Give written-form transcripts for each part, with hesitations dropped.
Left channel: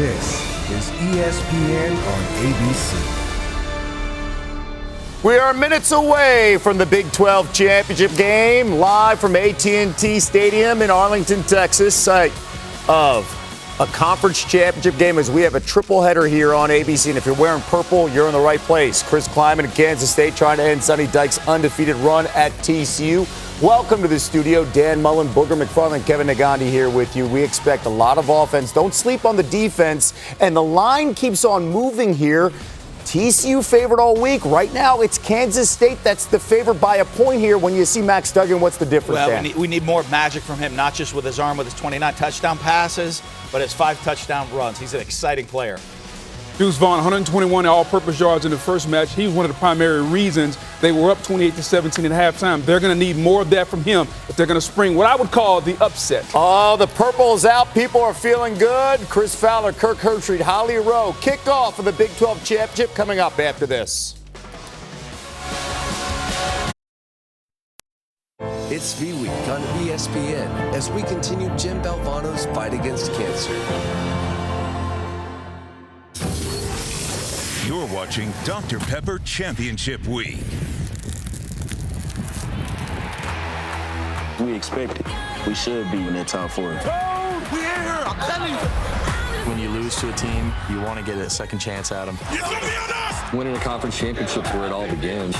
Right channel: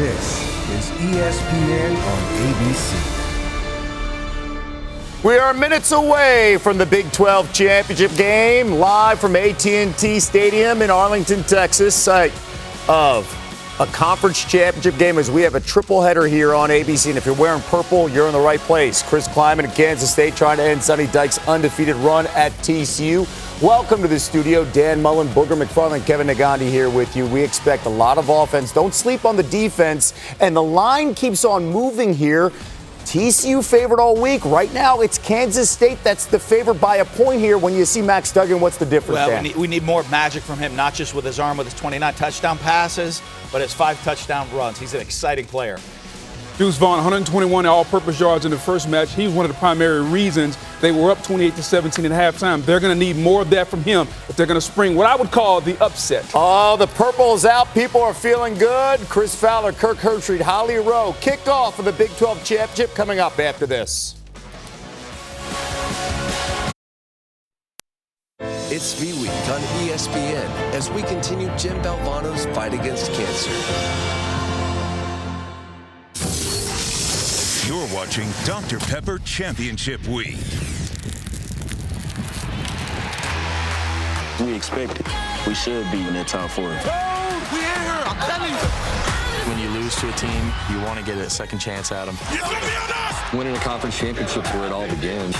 This is ESPN on ABC. We are minutes away from the Big 12 championship game, live from AT&T Stadium in Arlington, Texas, site of a conference championship game, as we have a triple header here on ABC. And if you're wearing purple, you're in the right place. Chris Kleiman in Kansas State trying to end Sonny Dykes' undefeated run at TCU. Welcome to the studio. Dan Mullen, Booger McFarland, Kevin Nagandi here with you. We expect a lot of offense. Don't sleep on the defense. And the line keeps on moving here. TCU favored all week. Right now, it's Kansas State that's the favorite by a point here. When you see Max Duggan, what's the difference, Well, Dan? we need more magic from him, not just with his arm with his 29 touchdown passes, but his 5 touchdown runs. He's an exciting player. Deuce Vaughn, 121 all-purpose yards in the first match. He was one of the primary reasons they were up 28-17 at halftime. They're going to need more of that from him if they're going to spring what I would call the upset. Oh, the purple is out. People are feeling good. Chris Fowler, Kirk Herbstreit, Holly Rowe. Kickoff of the Big 12 championship coming up after this. It's V-Week on ESPN as we continue Jim Valvano's fight against cancer. You're watching Dr. Pepper Championship Week. We expect it. We should be in that top 4. Oh, yeah, I'm telling you. When you lose to a team, you want to get a second chance at them. It's gonna be on us. Winning a conference championship is where it all begins.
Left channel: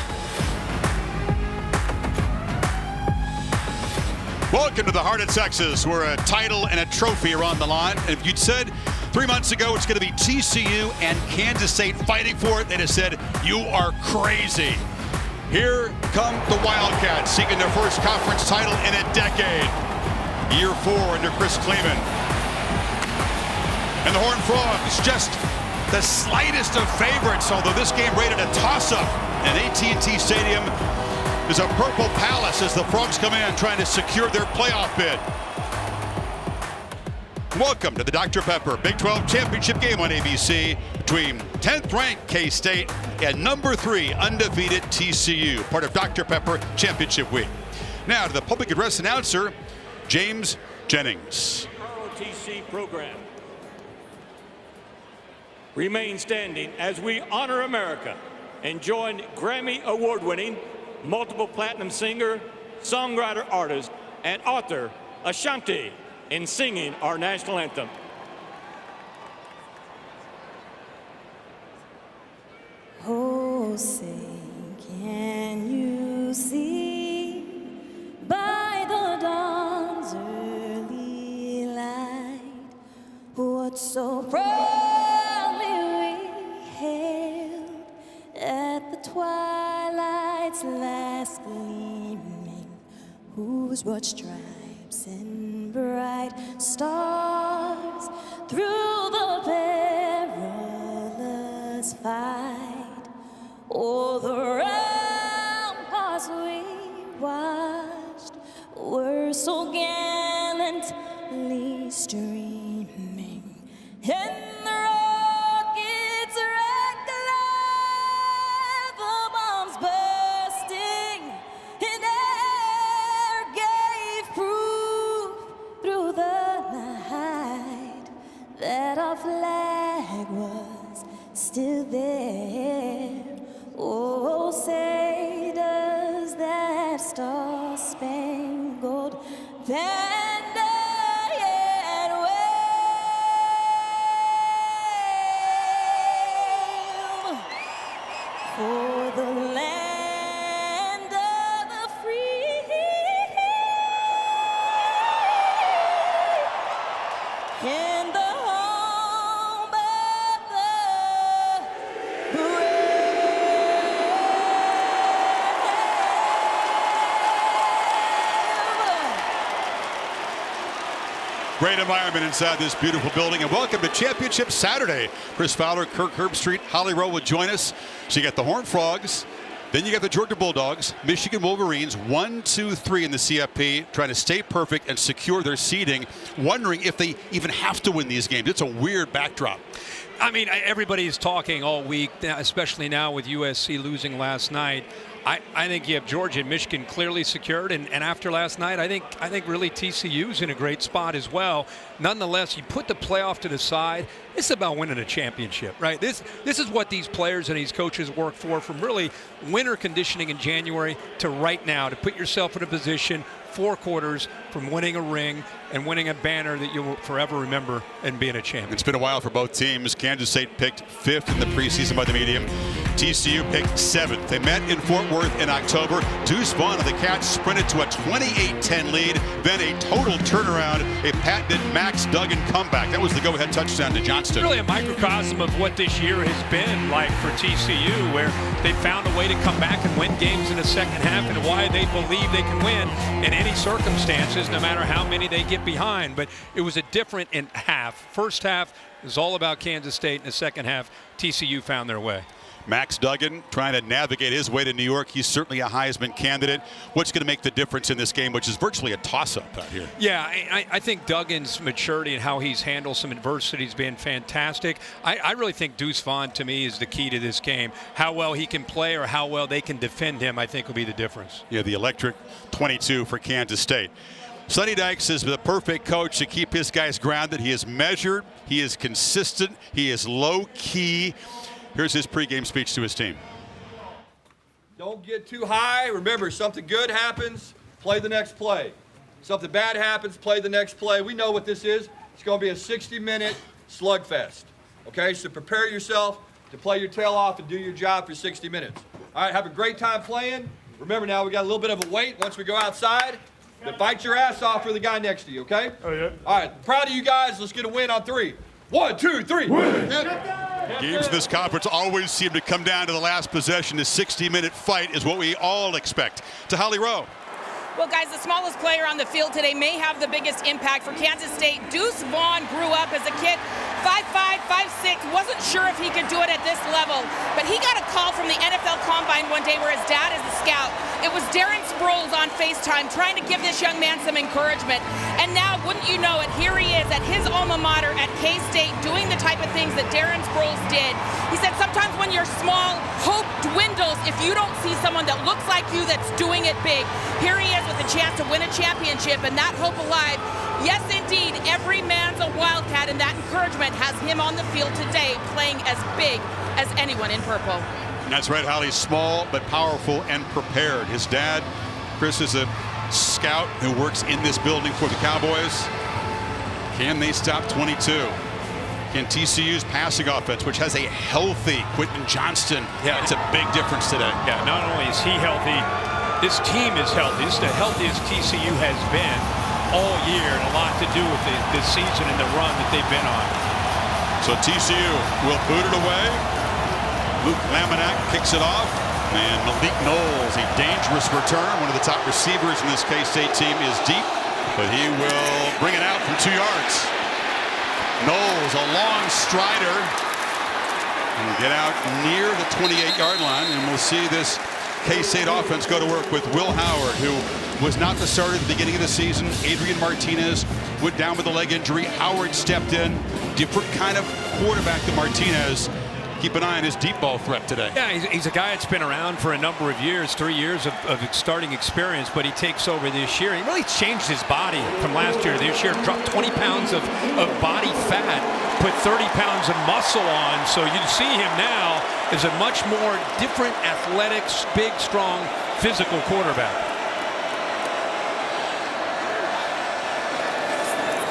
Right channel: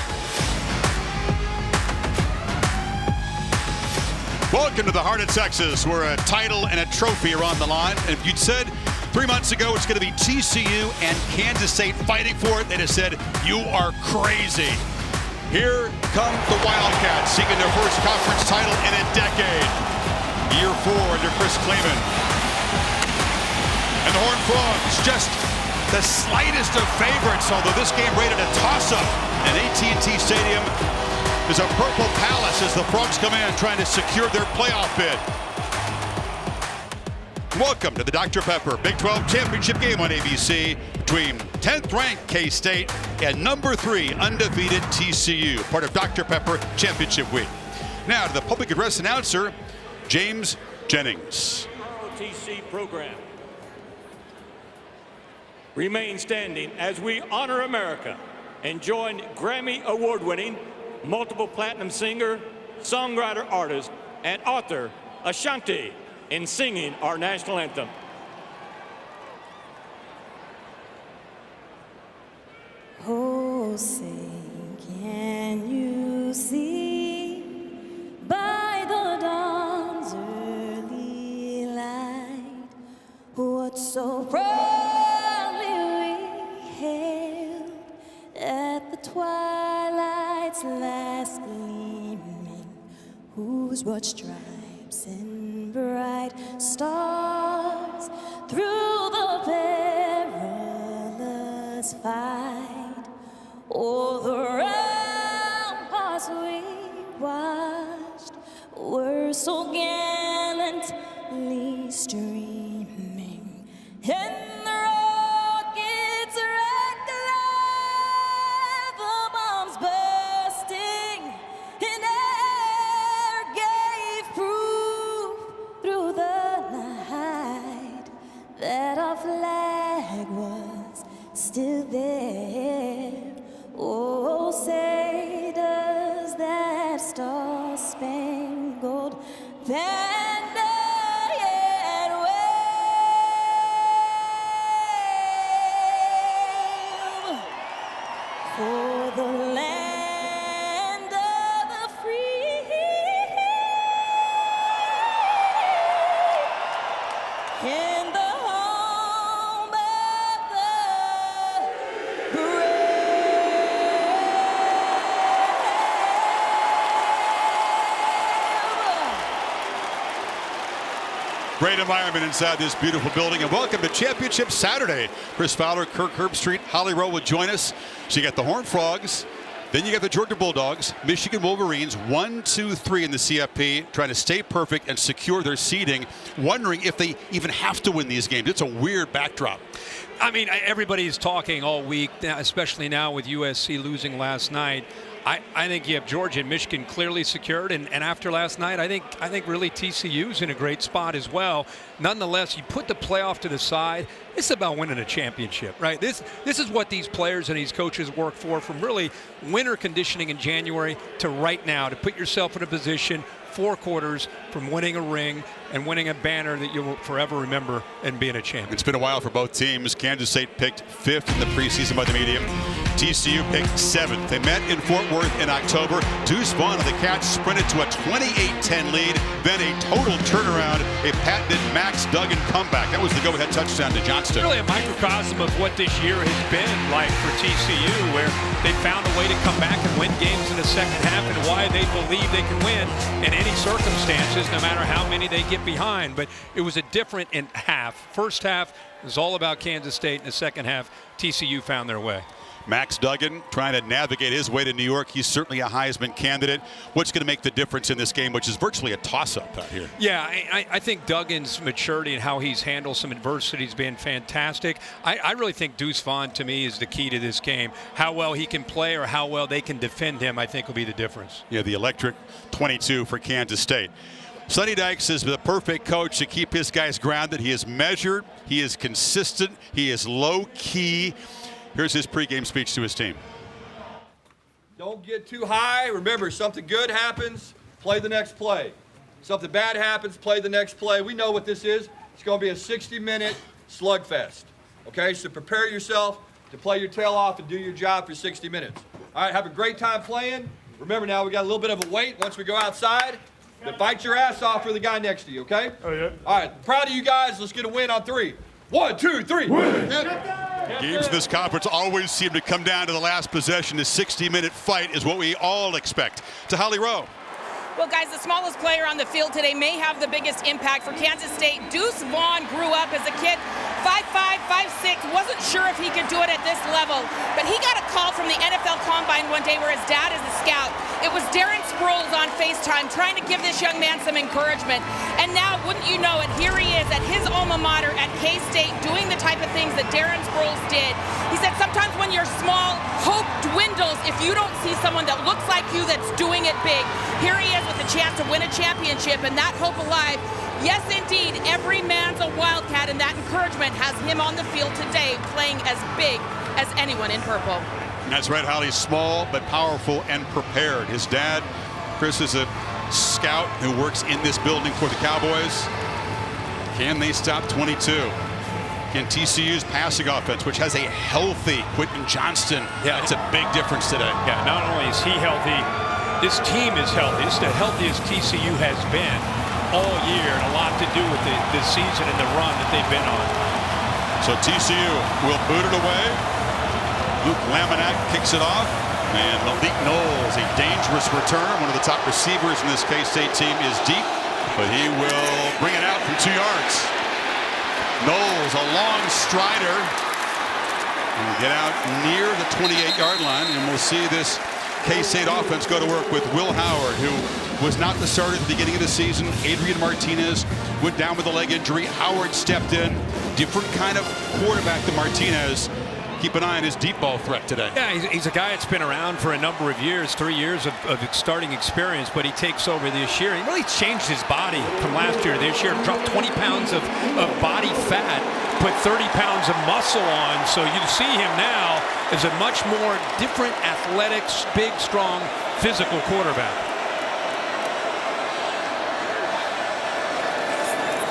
Welcome to the heart of Texas, where a title and a trophy are on the line. And if you'd said 3 months ago it's going to be TCU and Kansas State fighting for it, they'd have said, you are crazy. Here come the Wildcats, seeking their first conference title in a decade. Year 4 under Chris Kleiman. And the Horned Frogs, just the slightest of favorites, although this game rated a toss-up at AT&T Stadium. Is a purple palace as the Frogs come in trying to secure their playoff bid. Welcome to the Dr. Pepper Big 12 championship game on ABC between 10th ranked K-State and number 3 undefeated TCU, part of Dr. Pepper Championship Week. Now to the public address announcer, James Jennings. ROTC program. Remain standing as we honor America and join Grammy award-winning, multiple platinum singer, songwriter, artist, and author Ashanti in singing our national anthem. Oh, say, can you see by the dawn's early light what so proudly we hailed at the twilight's last gleaming, whose broad stripes and bright stars through the perilous fight o'er the ramparts we watched were so gallantly streaming, and the rockets wrecked alive, the bombs bursting in air gave proof through the night that our flag was still there. Oh, say does that star-spangled banner yet wave for the land of the free and the home of the brave. Great environment inside this beautiful building, and welcome to Championship Saturday. Chris Fowler, Kirk Herbstreit, Holly Rowe will join us. So you got the Horned Frogs, then you got the Georgia Bulldogs, Michigan Wolverines, 1, 2, 3 in the CFP, trying to stay perfect and secure their seeding, wondering if they even have to win these games. It's a weird backdrop. I mean, everybody's talking all week, especially now with USC losing last night. I think you have Georgia and Michigan clearly secured, and after last night, I think really TCU's in a great spot as well. Nonetheless, you put the playoff to the side. It's about winning a championship, right? This is what these players and these coaches work for, from really winter conditioning in January to right now, to put yourself in a position 4 quarters from winning a ring and winning a banner that you'll forever remember and being a champion. It's been a while for both teams. Kansas State picked 5th in the preseason by the media. TCU picked 7th. They met in Fort Worth in October. Deuce Vaughn of the Cats sprinted to a 28-10 lead, then a total turnaround, a patented Max Duggan comeback. That was the go-ahead touchdown to Johnston. Really a microcosm of what this year has been like for TCU, where they found a way to come back and win games in the second half, and why they believe they can win in any circumstances, no matter how many they get behind. But it was a different in half. First half was all about Kansas State. In the second half, TCU found their way. Max Duggan trying to navigate his way to New York. He's certainly a Heisman candidate. What's going to make the difference in this game, which is virtually a toss-up out here? Yeah, I think Duggan's maturity and how he's handled some adversity has been fantastic. I really think Deuce Vaughn, to me, is the key to this game. How well he can play or how well they can defend him, I think, will be the difference. Yeah, the electric 22 for Kansas State. Sonny Dykes is the perfect coach to keep his guys grounded. He is measured. He is consistent. He is low-key. Here's his pregame speech to his team. Don't get too high. Remember, something good happens, play the next play. Something bad happens, play the next play. We know what this is. It's going to be a 60-minute slugfest. Okay, so prepare yourself to play your tail off and do your job for 60 minutes. All right, have a great time playing. Remember now, we got a little bit of a wait once we go outside. Then fight your ass off for the guy next to you, okay? Oh, yeah. All right, proud of you guys. Let's get a win on 3. 1, 2, 3. Win. Games in this conference always seem to come down to the last possession. The 60-minute fight is what we all expect. To Holly Rowe. Well, guys, the smallest player on the field today may have the biggest impact for Kansas State. Deuce Vaughn grew up as a kid, 5'5", 5'6", wasn't sure if he could do it at this level, but he got a call from the NFL Combine one day where his dad is a scout. It was Darren Sproles on FaceTime trying to give this young man some encouragement. And now, wouldn't you know it, here he is at his alma mater at K-State doing the type of things that Darren Sproles did. He said sometimes when you're small, hope dwindles if you don't see someone that looks like you that's doing it big. Here he is with a chance to win a championship and that hope alive. Yes, indeed, every man's a Wildcat, and that encouragement has him on the field today playing as big as anyone in purple. That's right, Holly. Small but powerful and prepared. His dad, Chris, is a scout who works in this building for the Cowboys. Can they stop 22? Can TCU's passing offense, which has a healthy Quentin Johnston, that's a big difference today. Yeah, not only is he healthy, this team is healthy. This is the healthiest TCU has been all year, and a lot to do with the season and the run that they've been on. So TCU will boot it away. Luke Laminack kicks it off, and Malik Knowles, a dangerous return. One of the top receivers in this K-State team is deep, but he will bring it out from 2 yards. Knowles, a long strider, will get out near the 28-yard line, and we'll see this K-State offense go to work with Will Howard, who was not the starter at the beginning of the season. Adrian Martinez went down with a leg injury. Howard stepped in. Different kind of quarterback than Martinez. Keep an eye on his deep ball threat today. Yeah, he's a guy that's been around for a number of years, 3 years of starting experience, but he takes over this year. He really changed his body from last year to this year, dropped 20 pounds of body fat, put 30 pounds of muscle on. So you see him now as a much more different, athletic, big, strong, physical quarterback.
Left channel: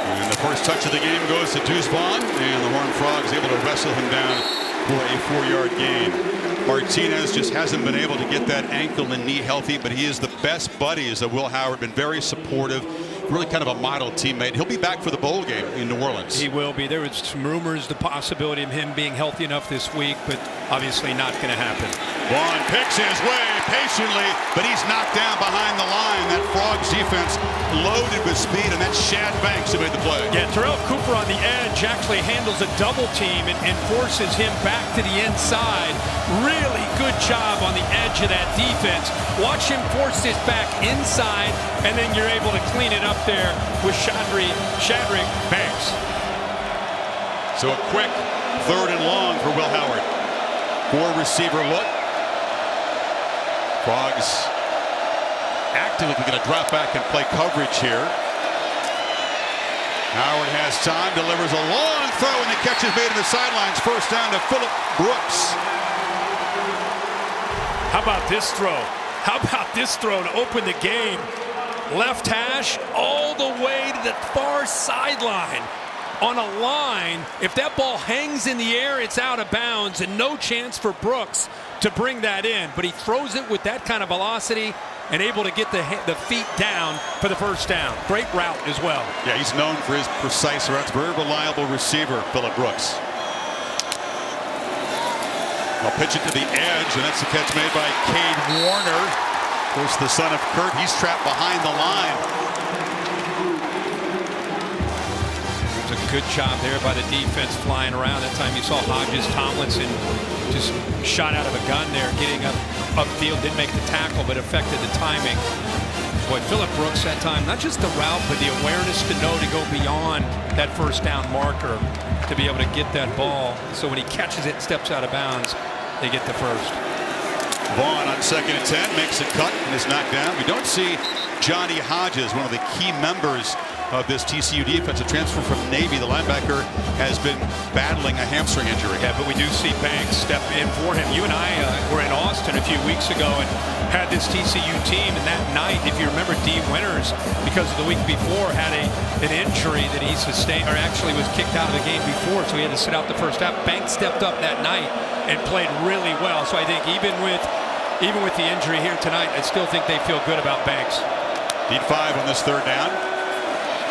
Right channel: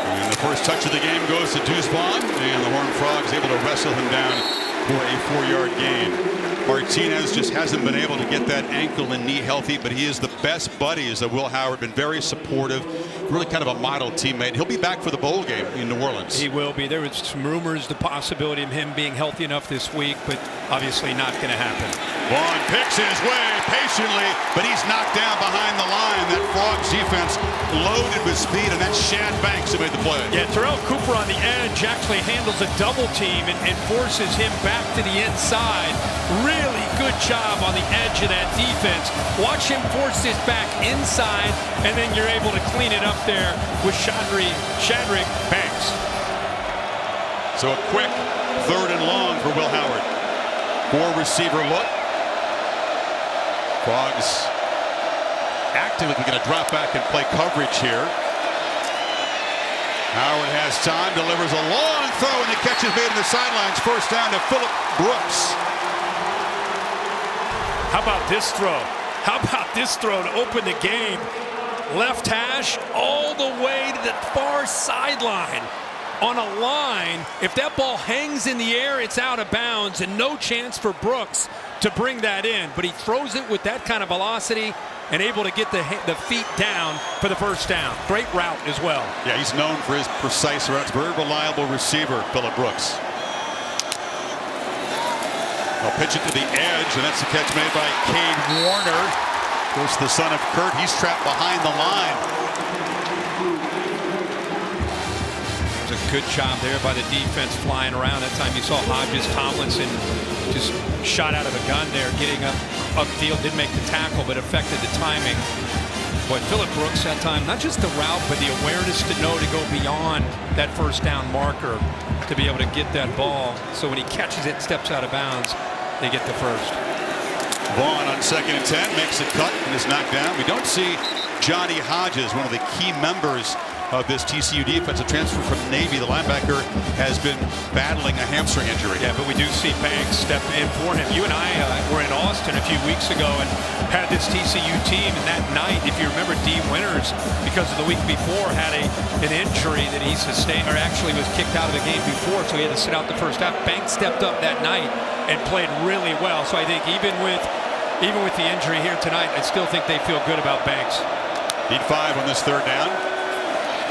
And the first touch of the game goes to Deuce Vaughn, and the Horned Frogs able to wrestle him down for a 4-yard gain. Martinez just hasn't been able to get that ankle and knee healthy, but he is the best buddies of Will Howard, been very supportive, really kind of a model teammate. He'll be back for the bowl game in New Orleans. He will be. There was some rumors, the possibility of him being healthy enough this week, but obviously not going to happen. Vaughn picks his way patiently, but he's knocked down behind the line. That Frogs defense loaded with speed, and that's Shad Banks who made the play. Yeah, Terrell Cooper on the edge actually handles a double team and forces him back to the inside. Really good job on the edge of that defense. Watch him force this back inside, and then you're able to clean it up there with Shadrick Banks. So a quick 3rd and long for Will Howard. 4-receiver look. Frogs actively going to drop back and play coverage here. Howard has time, delivers a long throw, and the catch is made in the sidelines. First down to Phillip Brooks. How about this throw? How about this throw to open the game? Left hash all the way to the far sideline. On a line, if that ball hangs in the air, it's out of bounds, and no chance for Brooks to bring that in. But he throws it with that kind of velocity and able to get the feet down for the first down. Great route as well. Yeah, he's known for his precise routes. Very reliable receiver, Phillip Brooks. They'll pitch it to the edge, and that's the catch made by Cade Warner. Of course, the son of Kurt, he's trapped behind the line. It was a good job there by the defense flying around. That time you saw Hodges Tomlinson just shot out of a gun there, getting upfield, didn't make the tackle, but affected the timing. Boy, Phillip Brooks that time, not just the route, but the awareness to know to go beyond that first down marker to be able to get that ball. So when he catches it and steps out of bounds, they get the first. Vaughn on 2nd and 10 makes a cut and is knocked down. We don't see Johnny Hodges, one of the key members of this TCU defense, a transfer from Navy. The linebacker has been battling a hamstring injury. Yeah, but we do see Banks step in for him. You and I were in Austin a few weeks ago and had this TCU team, and that night, if you remember, D. Winters, because of the week before, had an injury that he sustained, or actually was kicked out of the game before, so he had to sit out the first half. Banks stepped up that night and played really well. So I think even with the injury here tonight, I still think they feel good about Banks. Need 5 on this 3rd down.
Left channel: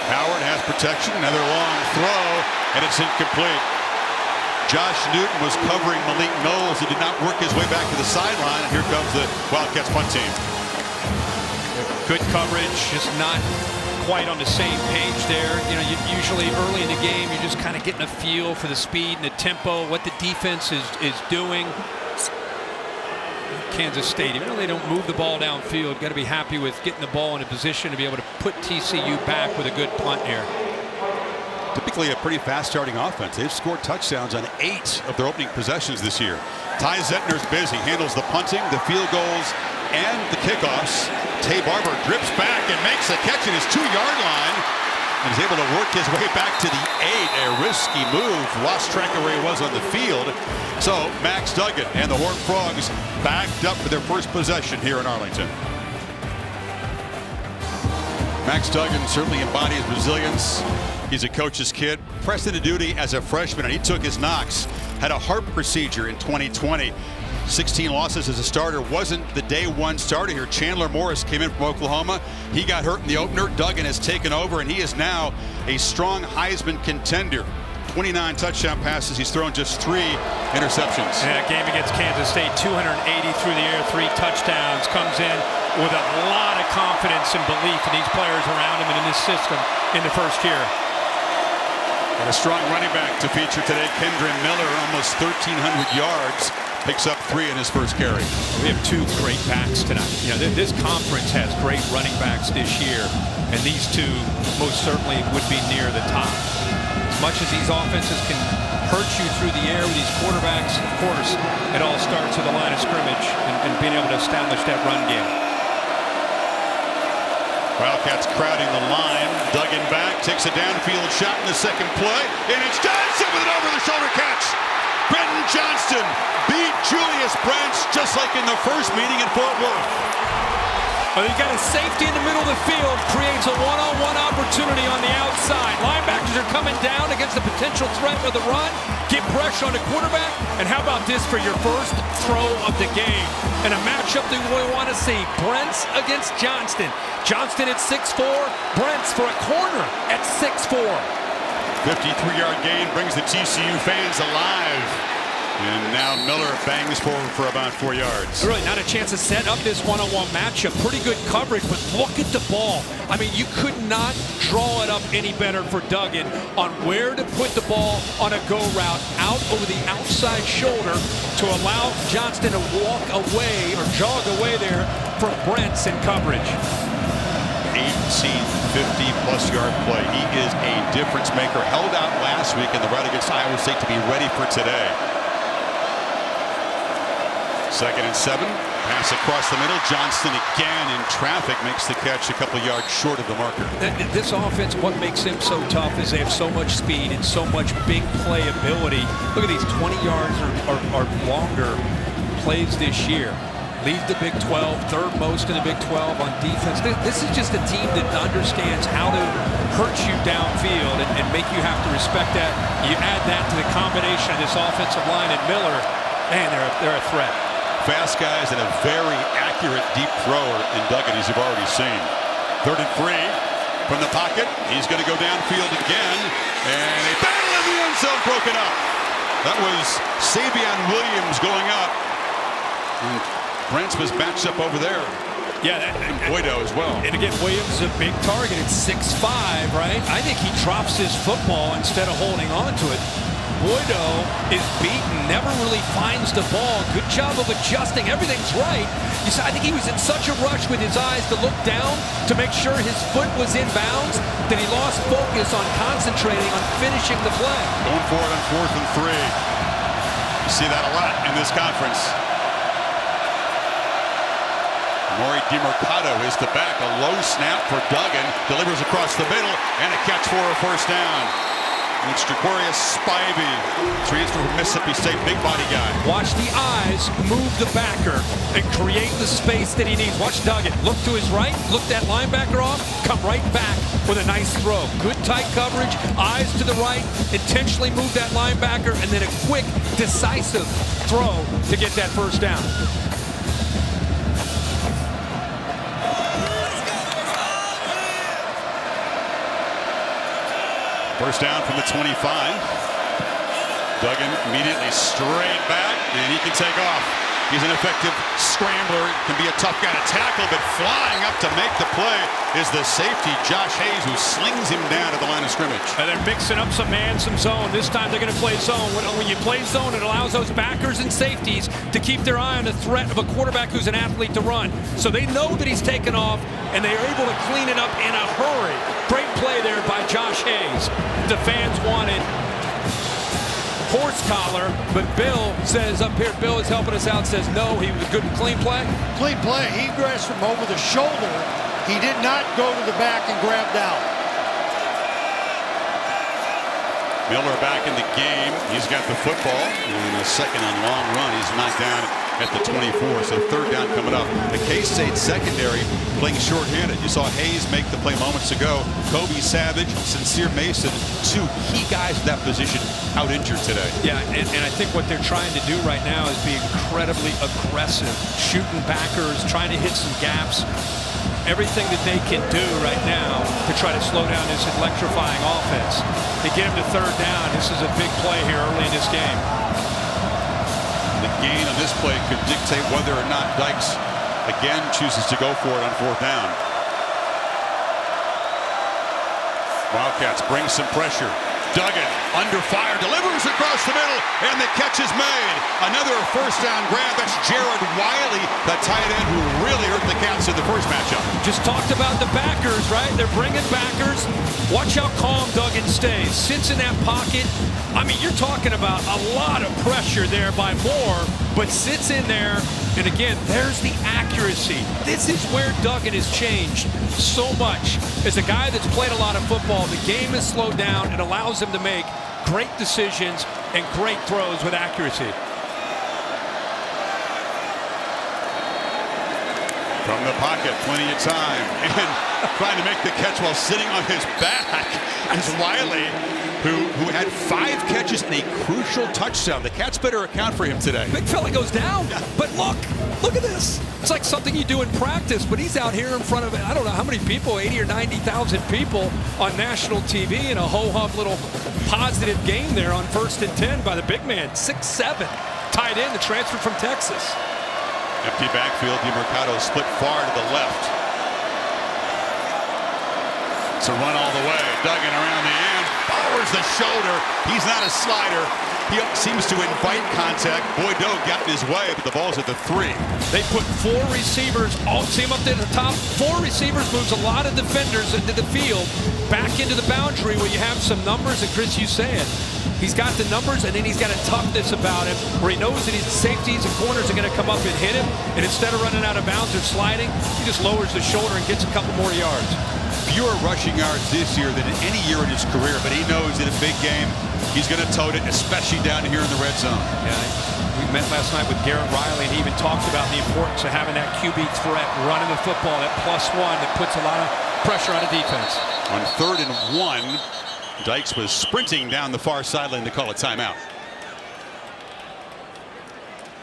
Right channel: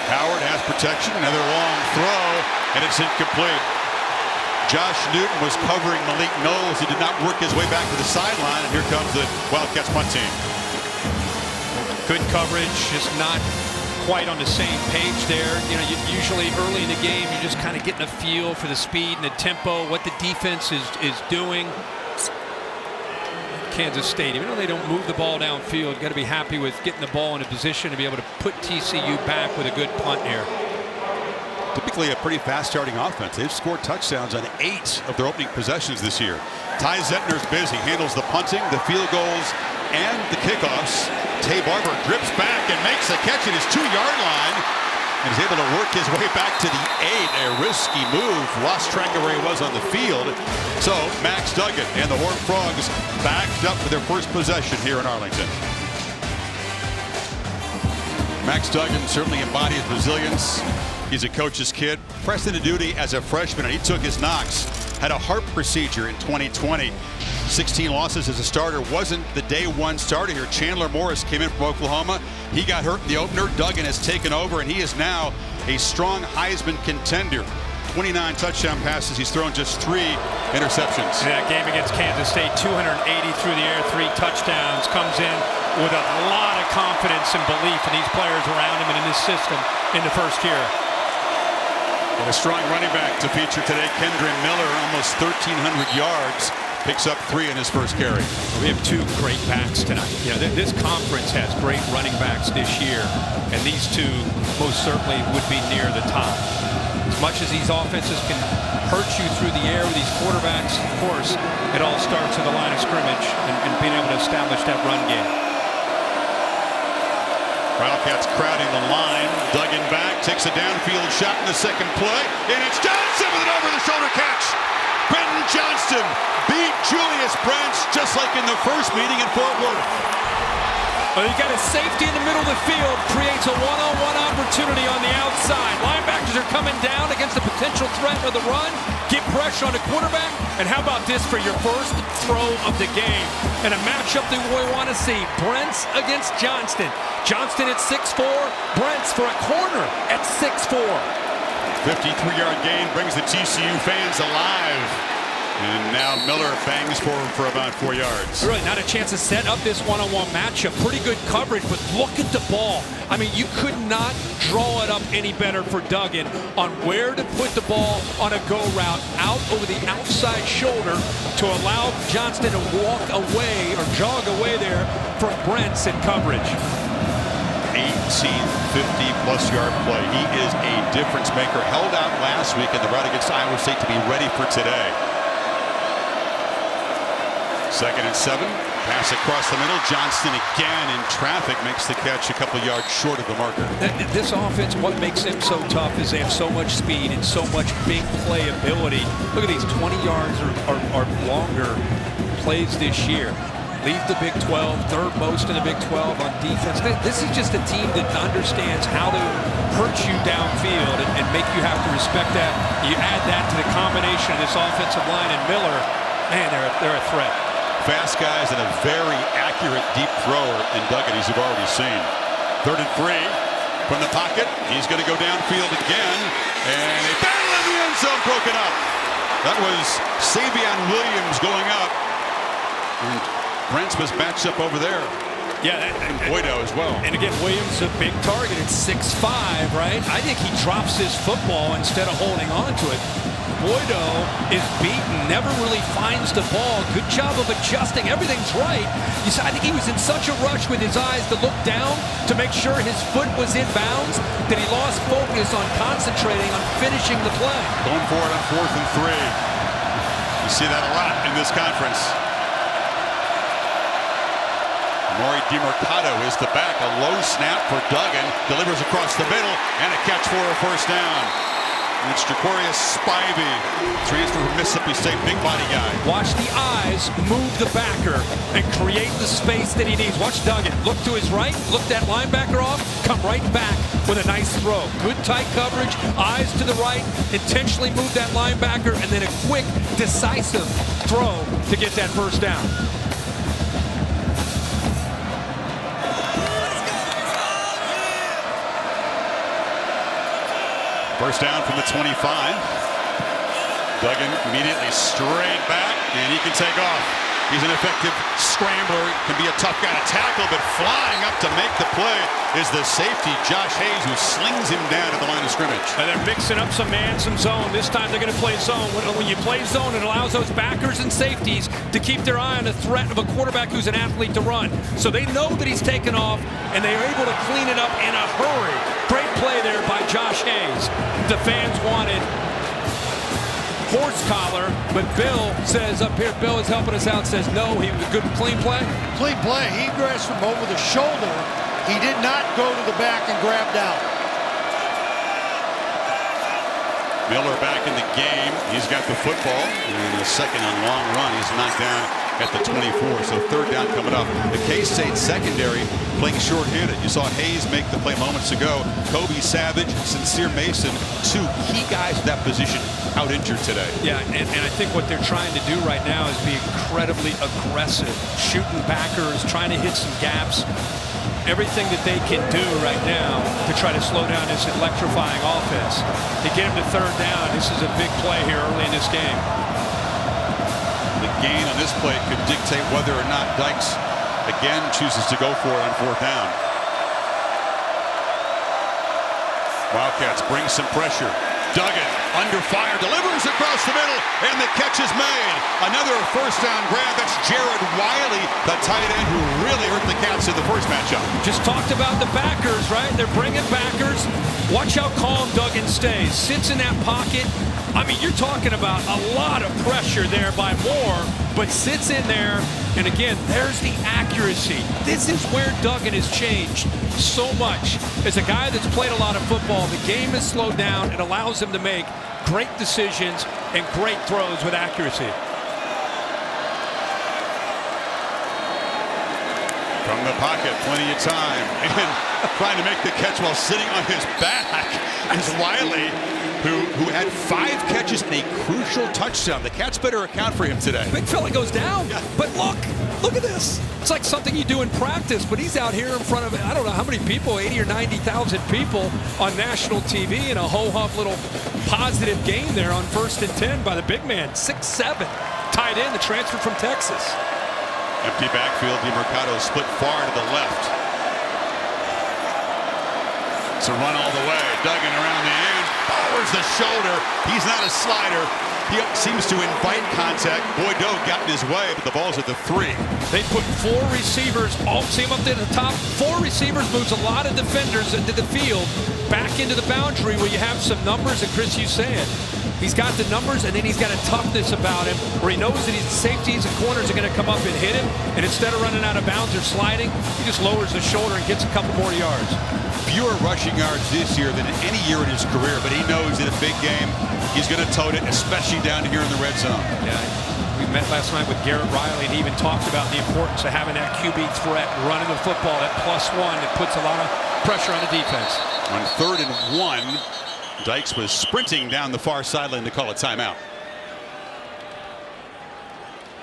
Howard has protection, another long throw, and it's incomplete. Josh Newton was covering Malik Knowles. He did not work his way back to the sideline, and here comes the Wildcats punt team. Good coverage, just not quite on the same page there. You know, usually early in the game, you're just kind of getting a feel for the speed and the tempo, what the defense is doing. Kansas State, even though they don't move the ball downfield, got to be happy with getting the ball in a position to be able to put TCU back with a good punt here. Typically a pretty fast starting offense. They've scored touchdowns on 8 of their opening possessions this year. Ty Zettner's busy, handles the punting, the field goals, and the kickoffs. Tay Barber drips back and makes a catch at his 2-yard line and is able to work his way back to the 8. A risky move, lost track of where he was on the field. So Max Duggan and the Horned Frogs backed up for their first possession here in Arlington. Max Duggan certainly embodies resilience. He's a coach's kid, pressed into duty as a freshman, and he took his knocks. Had a heart procedure in 2020. 16 losses as a starter. Wasn't the day one starter here. Chandler Morris came in from Oklahoma. He got hurt in the opener. Duggan has taken over, and he is now a strong Heisman contender. 29 touchdown passes. He's thrown just 3 interceptions. Yeah, game against Kansas State, 280 through the air, 3 touchdowns. Comes in with a lot of confidence and belief in these players around him and in his system in the first year. And a strong running back to feature today, Kendra Miller, almost 1,300 yards. Picks up 3 in his first carry. Well, we have 2 great backs tonight. You know, this conference has great running backs this year, and these 2 most certainly would be near the top. As much as these offenses can hurt you through the air with these quarterbacks, of course, it all starts with the line of scrimmage and being able to establish that run game. Wildcats crowding the line. Duggan back, takes a downfield shot in the second play, and it's Johnson with an over-the-shoulder catch. Brenton Johnston beat Julius Brents just like in the first meeting in Fort Worth. Oh, you got a safety in the middle of the field, creates a one-on-one opportunity on the outside. Linebackers are coming down against the potential threat of the run, get pressure on the quarterback, and how about this for your first throw of the game? And a matchup that we want to see, Brents against Johnston. Johnston at 6'4", Brents for a corner at 6'4". 53-yard gain brings the TCU fans alive. And now Miller bangs forward for about 4 yards. Really not a chance to set up this one-on-one matchup. Pretty good coverage, but look at the ball. I mean, you could not draw it up any better for Duggan on where to put the ball on a go route out over the outside shoulder to allow Johnston to walk away or jog away there from Brents in coverage. 18th 50-plus yard play. He is a difference maker. Held out last week in the rout against Iowa State to be ready for today. 2nd and 7. Pass across the middle. Johnston again in traffic makes the catch a couple yards short of the marker. This offense, what makes them so tough is they have so much speed and so much big play ability. Look at these 20 yards or longer plays this year. Leads the Big 12, third most in the Big 12 on defense. This is just a team that understands how to hurt you downfield and make you have to respect that. You add that to the combination of this offensive line and Miller, man, they're a threat. Fast guys and a very accurate deep thrower in Duggan, as you've already seen. 3rd and 3 from the pocket. He's going to go downfield again, and a battle in the end zone broken up. That was Savion Williams going up, and Brents was matched up over there. Yeah, and Boydo as well. And again, Williams is a big target. It's 6'5", right? I think he drops this football instead of holding on to it. Boydo is beaten, never really finds the ball. Good job of adjusting. Everything's right. I think he was in such a rush with his eyes to look down to make sure his foot was in bounds that he lost focus on concentrating on finishing the play. Going for it on 4th and 3. You see that a lot in this conference. Maury DiMercato is the back. A low snap for Duggan. Delivers across the middle and a catch for a first down. And it's Jacorius Spivey, transfer from Mississippi State, big body guy. Watch the eyes move the backer and create the space that he needs. Watch Duggan look to his right, look that linebacker off, come right back with a nice throw. Good tight coverage, eyes to the right, intentionally move that linebacker, and then a quick, decisive throw to get that first down. First down from the 25. Duggan immediately straight back, and he can take off. He's an effective scrambler, can be a tough guy to tackle, but flying up to make the play is the safety, Josh Hayes, who slings him down at the line of scrimmage. And they're mixing up some man, some zone. This time they're going to play zone. When you play zone, it allows those backers and safeties to keep their eye on the threat of a quarterback who's an athlete to run. So they know that he's taken off, and they are able to clean it up in a hurry. Great play there by Josh Hayes. The fans wanted horse collar, but Bill says up here, Bill is helping us out, says no, he was a good clean play. Clean play. He grabbed from over the shoulder. He did not go to the back and grab down. Miller back in the game. He's got the football and a second and long run. He's knocked down at the 24, so third down coming up. The K-State secondary playing shorthanded. You saw Hayes make the play moments ago. Kobe Savage, Sincere Mason, two key guys at that position out injured today. Yeah, and I think what they're trying to do right now is be incredibly aggressive, shooting backers, trying to hit some gaps. Everything that they can do right now to try to slow down this electrifying offense. To get him to third down, this is a big play here early in this game. The gain on this play could dictate whether or not Dykes again chooses to go for it on fourth down. Wildcats bring some pressure. Duggan under fire, delivers across the middle, and the catch is made. Another first down grab. That's Jared Wiley, the tight end who really hurt the Cats in the first matchup. Just talked about the backers, right? They're bringing backers. Watch how calm Duggan stays. Sits in that pocket. I mean, you're talking about a lot of pressure there by Moore, but sits in there. And again, there's the accuracy. This is where Duggan has changed so much. As a guy that's played a lot of football, the game is slowed down and allows him to make great decisions and great throws with accuracy. From the pocket, plenty of time. And trying to make the catch while sitting on his back is Wiley, who had 5 catches and a crucial touchdown. The Cats better account for him today. Big fella goes down, but look at this. It's like something you do in practice, but he's out here in front of, I don't know how many people, 80 or 90,000 people on national TV in a ho-hum little positive game there on 1st and 10 by the big man, 6'7", tight end, the transfer from Texas. Empty backfield, DiMercato split far to the left. It's a run all the way. Duggan around the end, lowers the shoulder. He's not a slider. He seems to invite contact. Boydo got in his way, but the ball's at the 3. They put 4 receivers, see him up there at the top. 4 receivers moves a lot of defenders into the field, back into the boundary where you have some numbers, and Chris, you say it. He's got the numbers, and then he's got a toughness about him where he knows that his safeties and corners are going to come up and hit him, and instead of running out of bounds or sliding, he just lowers the shoulder and gets a couple more yards. Fewer rushing yards this year than in any year in his career, but he knows in a big game he's going to tote it, especially down here in the red zone. Yeah, we met last night with Garrett Riley, and he even talked about the importance of having that QB threat, running the football, that +1 that puts a lot of pressure on a defense. On 3rd and 1, Dykes was sprinting down the far sideline to call a timeout.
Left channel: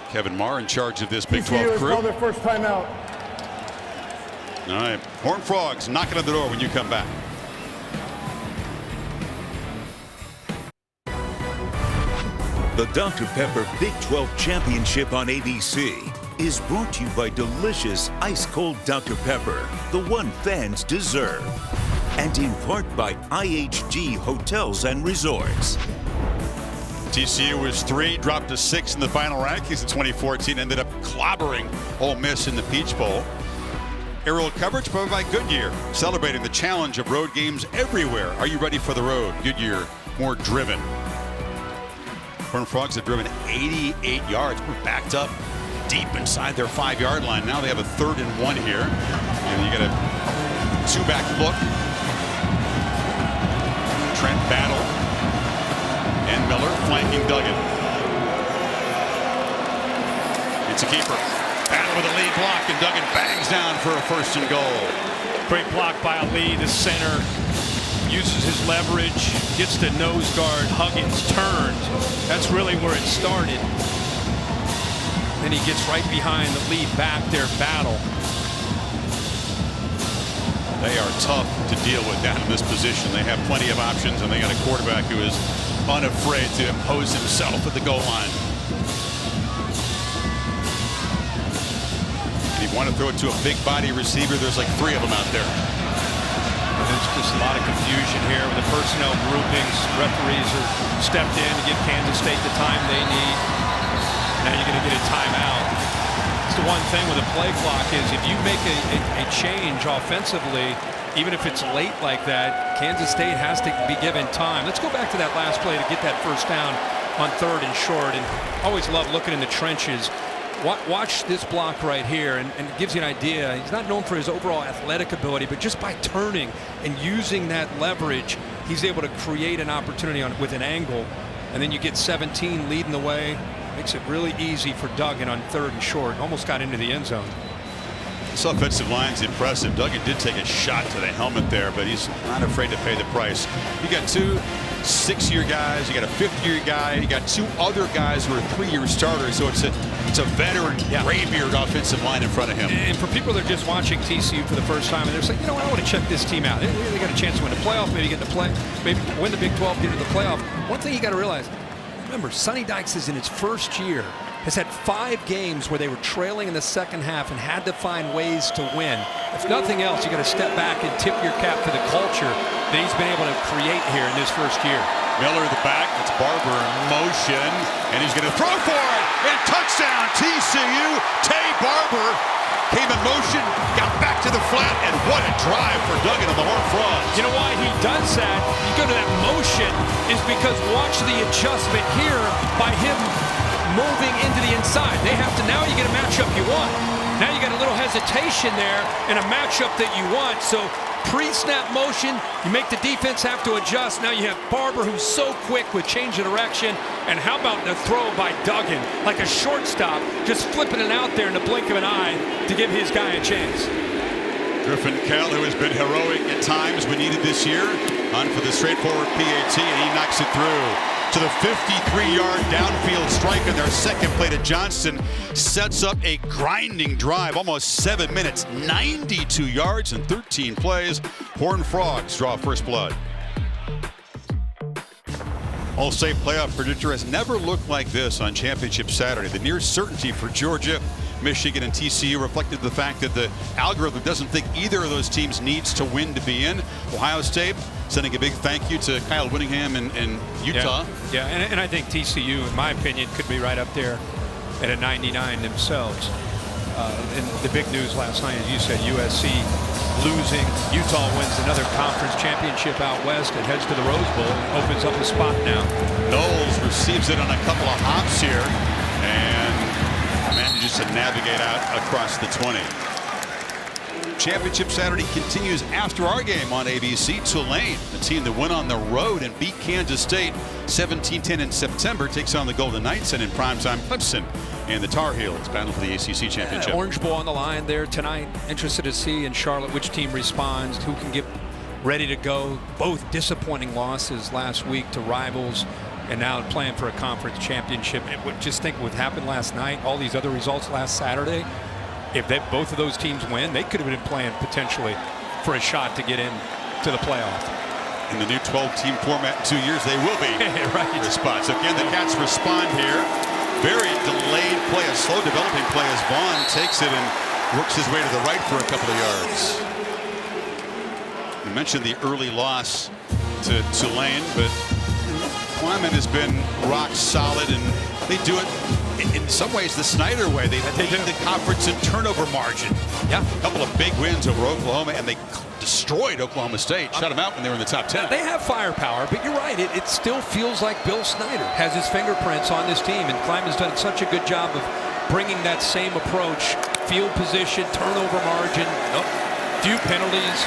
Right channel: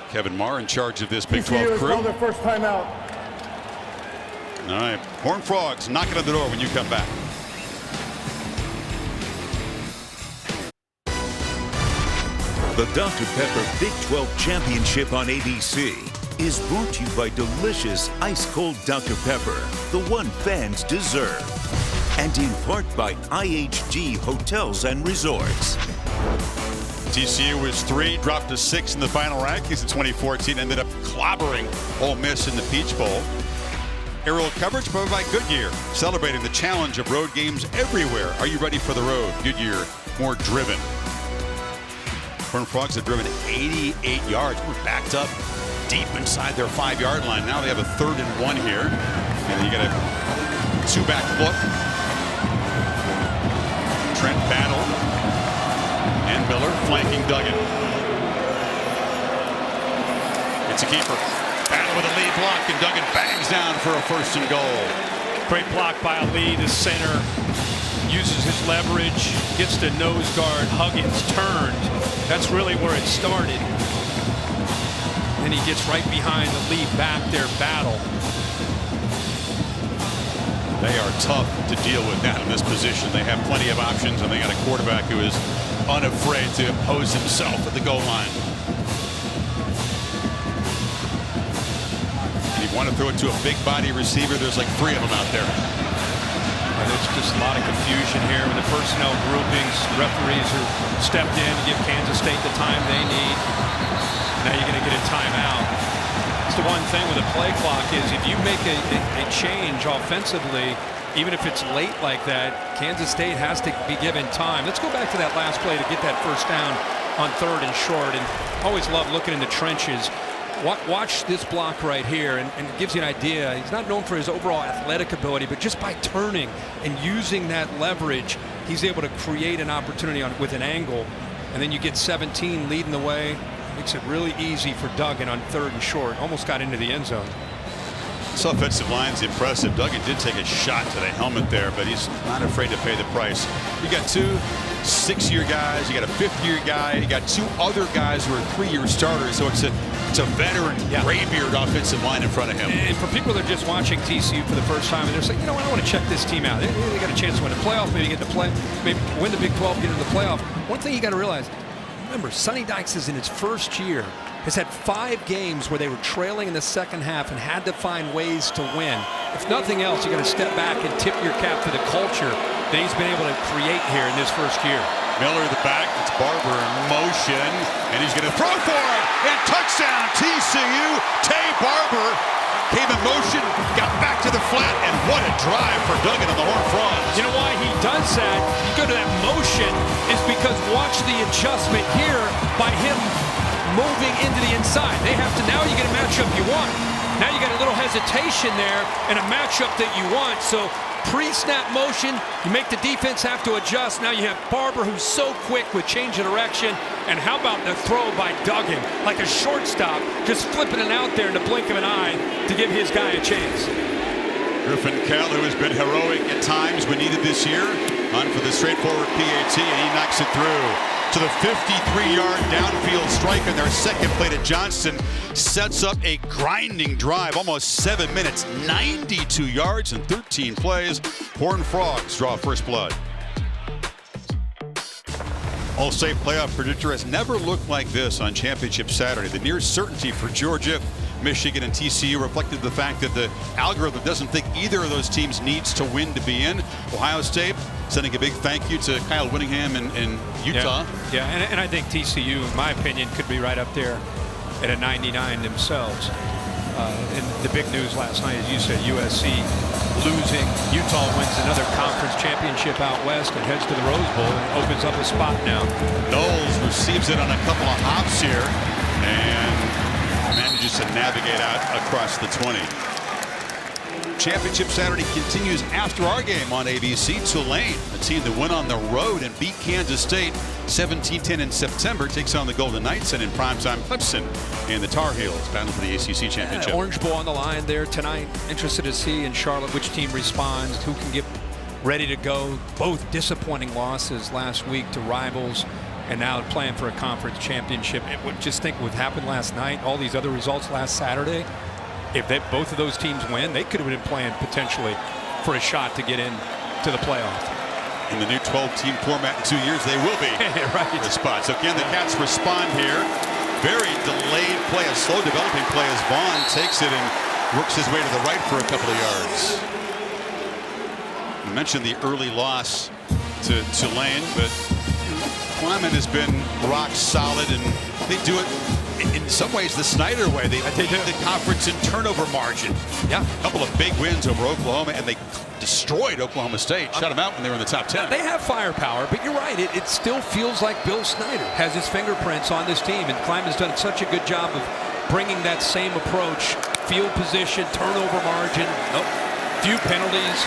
Kevin Marr in charge of this Big 12 crew. Call their first timeout. All right, Horned Frogs knocking on the door when you come back. The Dr. Pepper Big 12 Championship on ABC is brought to you by delicious ice-cold Dr. Pepper, the one fans deserve. And in part by IHG Hotels and Resorts. TCU was 3, dropped to 6 in the final rankings in 2014, ended up clobbering Ole Miss in the Peach Bowl. Aerial coverage provided by Goodyear, celebrating the challenge of road games everywhere. Are you ready for the road? Goodyear, more driven. Horned Frogs have driven 88 yards. We're backed up deep inside their 5-yard line. Now they have a 3rd and 1 here. And you got a 2-back look. Trent Battle and Miller flanking Duggan. It's a keeper. Battle with a lead block, and Duggan bangs down for a 1st and goal. Great block by Ali, the center. Uses his leverage, gets the nose guard. Huggins turned. That's really where it started. Then he gets right behind the lead back there, Battle. They are tough to deal with down in this position. They have plenty of options, and they got a quarterback who is unafraid to impose himself at the goal line. And you want to throw it to a big body receiver. There's like 3 of them out there. There's just a lot of confusion here with the personnel groupings. Referees are stepped in to give Kansas State the time they need. Now you're going to get a timeout. It's the one thing with a play clock is if you make a change offensively, even if it's late like that, Kansas State has to be given time. Let's go back to that last play to get that 1st down on 3rd and short. And always love looking in the trenches. Watch this block right here, and it gives you an idea. He's not known for his overall athletic ability, but just by turning and using that leverage, he's able to create an opportunity with an angle. And then you get 17 leading the way. Makes it really easy for Duggan on 3rd and short. Almost got into the end zone. This offensive line's impressive. Duggan did take a shot to the helmet there, but he's not afraid to pay the price. You got 2 6-year guys, you got a 5th-year guy, you got 2 other guys who are 3-year starters, so it's a veteran, graybeard offensive line in front of him. And for people that are just watching TCU for the first time, and they're saying, you know what, I want to check this team out. They got a chance to win the playoff, maybe get to play, maybe win the Big 12, get into the playoff. One thing you got to realize, remember, Sonny Dykes is in his 1st year, has had 5 games where they were trailing in the 2nd half and had to find ways to win. If nothing else, you got to step back and tip your cap for the culture that he's been able to create here in this 1st year. Miller the back, it's Barber in motion, and he's going to throw for it, and touchdown TCU. Tay Barber came in motion, got back to the flat, and what a drive for Duggan and the Horned Frogs. You know why he does that? You go to that motion is because watch the adjustment here by him moving into the inside. They have to, now you get a matchup you want. Now you got a little hesitation there and a matchup that you want. So pre-snap motion, you make the defense have to adjust. Now you have Barber, who's so quick with change of direction. And how about the throw by Duggan? Like a shortstop, just flipping it out there in the blink of an eye to give his guy a chance. Griffin Kell, who has been heroic at times when needed this year, on for the straightforward PAT, and he knocks it through to the 53-yard downfield strike on their 2nd play to Johnston. Sets up a grinding drive, almost 7 minutes, 92 yards and 13 plays. Horned Frogs draw first blood. All-State playoff predictor has never looked like this on Championship Saturday. The near certainty for Georgia, Michigan, and TCU reflected the fact that the algorithm doesn't think either of those teams needs to win to be in. Ohio State sending a big thank you to Kyle Whittingham in Utah. Yeah, and I think TCU, in my opinion, could be right up there at a 99 themselves. And the big news last night, as you said, USC losing. Utah wins another conference championship out west and heads to the Rose Bowl and opens up a spot now. Knowles receives it on a couple of hops here and manages to navigate out across the 20. Championship Saturday continues after our game on ABC. Tulane, a team that went on the road and beat Kansas State 17-10 in September, takes on the Golden Knights, and in primetime Clemson and the Tar Heels battle for the ACC championship. Orange Bowl on the line there tonight. Interested to see in Charlotte which team responds, who can get ready to go. Both disappointing losses last week to rivals, and now playing for a conference championship. Just think what happened last night, all these other results last Saturday. If both of those teams win, they could have been playing potentially for a shot to get in to the playoff. In the new 12-team format in 2 years, they will be right. For a spot. So can the Cats respond here? Very delayed play, a slow developing play as Vaughn takes it and works his way to the right for a couple of yards. We mentioned the early loss to Tulane, but Kleiman has been rock solid, and they do it in some ways the Snyder way. They lead the conference in turnover margin. Yeah. A couple of big wins over Oklahoma, and they destroyed Oklahoma State, shut them out when they were in the top 10. They have firepower, but you're right. It still feels like Bill Snyder has his fingerprints on this team, and Kleiman's done such a good job of bringing that same approach. Field position, turnover margin, few penalties.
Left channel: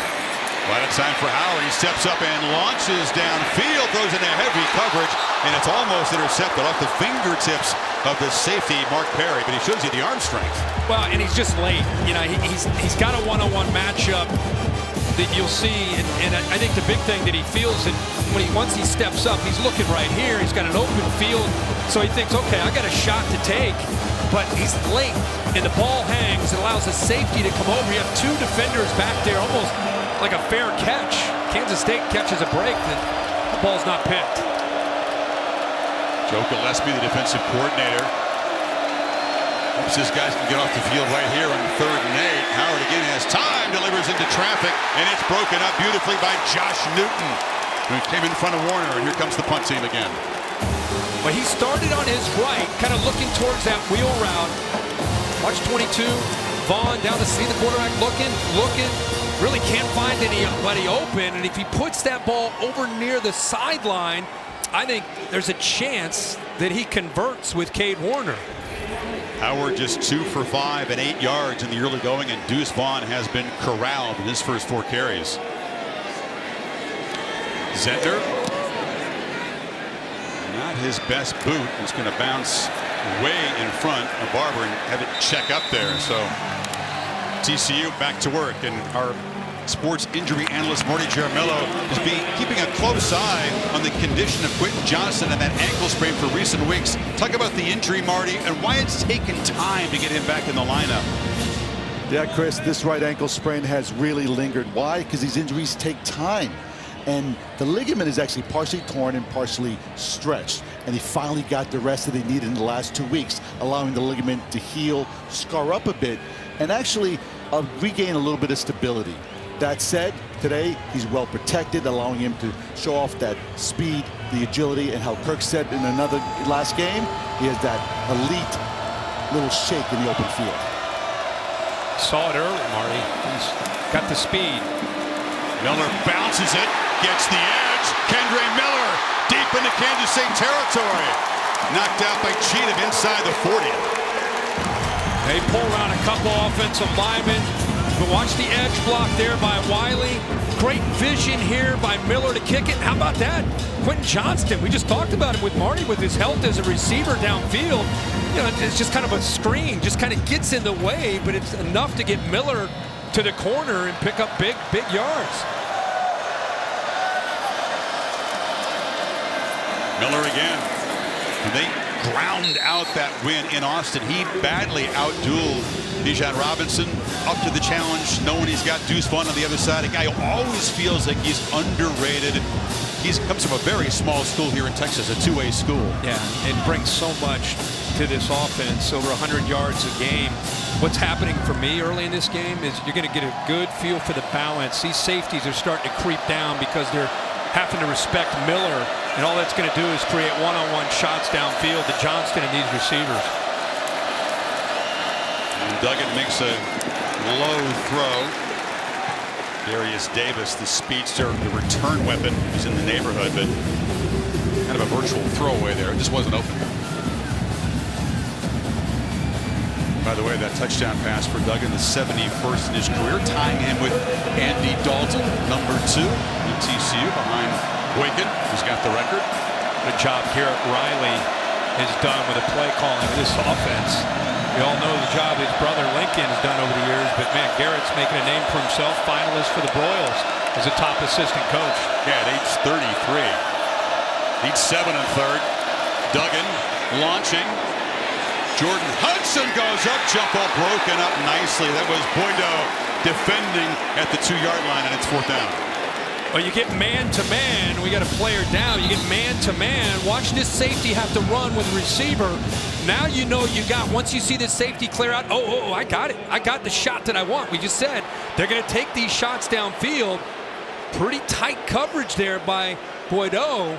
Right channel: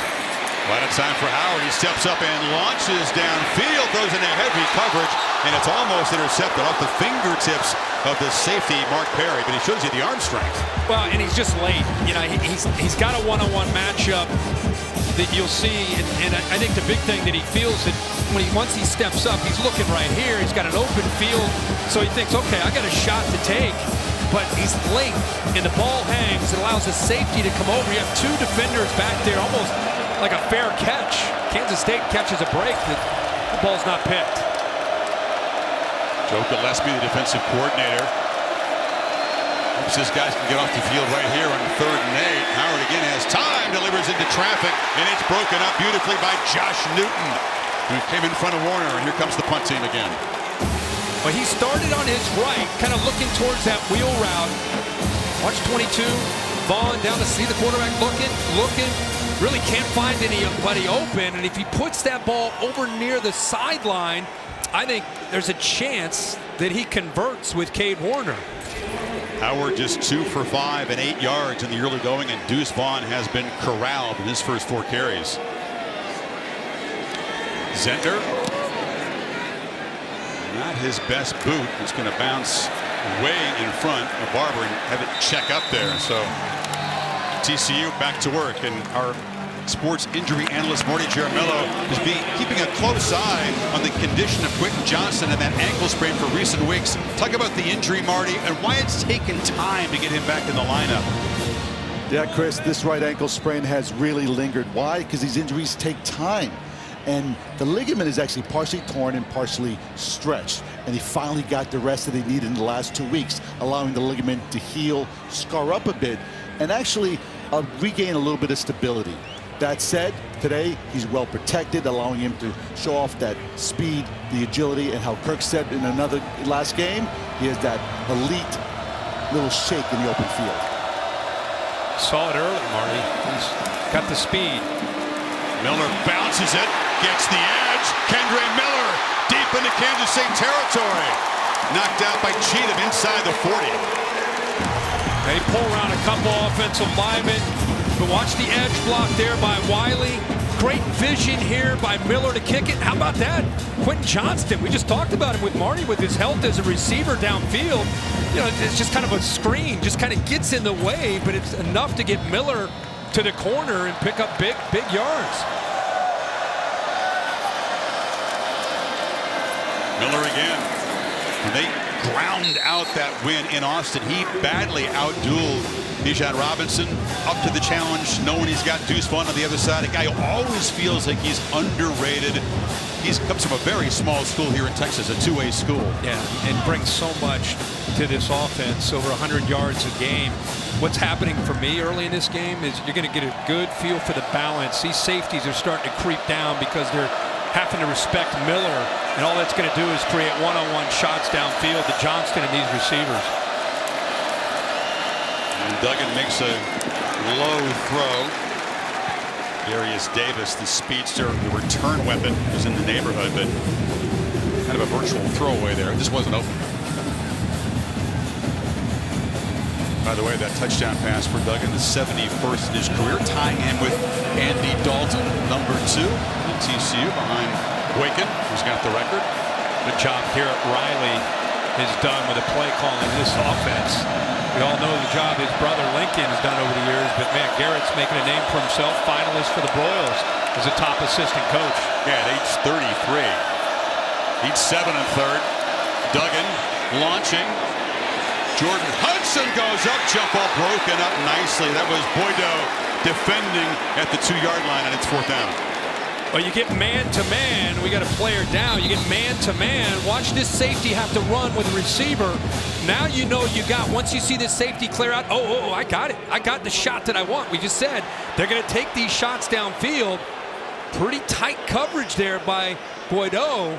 A lot of time for Howard. He steps up and launches downfield, throws in a heavy coverage, and it's almost intercepted off the fingertips of the safety, Mark Perry, but he shows you the arm strength. Well, and he's just late. You know, he's got a one-on-one matchup that you'll see, and I think the big thing that he feels that once he steps up, he's looking right here. He's got an open field, so he thinks, okay, I got a shot to take, but he's late, and the ball hangs. It allows the safety to come over. You have two defenders back there, almost like a fair catch. Kansas State catches a break that the ball's not picked. Joe Gillespie, the defensive coordinator, hopes his guys can get off the field right here on 3rd and 8. Howard again has time, delivers into traffic, and it's broken up beautifully by Josh Newton, who came in front of Warner, and here comes the punt team again. Well, he started on his right, kind of looking towards that wheel route. Watch 22, Vaughn down to see the quarterback looking, really can't find anybody open, and if he puts that ball over near the sideline, I think there's a chance that he converts with Cade Warner. Howard just 2 for 5 and 8 yards in the early going, and Deuce Vaughn has been corralled in his first 4 carries. Zentner, not his best boot. It's going to bounce way in front of Barber and have it check up there. So TCU back to work, and our sports injury analyst Marty Jaramillo is keeping a close eye on the condition of Quentin Johnson and that ankle sprain for recent weeks. Talk about the injury, Marty, and why it's taken time to get him back in the lineup. Yeah, Chris, this right ankle sprain has really lingered. Why? Because these injuries take time. And the ligament is actually partially torn and partially stretched. And he finally got the rest that he needed in the last 2 weeks, allowing the ligament to heal, scar up a bit, and actually regain a little bit of stability. That said, today he's well protected, allowing him to show off that speed, the agility, and how Kirk said in another last game, he has that elite little shake in the open field. Saw it early, Marty. He's got the speed. Miller bounces it, gets the edge. Kendre Miller deep into Kansas State territory. Knocked out by Cheatham inside the 40. They pull around a couple offensive linemen, but watch the edge block there by Wiley. Great vision here by Miller to kick it. How about that? Quentin Johnston, we just talked about him with Marty with his health as a receiver downfield. You know, it's just kind of a screen, just kind of gets in the way, but it's enough to get Miller to the corner and pick up big yards. Miller again. When they ground out that win in Austin, he badly outdueled Bijan Robinson, up to the challenge, knowing he's got Deuce Vaughn on the other side, a guy who always feels like he's underrated. He comes from a very small school here in Texas, a 2A school. Yeah, and brings so much to this offense, over 100 yards a game. What's happening for me early in this game is you're going to get a good feel for the balance. These safeties are starting to creep down because they're having to respect Miller, and all that's going to do is create one-on-one shots downfield to Johnston and these receivers. And Duggan makes a low throw. Darius Davis, the speedster, the return weapon, was in the neighborhood, but kind of a virtual throwaway there. It just wasn't open. By the way, that touchdown pass for Duggan, the 71st in his career, tying him with Andy Dalton, number 2 in TCU, behind Boykin, who's got the record. Good job Garrett Riley has done with the play calling of this offense. We all know the job his brother Lincoln has done over the years, but man, Garrett's making a name for himself. Finalist for the Broyles as a top assistant coach. Yeah, at age 33. Lead 7 1/3. Duggan launching. Jordan Hudson goes up, jump ball broken up nicely. That was Boydo defending at the 2-yard line, and it's 4th down. Well, you get man-to-man. We got a player down. You get man-to-man. Watch this safety have to run with a receiver. Now you know you got, once you see this safety clear out, oh, I got it. I got the shot that I want. We just said they're going to take these shots downfield. Pretty tight coverage there by Boydo.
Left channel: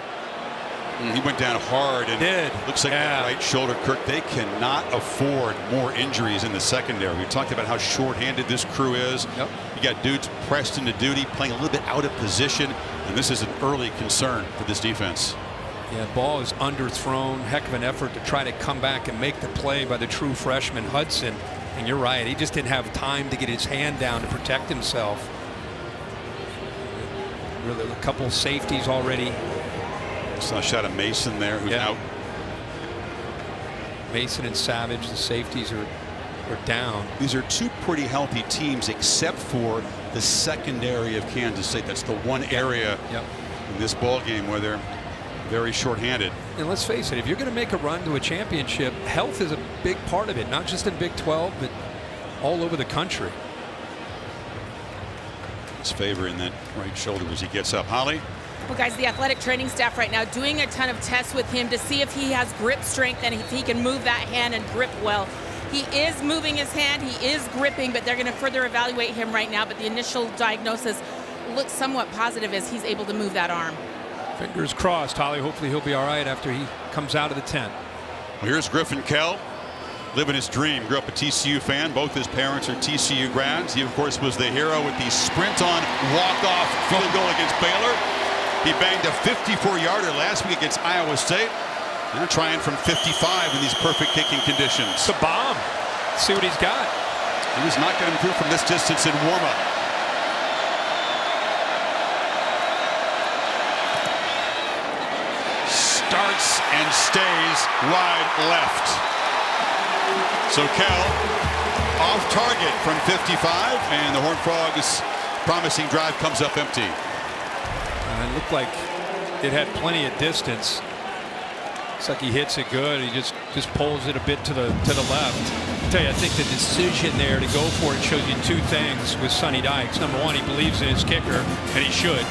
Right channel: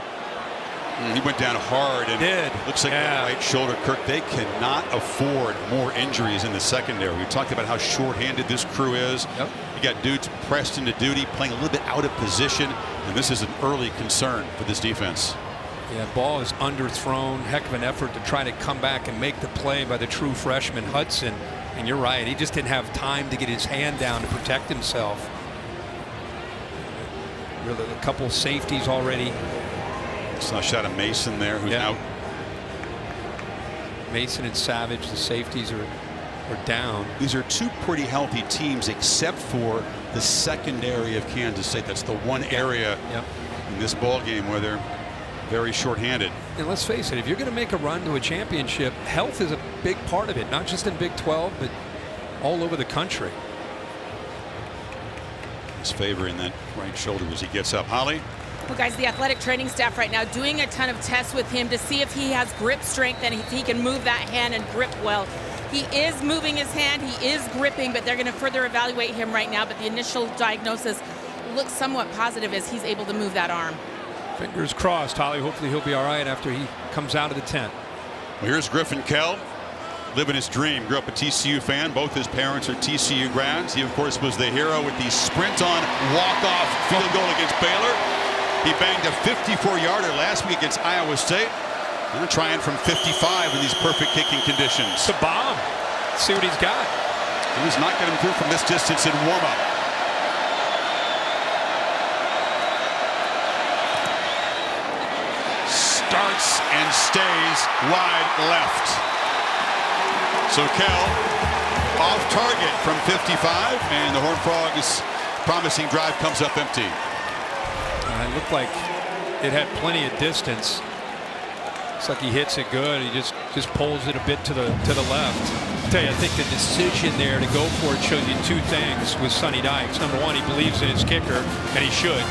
He went down hard, and did. Looks like that right shoulder, Kirk. They cannot afford more injuries in the secondary. We talked about how short-handed this crew is. Yep. You got dudes pressed into duty, playing a little bit out of position, and this is an early concern for this defense. Yeah, ball is underthrown. Heck of an effort to try to come back and make the play by the true freshman Hudson. And you're right, he just didn't have time to get his hand down to protect himself. Really, a couple safeties already. Saw a shot of Mason there, who's out. Mason and Savage, the safeties are down. These are 2 pretty healthy teams, except for the secondary of Kansas State. That's the one area in this ball game where they're very short-handed. And let's face it, if you're going to make a run to a championship, health is a big part of it, not just in Big 12, but all over the country. He's favoring that right shoulder as he gets up. Holly? Well, guys, the athletic training staff right now doing a ton of tests with him to see if he has grip strength and if he can move that hand and grip well. He is moving his hand, he is gripping, but they're going to further evaluate him right now. But the initial diagnosis looks somewhat positive as he's able to move that arm. Fingers crossed, Holly. Hopefully he'll be all right after he comes out of the tent. Well, here's Griffin Kell, living his dream. Grew up a TCU fan. Both his parents are TCU grads. He, of course, was the hero with the sprint-on walk-off field goal against Baylor. He banged a 54-yarder last week against Iowa State. Now trying from 55 in these perfect kicking conditions. It's a bomb. Let's see what he's got. He was not getting through from this distance in warm-up. Starts and stays wide left. So Kell off target from 55, and the Horned Frogs' promising drive comes up empty. It looked like it had plenty of distance. Looks like he hits it good. He just pulls it a bit to the left. I tell you, I think the decision there to go for it shows you 2 things with Sonny Dykes. Number 1, he believes in his kicker, and he should.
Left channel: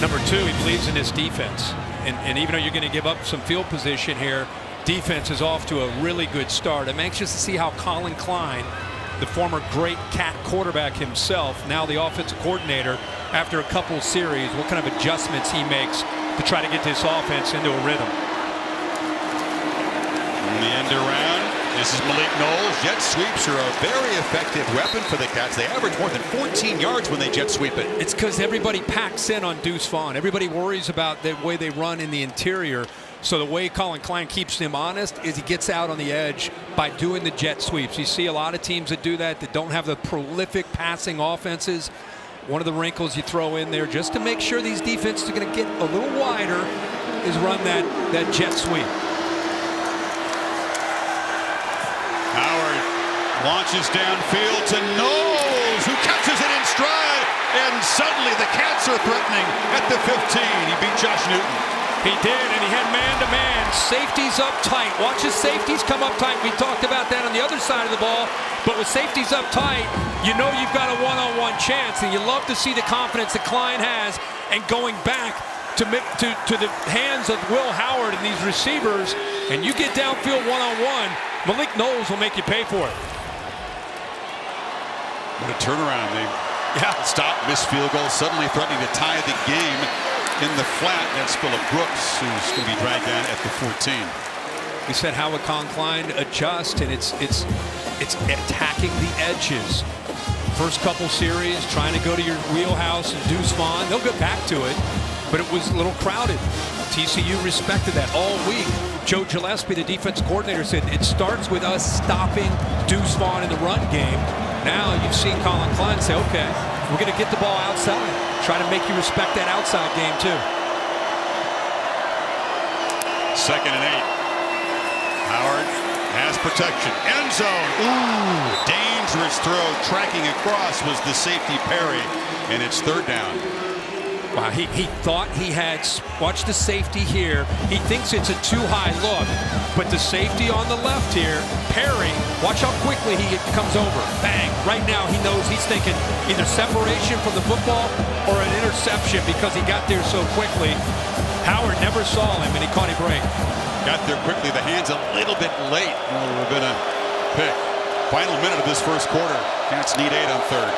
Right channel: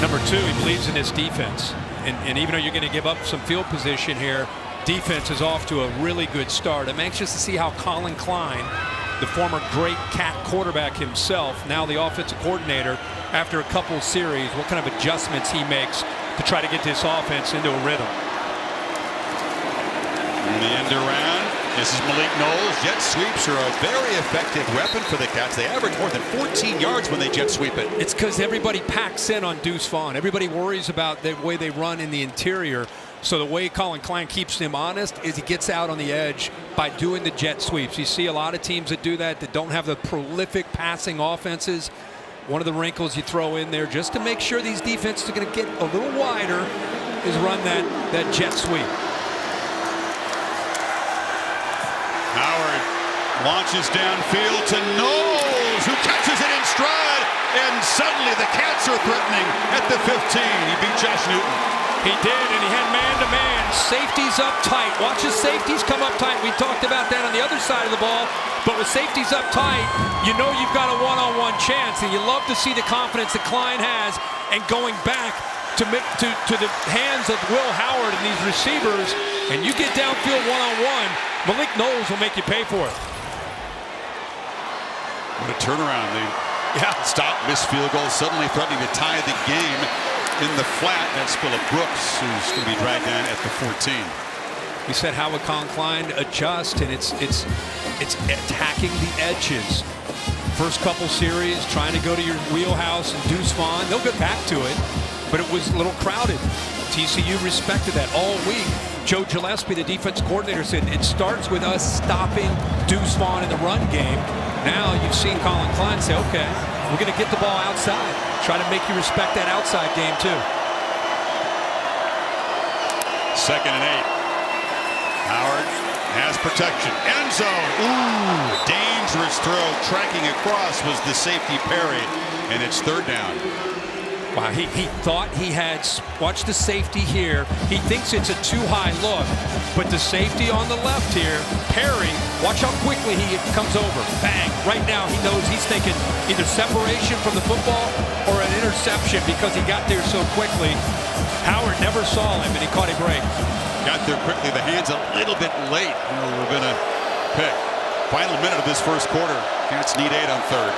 Number 2, he believes in his defense. And even though you're going to give up some field position here, defense is off to a really good start. I'm anxious to see how Colin Klein, the former great Cat quarterback himself, now the offensive coordinator, after a couple series, what kind of adjustments he makes to try to get this offense into a rhythm. In the end around, this is Malik Knowles. Jet sweeps are a very effective weapon for the Cats. They average more than 14 yards when they jet sweep it. It's because everybody packs in on Deuce Vaughn. Everybody worries about the way they run in the interior. So the way Colin Klein keeps him honest is he gets out on the edge by doing the jet sweeps. You see a lot of teams that do that don't have the prolific passing offenses. One of the wrinkles you throw in there just to make sure these defenses are going to get a little wider is run that jet sweep. Howard launches downfield to Knowles, who catches it in stride, and suddenly the Cats are threatening at the 15. He beat Josh Newton. He did, and he had man-to-man. Safeties up tight. Watch his safeties come up tight. We talked about that on the other side of the ball. But with safeties up tight, you know you've got a one-on-one chance, and you love to see the confidence that Klein has and going back to the hands of Will Howard and these receivers, and you get downfield one-on-one, Malik Knowles will make you pay for it. What a turnaround. They stop, miss field goal, suddenly threatening to tie the game in the flat. That's Phillip Brooks, who's going to be dragged down at the 14. We said how would Colin Klein adjust, and it's attacking the edges. First couple series, trying to go to your wheelhouse and Deuce Vaughn. They'll get back to it, but it was a little crowded. TCU respected that all week. Joe Gillespie, the defensive coordinator, said it starts with us stopping Deuce Vaughn in the run game. Now you've seen Colin Klein say, okay, we're going to get the ball outside. Try to make you respect that outside game too. 2nd and 8. Howard has protection. End zone. Ooh, dangerous throw. Tracking across was the safety Perry, and it's 3rd down. Wow, he thought he had, watch the safety here. He thinks it's a too high look, but the safety on the left here, Perry, watch how quickly he comes over. Bang, right now he knows he's thinking either separation from the football or an interception because he got there so quickly. Howard never saw him, and he caught a break. Got there quickly. The hands a little bit late. It would have been a pick. Final minute of this first quarter. Cats need 8 on 3rd.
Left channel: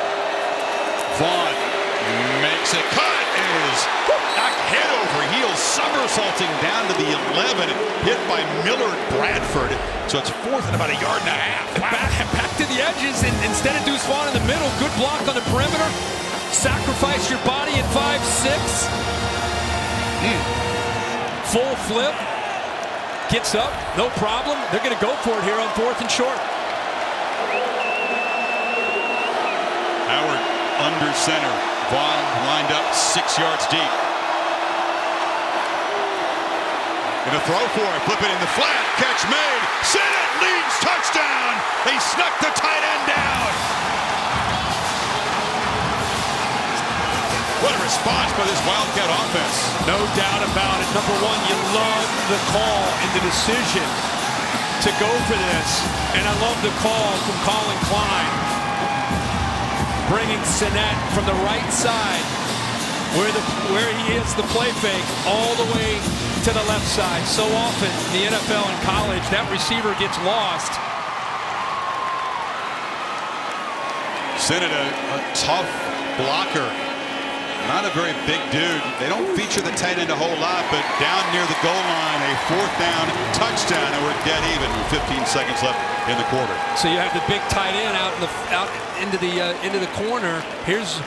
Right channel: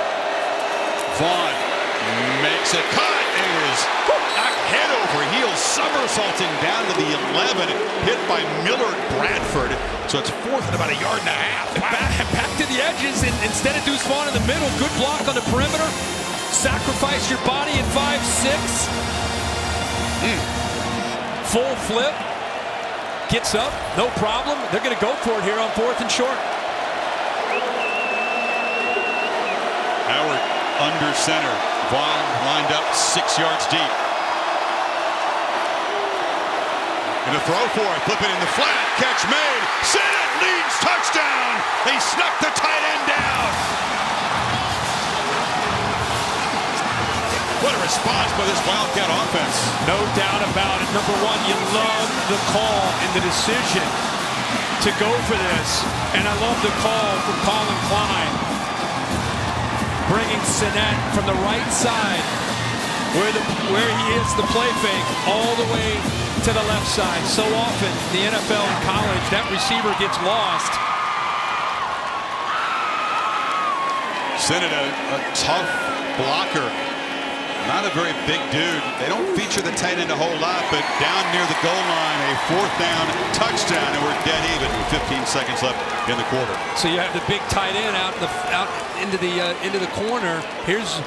Vaughn makes a cut and is knocked head over heels, somersaulting down to the 11, hit by Millard Bradford. So it's 4th and about 1.5 yards. Wow. Back to the edges, and instead of Deuce Vaughn in the middle, good block on the perimeter. Sacrifice your body at 5'6". Full flip. Gets up, no problem. They're going to go for it here on 4th and short. Howard under center. Vaughn lined up 6 yards deep. Gonna throw for it, flip it in the flat, catch made. Sinnott leads, touchdown. They snuck the tight end down. What a response by this Wildcat offense. No doubt about it. Number one, you love the call and the decision to go for this. And I love the call from Colin Klein. Bringing Sinnott from the right side where he is the play fake all the way to the left side. So often in the NFL and college, that receiver gets lost. Sinnott, a tough blocker. Not a very big dude. They don't feature the tight end a whole lot, but down near the goal line, a 4th down touchdown, and we're dead even with 15 seconds left in the quarter. So you have the big tight end out into the corner. Here's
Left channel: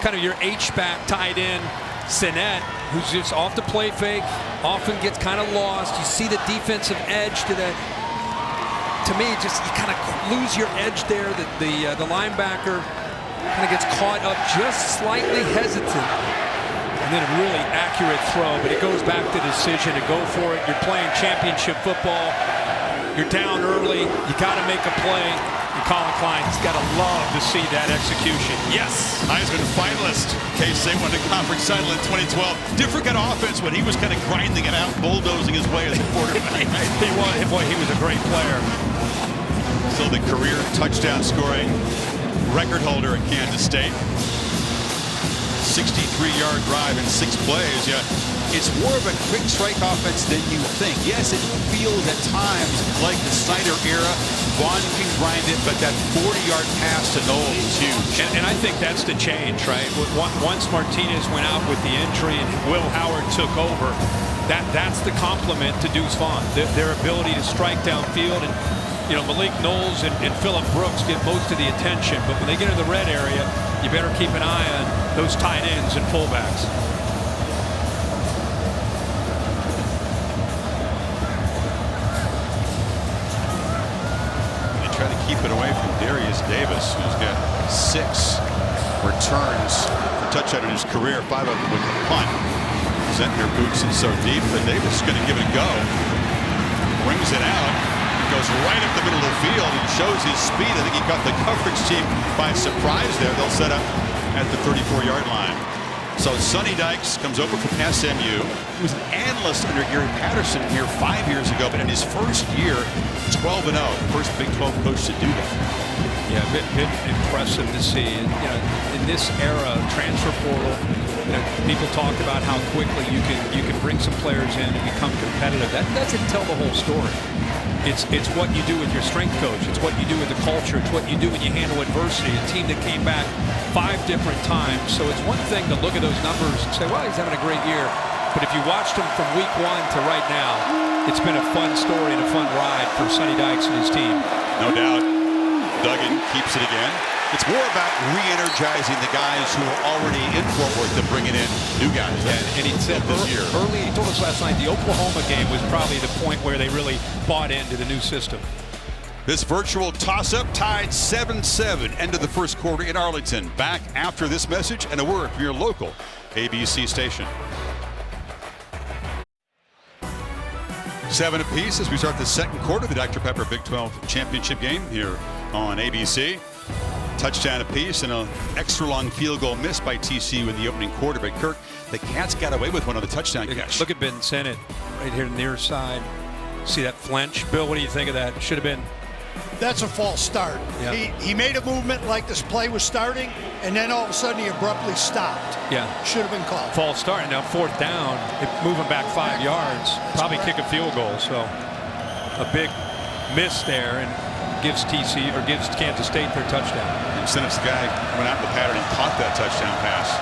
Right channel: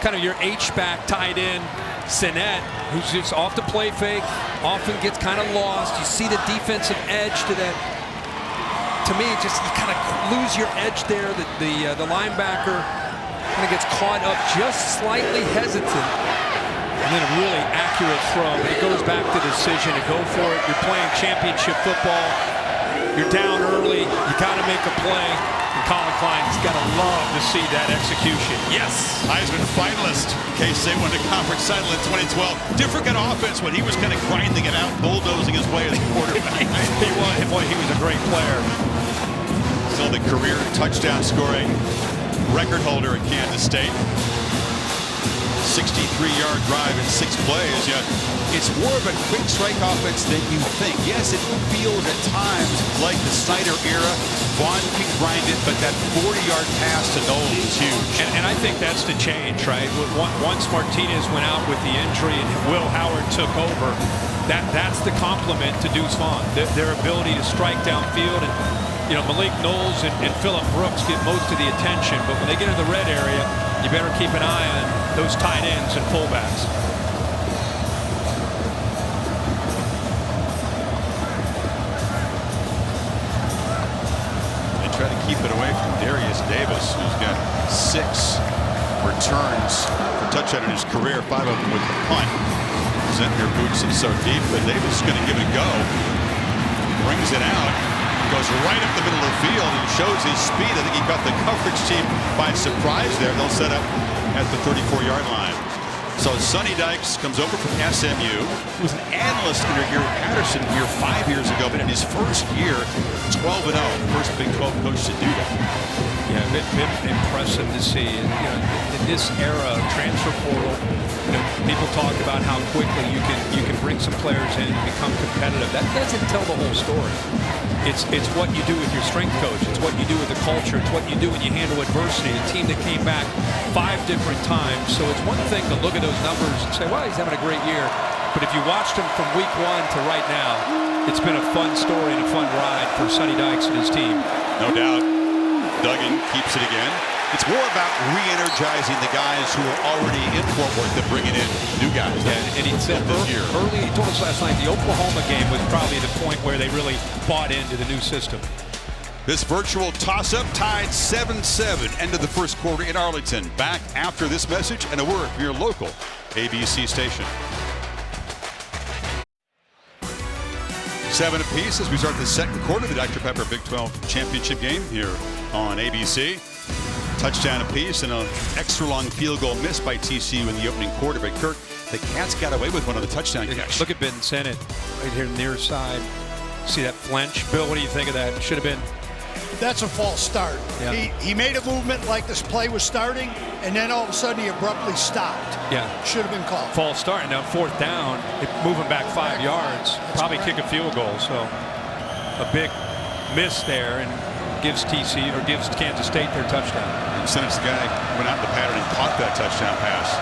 kind of your H-back tight end, Sinnott, who's just off the play fake, often gets kind of lost. You see the defensive edge to that. To me, just you kind of lose your edge there. The linebacker kind of gets caught up, just slightly hesitant, and then a really accurate throw. But it goes back to the decision to go for it. You're playing championship football. You're down early. You got to make a play. And Colin Klein's got to love to see that execution. Yes. Heisman finalist. K-State won the conference title in 2012. Different kind of offense when he was kind of grinding it out, bulldozing his way as a quarterback. Right? He was. Boy, he was a great player. Still the career touchdown scoring record holder at Kansas State. 63-yard drive in 6 plays. Yeah, it's more of a quick strike offense than you think. Yes, it feels at times like the Snyder era. Vaughn can grind it, but that 40-yard pass to Knowles was huge. And I think that's the change, right? Once Martinez went out with the injury and Will Howard took over, that's the compliment to Deuce Vaughn. Their ability to strike downfield. And you know, Malik Knowles and Phillip Brooks get most of the attention, but when they get in the red area, you better keep an eye on those tight ends and fullbacks. They try to keep it away from Darius Davis, who's got 6 returns for touchdown in his career, 5 of them with the punt. Zentner boots it so deep, but Davis is going to give it a go. Brings it out. Goes right up the middle of the field and shows his speed. I think he caught the coverage team by surprise there. They'll set up at the 34-yard line. So Sonny Dykes comes over from SMU. He was an analyst under Gary Patterson here 5 years ago, but in his first year, 12-0. First Big 12 coach to do that. Yeah, been impressive to see. You know, in this era, transfer portal, you know, people talk about how quickly you can bring some players in and become competitive. That doesn't tell the whole story. It's what you do with your strength coach. It's what you do with the culture. It's what you do when you handle adversity. A team that came back 5 different times. So it's one thing to look at those numbers and say, well, he's having a great year. But if you watched him from week 1 to right now, it's been a fun story and a fun ride for Sonny Dykes and his team. No doubt. Duggan keeps it again. It's more about re-energizing the guys who are already in Fort Worth than bringing in new guys. Yeah, and he said this year. Early, he told us last night, the Oklahoma game was probably the point where they really bought into the new system. This virtual toss-up tied 7-7, end of the first quarter in Arlington. Back after this message and a word from your local ABC station. 7 apiece as we start the second quarter of the Dr. Pepper Big 12 Championship game here on ABC. Touchdown apiece and an extra long field goal missed by TCU in the opening quarter. But Kirk, the Cats got away with one on the touchdown catch. Look at Ben Sennett right here near side. See that flinch? Bill, what do you think of that? Should have been. That's a false start. Yeah. He made a movement like this play was starting, and then all of a sudden he abruptly stopped. Yeah. Should have been called. False start. And now 4th down, move him back 5 yards. Probably correct. kick a field goal. So a big miss there and gives TCU or gives Kansas State their touchdown. And Sennett's the guy went out in the pattern and caught that touchdown pass.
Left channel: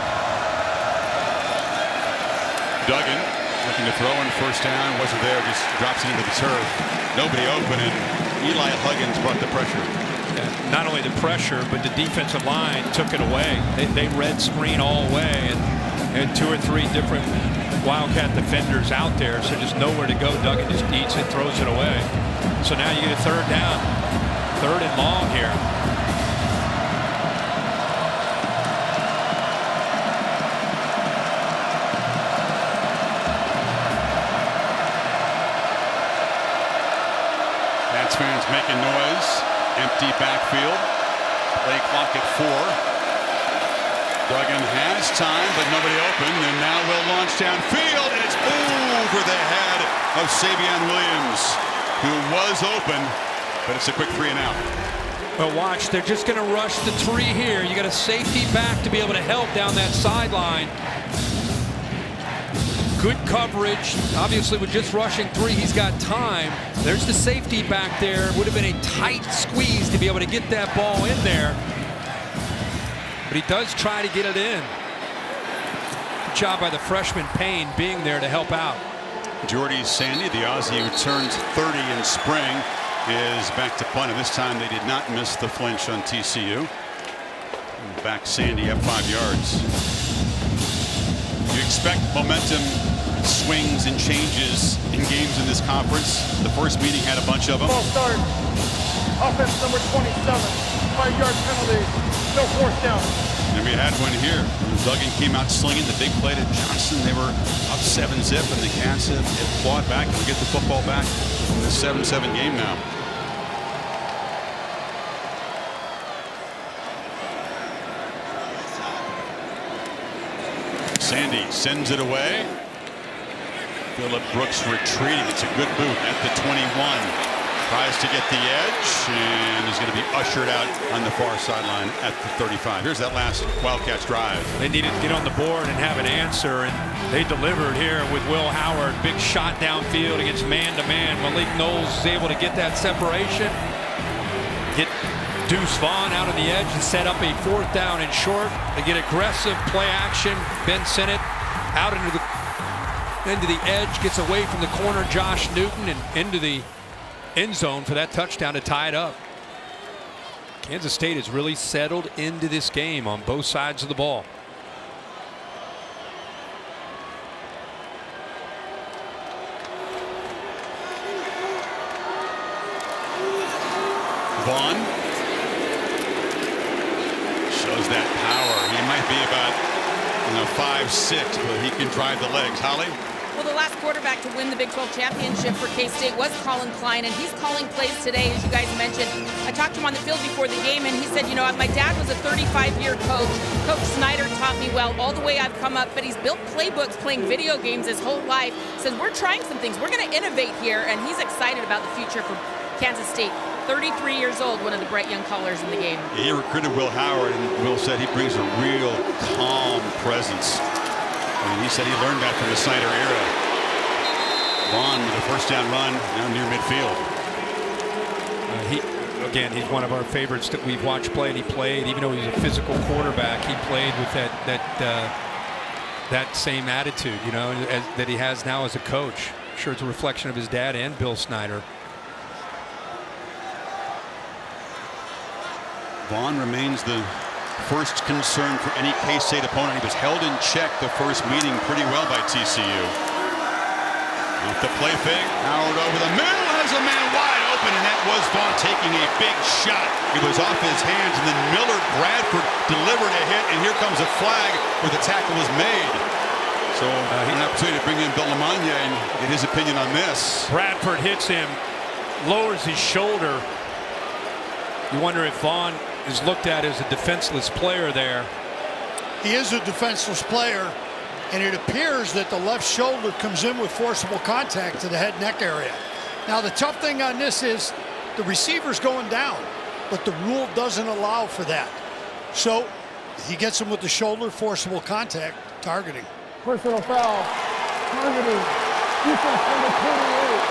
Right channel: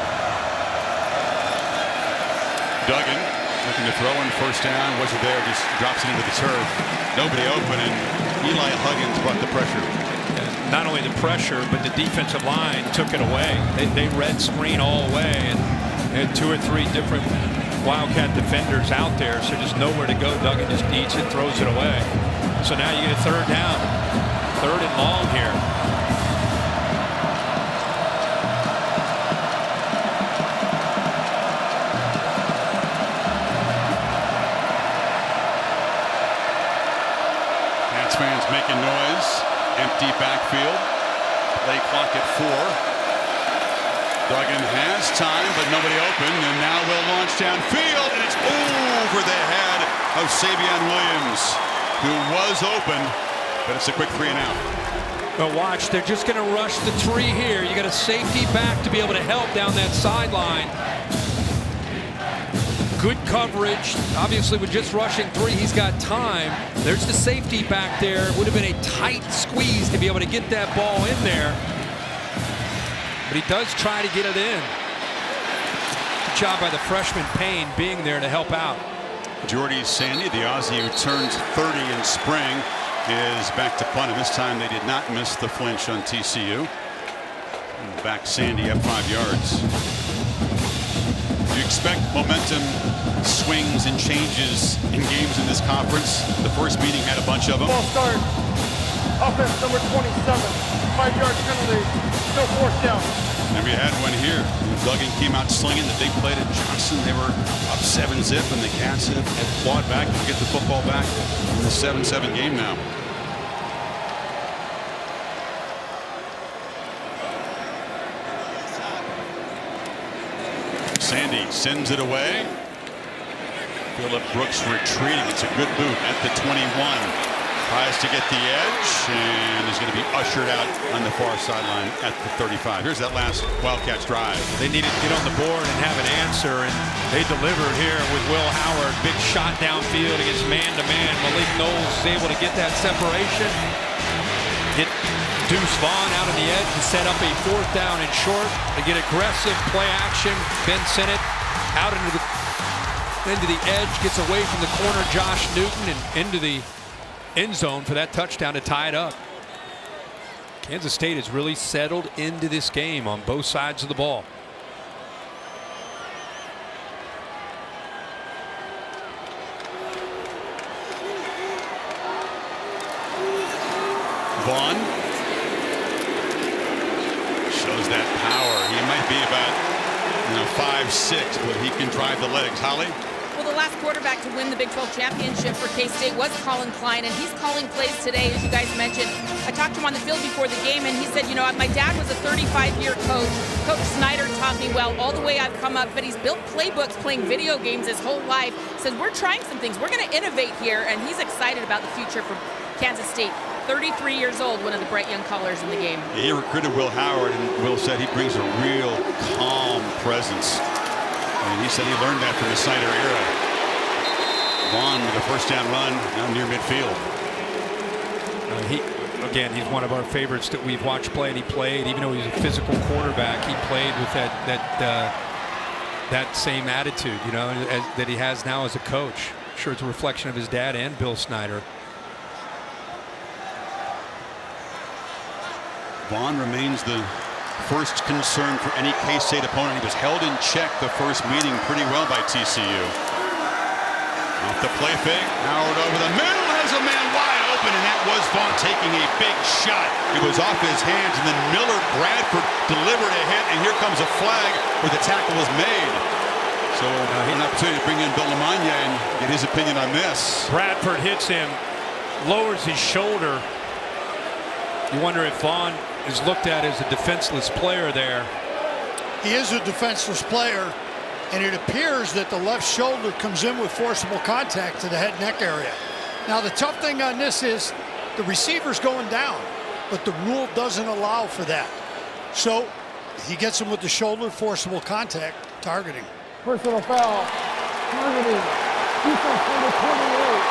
Duggan looking to throw in first down, wasn't there, just drops it into the turf. Nobody open, and Eli Huggins brought the pressure. And not only the pressure, but the defensive line took it away. They red screen all away, and they had 2 or 3 different Wildcat defenders out there, so just nowhere to go. Duggan just eats it, throws it away. So now you get a 3rd down, 3rd and long here. Pats fans making noise. Empty backfield. Play clock at 4. Duggan has time, but nobody open, and now will launch downfield, and it's over the head of Savion Williams, who was open, but it's a quick 3 and out. Well, watch, they're just going to rush the 3 here. You got a safety back to be able to help down that sideline. Good coverage. Obviously, with just rushing 3, he's got time. There's the safety back there. Would have been a tight squeeze to be able to get that ball in there. But he does try to get it in. Good job by the freshman Payne being there to help out. Jordy Sandy, the Aussie who turns 30 in spring, is back to punt, and this time they did not miss the flinch on TCU. And back Sandy up 5 yards. You expect momentum swings and changes in games in this conference. The first meeting had a bunch of them. Ball start. Offense number 27. 5-yard penalty. No 4th down. And we had one here. Duggan came out slinging the big play to Johnson. They were up 7-zip, and the Cats have clawed back and will get the football back in the 7-7 game now. Sandy sends it away. Phillip Brooks retreating. It's a good boot at the 21. Tries to get the edge and is going to be ushered out on the far sideline at the 35. Here's that last Wildcats drive. They needed to get on the board and have an answer, and they delivered here with Will Howard. Big shot downfield against man-to-man. Malik Knowles is able to get that separation. Get Deuce Vaughn out on the edge and set up a 4th down and short. They get aggressive play action. Ben Sennett out into the edge, gets away from the corner, Josh Newton, and into the end zone for that touchdown to tie it up. Kansas State has really settled into this game on both sides of the ball. Vaughn shows that power. He might be about 5'6", but he can drive the legs. Holly? Well, the last quarterback to win the Big 12 championship for K-State was Colin Klein, and he's calling plays today, as you guys mentioned. I talked to him on the field before the game, and he said, my dad was a 35-year coach. Coach Snyder taught me well all the way I've come up, but he's built playbooks playing video games his whole life. Says, we're trying some things. We're going to innovate here, and he's excited about the future for Kansas State. 33 years old, one of the bright young callers in the game. He recruited Will Howard, and Will said he brings a real calm presence. And he said he learned that from the Snyder era. Vaughn with a 1st down run now near midfield. He's one of our favorites that we've watched play, and he played, even though he was a physical quarterback, he played with that same attitude, that he has now as a coach. I'm sure it's a reflection of his dad and Bill Snyder. Vaughn remains the first concern for any K-State opponent. He was held in check the first meeting pretty well by TCU. Off the play fake, Howard over the middle, has a man wide open, and that was Vaughn taking a big shot. It was off his hands, and then Miller Bradford delivered a hit, and here comes a flag where the tackle was made. So an opportunity to bring in Bill Lamagna and get his opinion on this. Bradford hits him, lowers his shoulder. You wonder if Vaughn is looked at as a defenseless player there. He is a defenseless player, and it appears that the left shoulder comes in with forcible contact to the head neck area. Now the tough thing on this is the receiver's going down, but the rule doesn't allow for that. So he gets him with the shoulder, forcible contact, targeting. Personal foul, targeting, defense number 28.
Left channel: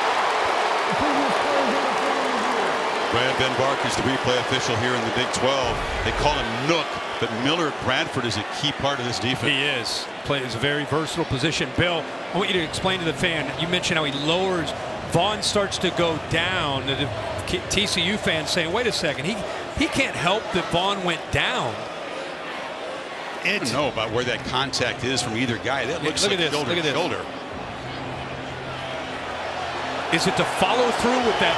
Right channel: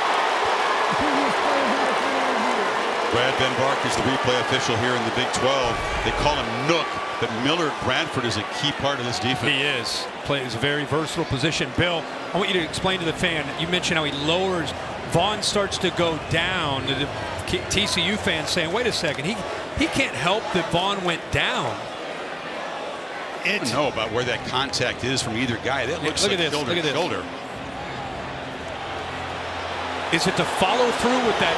The previous player is under further review. Brad Van Bark is the replay official here in the Big 12. They call him Nook, but Miller Bradford is a key part of this defense. He is. Plays a very versatile position. Bill, I want you to explain to the fan, you mentioned how he lowers, Vaughn starts to go down. The TCU fans saying, wait a second, he can't help that Vaughn went down. I don't know about where that contact is from either guy. That looks like shoulder to shoulder. Is it the follow through with that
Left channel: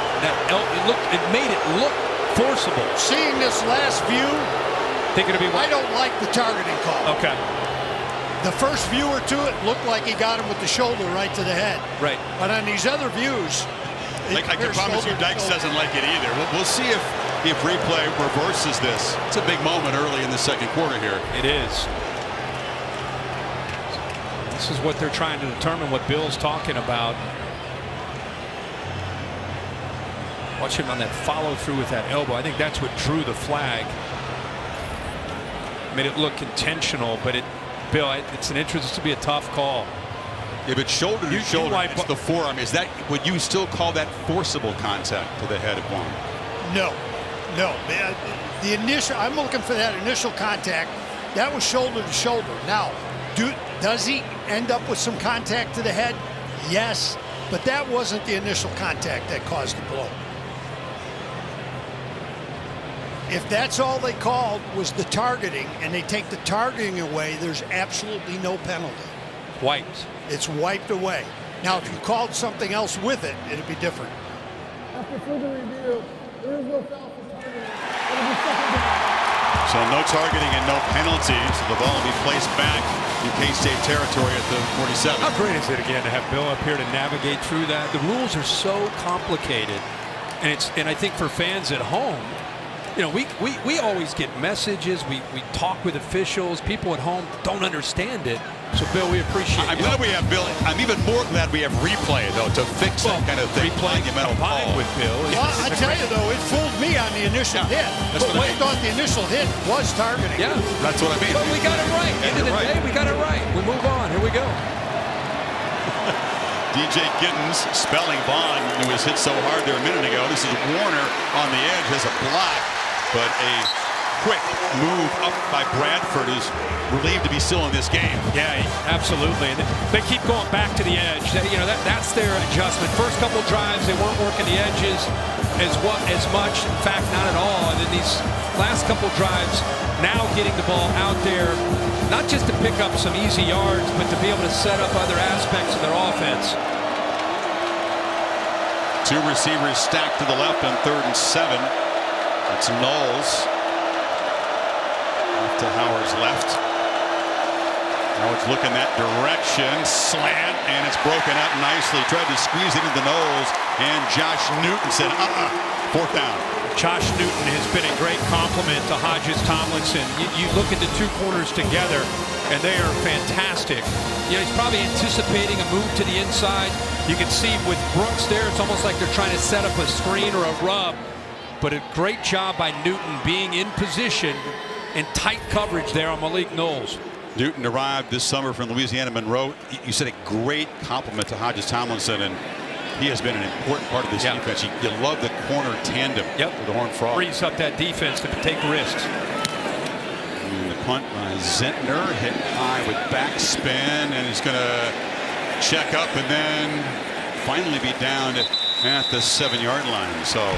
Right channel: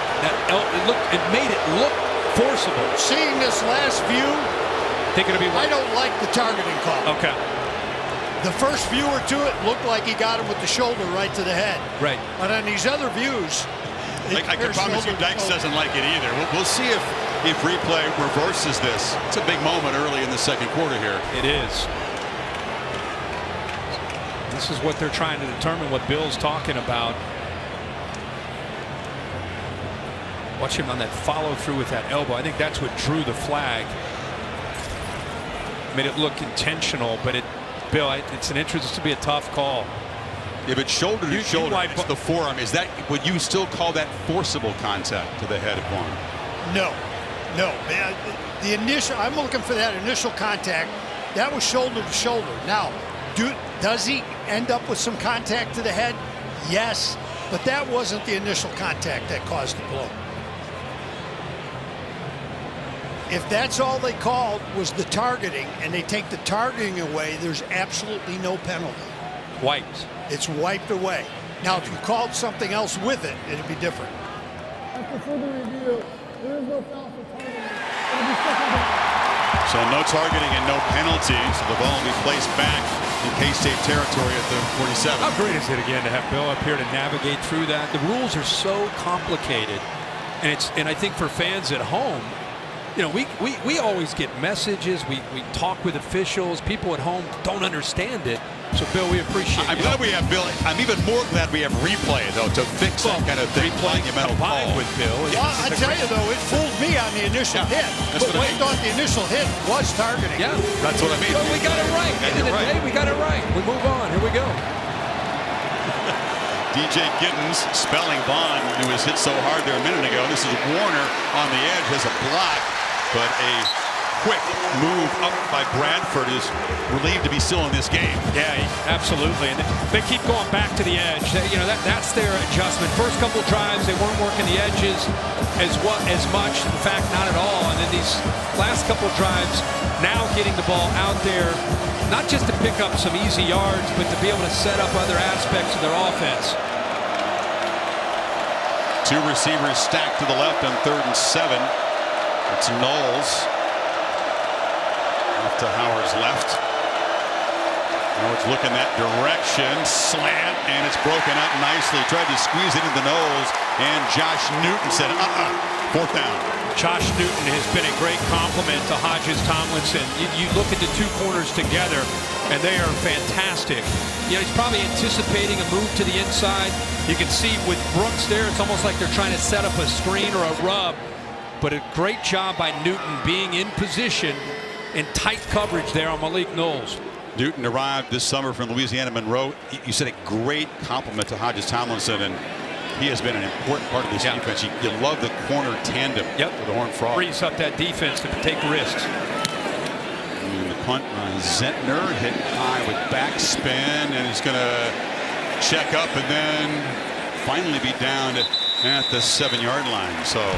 it made it look forcible. Seeing this last view, think it'll be I don't like the targeting call. Okay. The first viewer to it looked like he got him with the shoulder right to the head. Right. But on these other views, I can promise you Dykes doesn't like it either. We'll see if replay reverses this. It's a big moment early in the second quarter here. It is. This is what they're trying to determine, what Bill's talking about. Watch him on that follow through with that elbow. I think that's what drew the flag. Made it look intentional, but Bill, it's to be a tough call. Yeah, but shoulder to shoulder, it's the forearm. Is that, would you still call that forcible contact to the head of Vaughn? No. The initial, I'm looking for that initial contact. That was shoulder to shoulder. Now, does he end up with some contact to the head? Yes, but that wasn't the initial contact that caused the blow. If that's all they called was the targeting, and they take the targeting away, there's absolutely no penalty. Wiped. It's wiped away. Now, if you called something else with it, it'd be different. After further review, there is no foul for targeting. It'll be second down. So no targeting and no penalty. So the ball will be placed back in K-State territory at the 47. How great is it again to have Bill up here to navigate through that? The rules are so complicated, and I think for fans at home, you know, we always get messages. We talk with officials. People at home don't understand it. So, Bill, we appreciate I'm glad we have Bill. I'm even more glad we have replay, though, to fix that kind of thing. Replay combined with Bill. Well, I tell you, though, it fooled me on the initial hit. That's what I thought the initial hit was targeting. Yeah. That's what I mean. But we got it right. End of the day, we got it right. We move on. Here we go. DJ Giddens spelling Vaughn, who was hit so hard there a minute ago. This is Warner on the edge, has a block, but a quick move up by Bradford is relieved to be still in this game. Yeah, absolutely. And they keep going back to the edge. That's their adjustment. First couple drives, they weren't working the edges as much. In fact, not at all. And then these last couple drives, now getting the ball out there, not just to pick up some easy yards, but to be able to set up other aspects of their offense. Two receivers stacked to the left on 3rd and 7. It's Knowles off to Howard's left. Howard's looking that direction, slant, and it's broken up nicely. Tried to squeeze it into Knowles, and Josh Newton said, 4th down. Josh Newton has been a great compliment to Hodges Tomlinson. You look at the two corners together, and they are fantastic. You know, he's probably anticipating a move to the inside. You can see with Brooks there, it's almost like they're trying to set up a screen or a rub. But a great job by Newton being in position and tight coverage there on Malik Knowles. Newton arrived this summer from Louisiana Monroe. You said a great compliment to Hodges Tomlinson, and he has been an important part of this defense. You love the corner tandem with the Horned Frogs. Frees up that defense to take risks. And the punt by Zentner, hit high with backspin, and he's going to check up and then finally be down at the 7-yard line. So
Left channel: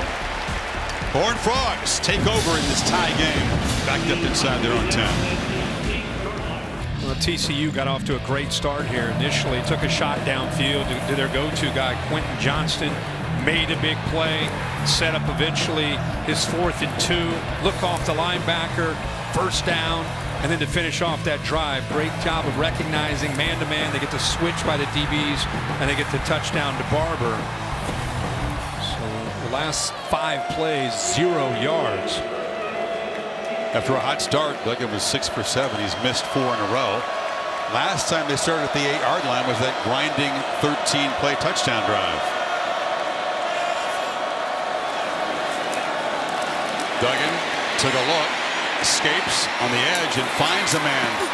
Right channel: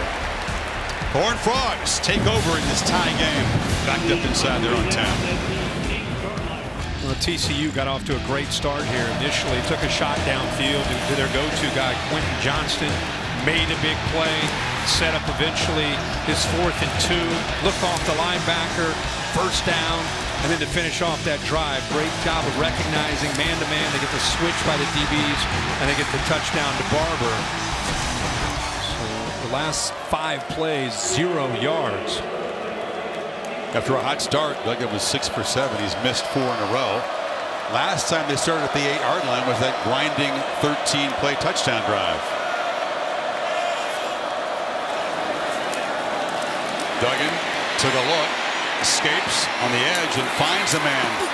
Horned Frogs take over in this tie game, backed up inside their own 10. Well, TCU got off to a great start here initially. Took a shot downfield to their go-to guy, Quentin Johnston. Made a big play. Set up eventually his 4th and 2. Look off the linebacker. First down. And then to finish off that drive, great job of recognizing man-to-man. They get the switch by the DBs, and they get the touchdown to Barber. So the last 5 plays, 0 yards. After a hot start, Duggan was 6 for 7. He's missed 4 in a row. Last time they started at the 8-yard line was that grinding 13-play touchdown drive. Duggan took a look, escapes on the edge and finds a man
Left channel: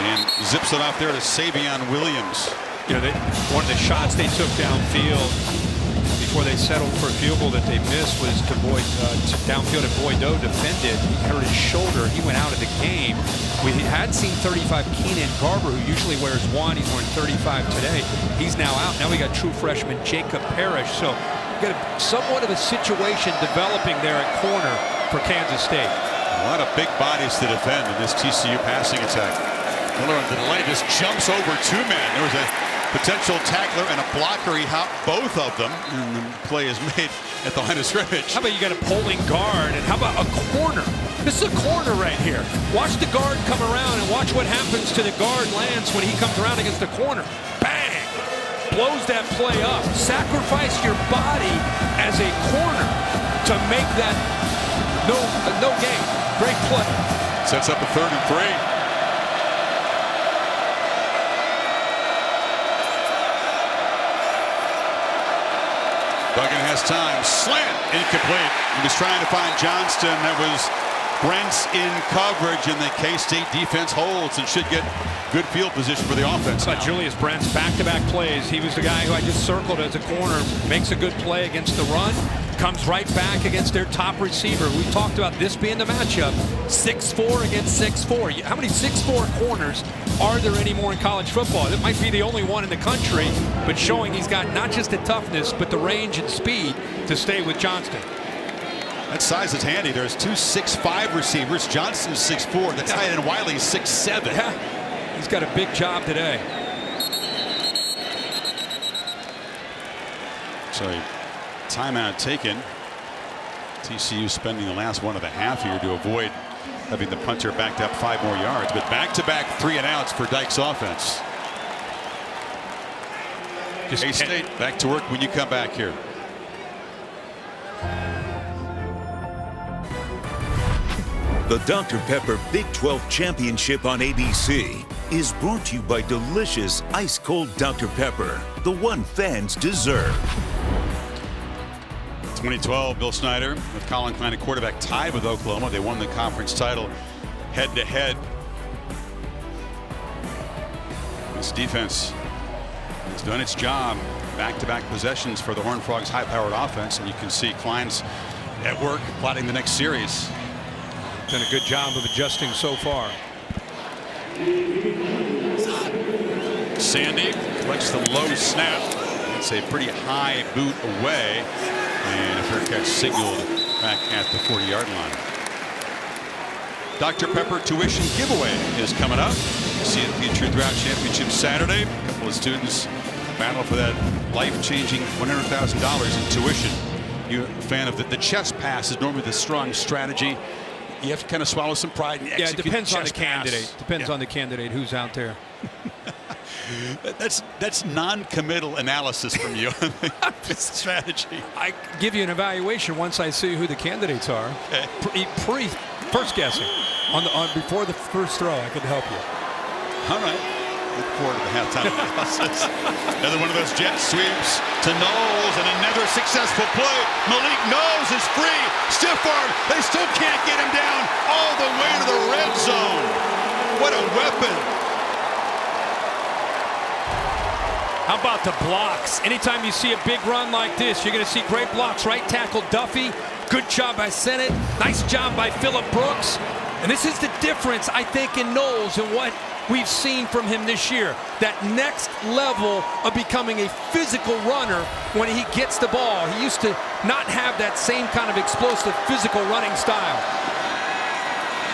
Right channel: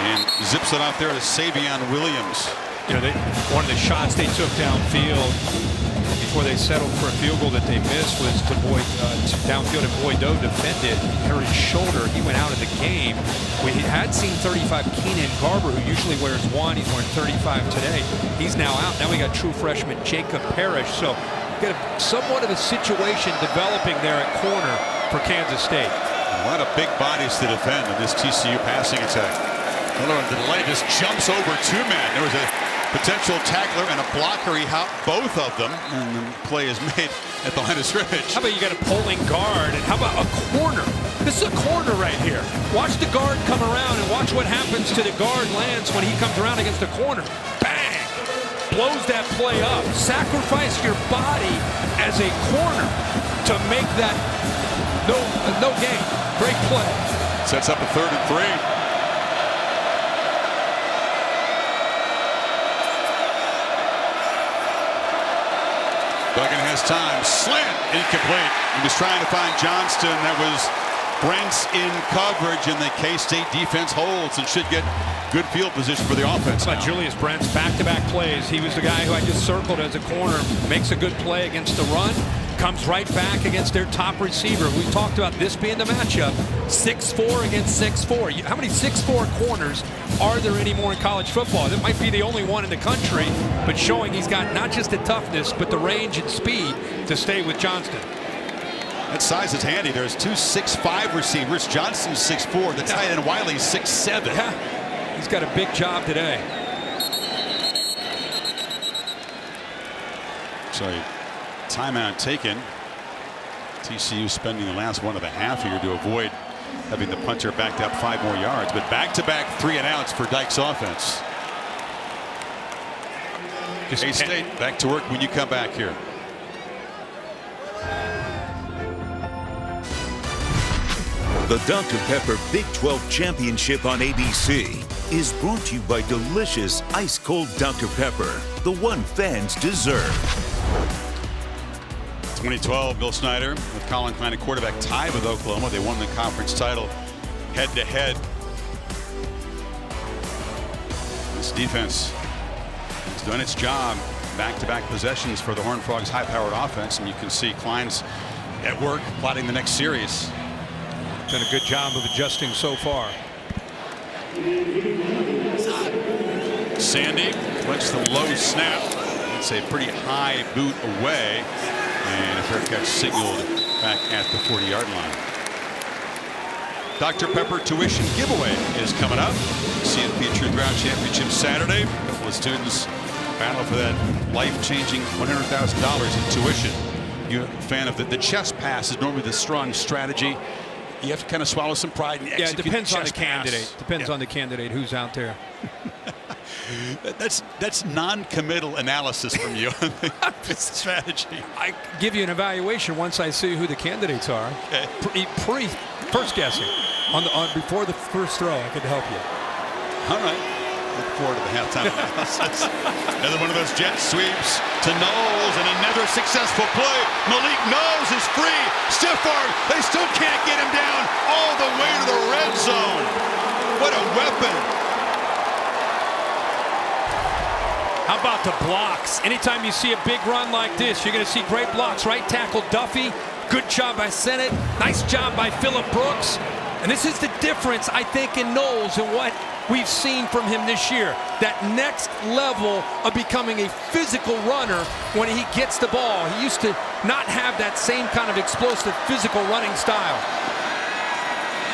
and zips it off there to Savion Williams. You know, one of the shots they took downfield before they settled for a field goal that they missed was to downfield, and Boydo defended. He hurt his shoulder. He went out of the game. We had seen 35 Keenan Garber, who usually wears 1. He's wearing 35 today. He's now out. Now we got true freshman Jacob Parrish. So got somewhat of a situation developing there at corner for Kansas State. A lot of big bodies to defend in this TCU passing attack. Miller on the delay just jumps over 2 men. There was a potential tackler and a blocker. He hopped both of them, and the play is made at the line of scrimmage. How about you got a pulling guard, and how about a corner? This is a corner right here. Watch the guard come around and watch what happens to the guard Lance when he comes around against a corner. Bang! Blows that play up. Sacrifice your body as a corner to make that no gain. Great play. Sets up a 3rd and 3. Duggan has time. Slant incomplete. He was trying to find Johnston. That was Brent's in coverage, and the K-State defense holds and should get good field position for the offense. How about Julius Brent's back-to-back plays? He was the guy who I just circled as a corner. Makes a good play against the run. Comes right back against their top receiver. We talked about this being the matchup. 6'4" against 6'4". How many 6'4" corners are there anymore in college football? That might be the only one in the country, but showing he's got not just the toughness, but the range and speed to stay with Johnston. That size is handy. There's 2 6'5" receivers. Johnston's 6'4". The tight end Wiley's 6'7". Yeah, he's got a big job today. So timeout taken. TCU spending the last 1.5 here to avoid having the punter backed up 5 more yards, but back-to-back 3-and-outs for Dyke's offense. K-State back to work when you come back here. The Dr. Pepper Big 12 Championship on ABC is brought to you by delicious ice-cold Dr. Pepper, the one fans deserve. 2012, Bill Snyder with Colin Klein at quarterback tied with Oklahoma. They won the conference title head-to-head. This defense has done its job. Back-to-back possessions for the Horned Frogs' high-powered offense, and you can see Klein's at work plotting the next series. Done a good job of adjusting so far. Sandy collects the low snap. It's a pretty high boot away, and a fair catch signaled back at the 40-yard line. Dr. Pepper tuition giveaway is coming up. See it featured throughout championship Saturday. A couple of students battle for that life-changing $100,000 in tuition. You're a fan of the chess pass is normally the strong strategy. You have to kind of swallow some pride and execute. Yeah, it depends on the pass. candidate. Depends on the candidate who's out there. That's non-committal analysis from you on the strategy. I give you an evaluation once I see who the candidates are. Okay. First guessing before the first throw, I could help you. All right. Look forward to the halftime analysis. Another one of those jet sweeps to Knowles, and another successful play. Malik Knowles is free. Stiff arm. They still can't get him down all the way to the red zone. What a weapon. How about the blocks? Anytime you see a big run like this, you're going to see great blocks. Right tackle Duffy. Good job by Sennett. Nice job by Phillip Brooks. And this is the difference, I think, in Knowles and what we've seen from him this year. That next level of becoming a physical runner when he gets the ball. He used to not have that same kind of explosive physical running style.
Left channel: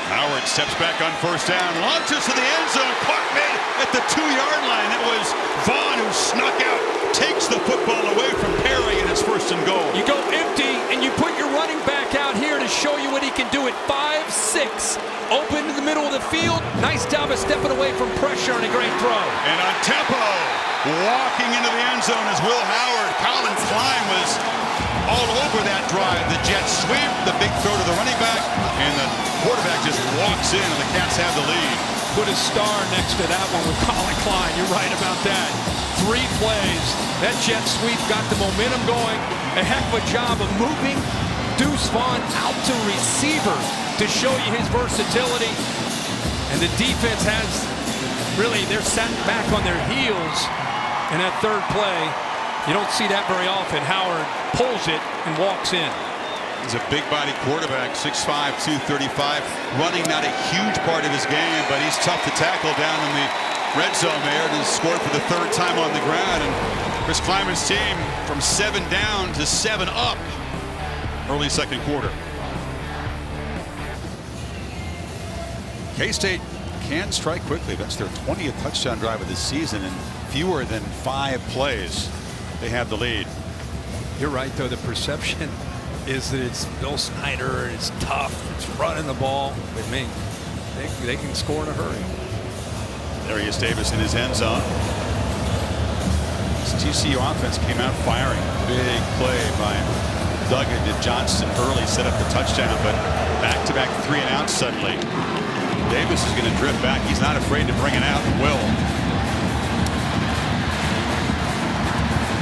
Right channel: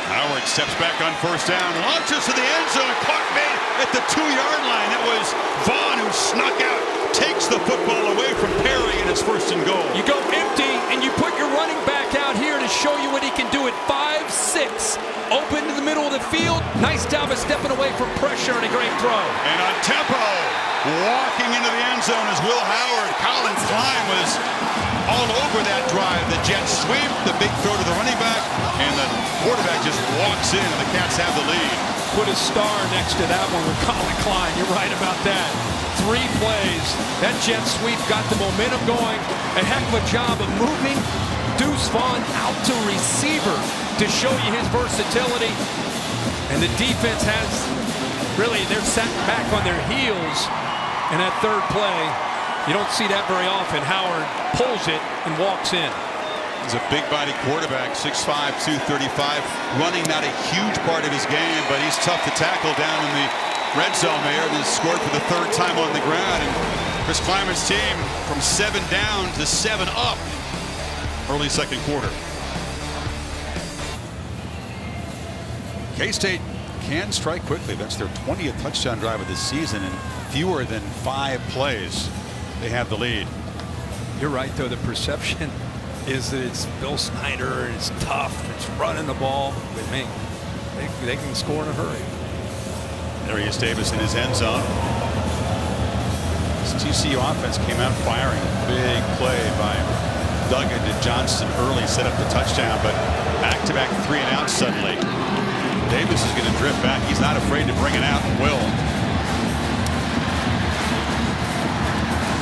Howard steps back on first down, launches to the end zone, caught made at the 2-yard line. That was Vaughn who snuck out, takes the football away from Perry, and it's first and goal. You go empty, and you put your running back out here to show you what he can do at 5'6". Open to the middle of the field. Nice job of stepping away from pressure and a great throw. And on tempo, walking into the end zone is Will Howard. Colin Klein was all over that drive. The jet sweep, the big throw to the running back, and the quarterback just walks in, and the Cats have the lead. Put a star next to that one with Colin Klein. You're right about that. 3 plays. That jet sweep got the momentum going. A heck of a job of moving Deuce Vaughn out to receiver to show you his versatility. And the defense has really, they're set back on their heels in that third play. You don't see that very often. Howard pulls it and walks in. He's a big body quarterback, 6'5", 235, running not a huge part of his game, but he's tough to tackle down in the red zone there, and has scored for the 3rd time on the ground. And Chris Kleiman's team from 7 down to 7 up early second quarter. K-State can strike quickly. That's their 20th touchdown drive of the season in fewer than 5 plays. They have the lead. You're right, though. The perception is that it's Bill Snyder, it's tough, it's running the ball. But, man, they can score in a hurry. There he is, Davis in his end zone. This TCU offense came out firing. Big play by Duggan to Johnston early, set up the touchdown, but back-to-back 3-and-outs suddenly. Davis is going to drift back. He's not afraid to bring it out, and will.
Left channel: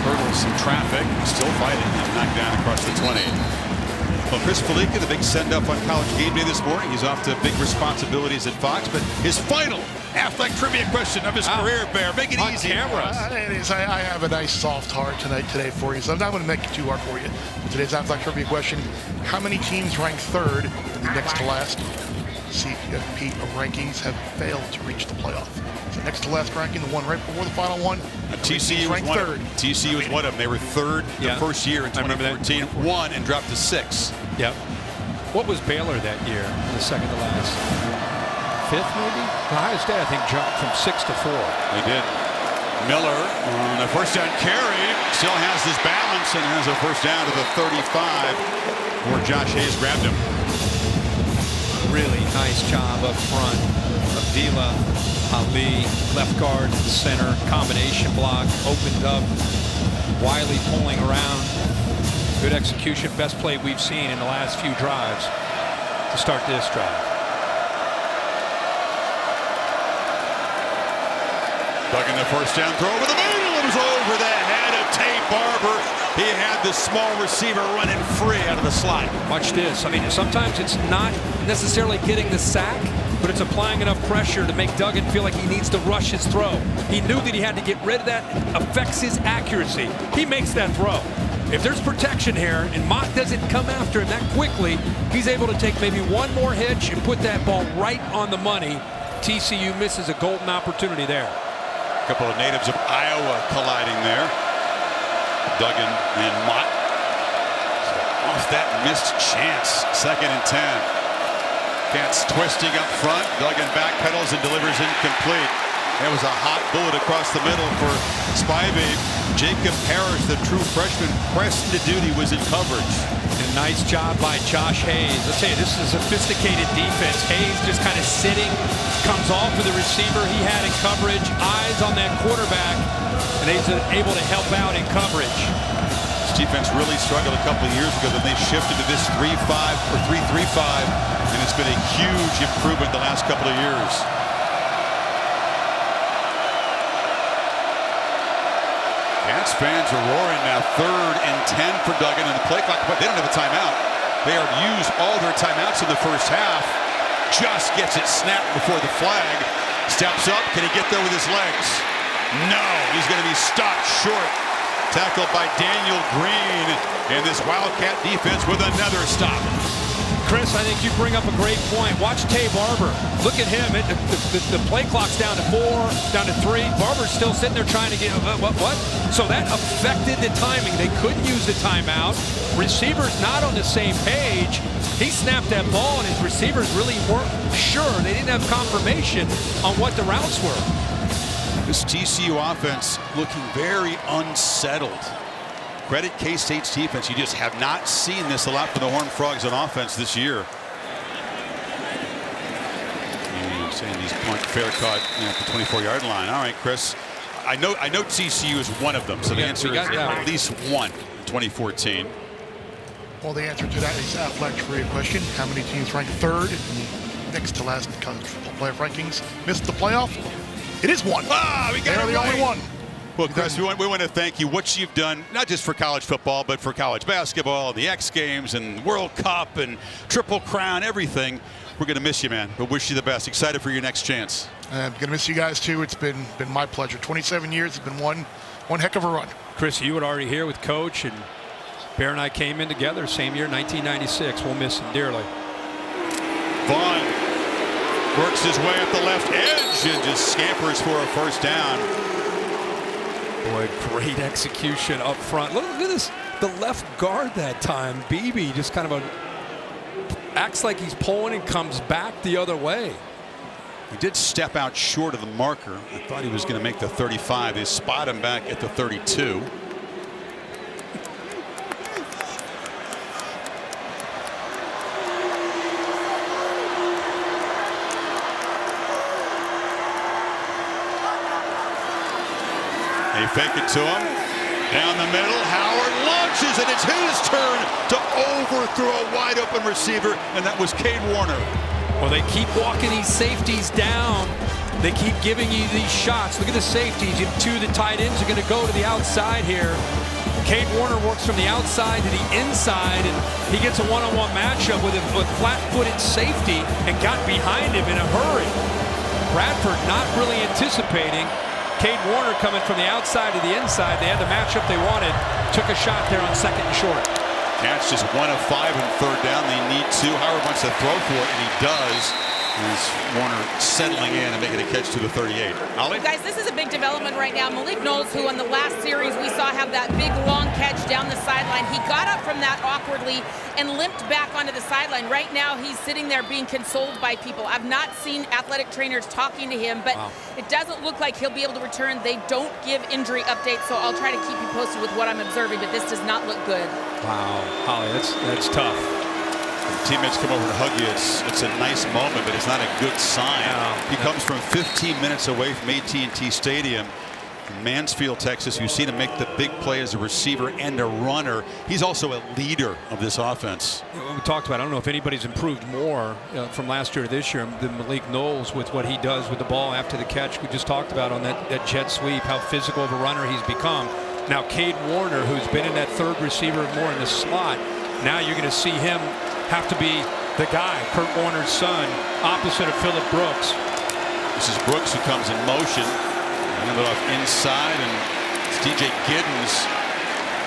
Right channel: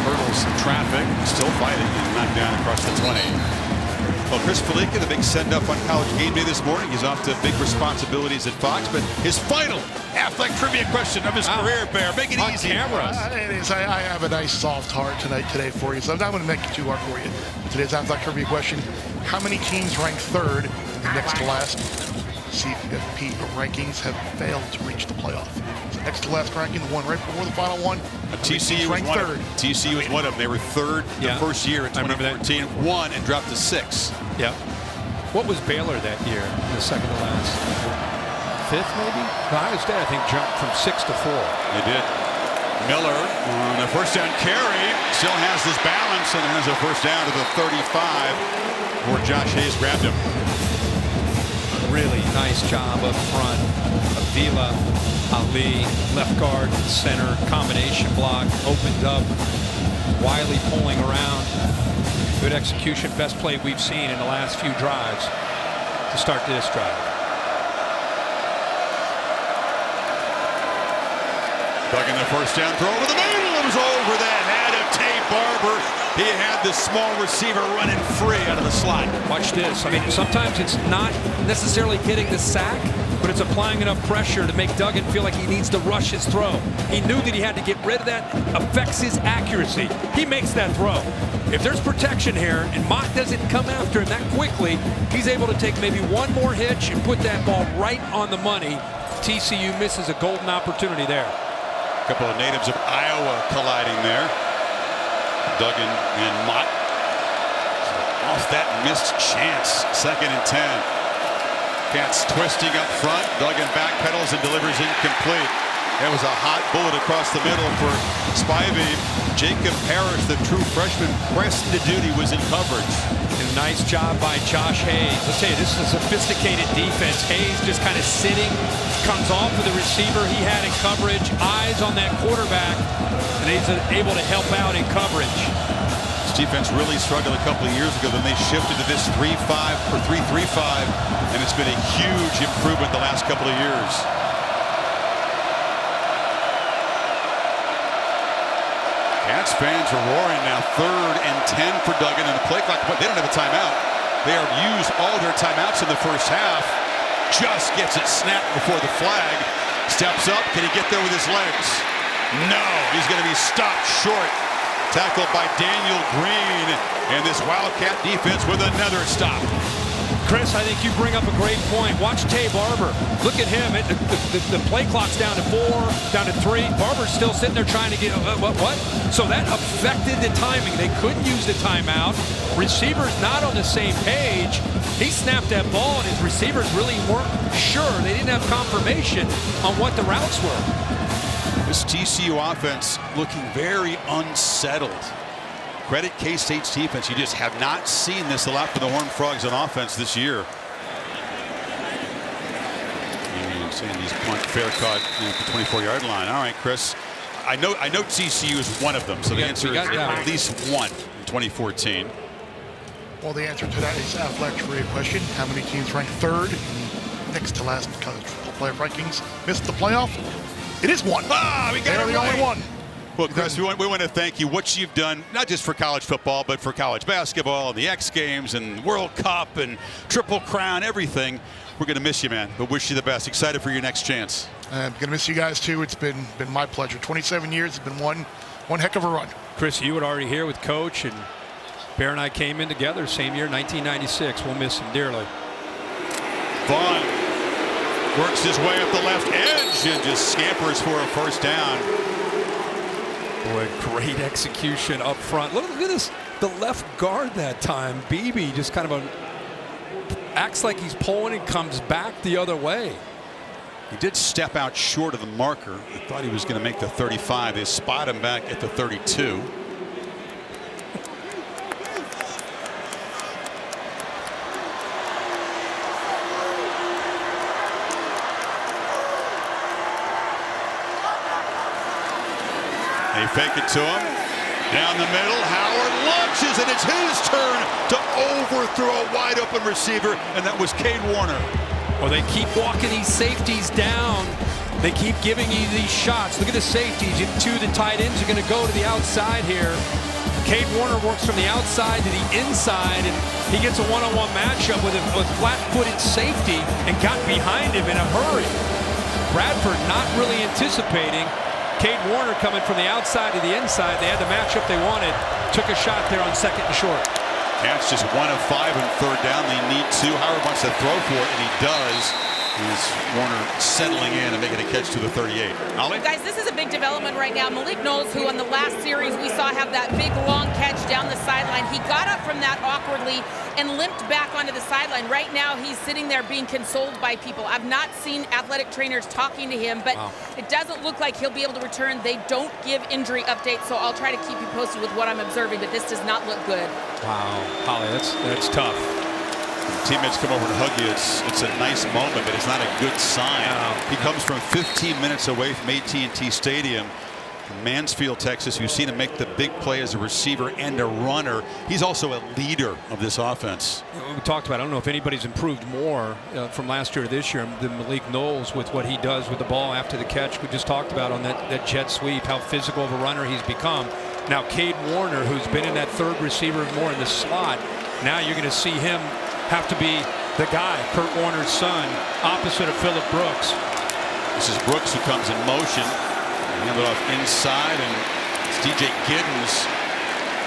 Hurdles some traffic, still fighting, and knocked down across the 20. Well, Chris Felica, the big send-up on College Game Day this morning. He's off to big responsibilities at Fox, but his final Affleck trivia question of his career, Bear. Make it on easy. Camera. It is. I have a nice soft heart today for you, so I'm not going to make it too hard for you. But today's Affleck trivia question: how many teams ranked 3rd in the next to last CFP rankings have failed to reach the playoff? So next to last ranking, the one right before the final one. TCU was one 3rd. TCU was one of them. They were 3rd the first year in 2014. Won and dropped to 6. Yep. What was Baylor that year in the second to last? 5th, maybe? Ohio State, I think, jumped from 6 to 4. They did. Miller on a first down carry still has this balance and has a first down to the 35 where Josh Hayes grabbed him. Really nice job up front. Avila, Ali, left guard and center, combination block, opened up. Wiley pulling around. Good execution, best play we've seen in the last few drives to start this drive. Duggan the first down throw over the middle. It was over the head of Tate Barber. He had the small receiver running free out of the slot. Watch this. I mean, sometimes it's not necessarily getting the sack, but it's applying enough pressure to make Duggan feel like he needs to rush his throw. He knew that he had to get rid of that. It affects his accuracy. He makes that throw. If there's protection here and Mott doesn't come after him that quickly, he's able to take maybe one more hitch and put that ball right on the money. TCU misses a golden opportunity there. A couple of natives of Iowa colliding there. Duggan and Mott. So off that missed chance. 2nd and 10. Cats twisting up front. Duggan backpedals and delivers incomplete. It was a hot bullet across the middle for Spivey. Jacob Parrish, the true freshman, pressed into duty, was in coverage. And a nice job by Josh Hayes. I'll tell you, this is a sophisticated defense. Hayes just kind of sitting, comes off of the receiver he had in coverage, eyes on that quarterback, and he's able to help out in coverage. This defense really struggled a couple of years ago. Then they shifted to this 3-5 or 3-3-5, and it's been a huge improvement the last couple of years. Cats fans are roaring now. 3rd and 10 for Duggan, and the play clock, but they don't have a timeout. They have used all their timeouts in the first half. Just gets it snapped before the flag. Steps up. Can he get there with his legs? No. He's going to be stopped short. Tackled by Daniel Green, and this Wildcat defense with another stop. Chris, I think you bring up a great point. Watch Tay Barber. Look at him. The play clock's down to 4, down to 3. Barber's still sitting there trying to get what? So that affected the timing. They couldn't use the timeout. Receivers not on the same page. He snapped that ball, and his receivers really weren't sure. They didn't have confirmation on what the routes were. This TCU offense looking very unsettled. Credit K-State's defense. You just have not seen this a lot for the Horned Frogs on offense this year. And Sandy's punt fair caught at the 24-yard line. All right, Chris. I know TCU is one of them, so the answer is at least one in 2014. Well, the answer to that is athletics for your question. How many teams ranked third in the next to last college football playoff rankings missed the playoff? It is one. We got They're the only one. Well, Chris, we want to thank you. What you've done, not just for college football, but for college basketball and the X Games and World Cup and Triple Crown, everything. We're going to miss you, man, but wish you the best. Excited for your next chance. I'm going to miss you guys, too. It's been my pleasure. 27 years. It's been one heck of a run. Chris, you were already here with Coach, and Bear and I came in together same year, 1996. We'll miss him dearly. Vaughn works his way up the left edge and just scampers for a first down. Boy, great execution up front. Look at this. The left guard that time, Beebe, just kind of acts like he's pulling and comes back the other way. He did step out short of the marker. I thought he was going to make the 35. They spot him back at the 32. They fake it to him. Down the middle, Howard launches, and it's his turn to overthrow a wide open receiver, and that was Cade Warner. Well, they keep walking these safeties down. They keep giving you these shots. Look at the safeties. You have 2 of the tight ends are going to go to the outside here. Cade Warner works from the outside to the inside, and he gets a one-on-one matchup with a flat-footed safety and got behind him in a hurry. Bradford not really anticipating Cade Warner coming from the outside to the inside. They had the matchup they wanted. Took a shot there on 2nd and short. Cats just 1 of 5 in 3rd down. They need 2. Howard wants to throw for it, and he does. Here's Warner settling in and making a catch to the 38. Ollie? Guys, this is a big development right now. Malik Knowles, who on the last series we saw have that big long catch down the sideline, he got up from that awkwardly and limped back onto the sideline. Right now he's sitting there being consoled by people. I've not seen athletic trainers talking to him, but it doesn't look like he'll be able to return. They don't give injury updates, so I'll try to keep you posted with what I'm observing, but this does not look good. Wow, Holly, that's tough. When teammates come over to hug you, it's a nice moment, but it's not a good sign. He comes from 15 minutes away from AT&T Stadium in Mansfield, Texas. You've seen him make the big play as a receiver and a runner. He's also a leader of this offense. We talked about, I don't know if anybody's improved more from last year to this year than Malik Knowles with what he does with the ball after the catch. We just talked about on that jet sweep, how physical of a runner he's become. Now Cade Warner, who's been in that 3rd receiver more in the slot, now you're going to see him have to be the guy, Kurt Warner's son, opposite of Phillip Brooks. This is Brooks who comes in motion. Hand it off inside, and it's DJ Giddens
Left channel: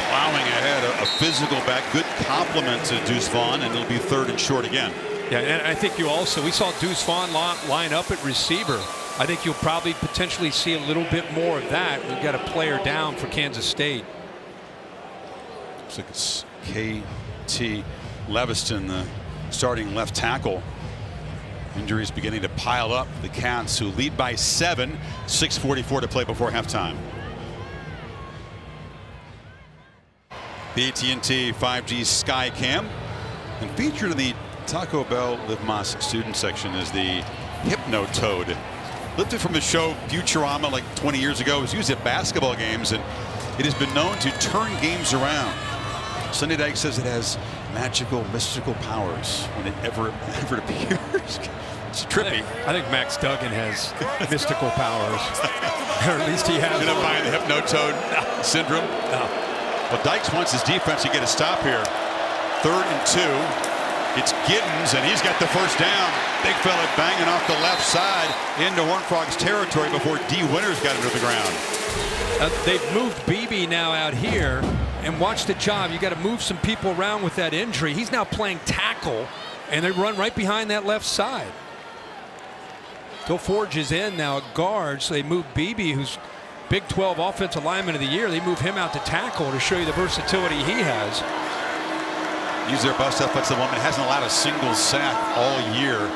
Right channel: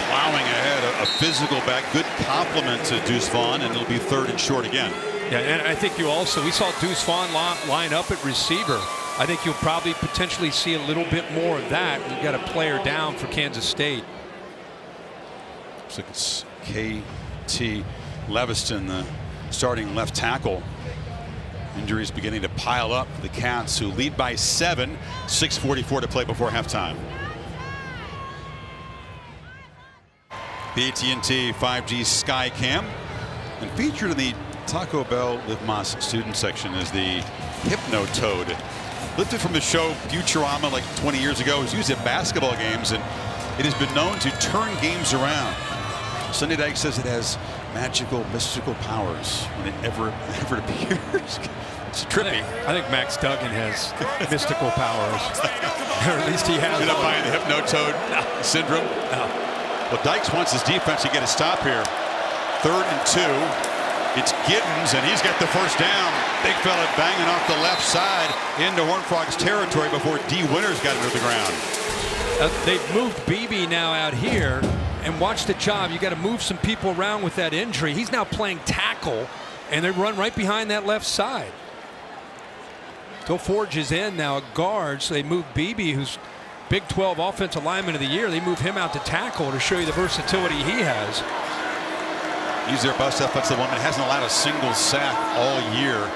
plowing ahead. A physical back. Good compliment to Deuce Vaughn, and it'll be 3rd and short again. Yeah, and I think we saw Deuce Vaughn line up at receiver. I think you'll probably potentially see a little bit more of that. We've got a player down for Kansas State. Looks like it's KT Leviston, the starting left tackle. Injuries beginning to pile up for the Cats, who lead by 7. 6:44 to play before halftime. The AT&T 5G Skycam, and featured in the Taco Bell Live Más student section is the Hypnotoad. Lifted from the show Futurama like 20 years ago. It was used at basketball games, and it has been known to turn games around. Sunday Dyke says it has magical, mystical powers when it ever appears. It's trippy. I think Max Duggan has mystical powers, or at least he has. You're not buying the Hypnotoad syndrome? No. Well, Dykes wants his defense to get a stop here. 3rd and 2. It's Giddens, and he's got the first down. Big fella banging off the left side into Horned Frogs territory before D. Winters got him to the ground. They've moved Beebe now out here, and watch the job. You got to move some people around with that injury. He's now playing tackle and they run right behind that left side. Till Forge is in now at guard, so they move Beebe, who's Big 12 Offensive Lineman of the Year. They move him out to tackle to show you the versatility he has. He's their best offensive lineman. Hasn't allowed a single sack all year.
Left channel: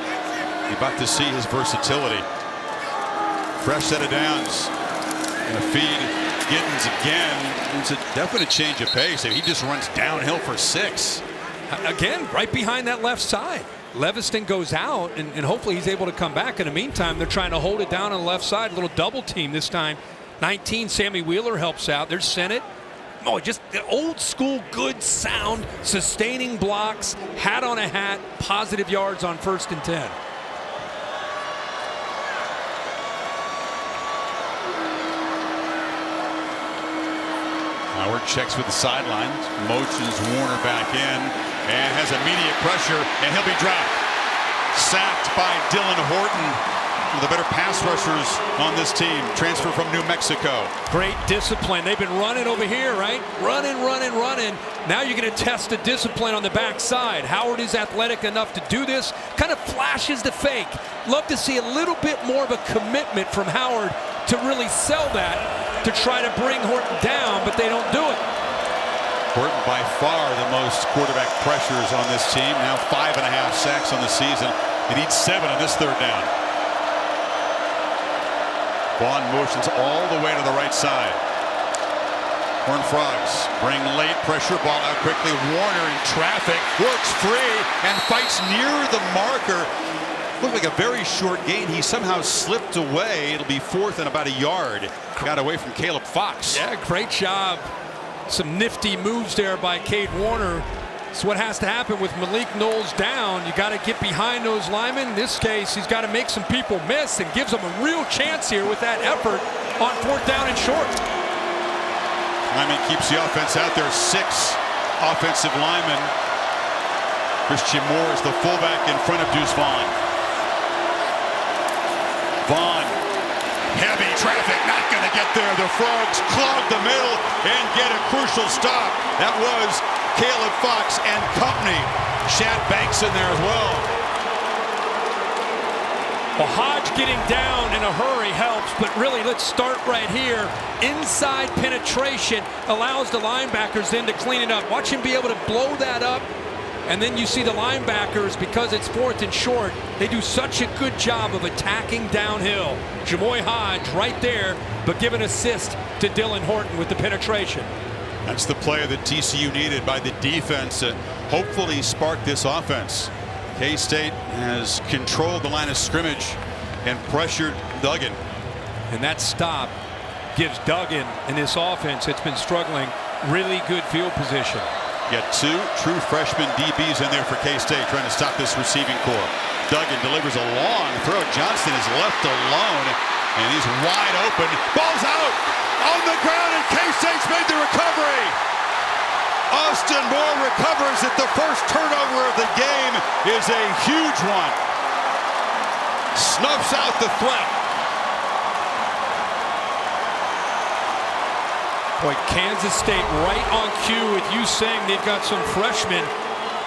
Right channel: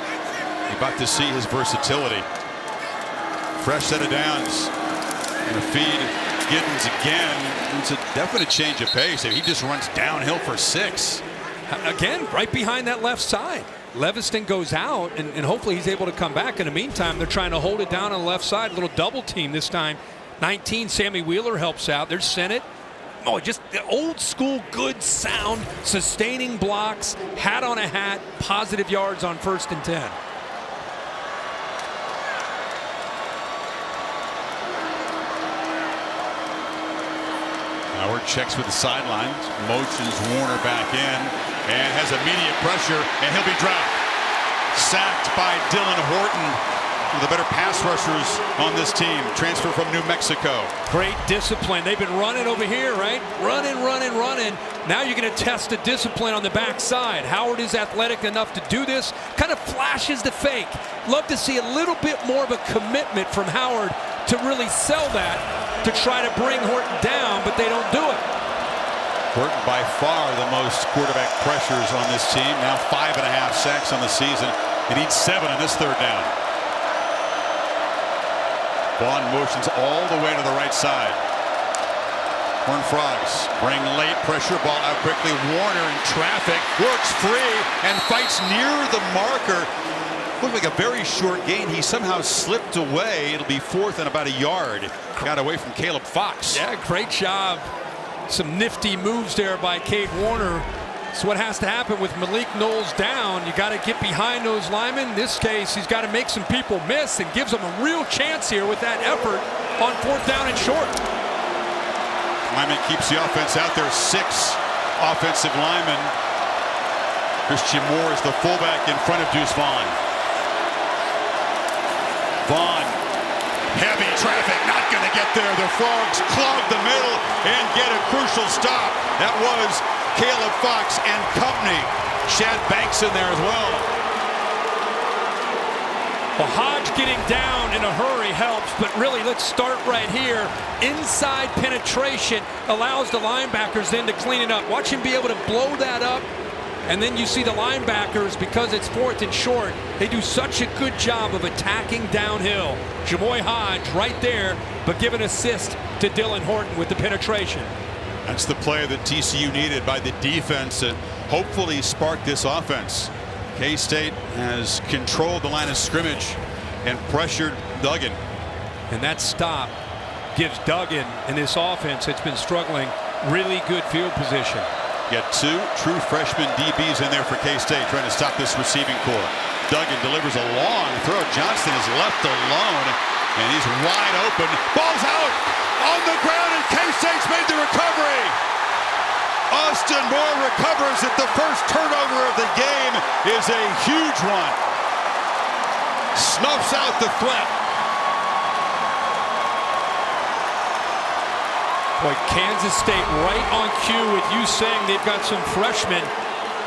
You're about to see his versatility. Fresh set of downs. Gonna feed Giddens again. It's a definite change of pace. He just runs downhill for 6. Again, right behind that left side. Leviston goes out, and hopefully he's able to come back. In the meantime, they're trying to hold it down on the left side. A little double team this time. 19, Sammy Wheeler helps out. There's Sennett. Oh, just the old school, good sound, sustaining blocks, hat on a hat, positive yards on 1st and 10. Howard checks with the sidelines, motions Warner back in, and has immediate pressure, and he'll be dropped. Sacked by Dylan Horton, one of the better pass rushers on this team, transfer from New Mexico. Great discipline. They've been running over here, right? Running. Now you're going to test the discipline on the backside. Howard is athletic enough to do this. Kind of flashes the fake. Love to see a little bit more of a commitment from Howard to really sell that, to try to bring Horton down, but they don't do it. Horton by far the most quarterback pressures on this team. Now 5.5 sacks on the season. He needs 7 on this 3rd down. Vaughn motions all the way to the right side. Horned Frogs bring late pressure, ball out quickly. Warner in traffic, works free and fights near the marker. Looked like a very short gain. He somehow slipped away. It'll be 4th and about a yard. Got away from Caleb Fox. Yeah, great job. Some nifty moves there by Cade Warner. It's what has to happen with Malik Knowles down. You got to get behind those linemen. In this case, he's got to make some people miss and gives them a real chance here with that effort on 4th down and short. Lyman keeps the offense out there. 6 offensive linemen. Christian Moore is the fullback in front of Deuce Vaughn. Vaughn, heavy traffic, not going to get there. The Frogs clog the middle and get a crucial stop. That was Caleb Fox and company. Shad Banks in there as well. Well, Hodge getting down in a hurry helps, but really let's start right here. Inside penetration allows the linebackers then to clean it up. Watch him be able to blow that up. And then you see the linebackers, because it's 4th and short, they do such a good job of attacking downhill. Jamoy Hodge right there, but give an assist to Dylan Horton with the penetration. That's the play that TCU needed by the defense to hopefully spark this offense. K-State has controlled the line of scrimmage and pressured Duggan. And that stop gives Duggan and this offense that's been struggling really good field position. You got 2 true freshman DBs in there for K-State trying to stop this receiving core. Duggan delivers a long throw. Johnston is left alone, and he's wide open. Ball's out on the ground, and K-State's made the recovery. Austin Moore recovers it. The first turnover of the game is a huge one. Snuffs out the threat. Boy, Kansas State right on cue with you saying they've got some freshmen.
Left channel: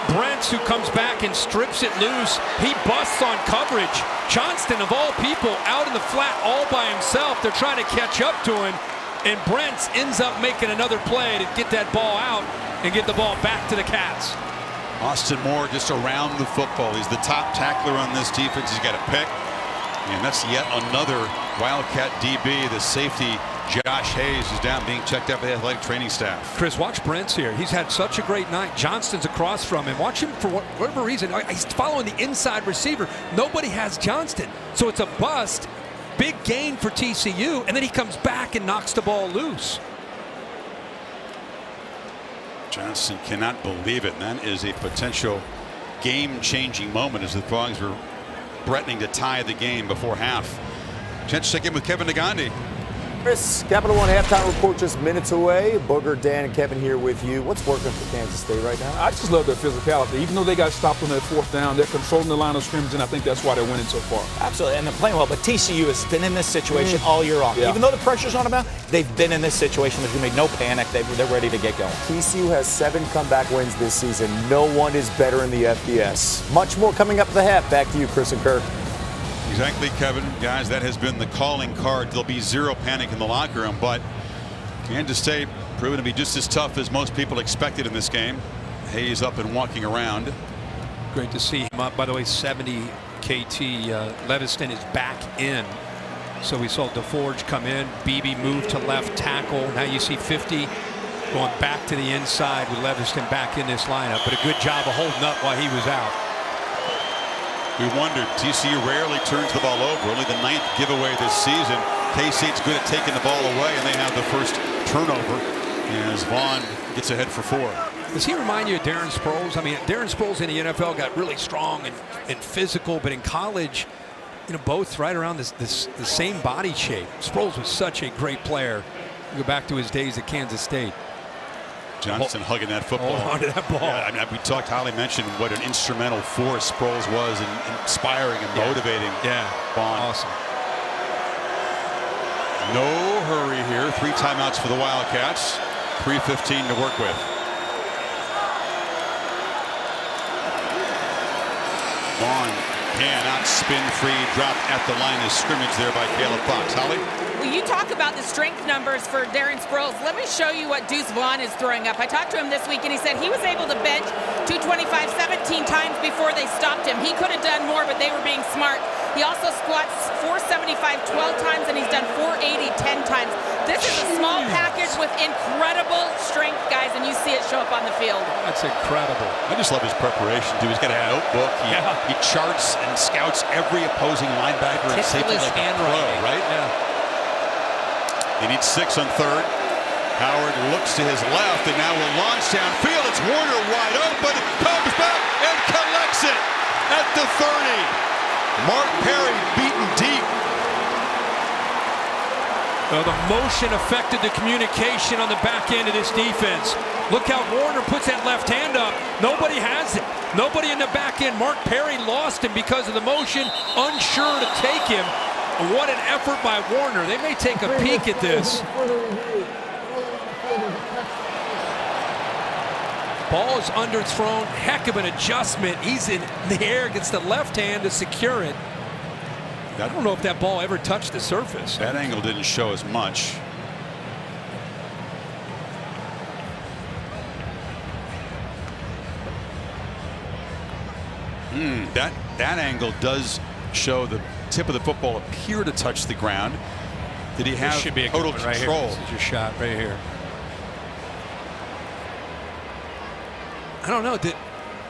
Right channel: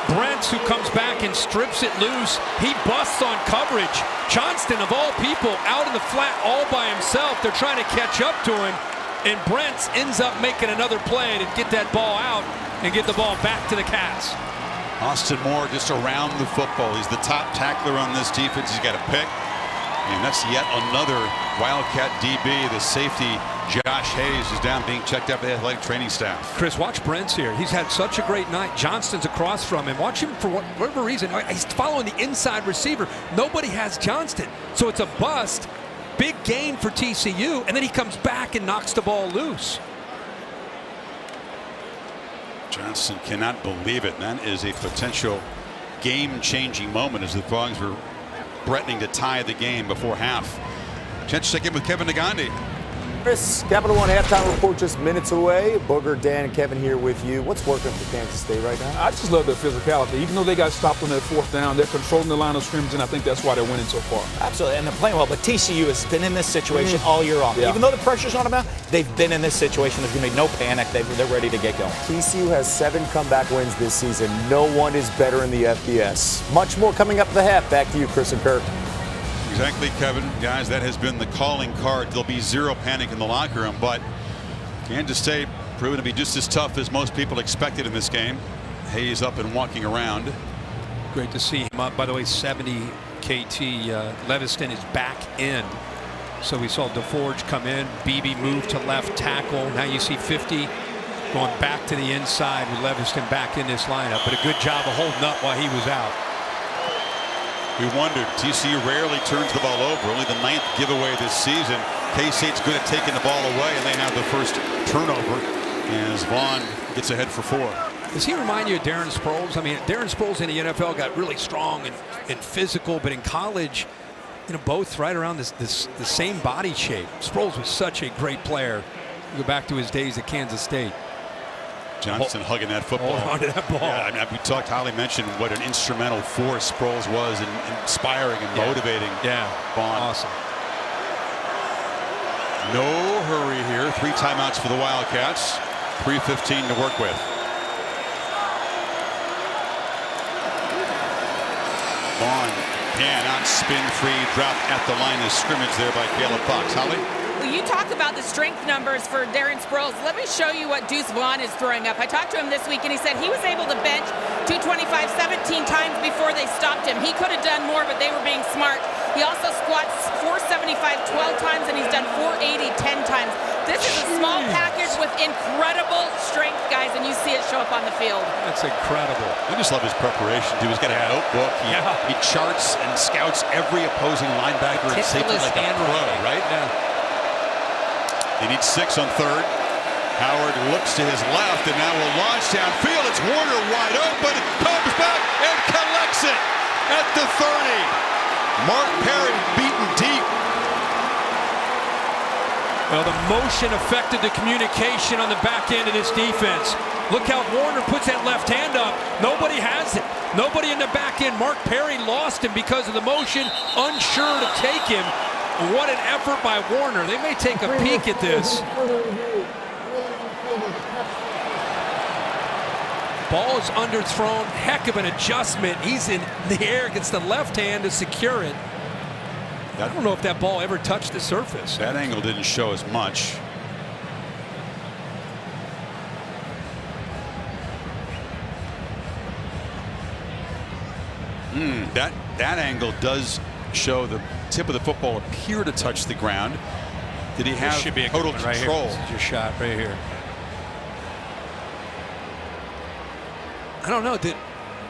Brents, who comes back and strips it loose. He busts on coverage. Johnston, of all people, out in the flat all by himself. They're trying to catch up to him. And Brents ends up making another play to get that ball out and get the ball back to the Cats. Austin Moore just around the football. He's the top tackler on this defense. He's got a pick. And that's yet another Wildcat DB. The safety, Josh Hayes, is down being checked out by the athletic training staff. Chris, watch Brent's here. He's had such a great night. Johnston's across from him. Watch him for whatever reason. He's following the inside receiver. Nobody has Johnston. So it's a bust. Big gain for TCU. And then he comes back and knocks the ball loose. Johnston cannot believe it. And that is a potential game-changing moment as the Frogs were threatening to tie the game before half. Chance to check in with Kevin Nagandi. Chris, Capital One halftime report just minutes away. Booger, Dan, and Kevin here with you. What's working for Kansas State right now? I just love their physicality. Even though they got stopped on that fourth down, they're controlling the line of scrimmage, and I think that's why they're winning so far. Absolutely, and they're playing well. But TCU has been in this situation all year long. Yeah. Even though the pressure's on them now, they've been in this situation. There's going to be no panic. They're ready to get going. TCU has 7 comeback wins this season. No one is better in the FBS. Much more coming up at the half. Back to you, Chris and Kirk. Exactly, Kevin. Guys, that has been the calling card. There'll be zero panic in the locker room, but Kansas State proven to be just as tough as most people expected in this game. Hayes up and walking around. Great to see him up. By the way, 70 KT. Leviston is back in. So we saw DeForge come in. Beebe moved to left tackle. Now you see 50 going back to the inside with Leviston back in this lineup. But a good job of holding up while he was out. We wondered. TCU rarely turns the ball over. Only the 9th giveaway this season. K-State's good at taking the ball away, and they have the first turnover as Vaughn gets ahead for 4. Does he remind you of Darren Sproles? I mean, Darren Sproles in the NFL got really strong and physical, but in college, you know, both right around the same body shape. Sproles was such a great player. You go back to his days at Kansas State. Johnson hugging that football. Hold on to that ball. Yeah, I mean, we talked, Holly mentioned what an instrumental force Sproles was in inspiring and motivating Vaughn. Awesome. No hurry here. 3 timeouts for the Wildcats. 3:15 to work with. Vaughn cannot spin free. Drop at the line of scrimmage there by Caleb Fox. Holly? Well, you talk about the strength numbers for Darren Sproles. Let me show you what Deuce Vaughn is throwing up. I talked to him this week, and he said he was able to bench 225 17 times before they stopped him. He could have done more, but they were being smart. He also squats 475 12 times, and he's done 480 10 times. This is a small package with incredible strength, guys, and you see it show up on the field. That's incredible. I just love his preparation, too. He's got a notebook. He charts and scouts every opposing linebacker and safety like a pro, right? Yeah. They need 6 on 3rd. Howard looks to his left and now will launch downfield. It's Warner wide open. Comes back and collects it at the 30. Mark Perry beaten deep. Well, the motion affected the communication on the back end of this defense. Look how Warner puts that left hand up. Nobody has it. Nobody in the back end. Mark Perry lost him because of the motion, unsure to take him. What an effort by Warner. They may take a peek at this. Ball is underthrown. Heck of an adjustment. He's in the air, gets the left hand to secure it. I don't know if that ball ever touched the surface. That angle didn't show as much. That angle does show the tip of the football appear to touch the ground. Did he have should be a total good one control? right here. This is your shot right here. I don't know. Did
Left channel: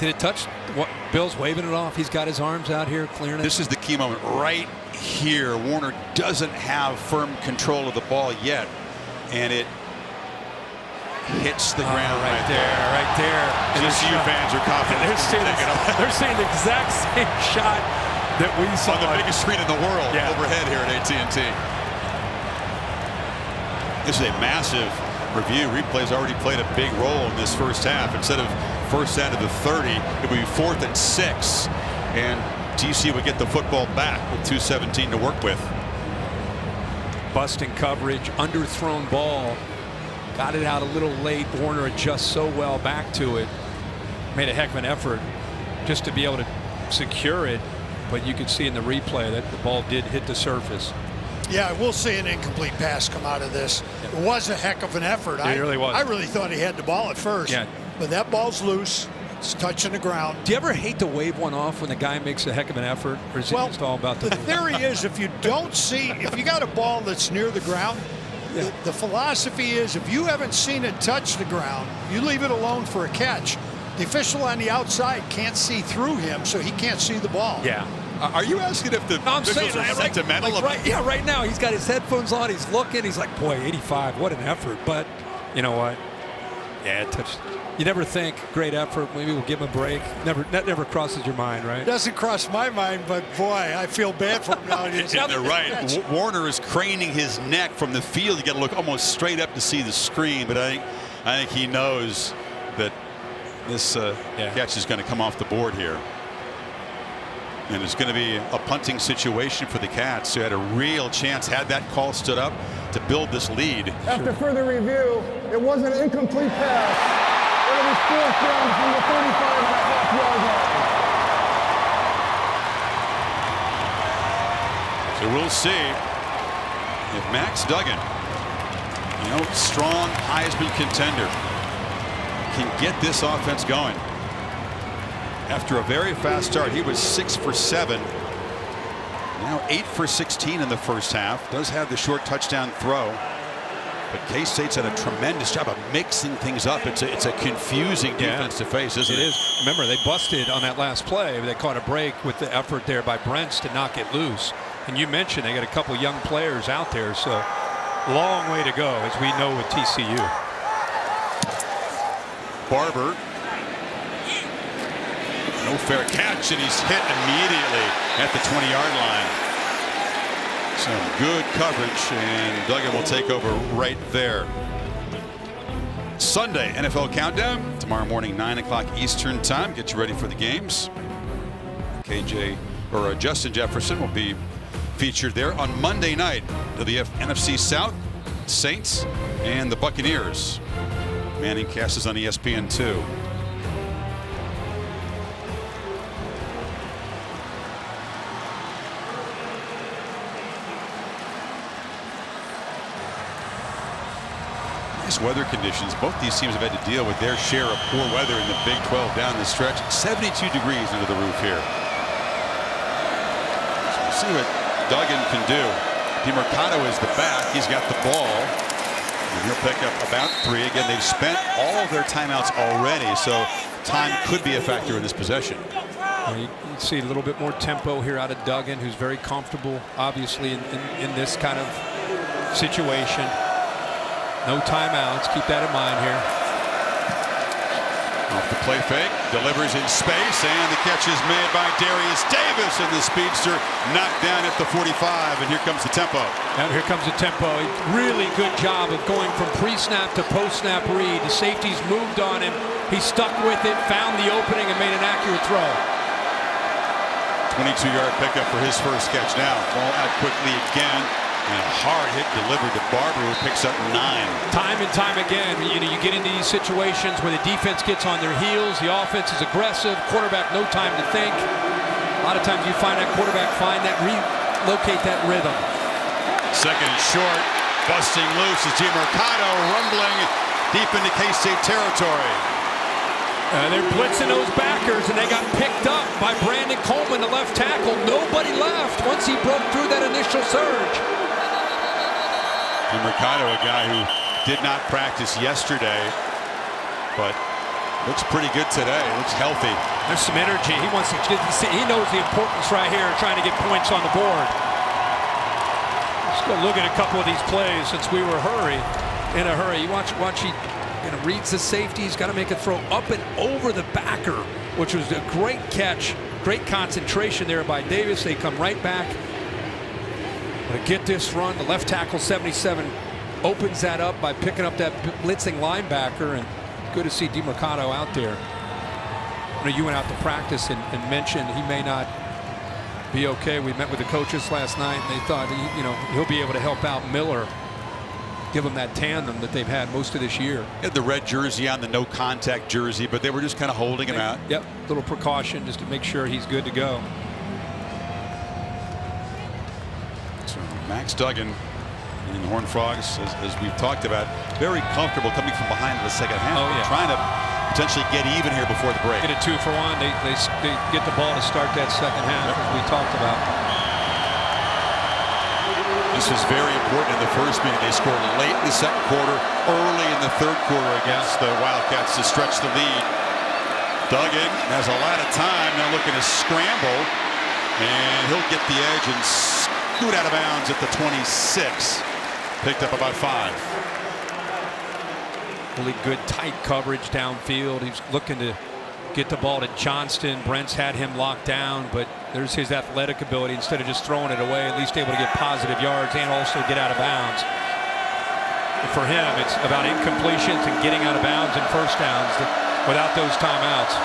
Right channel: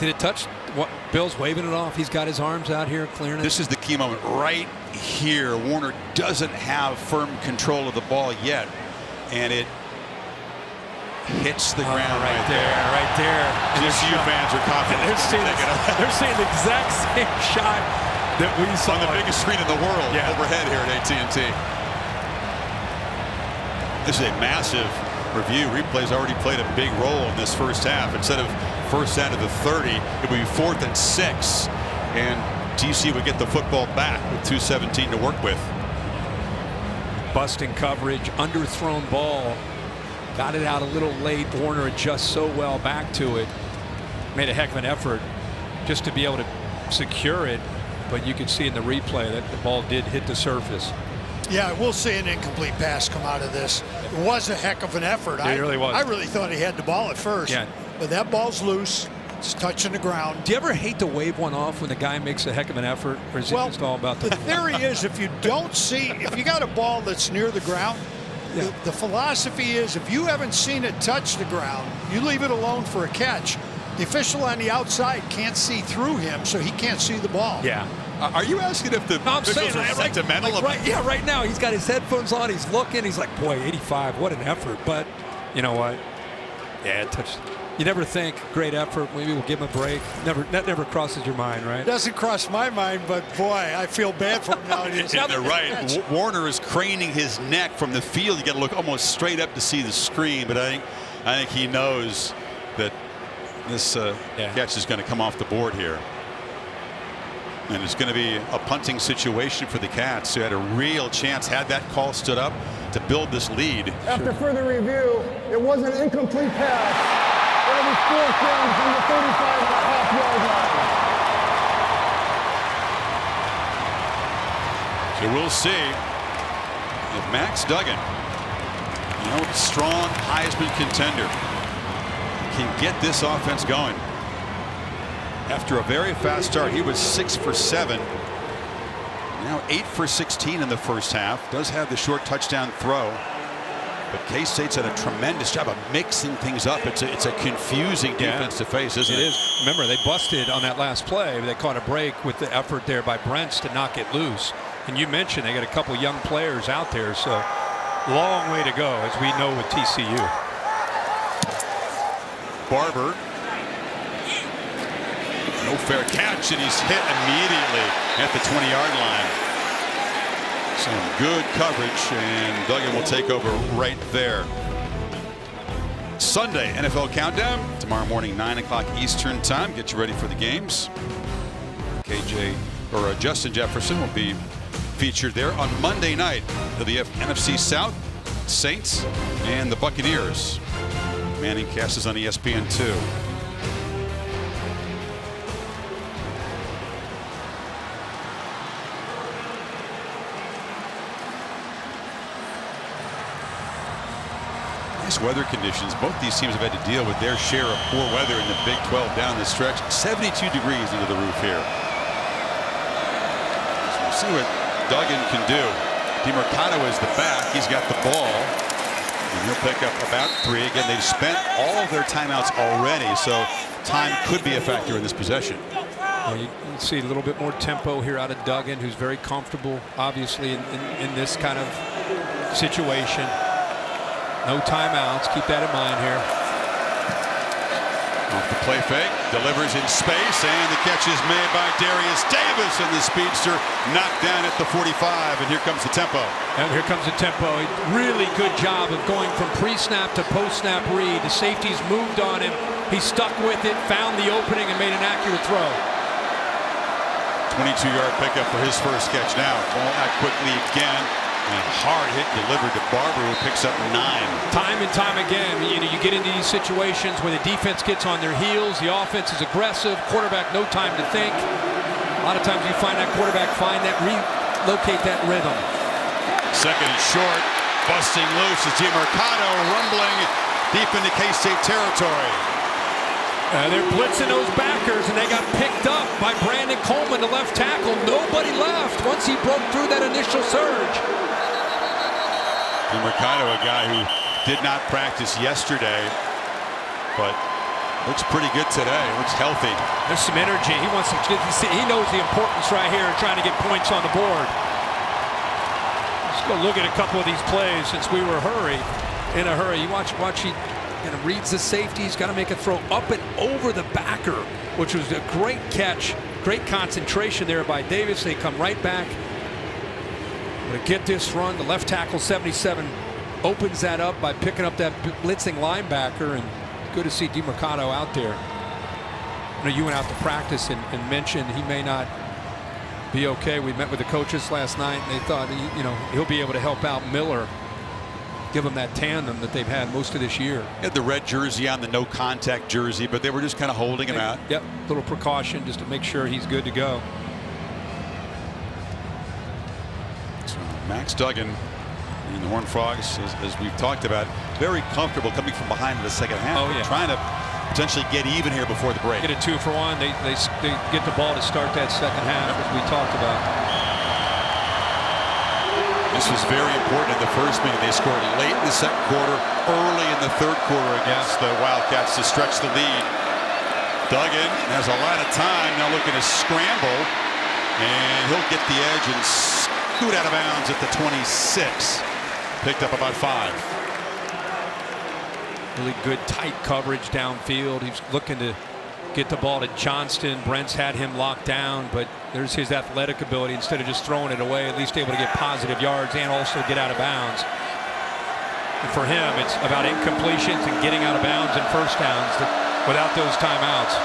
it touch? What, Bill's waving it off. He's got his arms out here clearing it. This is the key moment right here. Warner doesn't have firm control of the ball yet, and it hits the ground right there. Right there. And TCU fans are confident. They're seeing the exact same shot that we saw on the biggest screen in the world overhead here at AT&T. This is a massive review. Replay's already played a big role in this first half. Instead of first down to the 30, it would be 4th and 6, and TCU would get the football back with 2:17 to work with. Busting coverage, underthrown ball. Got it out a little late. Warner adjusts so well back to it. Made a heck of an effort just to be able to secure it. But you could see in the replay that the ball did hit the surface. Yeah, we'll see an incomplete pass come out of this. It was a heck of an effort. It really was. I really thought he had the ball at first. Yeah. But that ball's loose. It's touching the ground. Do you ever hate to wave one off when the guy makes a heck of an effort? Or is it just all about the theory is if you don't see, if you got a ball that's near the ground, the philosophy is if you haven't seen it touch the ground, you leave it alone for a catch. The official on the outside can't see through him, so he can't see the ball. Yeah. Are you asking if the officials are sentimental? Right now he's got his headphones on. He's looking. He's like, boy, 85. What an effort. But you know what? Yeah, it touched. You never think, great effort, maybe we'll give him a break. That never crosses your mind, right? Doesn't cross my mind, but boy, I feel bad for him now. And they're right. Warner is craning his neck from the field. You got to look almost straight up to see the screen, but I think he knows that this catch is going to come off the board here. And it's going to be a punting situation for the Cats, who had a real chance, had that call stood up, to build this lead. After further review, it was an incomplete pass. And it was 4th down from the 35.5-yard line. So we'll see if Max Duggan, strong Heisman contender, can get this offense going. After a very fast start, he was 6 for 7. Now 8 for 16 in the first half. Does have the short touchdown throw. But K-State's done a tremendous job of mixing things up. It's a confusing defense to face, isn't it? It is. Remember, they busted on that last play. They caught a break with the effort there by Brents to knock it loose. And you mentioned they got a couple young players out there, so long way to go, as we know with TCU. Barber. No fair catch, and he's hit immediately at the 20-yard line. Some good coverage, and Duggan will take over right there. Sunday NFL Countdown tomorrow morning, 9 o'clock Eastern time. Get you ready for the games. Justin Jefferson will be featured there on Monday night to the NFC South, Saints and the Buccaneers. Manning cast is on ESPN2. Nice weather conditions. Both these teams have had to deal with their share of poor weather in the Big 12 down the stretch. 72 degrees under the roof here. So we'll see what Duggan can do. DeMercado is the back. He's got the ball, and he'll pick up about 3. Again, they've spent all of their timeouts already, so time could be a factor in this possession. Well, you see a little bit more tempo here out of Duggan, who's very comfortable, obviously, in this kind of situation. No timeouts. Keep that in mind here. Off the play fake, delivers in space, and the catch is made by Darius Davis, and the speedster knocked down at the 45, and here comes the tempo. And here comes the tempo. Really good job of going from pre-snap to post-snap read. The safeties moved on him. He stuck with it, found the opening, and made an accurate throw. 22-yard pickup for his first catch now. Ball out quickly again. And a hard hit delivered to Barber, who picks up 9. Time and time again, you get into these situations where the defense gets on their heels, the offense is aggressive, quarterback no time to think. A lot of times you find that quarterback relocate that rhythm. Second and short, busting loose is DeMercado, rumbling deep into K-State territory. They're blitzing those backers, and they got picked up by Brandon Coleman, the left tackle. Nobody left once he broke through that initial surge. DeMercado, a guy who did not practice yesterday, but looks pretty good today. Looks healthy. There's some energy. He wants to. He knows the importance right here of trying to get points on the board. Let's go look at a couple of these plays since we were in a hurry. You watch. He reads the safety. He's got to make a throw up and over the backer, which was a great catch. Great concentration there by Davis. They come right back. But to get this run, the left tackle 77 opens that up by picking up that blitzing linebacker, and good to see DeMercado out there. I know you went out to practice and mentioned he may not be okay. We met with the coaches last night, and they thought he'll be able to help out Miller, give him that tandem that they've had most of this year. He had the red jersey on, the no contact jersey, but they were just kind of holding him out. Yep, little precaution just to make sure he's good to go. So Max Duggan and the Horned Frogs, as we've talked about, very comfortable coming from behind in the second half. Oh, yeah. Trying to potentially get even here before the break. Get a 2 for 1. They get the ball to start that second half, as we talked about. This was very important in the first meeting. They scored late in the second quarter, early in the third quarter against the Wildcats to stretch the lead. Duggan has a lot of time now, looking to scramble, and he'll get the edge and scoot out of bounds at the 26. Picked up about 5. Really good tight coverage downfield. He's looking to get the ball to Johnston. Brent's had him locked down, but there's his athletic ability. Instead of just throwing it away, at least able to get positive yards and also get out of bounds. And for him, it's about incompletions and getting out of bounds and first downs without those timeouts.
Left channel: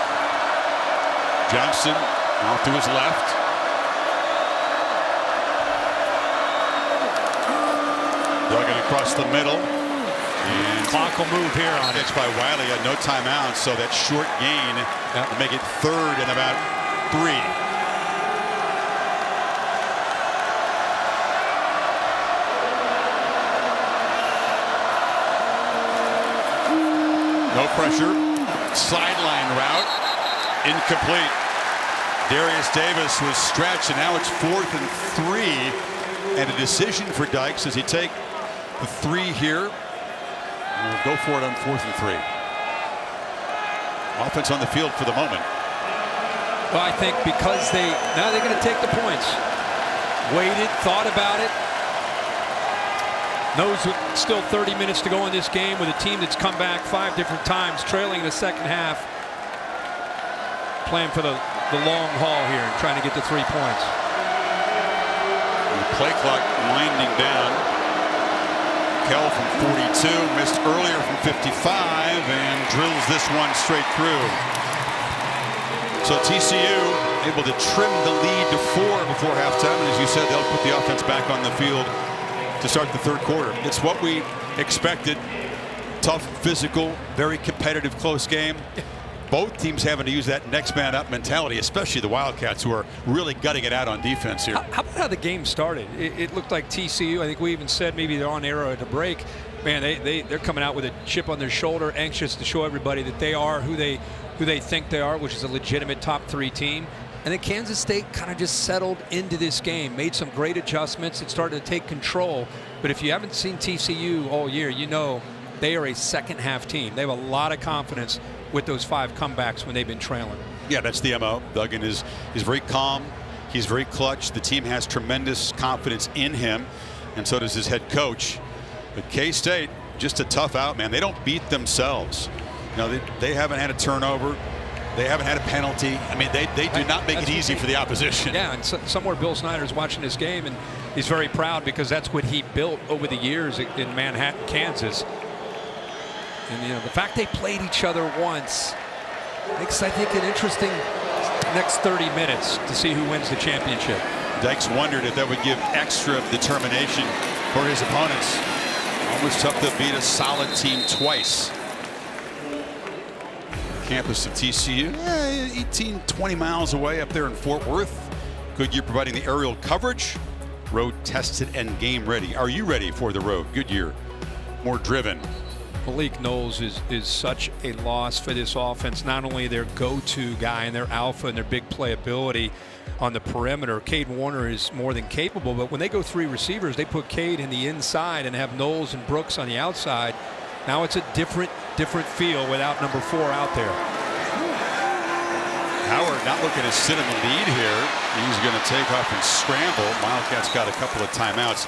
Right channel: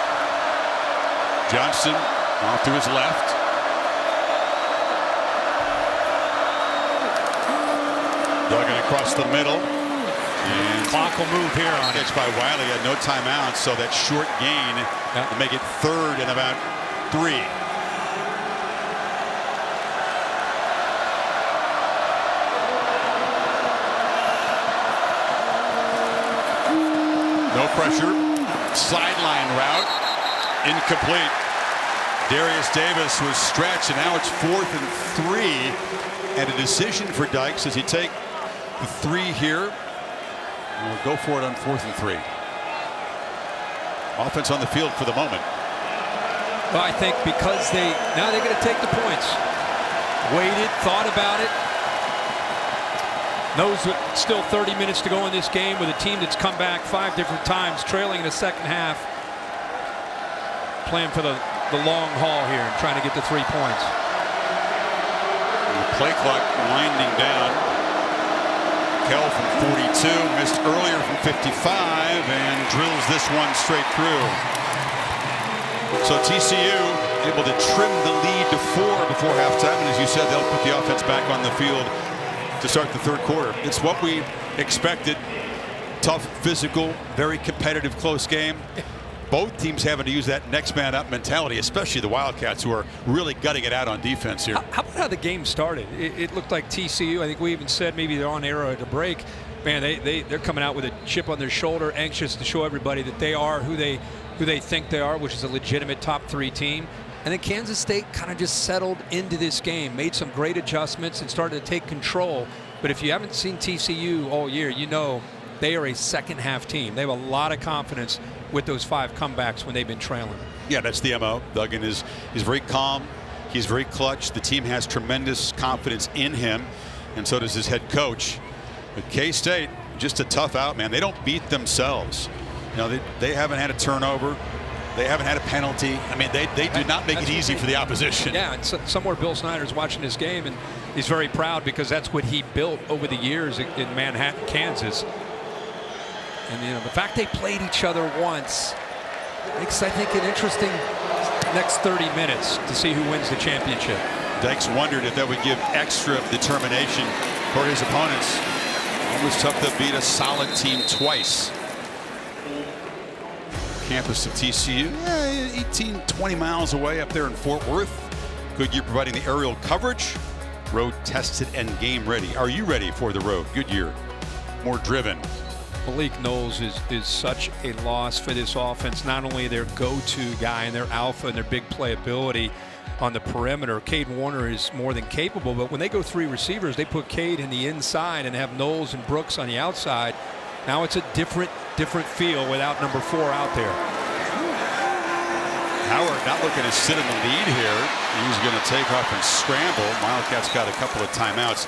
Johnston off to his left. Duggan across the middle. And clock will move here on it. Catch by Wiley, had no timeouts, so that short gain will make it 3rd and about 3. No pressure. Sideline route. Incomplete. Darius Davis was stretched, and now it's 4th and 3. And a decision for Dykes. Does he take the 3 here? We'll go for it on 4th and 3. Offense on the field for the moment. Well, I think because now they're going to take the points. Waited, thought about it. Knows still 30 minutes to go in this game with a team that's come back 5 different times, trailing in the second half. Playing for the long haul here and trying to get the 3 points. And the play clock winding down. Kell from 42, missed earlier from 55, and drills this one straight through. So TCU able to trim the lead to 4 before halftime, and as you said, they'll put the offense back on the field to start the 3rd quarter. It's what we expected. Tough, physical, very competitive, close game. Both teams having to use that next man up mentality, especially the Wildcats, who are really gutting it out on defense here. How about how the game started? It looked like TCU, I think we even said maybe they're on arrow to break. Man, they're coming out with a chip on their shoulder, anxious to show everybody that they are who they think they are, which is a legitimate top 3 team. And then Kansas State kind of just settled into this game, made some great adjustments and started to take control. But if you haven't seen TCU all year, you know they are a second half team. They have a lot of confidence with those 5 comebacks when they've been trailing. Yeah, that's the MO. Duggan is very calm. He's very clutch. The team has tremendous confidence in him, and so does his head coach. But K-State, just a tough out, man. They don't beat themselves. You know, they haven't had a turnover. They haven't had a penalty. I mean, they do not make it easy for the opposition. Yeah, and somewhere Bill Snyder's watching this game, and he's very proud because that's what he built over the years in Manhattan, Kansas. And, you know, the fact they played each other once makes, I think, an interesting next 30 minutes to see who wins the championship. Dykes wondered if that would give extra determination for his opponents. Almost tough to beat a solid team twice. Campus of TCU, 18, 20 miles away up there in Fort Worth. Goodyear providing the aerial coverage. Road tested and game ready. Are you ready for the road? Goodyear, more driven. Malik Knowles is such a loss for this offense. Not only their go-to guy and their alpha and their big playability on the perimeter. Cade Warner is more than capable, but when they go 3 receivers, they put Cade in the inside and have Knowles and Brooks on the outside. Now it's a different feel without number 4 out there. Howard not looking to sit in the lead here. He's going to take off and scramble. Wildcats got a couple of timeouts.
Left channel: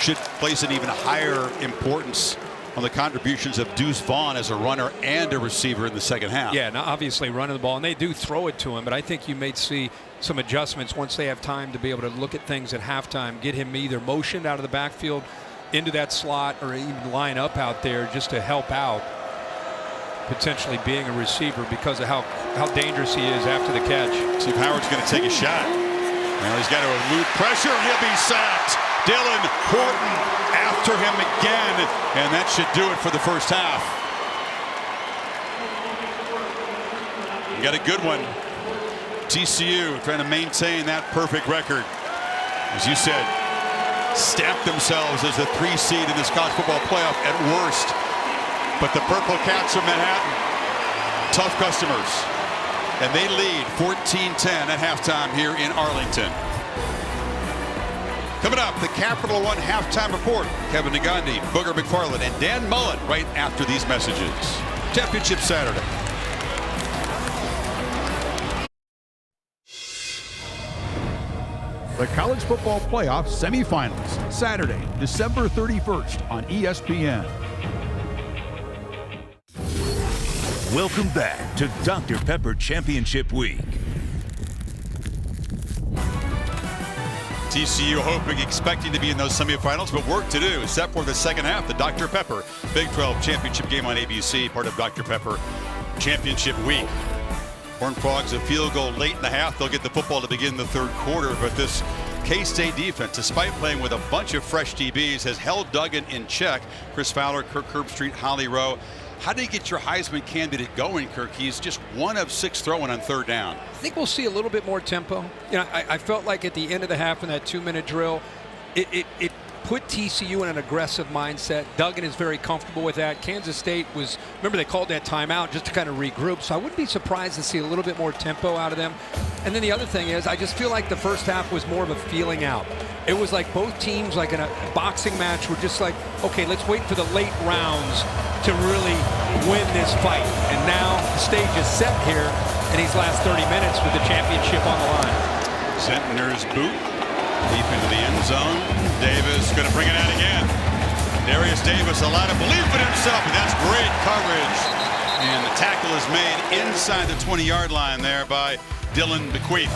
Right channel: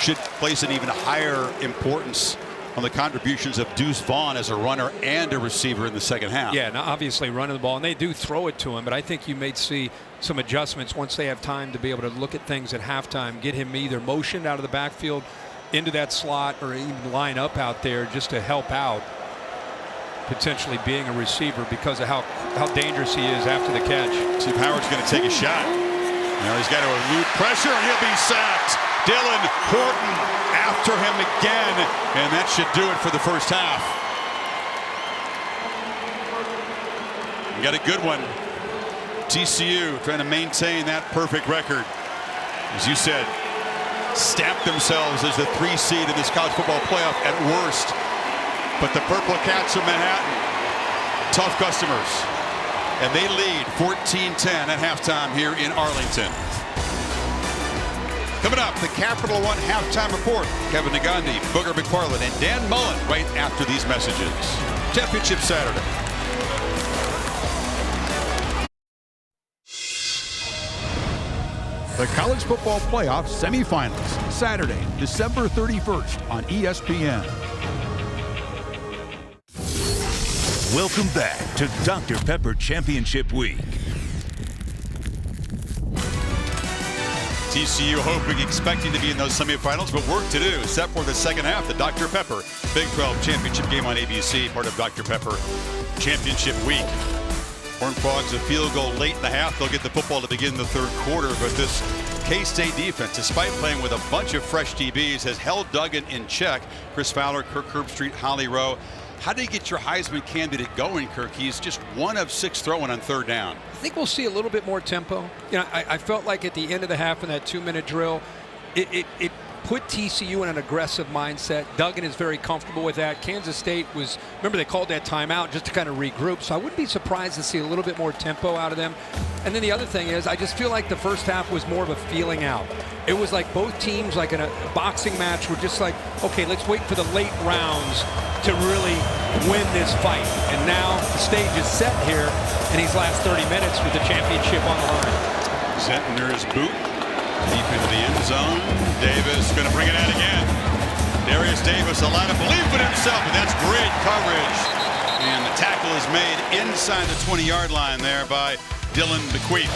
Should place an even higher importance on the contributions of Deuce Vaughn as a runner and a receiver in the second half. Yeah, now obviously running the ball, and they do throw it to him, but I think you may see some adjustments once they have time to be able to look at things at halftime, get him either motioned out of the backfield into that slot or even line up out there just to help out potentially being a receiver because of how dangerous he is after the catch. See if Howard's going to take a shot. Now he's got to elude pressure and he'll be sacked. Dylan Horton after him again, and that should do it for the first half. You got a good one. TCU trying to maintain that perfect record. As you said, stamped themselves as the 3 seed in this college football playoff at worst. But the Purple Cats of Manhattan, tough customers. And they lead 14-10 at halftime here in Arlington. Coming up, the Capital One halftime report. Kevin Negandhi, Booger McFarland, and Dan Mullen right after these messages. Championship Saturday. The College Football Playoff Semifinals, Saturday, December 31st on ESPN. Welcome back to Dr. Pepper Championship Week. TCU hoping, expecting to be in those semifinals, but work to do. Set for the second half, the Dr. Pepper Big 12 Championship game on ABC, part of Dr. Pepper Championship Week. Horned Frogs a field goal late in the half. They'll get the football to begin the third quarter, but this K-State defense, despite playing with a bunch of fresh DBs, has held Duggan in check. Chris Fowler, Kirk Herbstreit, Holly Rowe. How do you get your Heisman candidate going, Kirk? He's just 1 of 6 throwing on third down. I think we'll see a little bit more tempo. You know, I felt like at the end of the half in that 2-minute drill, it put TCU in an aggressive mindset. Duggan is very comfortable with that. Kansas State was, remember they called that timeout just to kind of regroup, so I wouldn't be surprised to see a little bit more tempo out of them. And then the other thing is, I just feel like the first half was more of a feeling out. It was like both teams, like in a boxing match, were just like, okay, let's wait for the late rounds to really win this fight. And now the stage is set here in these last 30 minutes with the championship on the line. Zentner's boot deep into the end zone. Davis going to bring it out again. Darius Davis, a lot of belief in himself, but that's great coverage. And the tackle is made inside the 20-yard line there by Dylan Bequeath.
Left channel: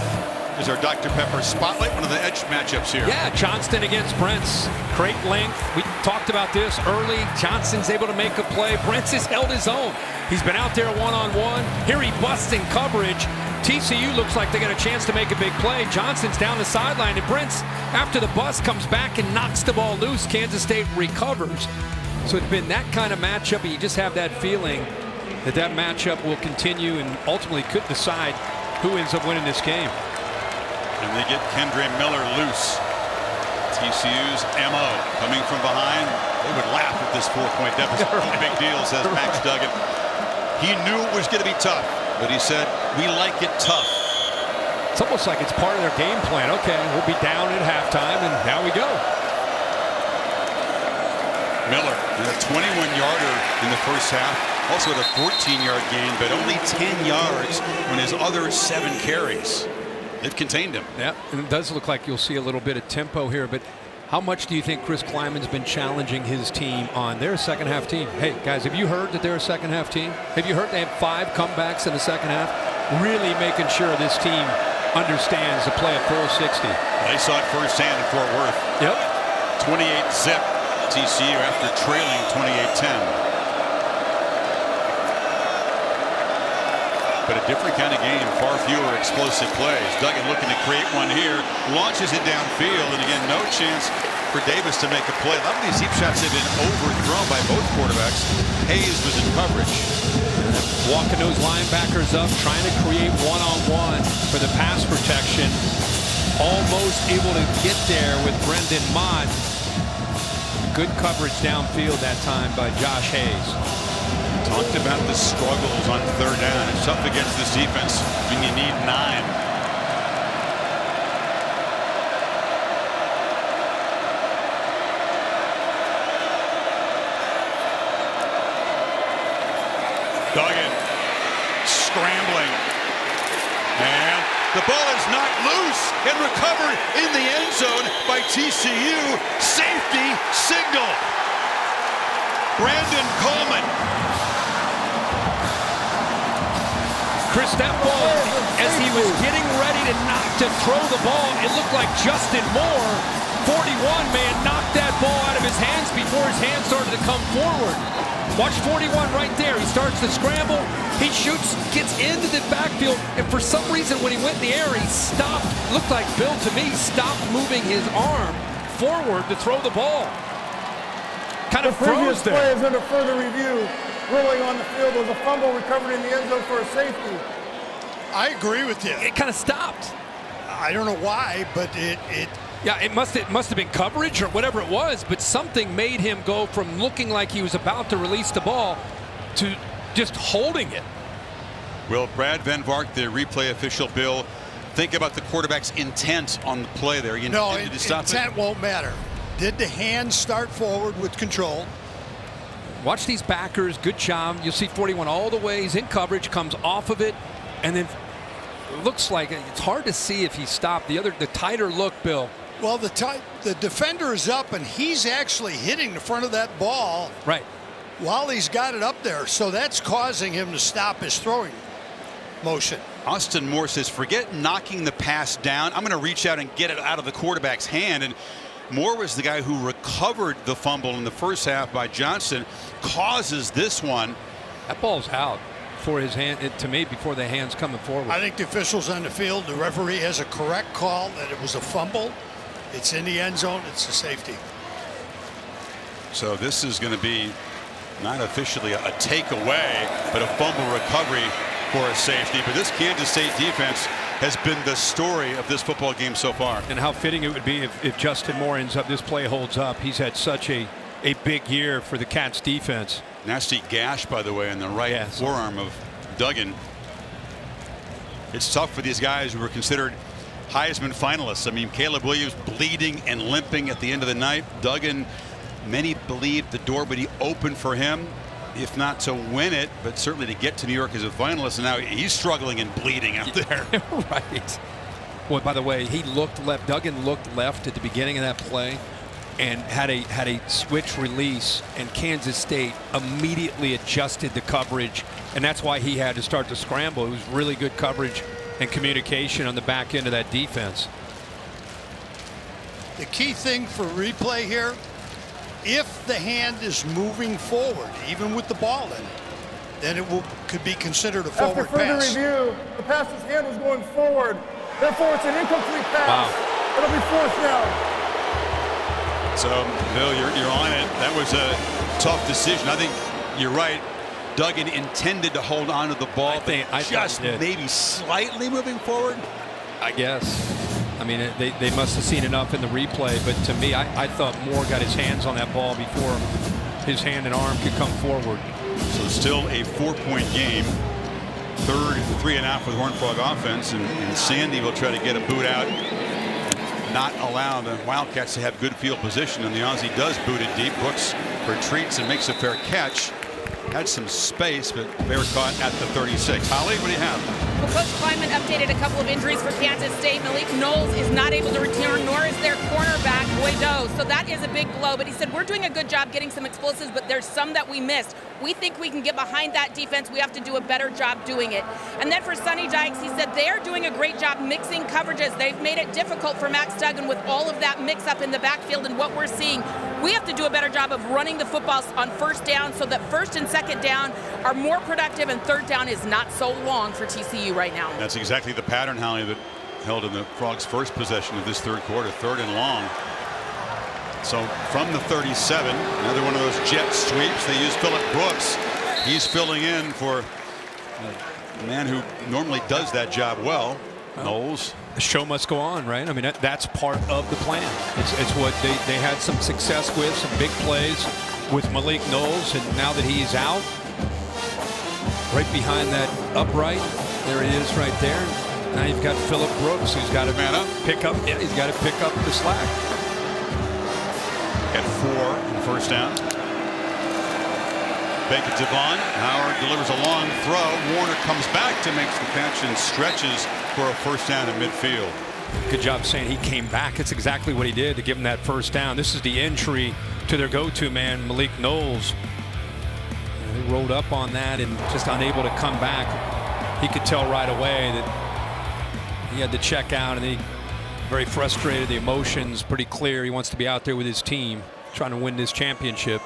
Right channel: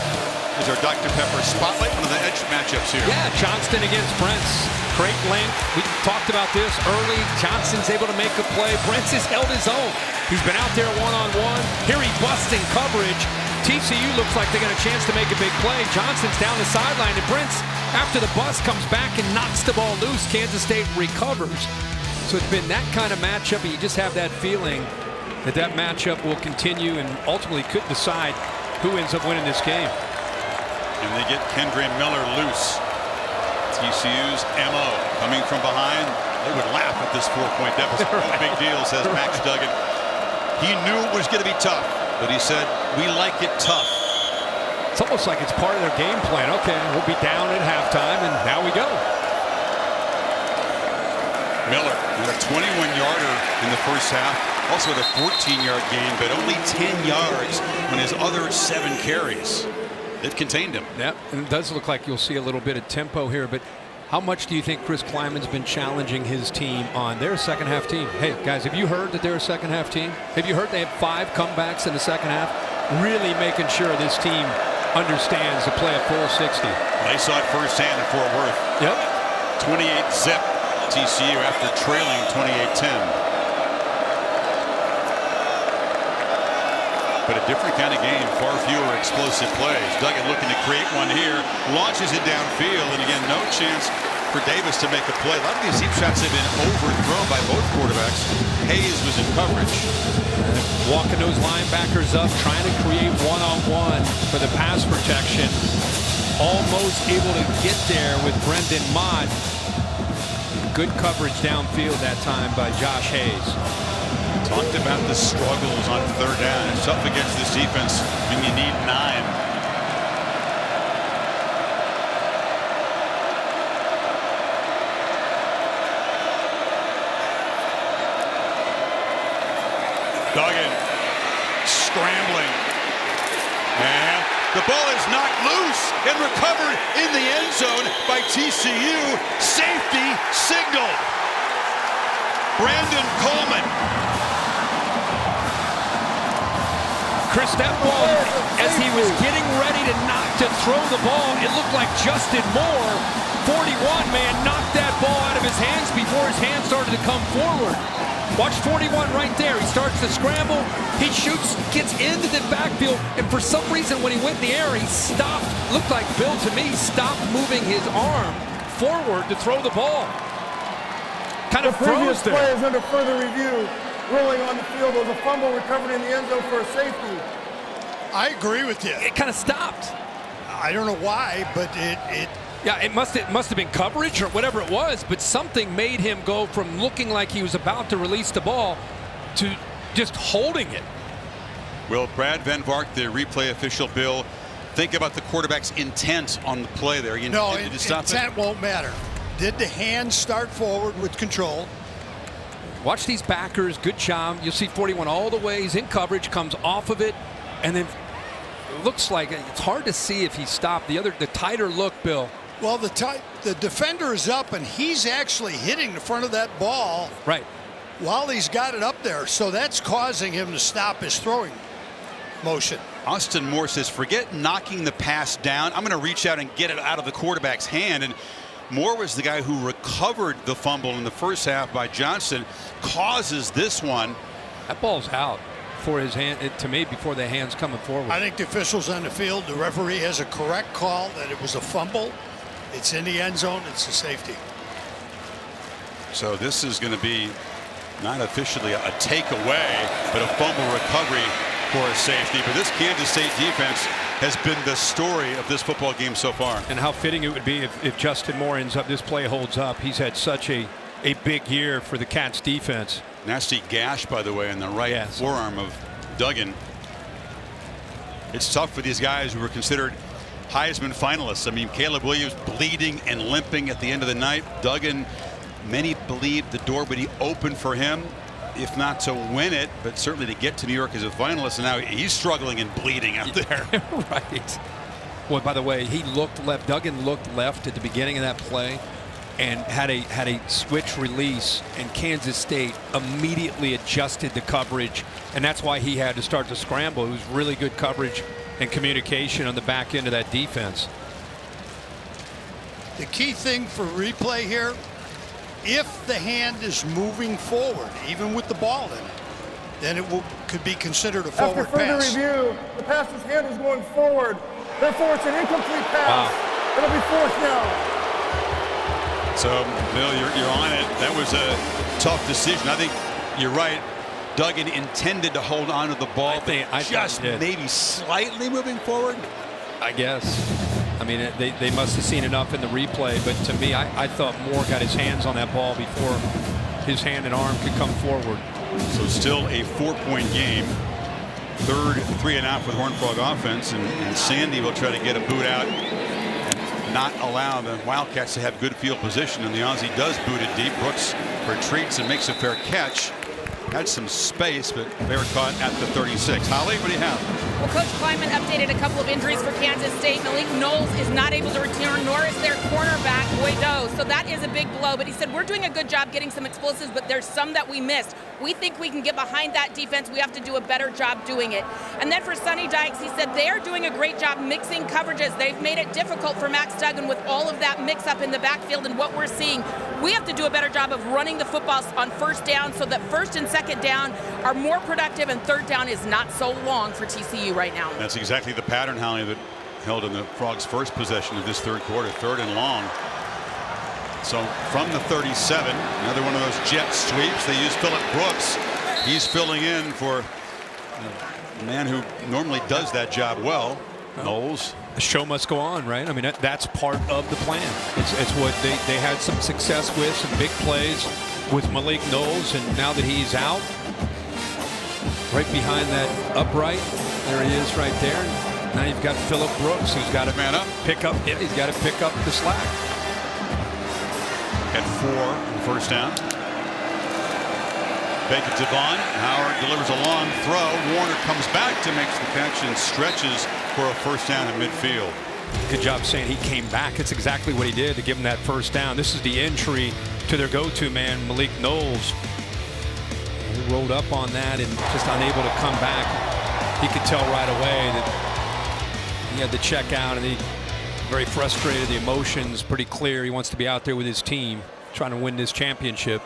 Is our Dr. Pepper spotlight, one of the edge matchups here. Yeah, Johnston against Brents. Great length. We talked about this early. Johnston's able to make a play. Brents has held his own. He's been out there one-on-one. Here he busts in coverage. TCU looks like they got a chance to make a big play. Johnston's down the sideline, and Brents, after the bust, comes back and knocks the ball loose. Kansas State recovers. So it's been that kind of matchup, and you just have that feeling that that matchup will continue and ultimately could decide who ends up winning this game. And they get Kendre Miller loose. TCU's MO coming from behind. They would laugh at this 4-point deficit. Right. No big deal, says Max Right. Duggan. He knew it was going to be tough, but he said, we like it tough. It's almost like it's part of their game plan. Okay, we'll be down at halftime, and now we go. Miller had a 21-yarder in the first half. Also had a 14-yard gain, but only 10 yards on his other 7 carries. They've contained him. Yeah, and it does look like you'll see a little bit of tempo here, but how much do you think Chris Kleiman's been challenging his team on? Their second half team. Hey, guys, have you heard that they're a second half team? Have you heard they have 5 comebacks in the second half? Really making sure this team understands to play a full 60. They saw it firsthand in Fort Worth. Yep. 28-zip TCU after trailing 28-10. But a different kind of game, far fewer explosive plays. Duggan looking to create one here, launches it downfield, and again, no chance for Davis to make a play. A lot of these deep shots have been overthrown by both quarterbacks. Hayes was in coverage. Walking those linebackers up, trying to create one-on-one for the pass protection. Almost able to get there with Brendan Mott. And good coverage downfield that time by Josh Hayes. Talked about the struggles on third down. It's tough against this defense when you need 9. Duggan scrambling. And the ball is knocked loose and recovered in the end zone by TCU. Safety signaled. Brandon Coleman. Chris, that ball, as he was getting ready to throw the ball, it looked like Justin Moore, 41, man, knocked that ball out of his hands before his hands started to come forward. Watch 41 right there. He starts to scramble. He shoots, gets into the backfield, and for some reason when he went in the air, he stopped. Looked like Bill to me, stopped moving his arm forward to throw the ball. Kind of froze there. The previous play is under further review. Ruling on the field was a fumble recovered in the end zone for a safety. I agree with you. It kind of stopped. I don't know why, but it yeah, it must have been coverage or whatever it was, but something made him go from looking like he was about to release the ball to just holding it. Will Brad Van Vark, the replay official, Bill, think about the quarterback's intent on the play there? You no, intended to stop intent won't matter. Did the hand start forward with control? Watch these backers. Good job. You'll see 41 all the way. He's in coverage, comes off of it, and then it looks like it's hard to see if he stopped. The tighter look, Bill. Well, the defender is up, and he's actually hitting the front of that ball. Right. while he's got it up there. So that's causing him to stop his throwing motion. Austin Moore says, forget knocking the pass down. I'm going to reach out and get it out of the quarterback's hand. And Moore was the guy who recovered the fumble in the first half by Johnson, causes this one. That ball's out for his hand, to me, before the hand's coming forward. I think the officials on the field, the referee has a correct call that it was a fumble. It's in the end zone. It's a safety. So this is going to be not officially a takeaway, but a fumble recovery for a safety. But this Kansas State defense has been the story of this football game so far. And how fitting it would be if Justin Moore ends up, this play holds up. He's had such a big year for the Cats defense. Nasty gash, by the way, in the right forearm of Duggan. It's tough for these guys who were considered Heisman finalists. I mean, Caleb Williams bleeding and limping at the end of the night. Duggan, many believed the door would be open for him, if not to win it, but certainly to get to New York as a finalist. And now he's struggling and bleeding out there. Right. Well, by the way, he looked left. Duggan looked left at the beginning of that play and had a switch release, and Kansas State immediately adjusted the coverage, and that's why he had to start to scramble. It was really good coverage and communication on the back end of that defense. The key thing for replay here, if the hand is moving forward, even with the ball in it, then it could be considered a forward pass. After further pass. review, the passer's hand was going forward. Therefore, it's an incomplete pass. Wow. It'll be fourth down. So, Bill, you're on it. That was a tough decision. I think you're right. Duggan intended to hold on to the ball, but just maybe slightly moving forward. I guess. I mean, they must have seen enough in the replay, but to me, I thought Moore got his hands on that ball before his hand and arm could come forward. So still a 4-point game. Third 3-and-out for the Horned Frog offense, and Sandy will try to get a boot out and not allow the Wildcats to have good field position. And the Aussie does boot it deep. Brooks retreats and makes a fair catch. Had some space, but fair caught at the 36. Holly, what do you have? Well, Coach Kleinman updated a couple of injuries for Kansas State. Malik Knowles is not able to return, nor is their cornerback, Boydo. So that is a big blow. But he said, we're doing a good job getting some explosives, but there's some that we missed. We think we can get behind that defense. We have to do a better job doing it. And then for Sonny Dykes, he said they are doing a great job mixing coverages. They've made it difficult for Max Duggan with all of that mix-up in the backfield. And what we're seeing, we have to do a better job of running the football on first down so that first and second down are more productive and third down is not so long for TCU right now. That's exactly the pattern, Holly, that held in the Frogs' first possession of this third quarter, 3rd and long. So from the 37, another one of those jet sweeps. They use Phillip Brooks. He's filling in for a man who normally does that job well, Knowles. The show must go on, right? I mean, that's part of the plan. It's what they had some success with, some big plays with Malik Knowles, and now that he's out, right behind that upright, there he is right there. And now you've got Phillip Brooks, who's got to pick up. Yeah, he's got to pick up the slack. At 4 in first down. Fake it to Vaughn. Howard delivers a long throw. Warner comes back to make the catch and stretches for a first down in midfield. Good job saying he came back. It's exactly what he did to give him that first down. This is the entry to their go-to man, Malik Knowles. He rolled up on that and just unable to come back. He could tell right away that he had to check out, and he very frustrated. The emotions pretty clear. He wants to be out there with his team trying to win this championship.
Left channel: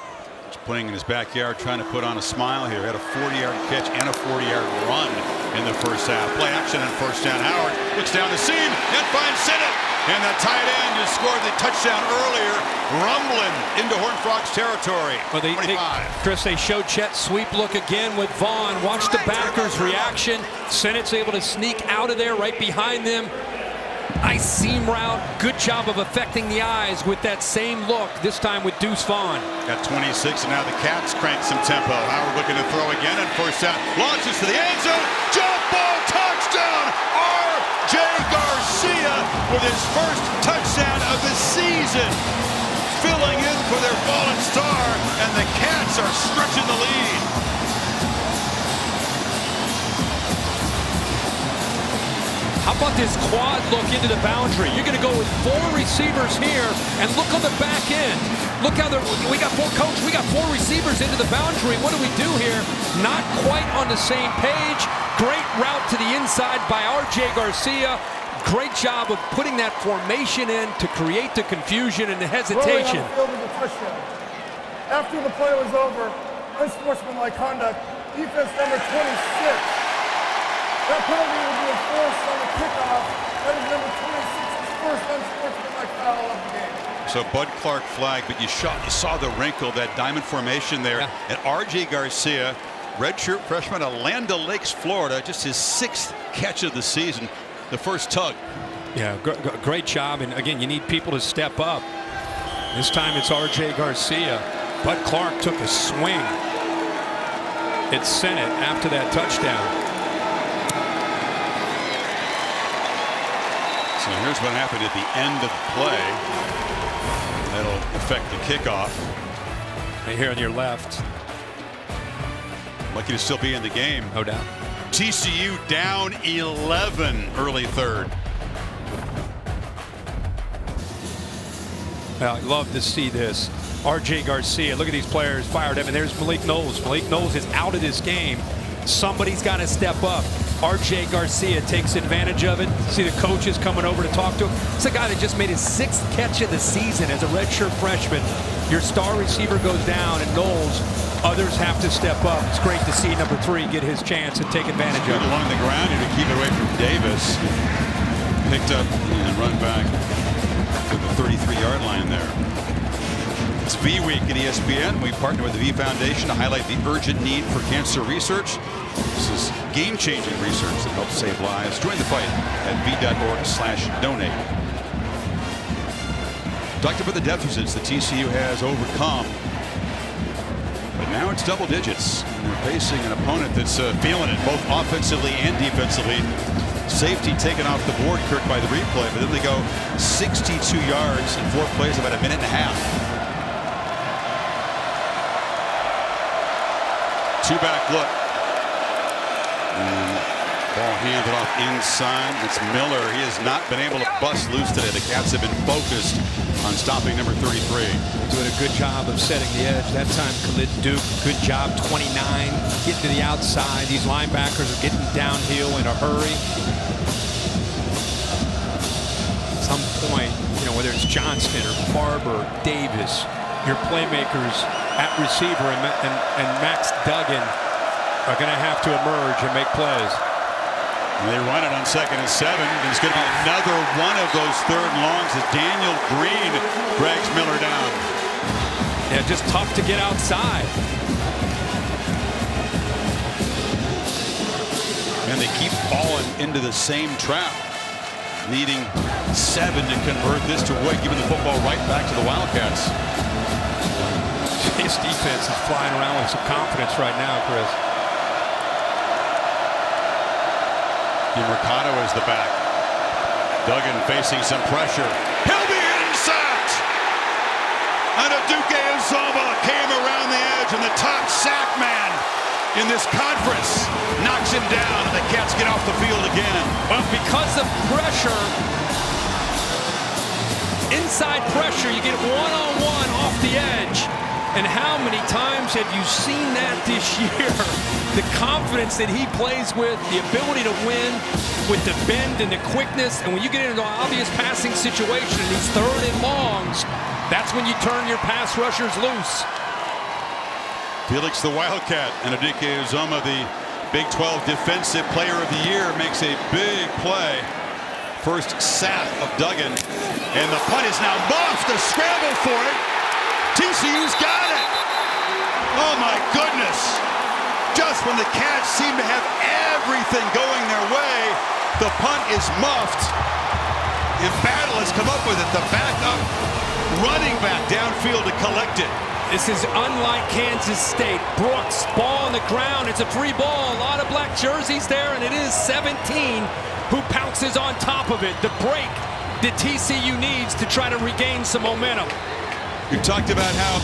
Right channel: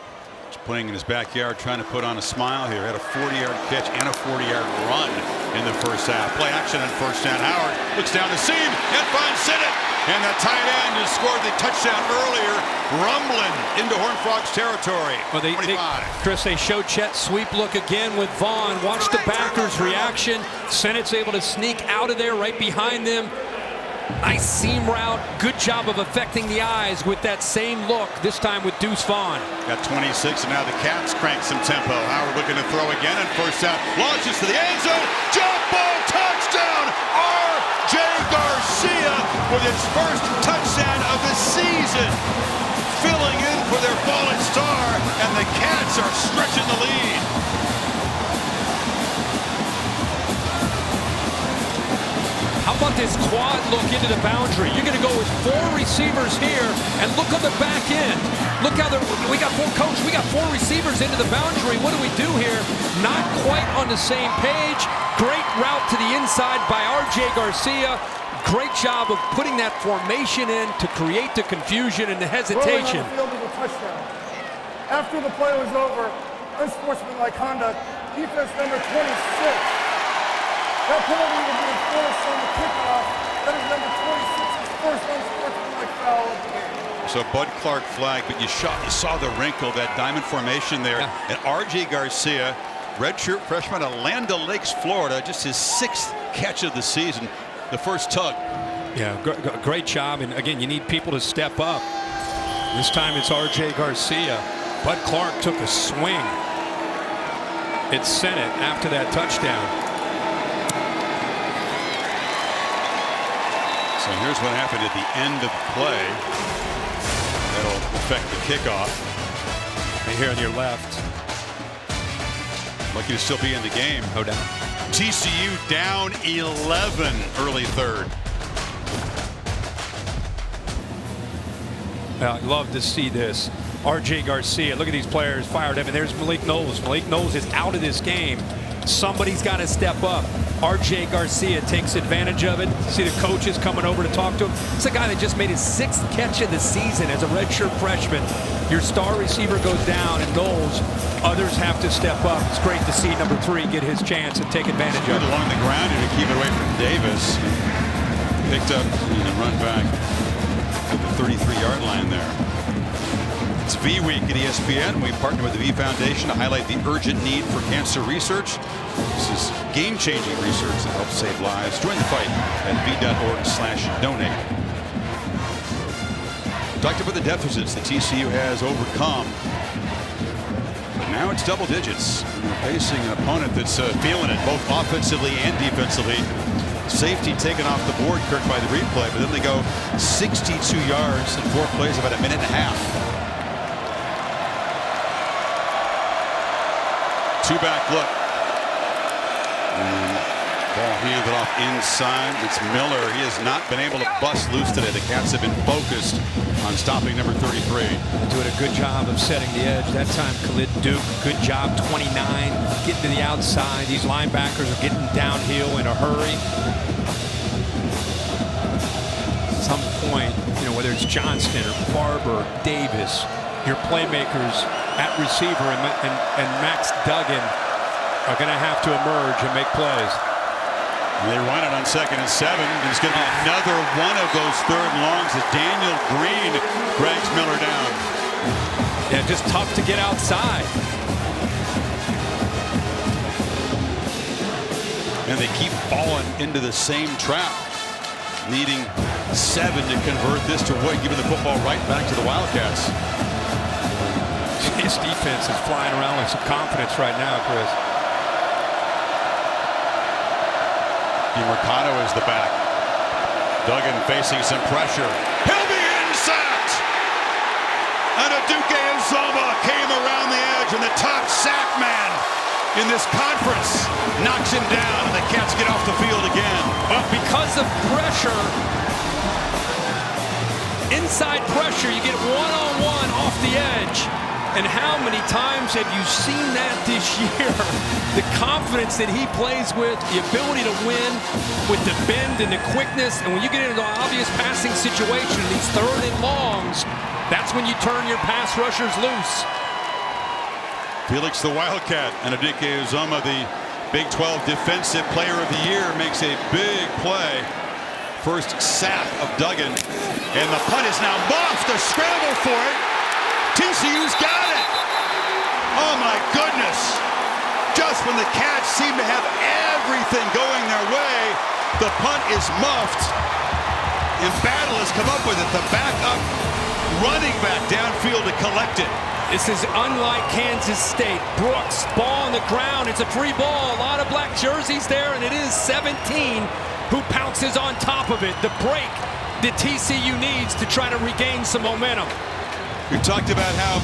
He's playing in his backyard, trying to put on a smile here. Had a 40-yard catch and a 40-yard run in the first half. Play action on first down. Howard looks down the seam and finds Sinnott. And that tight end has scored the touchdown earlier, rumbling into Horned Frogs territory. Well, 25. Chris, they showed Chet sweep look again with Vaughn. Watch the backers' reaction. Sinnott's able to sneak out of there right behind them. Nice seam route. Good job of affecting the eyes with that same look, this time with Deuce Vaughn. Got 26, and now the Cats crank some tempo. Howard looking to throw again, and first down. Launches to the end zone. Jump ball touchdown. R.J. Garcia with his first touchdown of the season. Filling in for their fallen star, and the Cats are stretching the lead. How about this quad look into the boundary? You're going to go with 4 receivers here and look on the back end. Look how we got four receivers into the boundary. What do we do here? Not quite on the same page. Great route to the inside by R.J. Garcia. Great job of putting that formation in to create the confusion and the hesitation. Rolling on the field is a touchdown. After the play was over, unsportsmanlike conduct, defense number 26. That penalty will be enforced on the kickoff. That is number 26's first unsportsmanlike foul of the game. So Bud Clark flag, but you saw the wrinkle, that diamond formation there. Yeah. And R.J. Garcia, redshirt freshman out of Land O'Lakes, Florida, just his 6th catch of the season, the first tug. Yeah, great job. And again, you need people to step up. This time it's R.J. Garcia. Bud Clark took a swing. It sent it after that touchdown. So here's what happened at the end of play. That'll affect the kickoff. Right here on your left. Lucky to still be in the game. No doubt. TCU down 11 early third. I love to see this. R.J. Garcia, look at these players fired up. And there's Malik Knowles. Malik Knowles is out of this game. Somebody's got to step up. R.J. Garcia takes advantage of it. See the coaches coming over to talk to him. It's a guy that just made his 6th catch of the season as a redshirt freshman. Your star receiver goes down, and Knowles, others have to step up. It's great to see number 3 get his chance and take advantage of it. Along the ground here to keep it away from Davis. Picked up and run back to the 33-yard line there. It's V Week at ESPN. We partner with the V Foundation to highlight the urgent need for cancer research. This is game-changing research that helps save lives. Join the fight at v.org/donate. Talked about the deficits that TCU has overcome, but now it's double digits, and they're facing an opponent that's feeling it both offensively and defensively. Safety taken off the board, Kirk, by the replay, but then they go 62 yards in 4 plays, about a minute and a half. 2-back look. And ball handed off inside. It's Miller. He has not been able to bust loose today. The Cats have been focused on stopping number 33. They're doing a good job of setting the edge. That time, Khalid Duke, good job, 29, getting to the outside. These linebackers are getting downhill in a hurry. At some point, whether it's Johnston or Barber, Davis, your playmakers at receiver and Max Duggan are going to have to emerge and make plays. And they run it on 2nd and 7, and it's going to be another one of those 3rd and longs as Daniel Green drags Miller down. Yeah, just tough to get outside. And they keep falling into the same trap, needing 7 to convert this to avoid giving the football right back to the Wildcats. His defense is flying around with some confidence right now, Chris. Mercado is the back. Duggan facing some pressure. He'll be sacked. And Aduke Uzoma came around the edge, and the top sack man in this conference knocks him down, and the Cats get off the field again. Well, because of pressure, inside pressure, you get one-on-one off the edge. And how many times have you seen that this year? The confidence that he plays with, the ability to win with the bend and the quickness. And when you get into an obvious passing situation in these 3rd and longs, that's when you turn your pass rushers loose. Felix the Wildcat and Aduke Uzoma, the Big 12 Defensive Player of the Year, makes a big play. First sack of Duggan. And the punt is now muffed. A scramble for it. TCU's got it. Oh, my goodness. Just when the Cats seem to have everything going their way, the punt is muffed. And Battle has come up with it. The backup running back downfield to collect it. This is unlike Kansas State. Brooks, ball on the ground. It's a free ball. A lot of black jerseys there, and it is 17 who pounces on top of it. The break that TCU needs to try to regain some momentum. You talked about how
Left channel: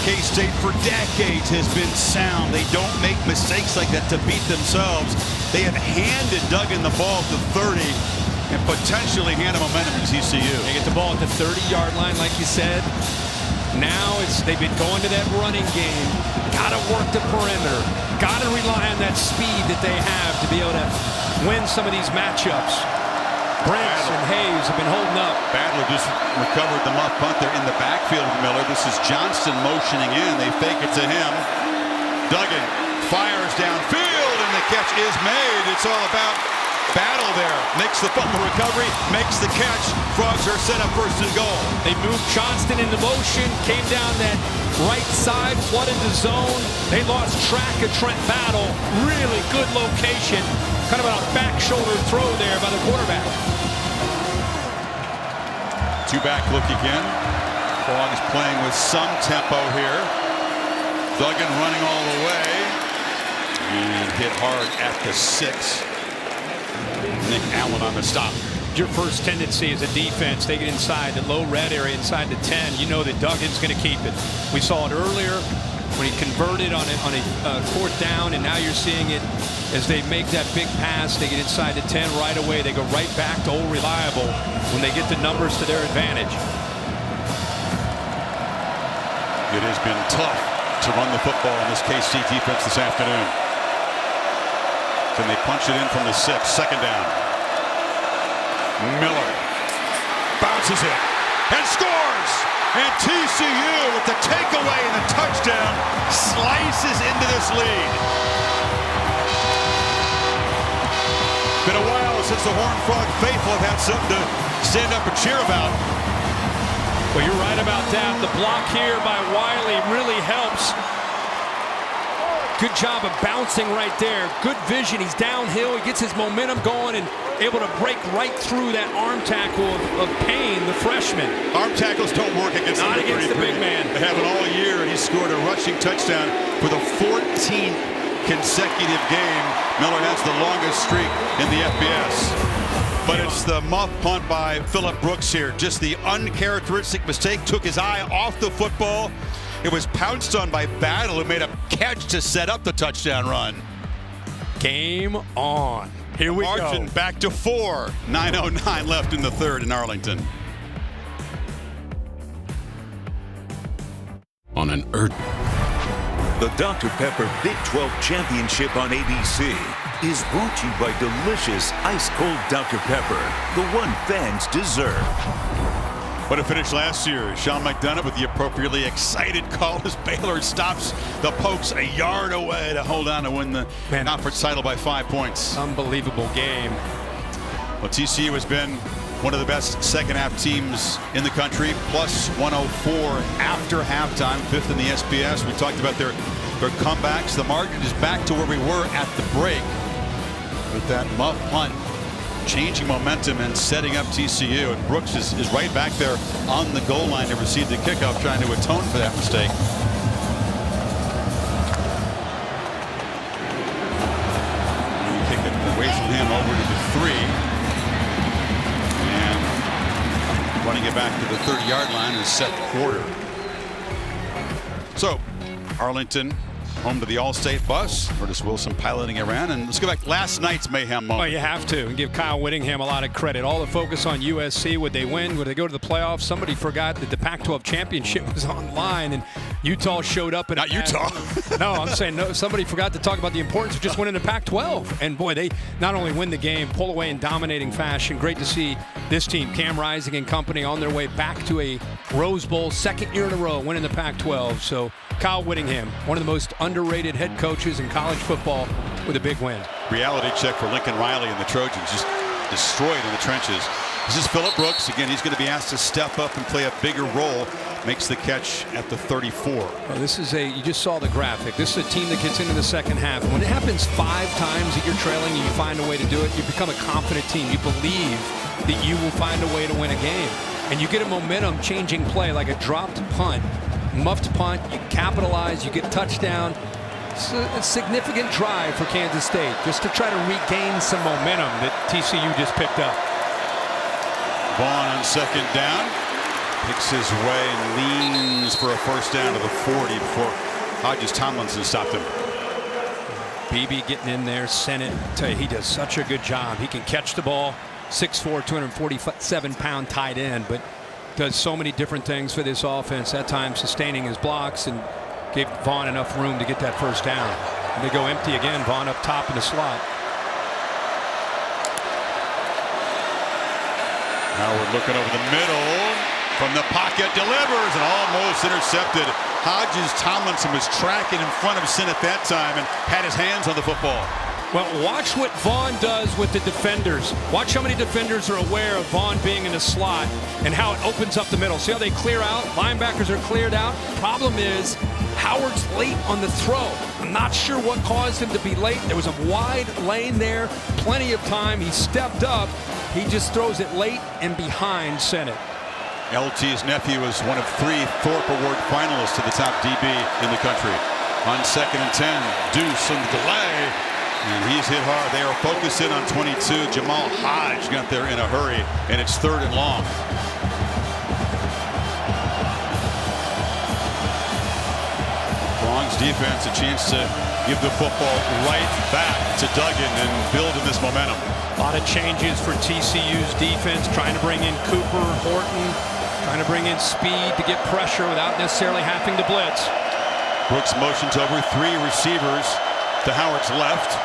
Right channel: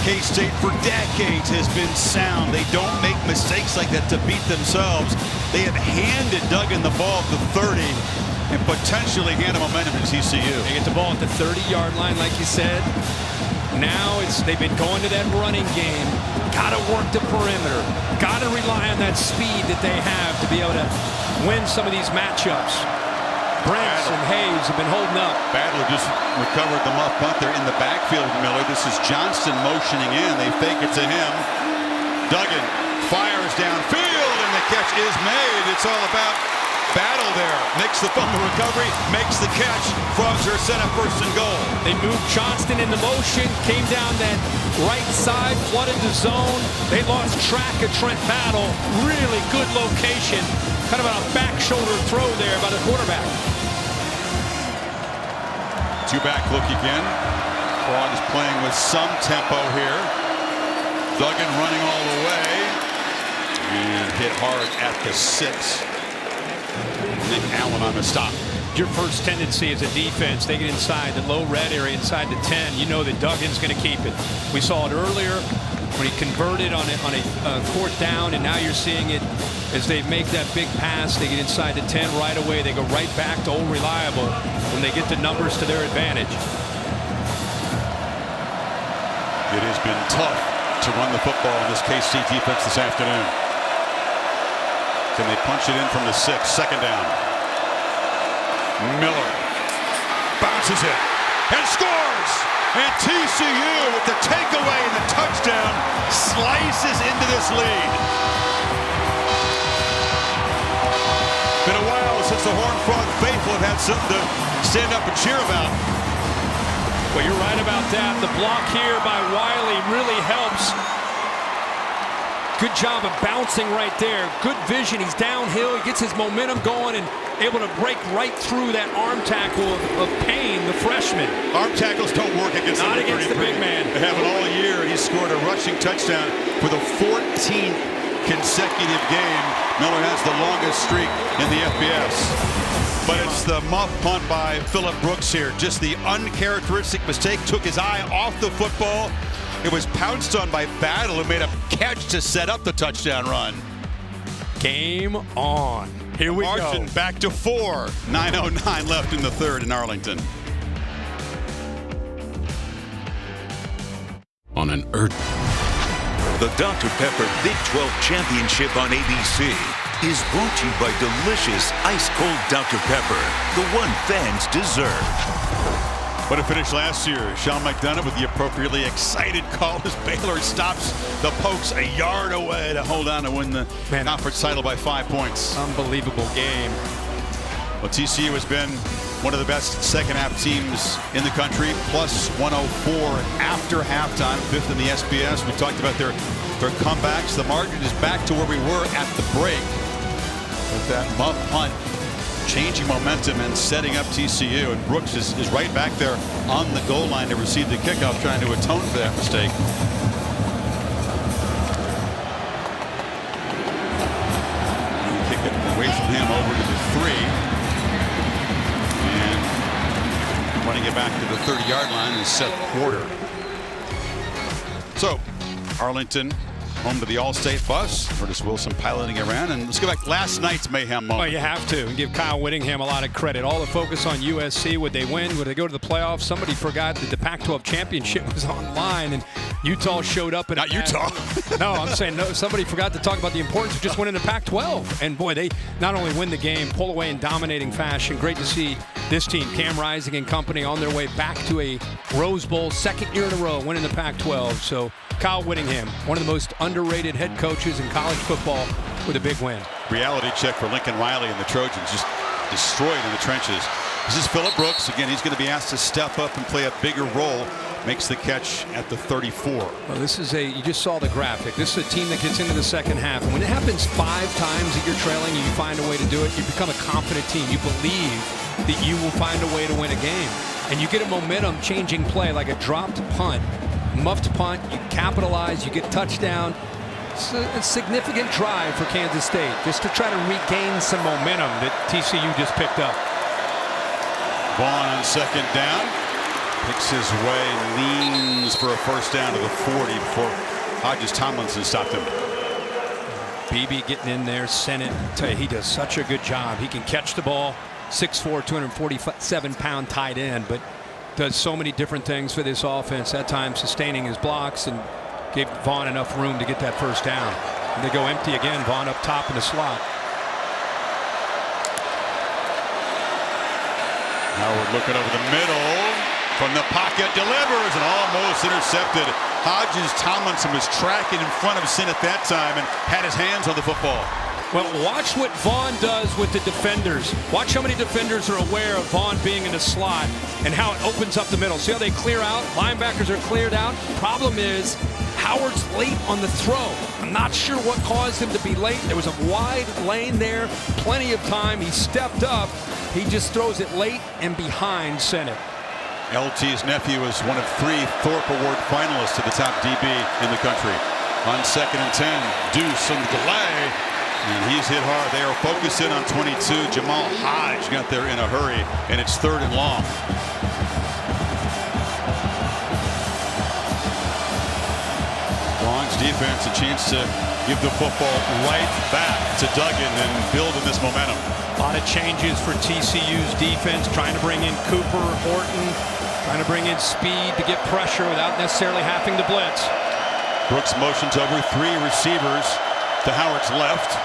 K-State for decades has been sound. They don't make mistakes like that to beat themselves. They have handed Duggan the ball at the 30 and potentially hand a momentum to TCU. They get the ball at the 30-yard line, like you said. Now they've been going to that running game. Got to work the perimeter. Got to rely on that speed that they have to be able to win some of these matchups. Brents and Hayes have been holding up. Badler just recovered the muff punt there in the backfield with Miller. This is Johnston motioning in. They fake it to him. Duggan fires downfield, and the catch is made. It's all about battle there. Makes the fumble recovery, makes the catch. Frogs are set up first and goal. They moved Johnston into motion, came down that right side, flooded the zone. They lost track of Trent Battle. Really good location. Kind of a back shoulder throw there by the quarterback. Two-back look again. Frogs playing with some tempo here. Duggan running all the way. And hit hard at the 6. Nick Allen on the stop. Your first tendency as a defense, they get inside the low red area, inside the 10. You know that Duggan's going to keep it. We saw it earlier when he converted on a fourth down, and now you're seeing it as they make that big pass. They get inside the 10 right away. They go right back to old reliable when they get the numbers to their advantage. It has been tough to run the football in this KC defense this afternoon. Can they punch it in from the 6? Second down. Miller bounces it and scores. And TCU with the takeaway and the touchdown slices into this lead. Been a while since the Horned Frog faithful have had something to stand up and cheer about. Well, you're right about that. The block here by Wiley really helps. Good job of bouncing right there. Good vision. He's downhill. He gets his momentum going and able to break right through that arm tackle of Payne, the freshman. Arm tackles don't work against Not against 33. the big man. They haven't all year, and he scored a rushing touchdown for the 14th consecutive game. Miller has the longest streak in the FBS. But it's the muff punt by Phillip Brooks here. Just the uncharacteristic mistake. Took his eye off the football. It was pounced on by Battle, who made a catch to set up the touchdown run. Game on. Here we Margin go. Back to 4. 9:09 left in the third in Arlington. On an The Dr. Pepper Big 12 Championship on ABC is brought to you by delicious ice-cold Dr. Pepper, the one fans deserve. What a finish last year. Sean McDonough with the appropriately excited call as Baylor stops the Pokes a yard away to hold on to win the conference title by 5 points. Unbelievable game. Well, TCU has been one of the best second-half teams in the country, plus 104 after halftime, 5th in the SBS. We talked about their comebacks. The margin is back to where we were at the break with that muff punt, changing momentum and setting up TCU. And Brooks is right back there on the goal line to receive the kickoff, trying to atone for that mistake. And kick it away from him over to the 3. And running it back to the 30-yard line is Seth Porter. So Arlington home to the All-State bus. Curtis Wilson piloting around. And let's go back last night's mayhem moment. Well, you have to, and give Kyle Whittingham a lot of credit. All the focus on USC. Would they win? Would they go to the playoffs? Somebody forgot that the Pac-12 championship was online, and Utah showed up. Not Utah. No, I'm saying no. Somebody forgot to talk about the importance of just winning the Pac-12. And boy, they not only win the game, pull away in dominating fashion. Great to see this team, Cam Rising and company, on their way back to a Rose Bowl, second year in a row, winning the Pac-12. So Kyle Whittingham, one of the most underrated head coaches in college football, with a big win. Reality check for Lincoln Riley and the Trojans, just destroyed in the trenches. This is Phillip Brooks. Again, he's going to be asked to step up and play a bigger role. Makes the catch at the 34. Well, this is you just saw the graphic. This is a team that gets into the second half. And when it happens 5 times that you're trailing, you find a way to do it. You become a confident team. You believe that you will find a way to win a game. And you get a momentum changing play like a dropped punt, muffed punt. You capitalize, you get touchdown. It's a significant drive for Kansas State just to try to regain some momentum that TCU just picked up. Vaughn on second down. Picks his way and leans for a first down to the 40 before Hodges Tomlinson stopped him. BB getting in there, sent it. Tell you, he does such a good job. He can catch the ball. 6'4", 247-pound tight end, but does so many different things for this offense, at times sustaining his blocks, and gave Vaughn enough room to get that first down. And they go empty again. Vaughn up top in the slot. Howard looking over the middle. From the pocket, delivers and almost intercepted. Hodges Tomlinson was tracking in front of Sin at that time and had his hands on the football. Well, watch what Vaughn does with the defenders. Watch how many defenders are aware of Vaughn being in the slot and how it opens up the middle. See how they clear out? Linebackers are cleared out. Problem is, Howard's late on the throw. I'm not sure what caused him to be late. There was a wide lane there, plenty of time. He stepped up. He just throws it late and behind Sennett. LT's nephew is one of 3 Thorpe Award finalists to the top DB in the country. On 2nd and 10, Deuce on the delay, and he's hit hard. They are focused in on 22. Jamal Hodge got there in a hurry, and it's 3rd and long. Long's defense a chance to give the football right back to Duggan and build in this momentum. A lot of changes for TCU's defense, trying to bring in Cooper, Horton, trying to bring in speed to get pressure without necessarily having to blitz. Brooks motions over 3 receivers to Howard's left.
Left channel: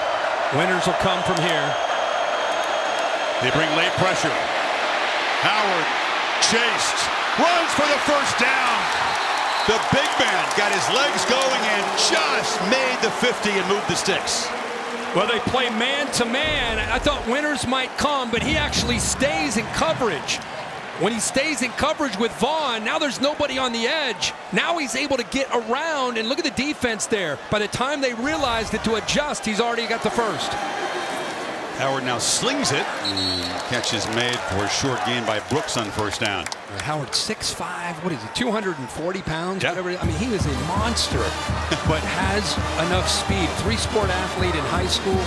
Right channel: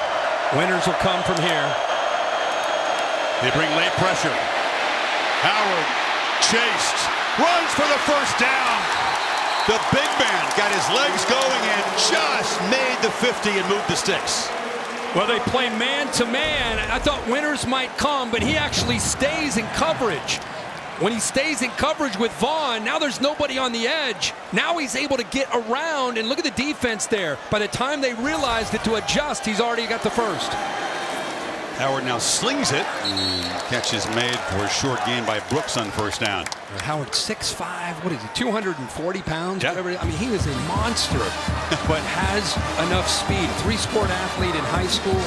Winners will come from here. They bring late pressure. Howard chased, runs for the first down. The big man got his legs going and just made the 50 and moved the sticks. Well, they play man-to-man. I thought Winters might come, but he actually stays in coverage. When he stays in coverage with Vaughn, now there's nobody on the edge. Now he's able to get around, and look at the defense there. By the time they realize that to adjust, he's already got the first. Howard now slings it. Catch is made for a short gain by Brooks on first down. Howard 6'5", what is he, 240 pounds? Yep. Whatever. I mean, he is a monster, but has enough speed. 3-sport athlete in high school.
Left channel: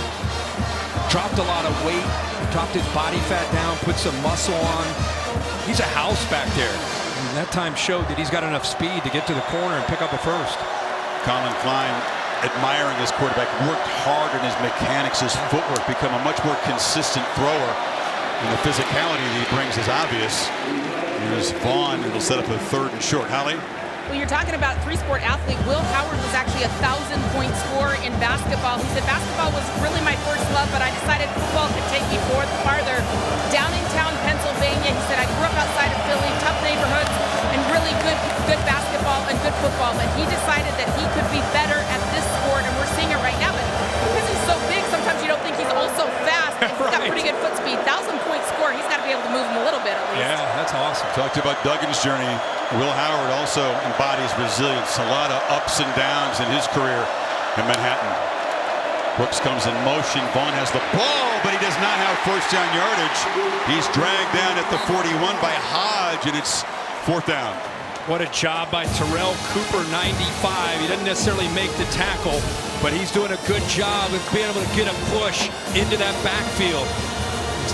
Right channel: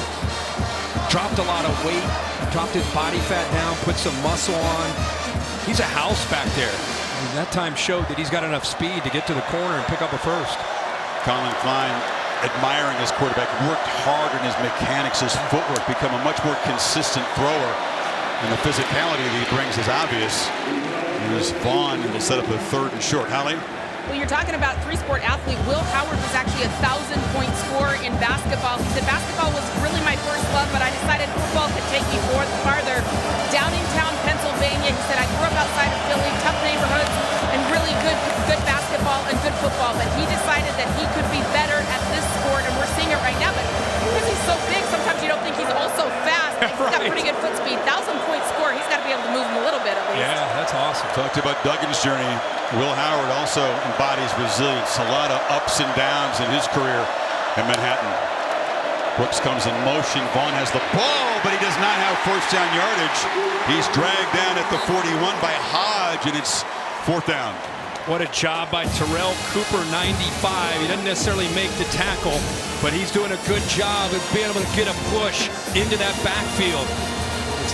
Dropped a lot of weight, dropped his body fat down, put some muscle on. He's a house back there. And that time showed that he's got enough speed to get to the corner and pick up a first. Colin Klein, admiring his quarterback, worked hard on his mechanics, his footwork, become a much more consistent thrower. And the physicality that he brings is obvious. There's Vaughn. It'll set up a 3rd and short. Holly? Well, you're talking about 3-sport athlete. Will Howard was actually a 1,000-point scorer in basketball. He said basketball was really my first love, but I decided football could take me farther. Downingtown, Pennsylvania, he said, I grew up outside of Philly, tough neighborhoods, and really good basketball and good football. But he decided that he could be better at this sport, and we're seeing it right now. But because he's so big, sometimes you don't think he's also fast. He's got pretty good foot speed. 1,000-point score. He's got to be able to move him a little bit at least. Yeah, that's awesome. Talked about Duggan's journey. Will Howard also embodies resilience. A lot of ups and downs in his career in Manhattan. Brooks comes in motion. Vaughn has the ball, but he does not have first down yardage. He's dragged down at the 41 by Hodge, and it's 4th down. What a job by Terrell Cooper, 95. He doesn't necessarily make the tackle, but he's doing a good job of being able to get a push into that backfield.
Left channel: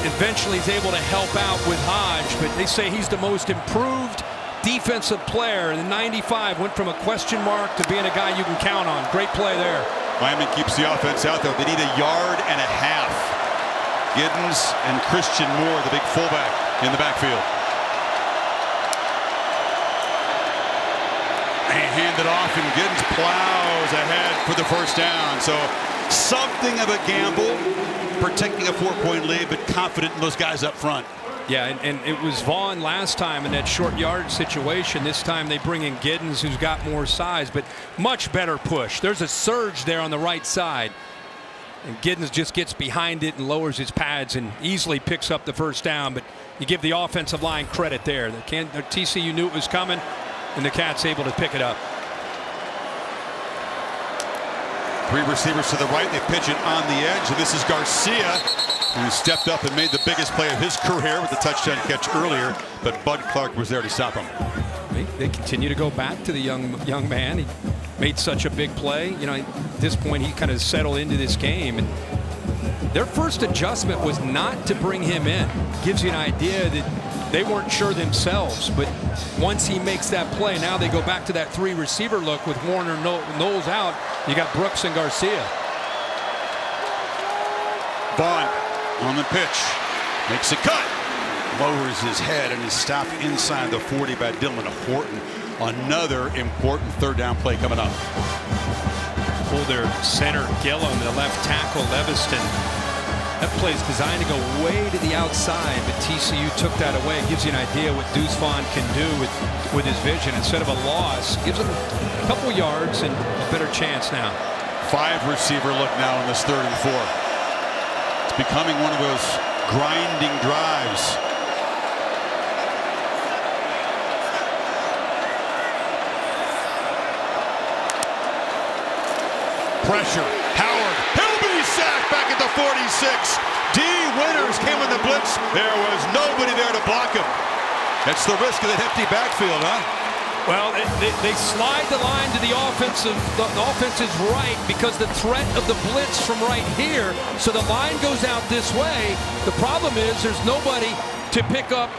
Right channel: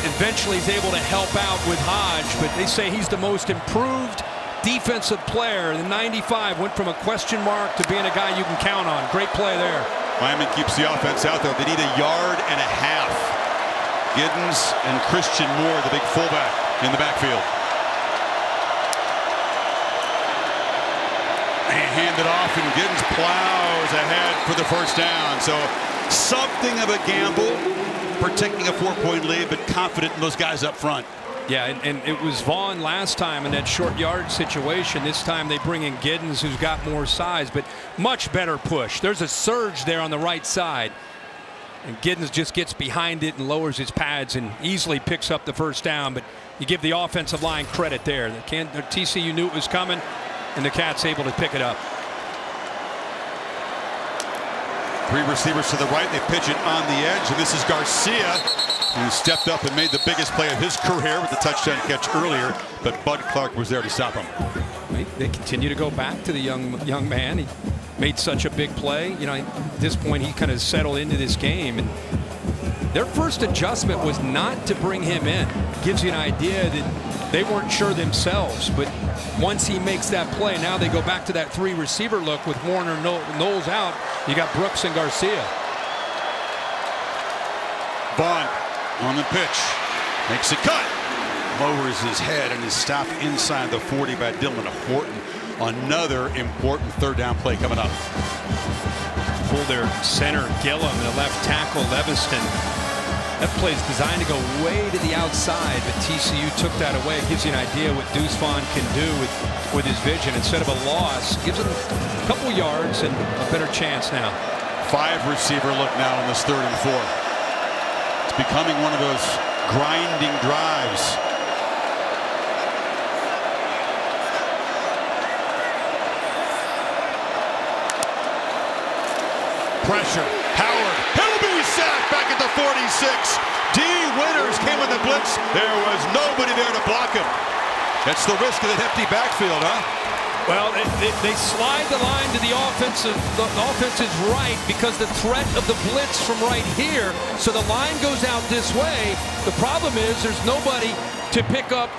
Eventually he's able to help out with Hodge, but they say he's the most improved defensive player. The 95 went from a question mark to being a guy you can count on. Great play there. Miami keeps the offense out there. They need 1.5 yards. Giddens and Christian Moore, the big fullback, in the backfield. And hand it off, and Giddens plows ahead for the first down. So something of a gamble, protecting a 4-point lead, but confident in those guys up front. Yeah, and it was Vaughn last time in that short yardage situation. This time they bring in Giddens, who's got more size, but much better push. There's a surge there on the right side. And Giddens just gets behind it and lowers his pads and easily picks up the first down. But you give the offensive line credit there. The TCU knew it was coming, and the Cats able to pick it up. 3 receivers to the right. They pitch it on the edge, and this is Garcia, who stepped up and made the biggest play of his career with the touchdown catch earlier, but Bud Clark was there to stop him. They continue to go back to the young man. He made such a big play. You know, at this point, he kind of settled into this game, and their first adjustment was not to bring him in. Gives you an idea that they weren't sure themselves, but once he makes that play, now they go back to that 3 receiver look with Warner Knowles out. You got Brooks and Garcia. Vaughn on the pitch, makes a cut, lowers his head and is stopped inside the 40 by Dylan Horton. Another important third down play coming up. Pull their center Gillum, the left tackle Leviston. That play is designed to go way to the outside, but TCU took that away. It gives you an idea what Deuce Vaughn can do with his vision. Instead of a loss, it gives him a couple yards and a better chance now. 5 receiver look now in this 3rd and 4. It's becoming one of those grinding drives. Pressure. Howard. He'll be sacked back at the 46. D. Winters came in the blitz. There was nobody there to block him. That's the risk of the hefty backfield, huh? Well, they slide the line to the offensive. The offense is right because the threat of the blitz from right here. So the line goes out this way. The problem is there's nobody to pick up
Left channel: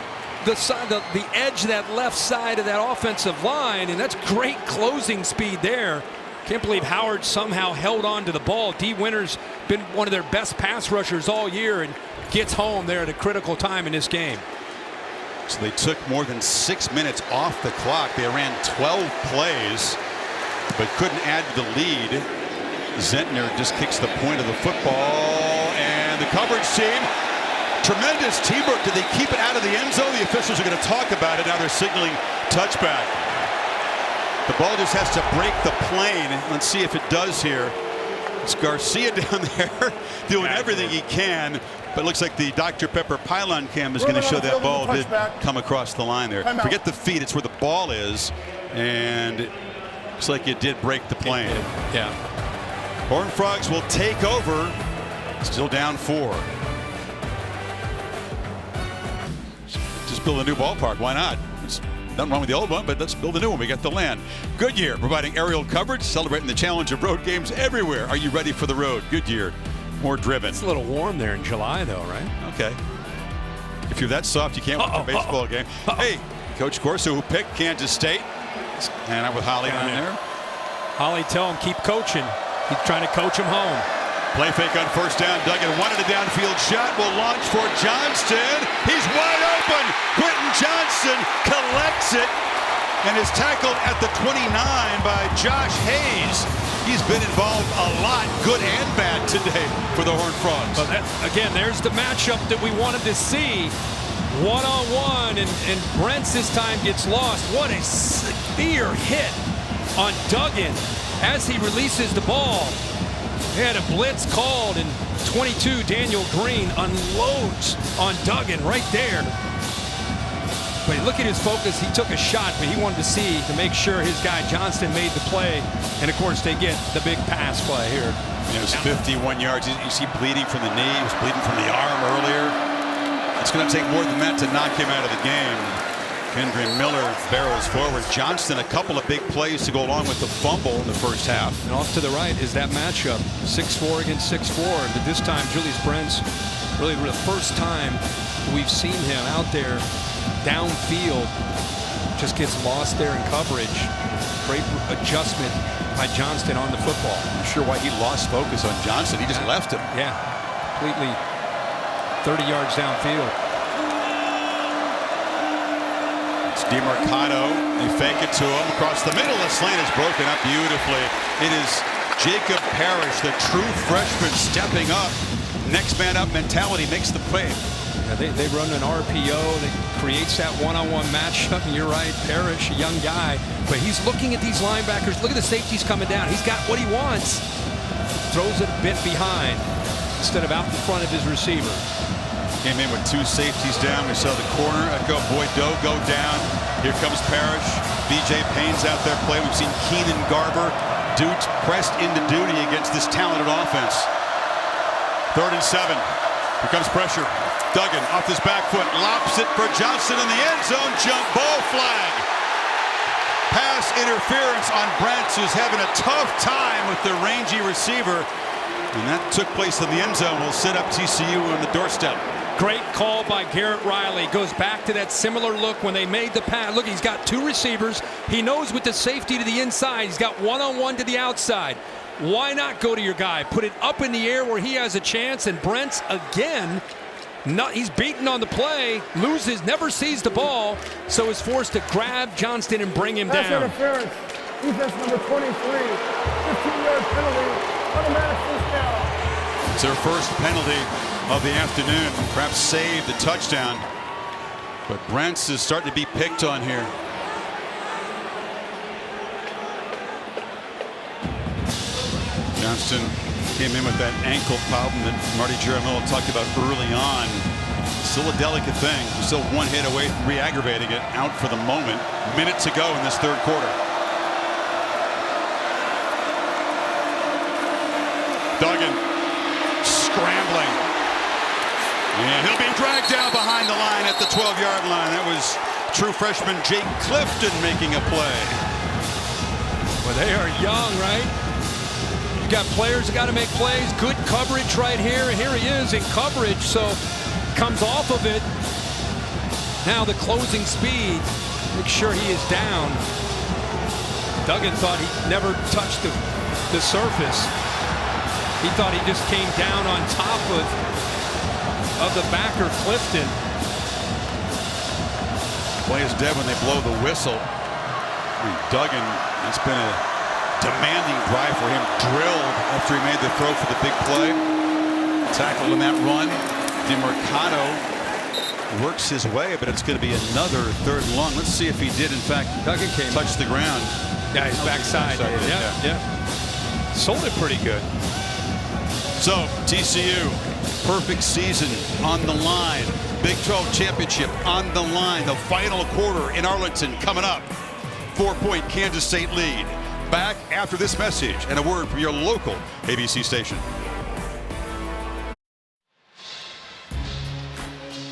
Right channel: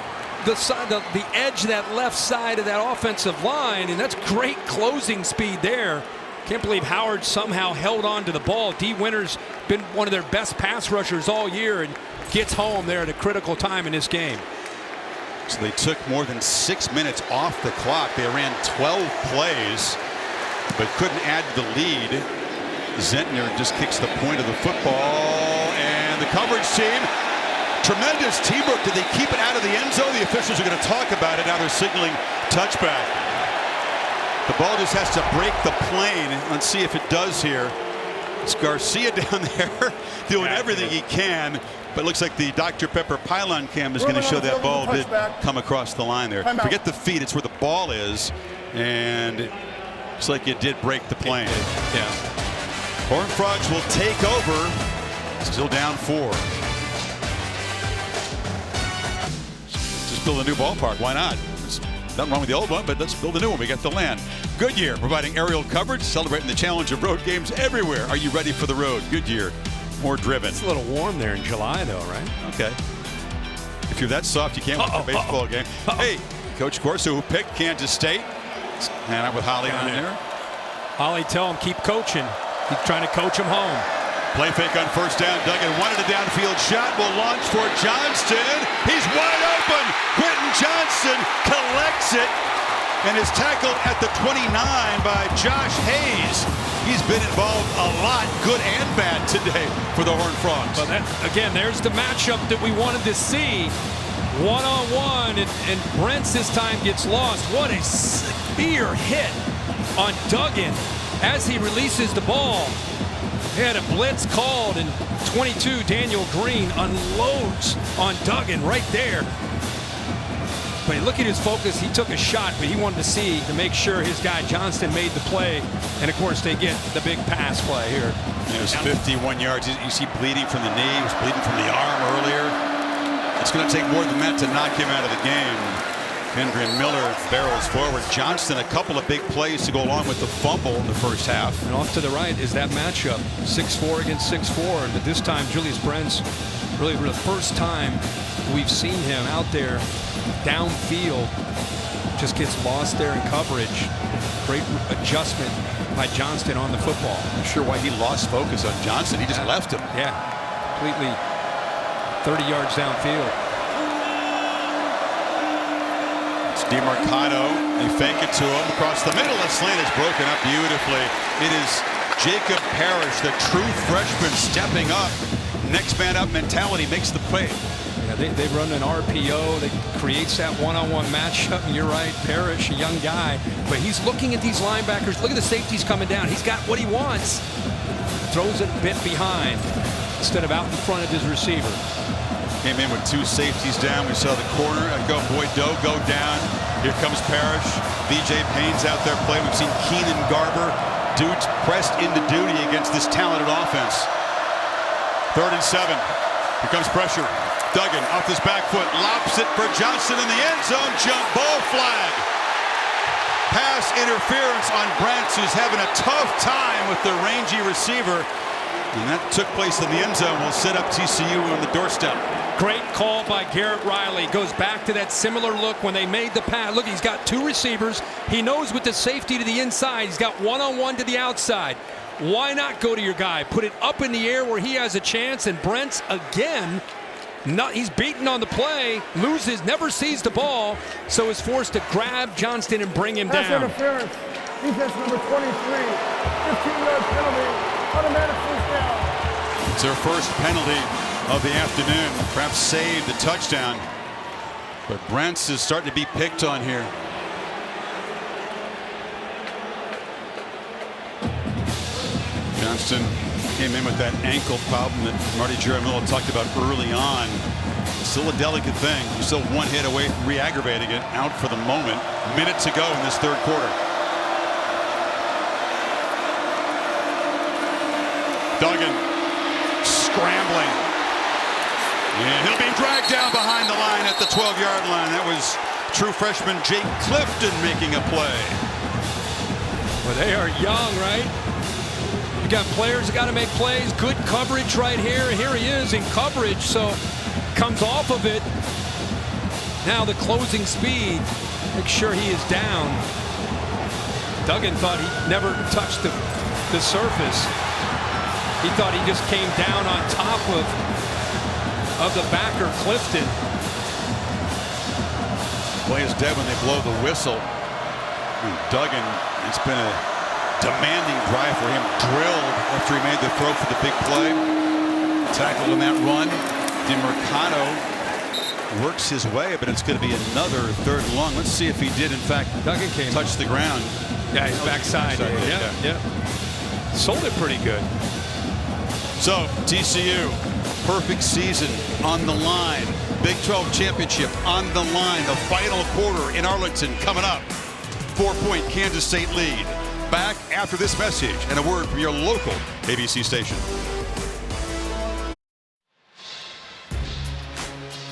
the edge of that left side of that offensive line, and that's great closing speed there. Can't believe Howard somehow held on to the ball. D. Winters been one of their best pass rushers all year and gets home there at a critical time in this game. So they took more than 6 minutes off the clock. They ran 12 plays, but couldn't add to the lead. Zentner just kicks the point of the football, and the coverage team, tremendous teamwork. Did they keep it out of the end zone? The officials are going to talk about it. Now they're signaling touchback. The ball just has to break the plane. Let's see if it does here. It's Garcia down there doing everything he can, but it looks like the Dr. Pepper pylon cam is going to show that ball did come across the line there. Forget the feet, it's where the ball is, and it looks like it did break the plane. Yeah. Horned Frogs will take over, still down 4. Just build a new ballpark, why not? Nothing wrong with the old one, but let's build a new one. We got the land. Goodyear providing aerial coverage, celebrating the challenge of road games everywhere. Are you ready for the road? Goodyear, more driven. It's a little warm there in July, though, right? Okay. If you're that soft, you can't watch a baseball game. Hey, Coach Corso, who picked Kansas State, hanging out with Holly down there. Holly, tell him keep coaching. He's trying to coach him home. Play fake on first down. Duggan wanted a downfield shot. Will launch for Johnston. He's wide open. Quentin Johnston collects it and is tackled at the 29 by Josh Hayes. He's been involved a lot, good and bad, today for the Horned Frogs. Well, again, there's the matchup that we wanted to see. One-on-one, and Brents this time gets lost. What a severe hit on Duggan as he releases the ball. He had a blitz called, and 22 Daniel Green unloads on Duggan right there. But look at his focus. He took a shot, but he wanted to make sure his guy Johnston made the play. And of course, they get the big pass play here. It was 51 yards. You see bleeding from the knee. He was bleeding from the arm earlier. It's going to take more than that to knock him out of the game. Kendrick Miller barrels forward. Johnston, a couple of big plays to go along with the fumble in the first half. And off to the right is that matchup, 6'4" against 6'4". But this time, Julius Brents, really for the first time we've seen him out there downfield, just gets lost there in coverage. Great adjustment by Johnston on the football. Not sure why he lost focus on Johnston. He just left him. Yeah, completely 30 yards downfield. It's DeMarcado. They fake it to him across the middle. The slant is broken up beautifully. It is Jacob Parrish, the true freshman, stepping up. Next man up mentality makes the play. Yeah, they run an RPO that creates that one-on-one matchup, and you're right, Parrish, a young guy, but he's looking at these linebackers. Look at the safeties coming down. He's got what he wants. Throws it a bit behind instead of out in front of his receiver. Came in with 2 safeties down. We saw the corner echo Boyd-Doe go down. Here comes Parrish. BJ Payne's out there playing. We've seen Keenan Garber. Dudes pressed into duty against this talented offense. 3rd and 7. Here comes pressure. Duggan off his back foot, lops it for Johnston in the end zone. Jump ball flag. Pass interference on Brents, who's having a tough time with the rangy receiver. And that took place in the end zone. Will set up TCU on the doorstep. Great call by Garrett Riley. Goes back to that similar look when they made the pass. Look, he's got 2 receivers. He knows with the safety to the inside. He's got one-on-one to the outside. Why not go to your guy? Put it up in the air where he has a chance. And Brents, again, He's beaten on the play, loses, never sees the ball, so is forced to grab Johnston and bring him Pass down. interference. Defense number 23. 15-yard penalty. Automatic first down. It's their first penalty of the afternoon. Perhaps saved the touchdown. But Brents is starting to be picked on here. Johnston came in with that ankle problem that Marty Jaramillo talked about early on. Still a delicate thing. He's still one hit away from re-aggravating it. Out for the moment. Minute to go in this third quarter. Duggan scrambling. And he'll be dragged down behind the line at the 12-yard line. That was true freshman Jake Clifton making a play. Well, they are young, right? You got players that got to make plays. Good coverage right here. And here he is in coverage, so comes off of it. Now the closing speed. Make sure he is down. Duggan thought he never touched the surface. He thought he just came down on top of the backer, Clifton. Play is dead when they blow the whistle. I mean, Duggan, it's been a demanding drive for him. Drilled after he made the throw for the big play. Tackled in that run. DeMercado works his way, but it's going to be another third and long. Let's see if he did, in fact, Duggan came touch the ground. Yeah, his backside. Yeah. Sold it pretty good. So, TCU, perfect season on the line. Big 12 championship on the line. The final quarter in Arlington coming up. 4-point Kansas State lead. Back after this message and a word from your local ABC station.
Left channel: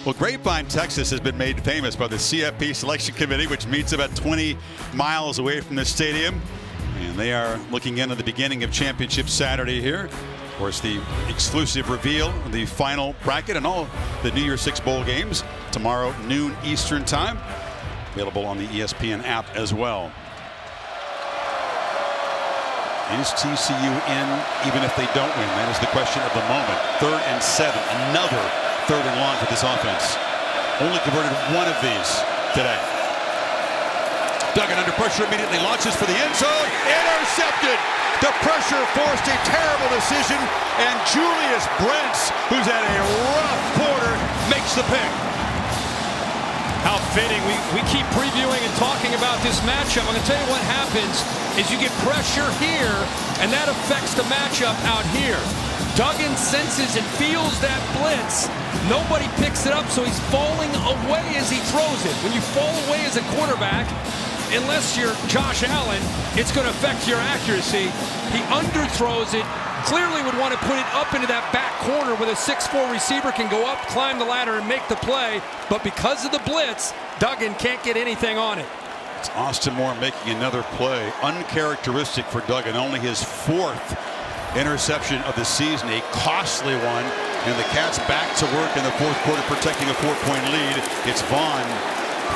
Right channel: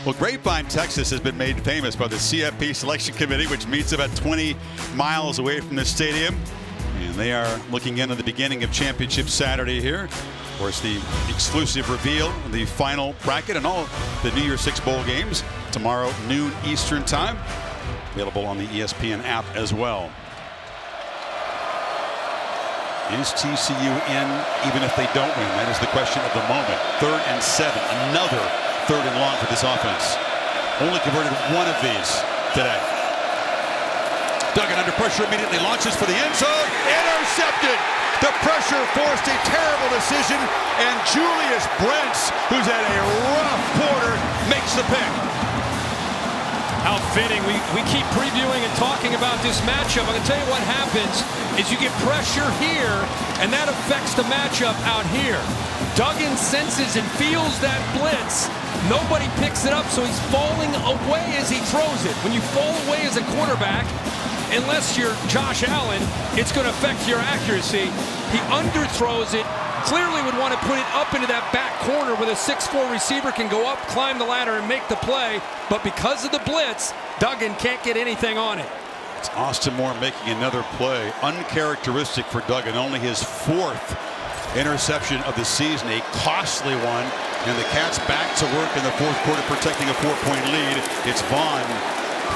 Well, Grapevine, Texas has been made famous by the CFP Selection Committee, which meets about 20 miles away from the stadium. And they are looking into the beginning of Championship Saturday here. Of course, the exclusive reveal of the final bracket and all the New Year's Six bowl games tomorrow noon Eastern time. Available on the ESPN app as well. Is TCU in even if they don't win? That is the question of the moment. 3rd and 7. Another third and long for this offense. Only converted one of these today. Duggan under pressure immediately launches for the end zone. Intercepted. The pressure forced a terrible decision, and Julius Brents, who's had a rough quarter, makes the pick. How fitting. We keep previewing and talking about this matchup. I'm going to tell you what happens is you get pressure here, and that affects the matchup out here. Duggan senses and feels that blitz. Nobody picks it up, so he's falling away as he throws it. When you fall away as a quarterback, unless you're Josh Allen, it's going to affect your accuracy. He underthrows it. Clearly would want to put it up into that back corner where the 6'4" receiver can go up, climb the ladder, and make the play. But because of the blitz, Duggan can't get anything on it. It's Austin Moore making another play. Uncharacteristic for Duggan. Only his 4th interception of the season, a costly one. And the Cats back to work in the 4th quarter, protecting a 4-point lead. It's Vaughn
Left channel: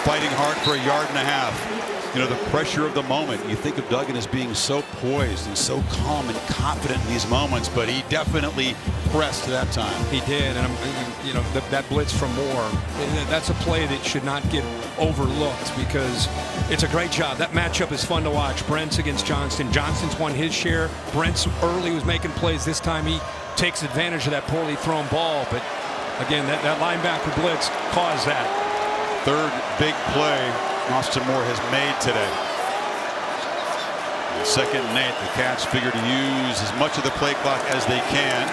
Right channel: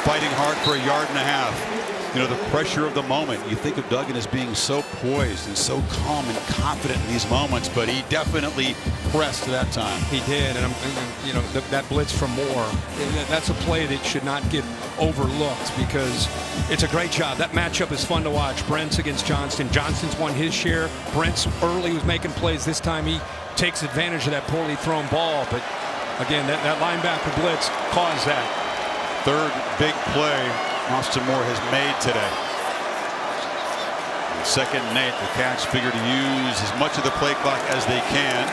fighting hard for a yard and a half. You know, the pressure of the moment. You think of Duggan as being so poised and so calm and confident in these moments, but he definitely pressed that time. He did, and you know, that blitz from Moore, that's a play that should not get overlooked because it's a great job. That matchup is fun to watch. Brents against Johnston. Johnston's won his share. Brents early was making plays. This time he takes advantage of that poorly thrown ball, but again, that linebacker blitz caused that. 3rd big play Austin Moore has made today. 2nd and 8. The Cats figure to use as much of the play clock as they can.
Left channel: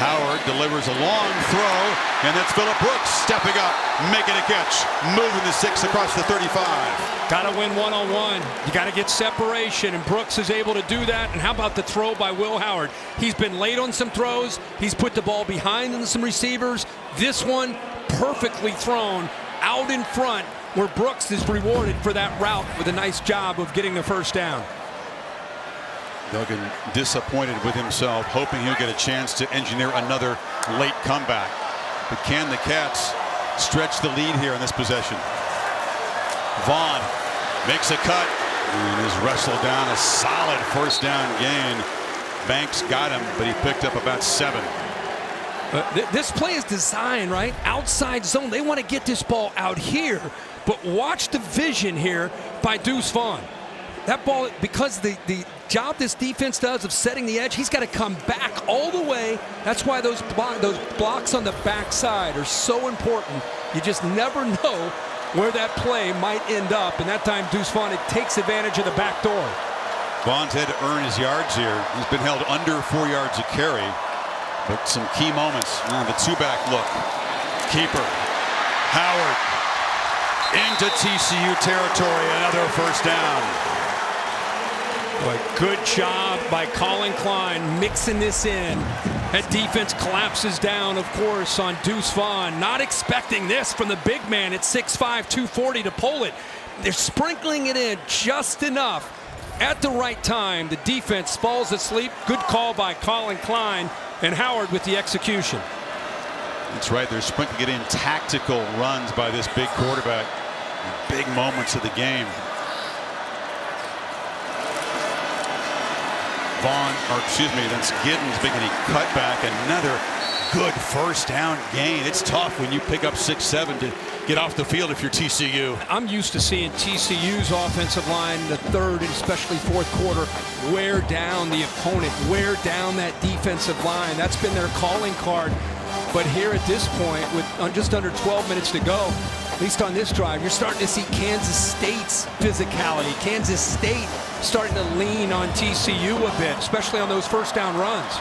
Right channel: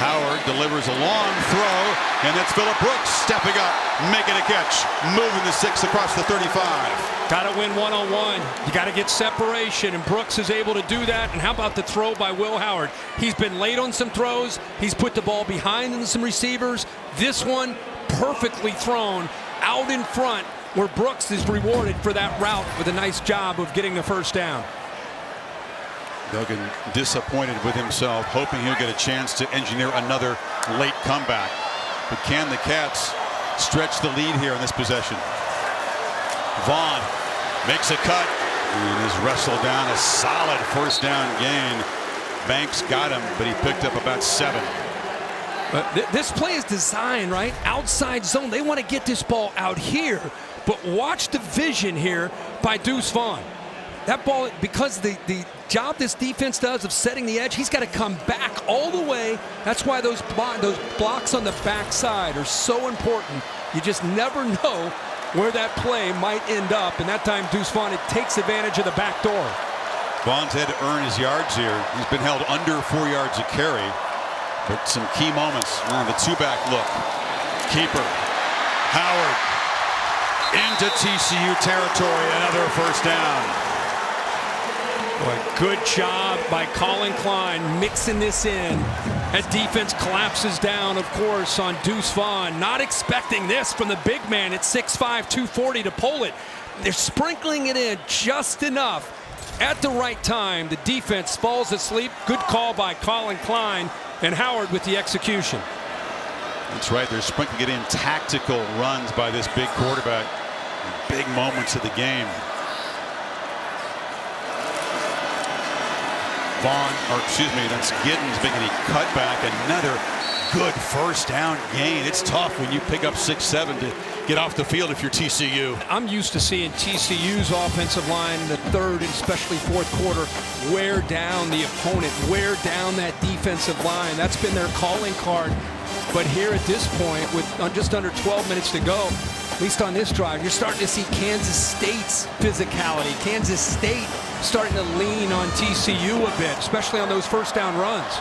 Howard delivers a long throw, and that's Phillip Brooks stepping up, making a catch, moving the 6 across the 35. Got to win one-on-one. You got to get separation, and Brooks is able to do that. And how about the throw by Will Howard? He's been late on some throws. He's put the ball behind some receivers. This one, perfectly thrown out in front, where Brooks is rewarded for that route with a nice job of getting the first down. Duggan disappointed with himself, hoping he'll get a chance to engineer another late comeback. But can the Cats stretch the lead here in this possession? Vaughn makes a cut and is wrestled down. A solid first down gain. Banks got him, but he picked up about 7. This play is designed, right? Outside zone. They want to get this ball out here. But watch the vision here by Deuce Vaughn. That ball, because the job this defense does of setting the edge, he's got to come back all the way. That's why those blocks on the backside are so important. You just never know where that play might end up. And that time, Deuce Vaughn, it takes advantage of the back door. Vaughn's had to earn his yards here. He's been held under 4 yards a carry. But some key moments. Now the two-back look. Keeper. Howard. Into TCU territory. Another first down. Boy, good job by Colin Klein mixing this in. That defense collapses down, of course, on Deuce Vaughn. Not expecting this from the big man at 6'5", 240 to pull it. They're sprinkling it in just enough at the right time. The defense falls asleep. Good call by Colin Klein, and Howard with the execution. That's right. They're sprinkling it in tactical runs by this big quarterback. Big moments of the game. That's Giddens making a cutback. Another good first down gain. It's tough when you pick up 6-7 to get off the field if you're TCU. I'm used to seeing TCU's offensive line in the third and especially fourth quarter wear down the opponent, wear down that defensive line. That's been their calling card. But here at this point, with just under 12 minutes to go, at least on this drive, you're starting to see Kansas State's physicality. Kansas State starting to lean on TCU a bit, especially on those first down runs.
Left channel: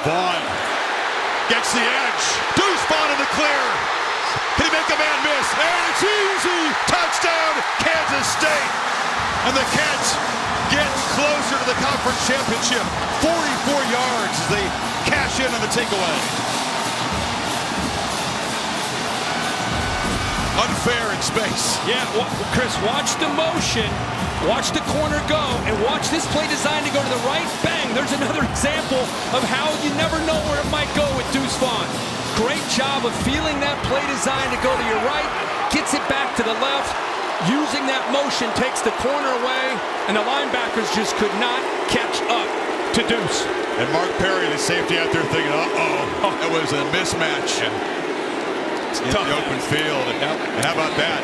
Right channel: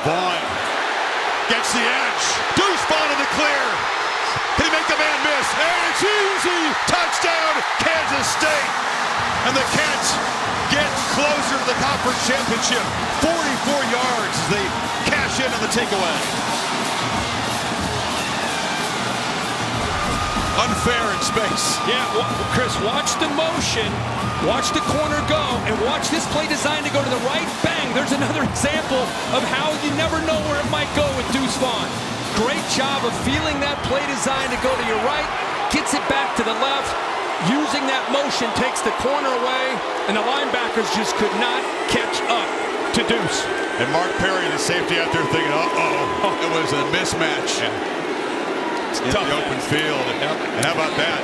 Vaughn gets the edge. Deuce Vaughn in the clear. Can he make a man miss? And it's easy. Touchdown, Kansas State. And the Cats get closer to the conference championship. 44 yards as they cash in on the takeaway. Unfair in space. Yeah, Chris, watch the motion. Watch the corner go, and watch this play designed to go to the right. Bang, there's another example of how you never know where it might go with Deuce Vaughn. Great job of feeling that play designed to go to your right, gets it back to the left, using that motion, takes the corner away, and the linebackers just could not catch up to Deuce. And Mark Perry, the safety out there thinking, uh-oh, it was a mismatch. In the open field. Yep. And how about that?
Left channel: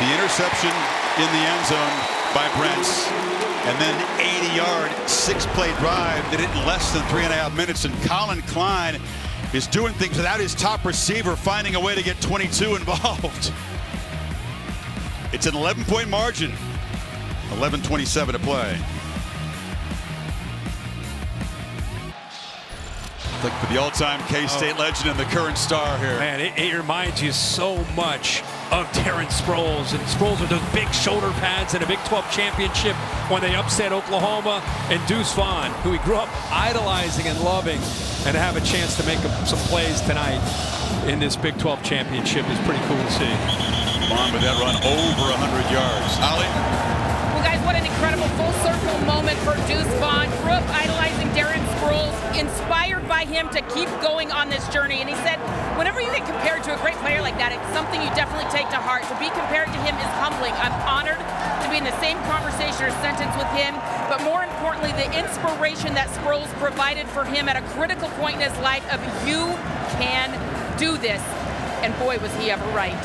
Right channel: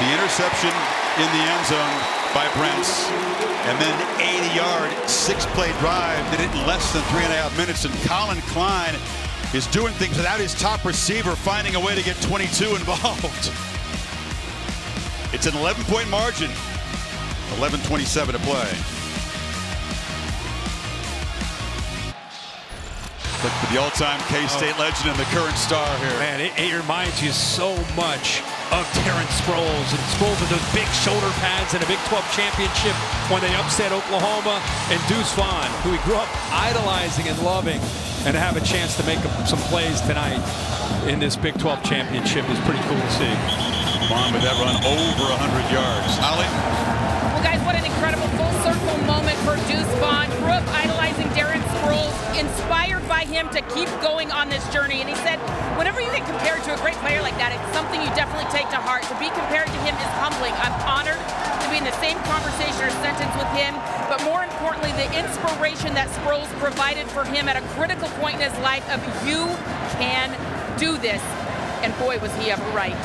The interception in the end zone by Brents, and then an 80-yard, 6-play drive did it in less than 3.5 minutes. And Colin Klein is doing things without his top receiver, finding a way to get 22 involved. It's an 11-point margin. 11:27 to play. Look for the all-time K-State legend and the current star here. Man, it reminds you so much of Terrence Sproles. And Sproles with those big shoulder pads in a Big 12 championship when they upset Oklahoma. And Deuce Vaughn, who he grew up idolizing and loving, and to have a chance to make some plays tonight in this Big 12 championship is pretty cool to see. Vaughn with that run over 100 yards. Holly? Well, guys, what an incredible full-circle moment for Deuce Vaughn. Grew up idolizing Darren Sproles, inspired by him to keep going on this journey. And he said, whenever you get compared to a great player like that, it's something you definitely take to heart. To be compared to him is humbling. I'm honored to be in the same conversation or sentence with him, but more importantly, the inspiration that Sproles provided for him at a critical point in his life of you can do this. And boy, was he ever right.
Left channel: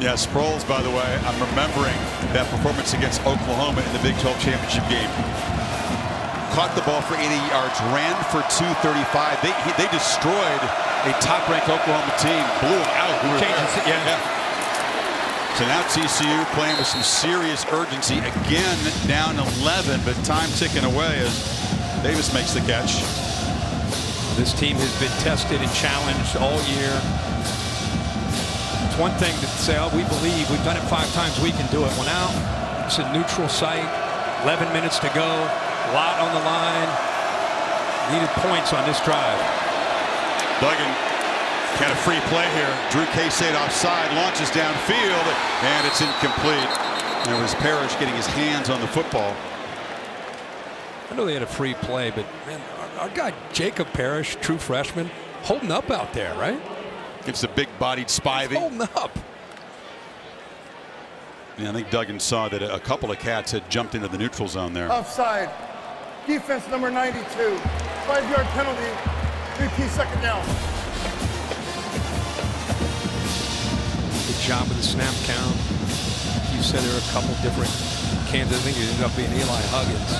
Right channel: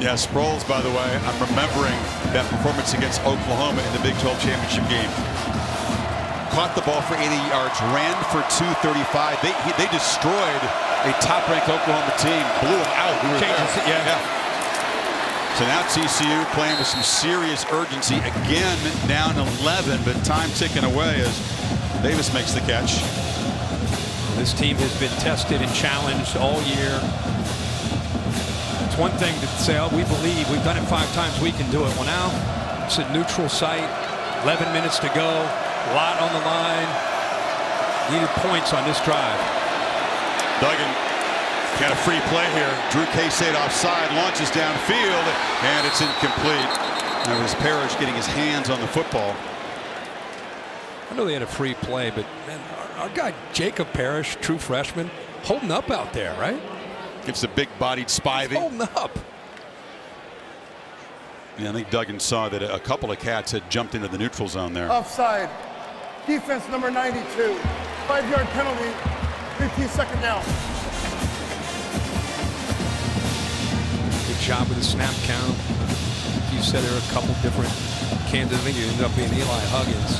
Yeah, Sproles, by the way, I'm remembering that performance against Oklahoma in the Big 12 championship game. Caught the ball for 80 yards, ran for 235. They destroyed a top-ranked Oklahoma team, blew them out. We were there. Yeah. So now TCU playing with some serious urgency. Again, down 11, but time ticking away as Davis makes the catch. Well, this team has been tested and challenged all year. It's one thing to say, oh, we believe we've done it 5 times, we can do it. Well, now it's a neutral site, 11 minutes to go, a lot on the line. Needed points on this drive. Duggan got a free play here. Drew K-State offside, launches downfield, and it's incomplete. That was Parrish getting his hands on the football. I know they had a free play, but man, our guy Jacob Parrish, true freshman, holding up out there, right? It's a big-bodied Spivey. Holding up. Yeah, I think Duggan saw that a couple of Cats had jumped into the neutral zone there. Offside. Defense number 92. 5-yard penalty. Repeat second down. Good job with the snap count. Like you said, there are a couple different candidates. I think it ended up being Eli Huggins.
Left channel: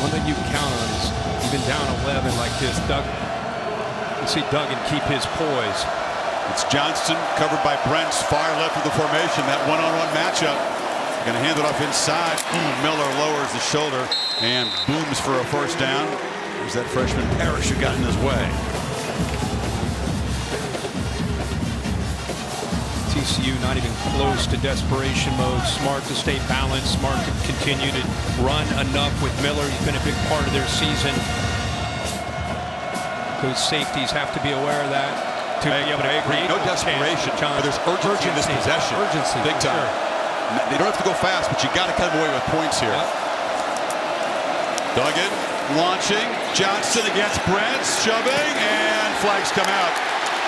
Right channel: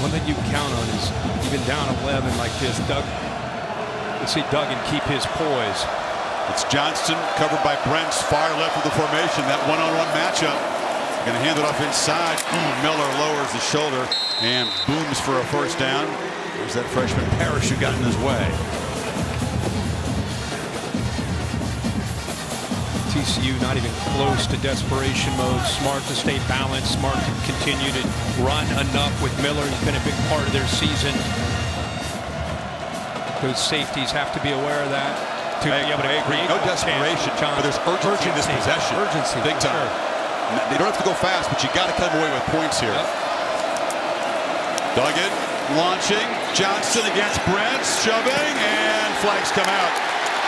One thing you can count on is even down 11 like this, you see Duggan keep his poise. It's Johnston covered by Brents, far left of the formation. That one-on-one matchup. Going to hand it off inside. Miller lowers the shoulder and booms for a first down. There's that freshman Parrish who got in his way. TCU not even close to desperation mode. Smart to stay balanced. Smart to continue to run enough with Miller. He's been a big part of their season. Those safeties have to be aware of that. To be able to create no desperation, but there's urgency in this possession. Urgency, big time. Sure. They don't have to go fast, but you got to come away with points here. Yep. Duggan launching. Johnston against Brents, shoving, and flags come out.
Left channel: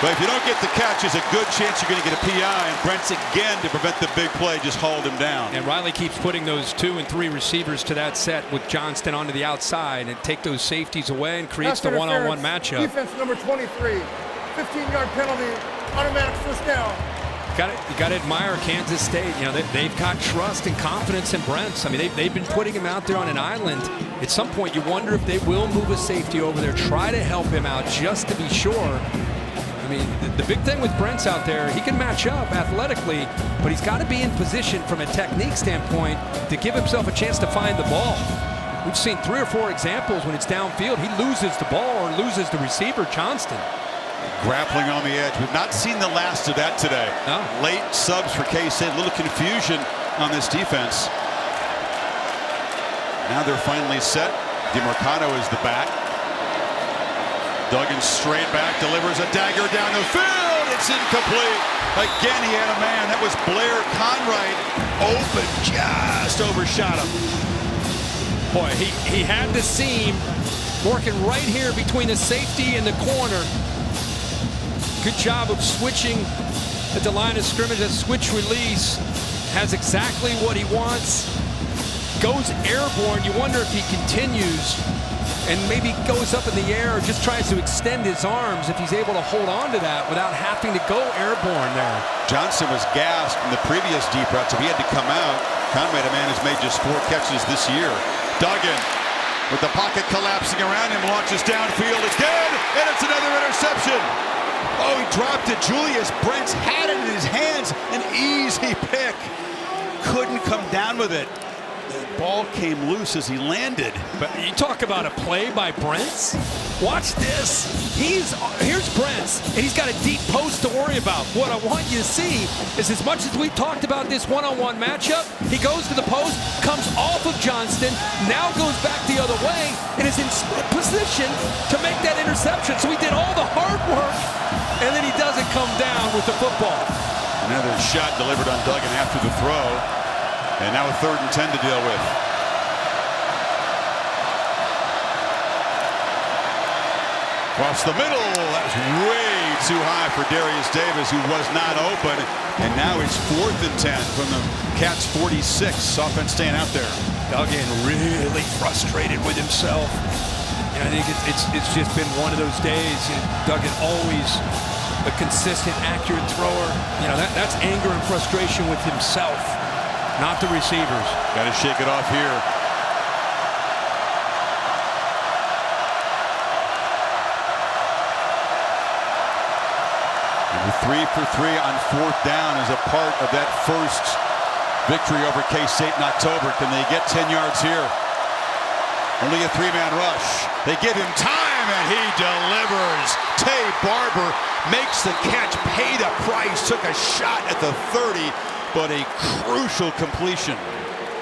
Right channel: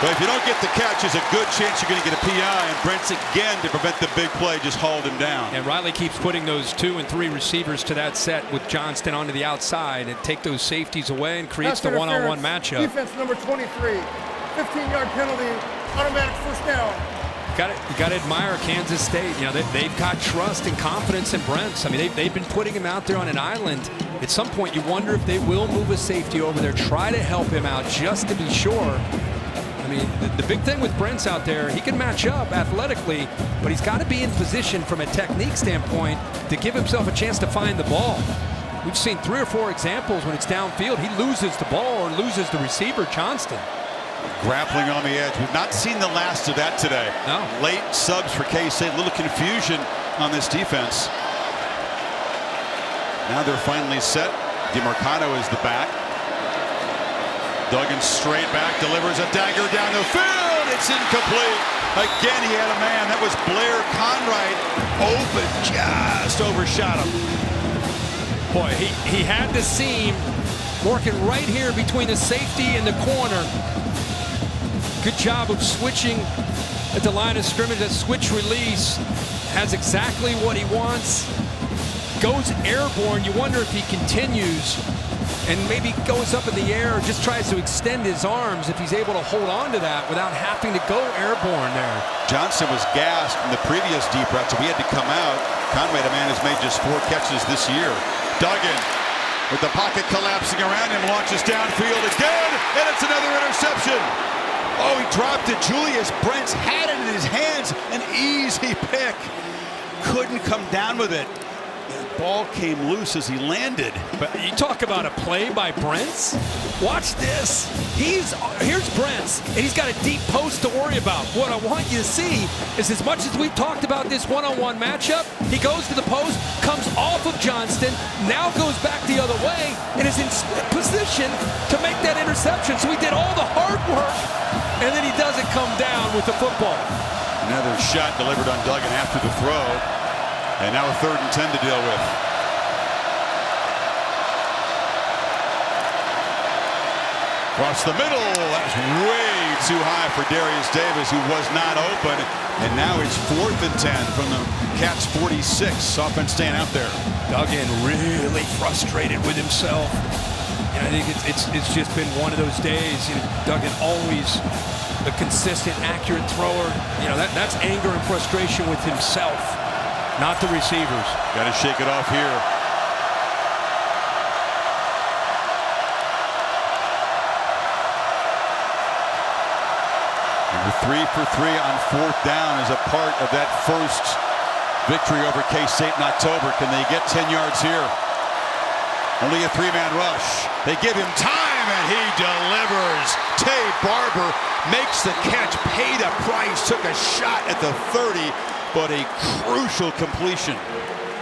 But if you don't get the catch, there's a good chance you're going to get a PI, and Brents again, to prevent the big play, just hauled him down. And Riley keeps putting those 2 and 3 receivers to that set with Johnston onto the outside and take those safeties away and creates the one-on-one matchup. Defense number 23. 15-yard penalty, automatic first down. You got to admire Kansas State. You know, they've got trust and confidence in Brents. I mean, they've been putting him out there on an island. At some point, you wonder if they will move a safety over there, try to help him out just to be sure. I mean, the big thing with Brents out there, he can match up athletically, but he's got to be in position from a technique standpoint to give himself a chance to find the ball. We've seen 3 or 4 examples when it's downfield, he loses the ball or loses the receiver, Johnston. Grappling on the edge. We've not seen the last of that today. No. Late subs for K-State. A little confusion on this defense. Now they're finally set. DeMarcano is the back. Duggan straight back, delivers a dagger down the field. It's incomplete. Again, he had a man. That was Blair Conright. Open, just overshot him. Boy, he had the seam working right here between the safety and the corner. Good job of switching at the line of scrimmage. That switch release has exactly what he wants. Goes airborne. You wonder if he continues and maybe goes up in the air or just tries to extend his arms if he's able to hold on to that without having to go airborne there. Johnson was gassed in the previous deep route, so he had to come out. Conrad, a man who's made just 4 catches this year. Duggan with the pocket collapsing around him, launches downfield again, and it's another interception. Oh, he dropped it. Julius Brents had it in his hands. An easy pick. Couldn't come down with it. The ball came loose as he landed. But you talk about a play by Brents. Watch this. Here's Brents, and he's got a deep post to worry about. What I want you to see is, as much as we talked about this one-on-one matchup, he goes to the post, comes off of Johnston, now goes back the other way, and is in position to make that interception. So he did all the hard work, and then he doesn't come down with the football. Another shot delivered on Duggan after the throw. And now a 3rd and 10 to deal with. Across the middle. That's way too high for Darius Davis, who was not open. And now it's 4th and 10 from the Cats 46. Offense staying out there. Duggan really frustrated with himself. You know, I think it's just been one of those days. You know, Duggan always a consistent, accurate thrower. You know, that's anger and frustration with himself, not the receivers. Got to shake it off here. Number 3 for 3 on 4th down is a part of that first victory over K-State in October. Can they get 10 yards here? Only a 3-man rush. They give him time, and he delivers. Tay Barber makes the catch, paid a price, took a shot at the 30, but a crucial completion.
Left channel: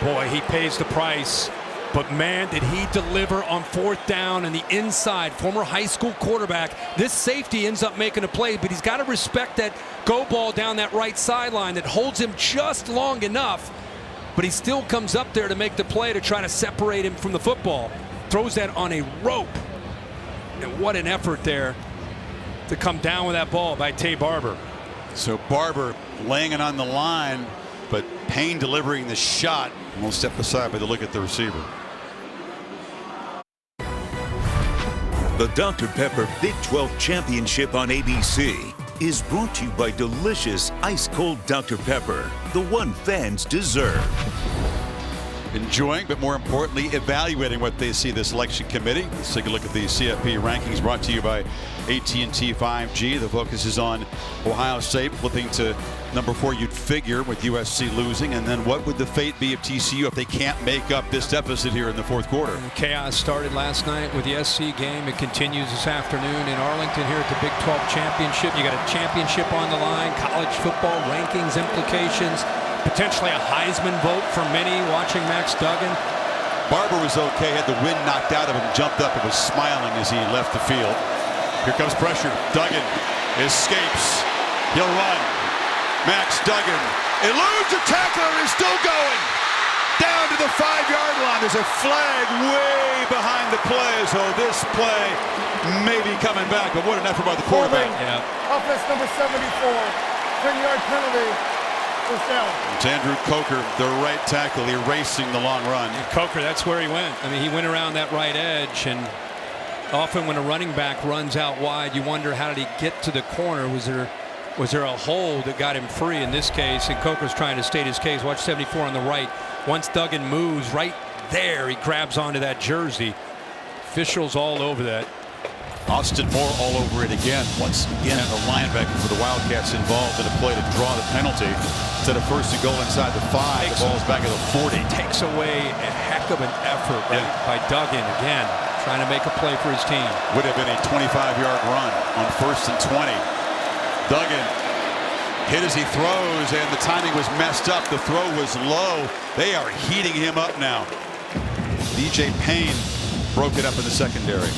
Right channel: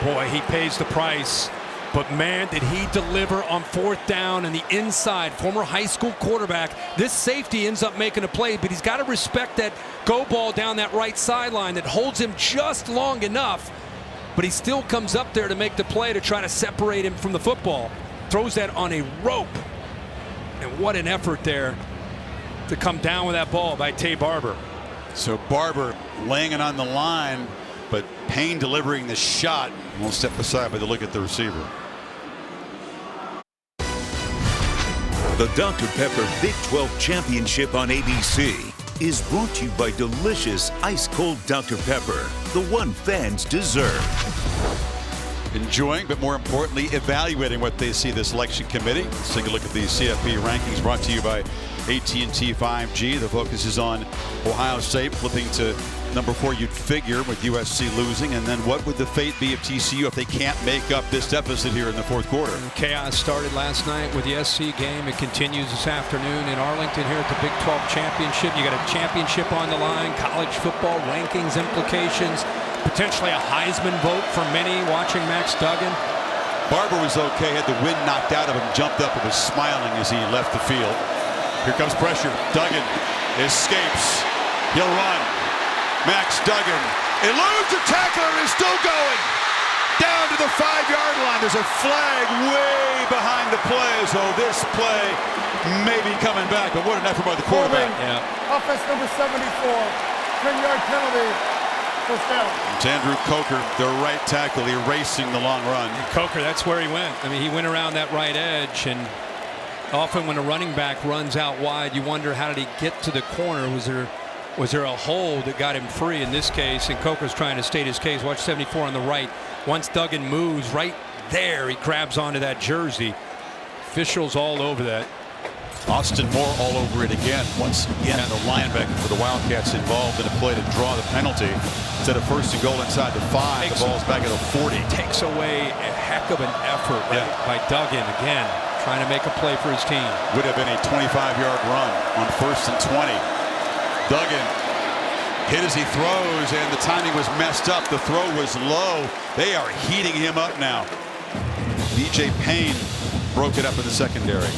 Boy, he pays the price. But man, did he deliver on 4th down and the inside. Former high school quarterback. This safety ends up making a play, but he's got to respect that go ball down that right sideline that holds him just long enough. But he still comes up there to make the play to try to separate him from the football. Throws that on a rope. And what an effort there to come down with that ball by Tay Barber. So Barber laying it on the line, but Payne delivering the shot. And we'll step aside by the look at the receiver. The Dr. Pepper Big 12 Championship on ABC is brought to you by delicious ice-cold Dr. Pepper, the one fans deserve. Enjoying, but more importantly, evaluating what they see the selection committee. Let's take a look at the CFP rankings brought to you by AT&T 5G. The focus is on Ohio State flipping to number 4, you'd figure, with USC losing. And then what would the fate be of TCU if they can't make up this deficit here in the fourth quarter? And chaos started last night with the SC game. It continues this afternoon in Arlington here at the Big 12 Championship. You got a championship on the line, college football rankings implications, potentially a Heisman vote for many watching Max Duggan. Barber was okay, had the wind knocked out of him, jumped up and was smiling as he left the field. Here comes pressure. Duggan escapes. He'll run. Max Duggan eludes a tackler and is still going down to the 5-yard line. There's a flag way behind the play, so this play may be coming back, but what an effort by the quarterback. Yeah. Offense number 74, 10-yard penalty. First down. It's Andrew Coker, the right tackle, erasing the long run. And Coker, that's where he went. I mean, he went around that right edge, and often when a running back runs out wide, you wonder, how did he get to the corner? Was there a hole that got him free in this case? And Coker's trying to state his case. Watch 74 on the right. Once Duggan moves right there, he grabs onto that jersey. Officials all over that. Austin Moore all over it again. Once again, the linebacker for the Wildcats involved in a play to draw the penalty. Instead of 1st and goal inside the 5, the ball's back at the 40. Takes away a heck of an effort by Duggan again, trying to make a play for his team. Would have been a 25-yard run on 1st and 20. Duggan hit as he throws, and the timing was messed up. The throw was low. They are heating him up now. DJ Payne broke it up in the secondary.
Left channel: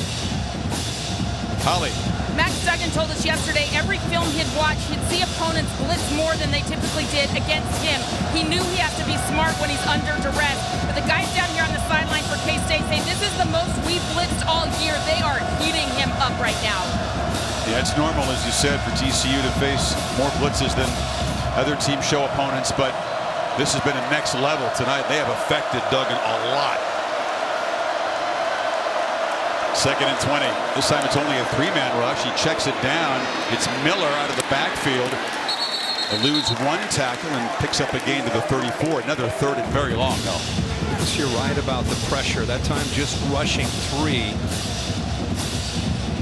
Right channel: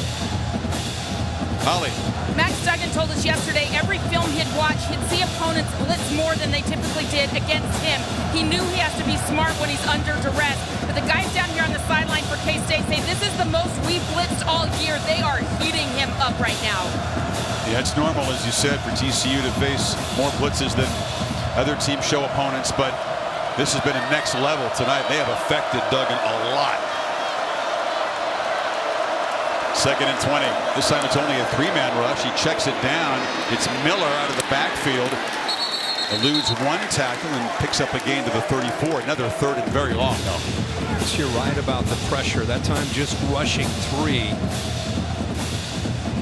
Holly. Max Duggan told us yesterday every film he'd watch, he'd see opponents blitz more than they typically did against him. He knew he has to be smart when he's under duress. But the guys down here on the sideline for K-State saying this is the most we've blitzed all year. They are heating him up right now. Yeah, it's normal, as you said, for TCU to face more blitzes than other teams show opponents, but this has been a next level tonight. They have affected Duggan a lot. 2nd and 20. This time it's only a 3-man rush. He checks it down. It's Miller out of the backfield. Eludes one tackle and picks up a gain to the 34. Another 3rd and very long, though. Yes, you're right about the pressure. That time just rushing 3.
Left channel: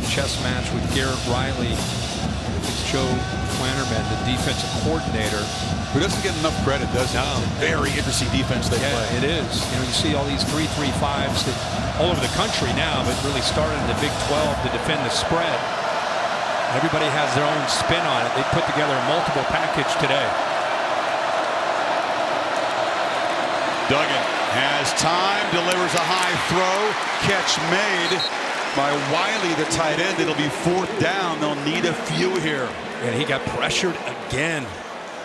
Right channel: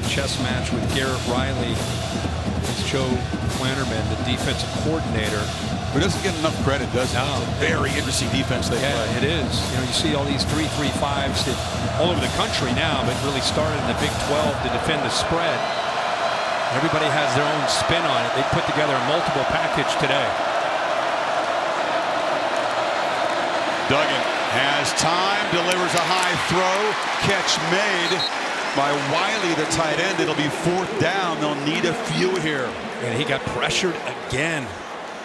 Chess match with Garrett Riley. It's Joe Flannerman, the defensive coordinator. Who doesn't get enough credit, does he? No. It's a very interesting defense they play. Yeah, it is. You know, you see all these 3-3-5s that all over the country now, but really started in the Big 12 to defend the spread. Everybody has their own spin on it. They put together a multiple package today. Duggan has time, delivers a high throw, catch made by Wiley, the tight end. It'll be 4th down. They'll need a few here. And he got pressured again.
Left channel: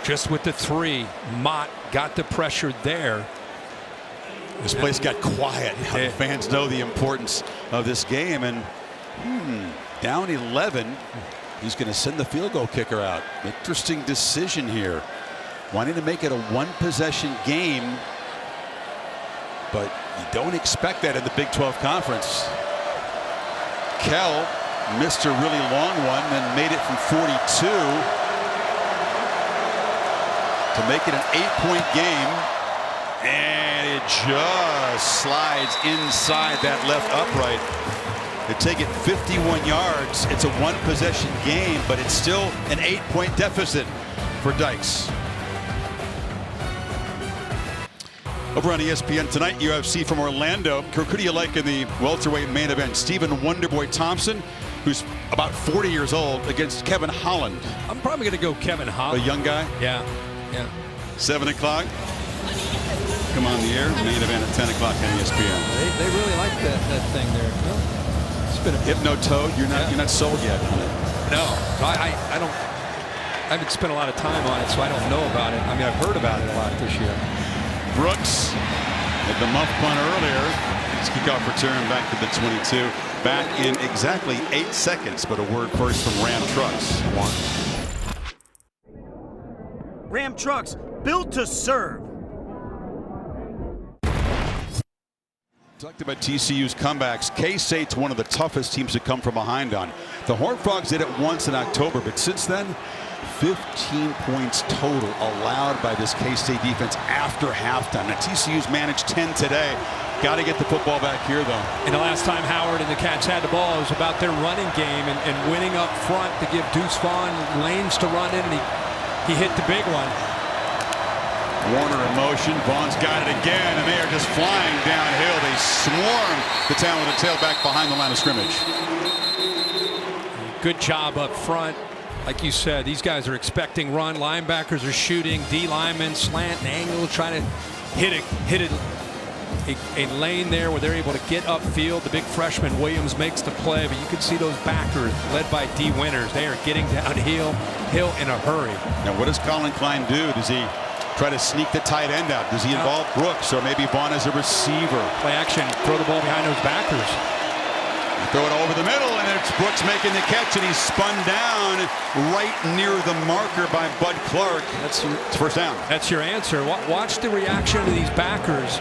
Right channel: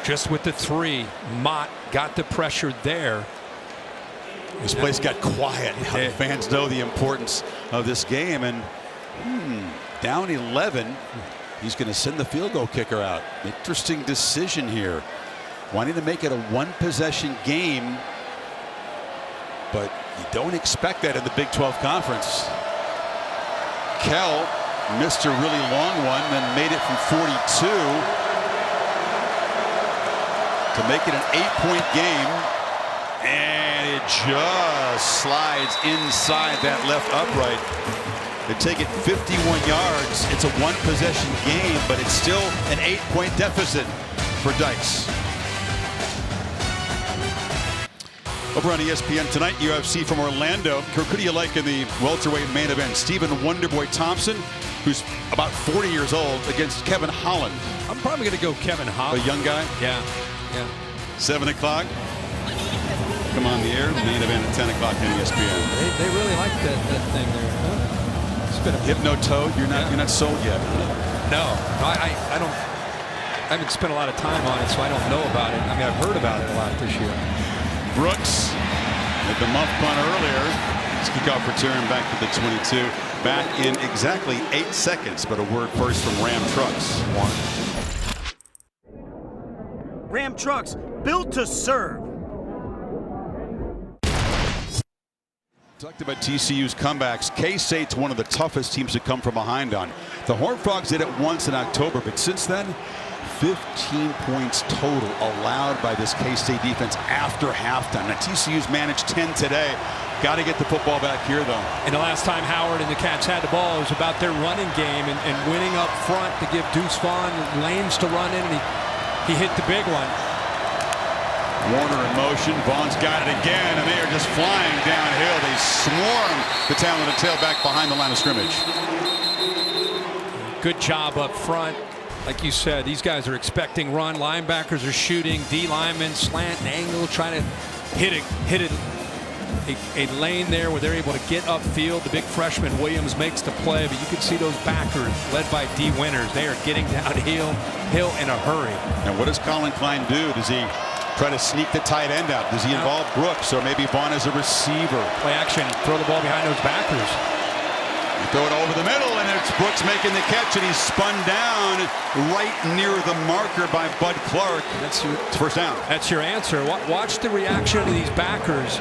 Just with the 3, Mott got the pressure there. This place got quiet. The fans know the importance of this game, and down 11. He's going to send the field goal kicker out. Interesting decision here. Wanting to make it a 1-possession game, but you don't expect that in the Big 12 Conference. Kell missed a really long one, then made it from 42. To make it an 8-point game, and it just slides inside that left upright. They take it 51 yards. It's a 1-possession game, but it's still an 8-point deficit for Dykes. Over on ESPN tonight, UFC from Orlando. Who do you like in the welterweight main event? Stephen Wonderboy Thompson, who's about 40 years old, against Kevin Holland. I'm probably going to go Kevin Holland. A young guy? Yeah. 7 o'clock. Come on the air. Main event at 10 o'clock on ESPN. They really like that thing there, huh? It's been a Hypnotoad. You're not sold yet on it. No, I don't. I haven't spent a lot of time on it, so I don't know about it. I mean, I've heard about it a lot this year. Brooks had the muff punt earlier. His kickoff return back to the 22. Back in exactly 8 seconds, but a word first from Ram Trucks. 1. Ram trucks built to serve. Talked about TCU's comebacks. K-State's one of the toughest teams to come from behind on. The Horned Frogs did it once in October, but since then, 15 points total allowed by this K-State defense after halftime. Now TCU's managed 10 today. Got to get the football back here, though. And the last time Howard and the Cats had the ball, it was about their running game and winning up front to give Deuce Vaughn lanes to run in, and he hit the big one. Warner in motion. Vaughn's got it again, and they are just flying downhill. They swarm the talented tailback behind the line of scrimmage. Good job up front. Like you said, these guys are expecting run. Linebackers are shooting. D linemen slant and angle, trying to hit a lane there where they're able to get upfield. The big freshman Williams makes the play, but you can see those backers led by D Winters. They are getting downhill in a hurry. And what does Colin Klein do? Does he try to sneak the tight end out? Does he involve Brooks or maybe Vaughn as a receiver? Play action, throw the ball behind those backers. You throw it over the middle, and it's Brooks making the catch, and he's spun down right near the marker by Bud Clark. It's first down. That's your answer. Watch the reaction of these backers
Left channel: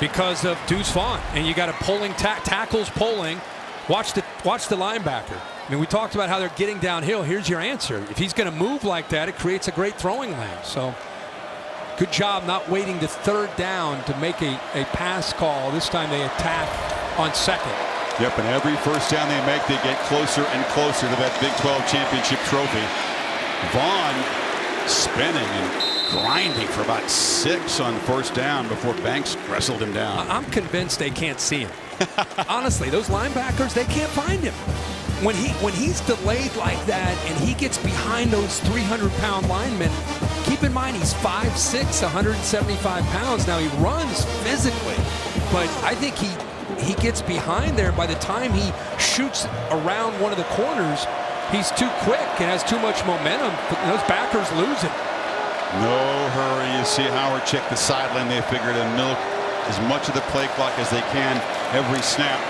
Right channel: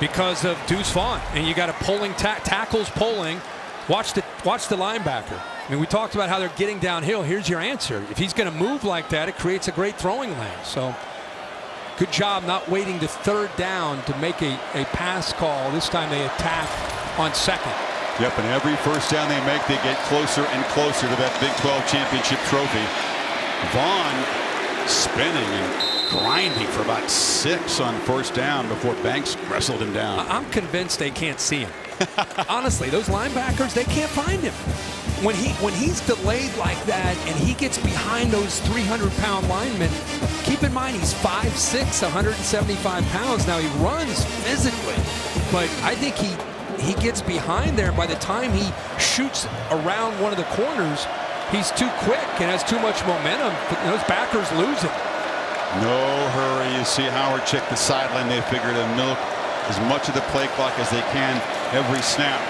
because of Deuce Vaughn, and you got a pulling tackles pulling. Watch the linebacker. I mean, we talked about how they're getting downhill. Here's your answer. If he's going to move like that, it creates a great throwing lane. So good job not waiting to third down to make a pass call. This time they attack on second. Yep, and every first down they make, they get closer and closer to that Big 12 championship trophy. Vaughn spinning and grinding for about 6 on first down before Banks wrestled him down. I'm convinced they can't see him. Honestly, those linebackers, they can't find him. When he's delayed like that and he gets behind those 300-pound linemen, keep in mind he's 5'6", 175 pounds. Now he runs physically, but I think he gets behind there, and by the time he shoots around one of the corners, he's too quick and has too much momentum. Those backers lose it. No hurry. You see Howard check the sideline. They figure to milk as much of the play clock as they can every snap.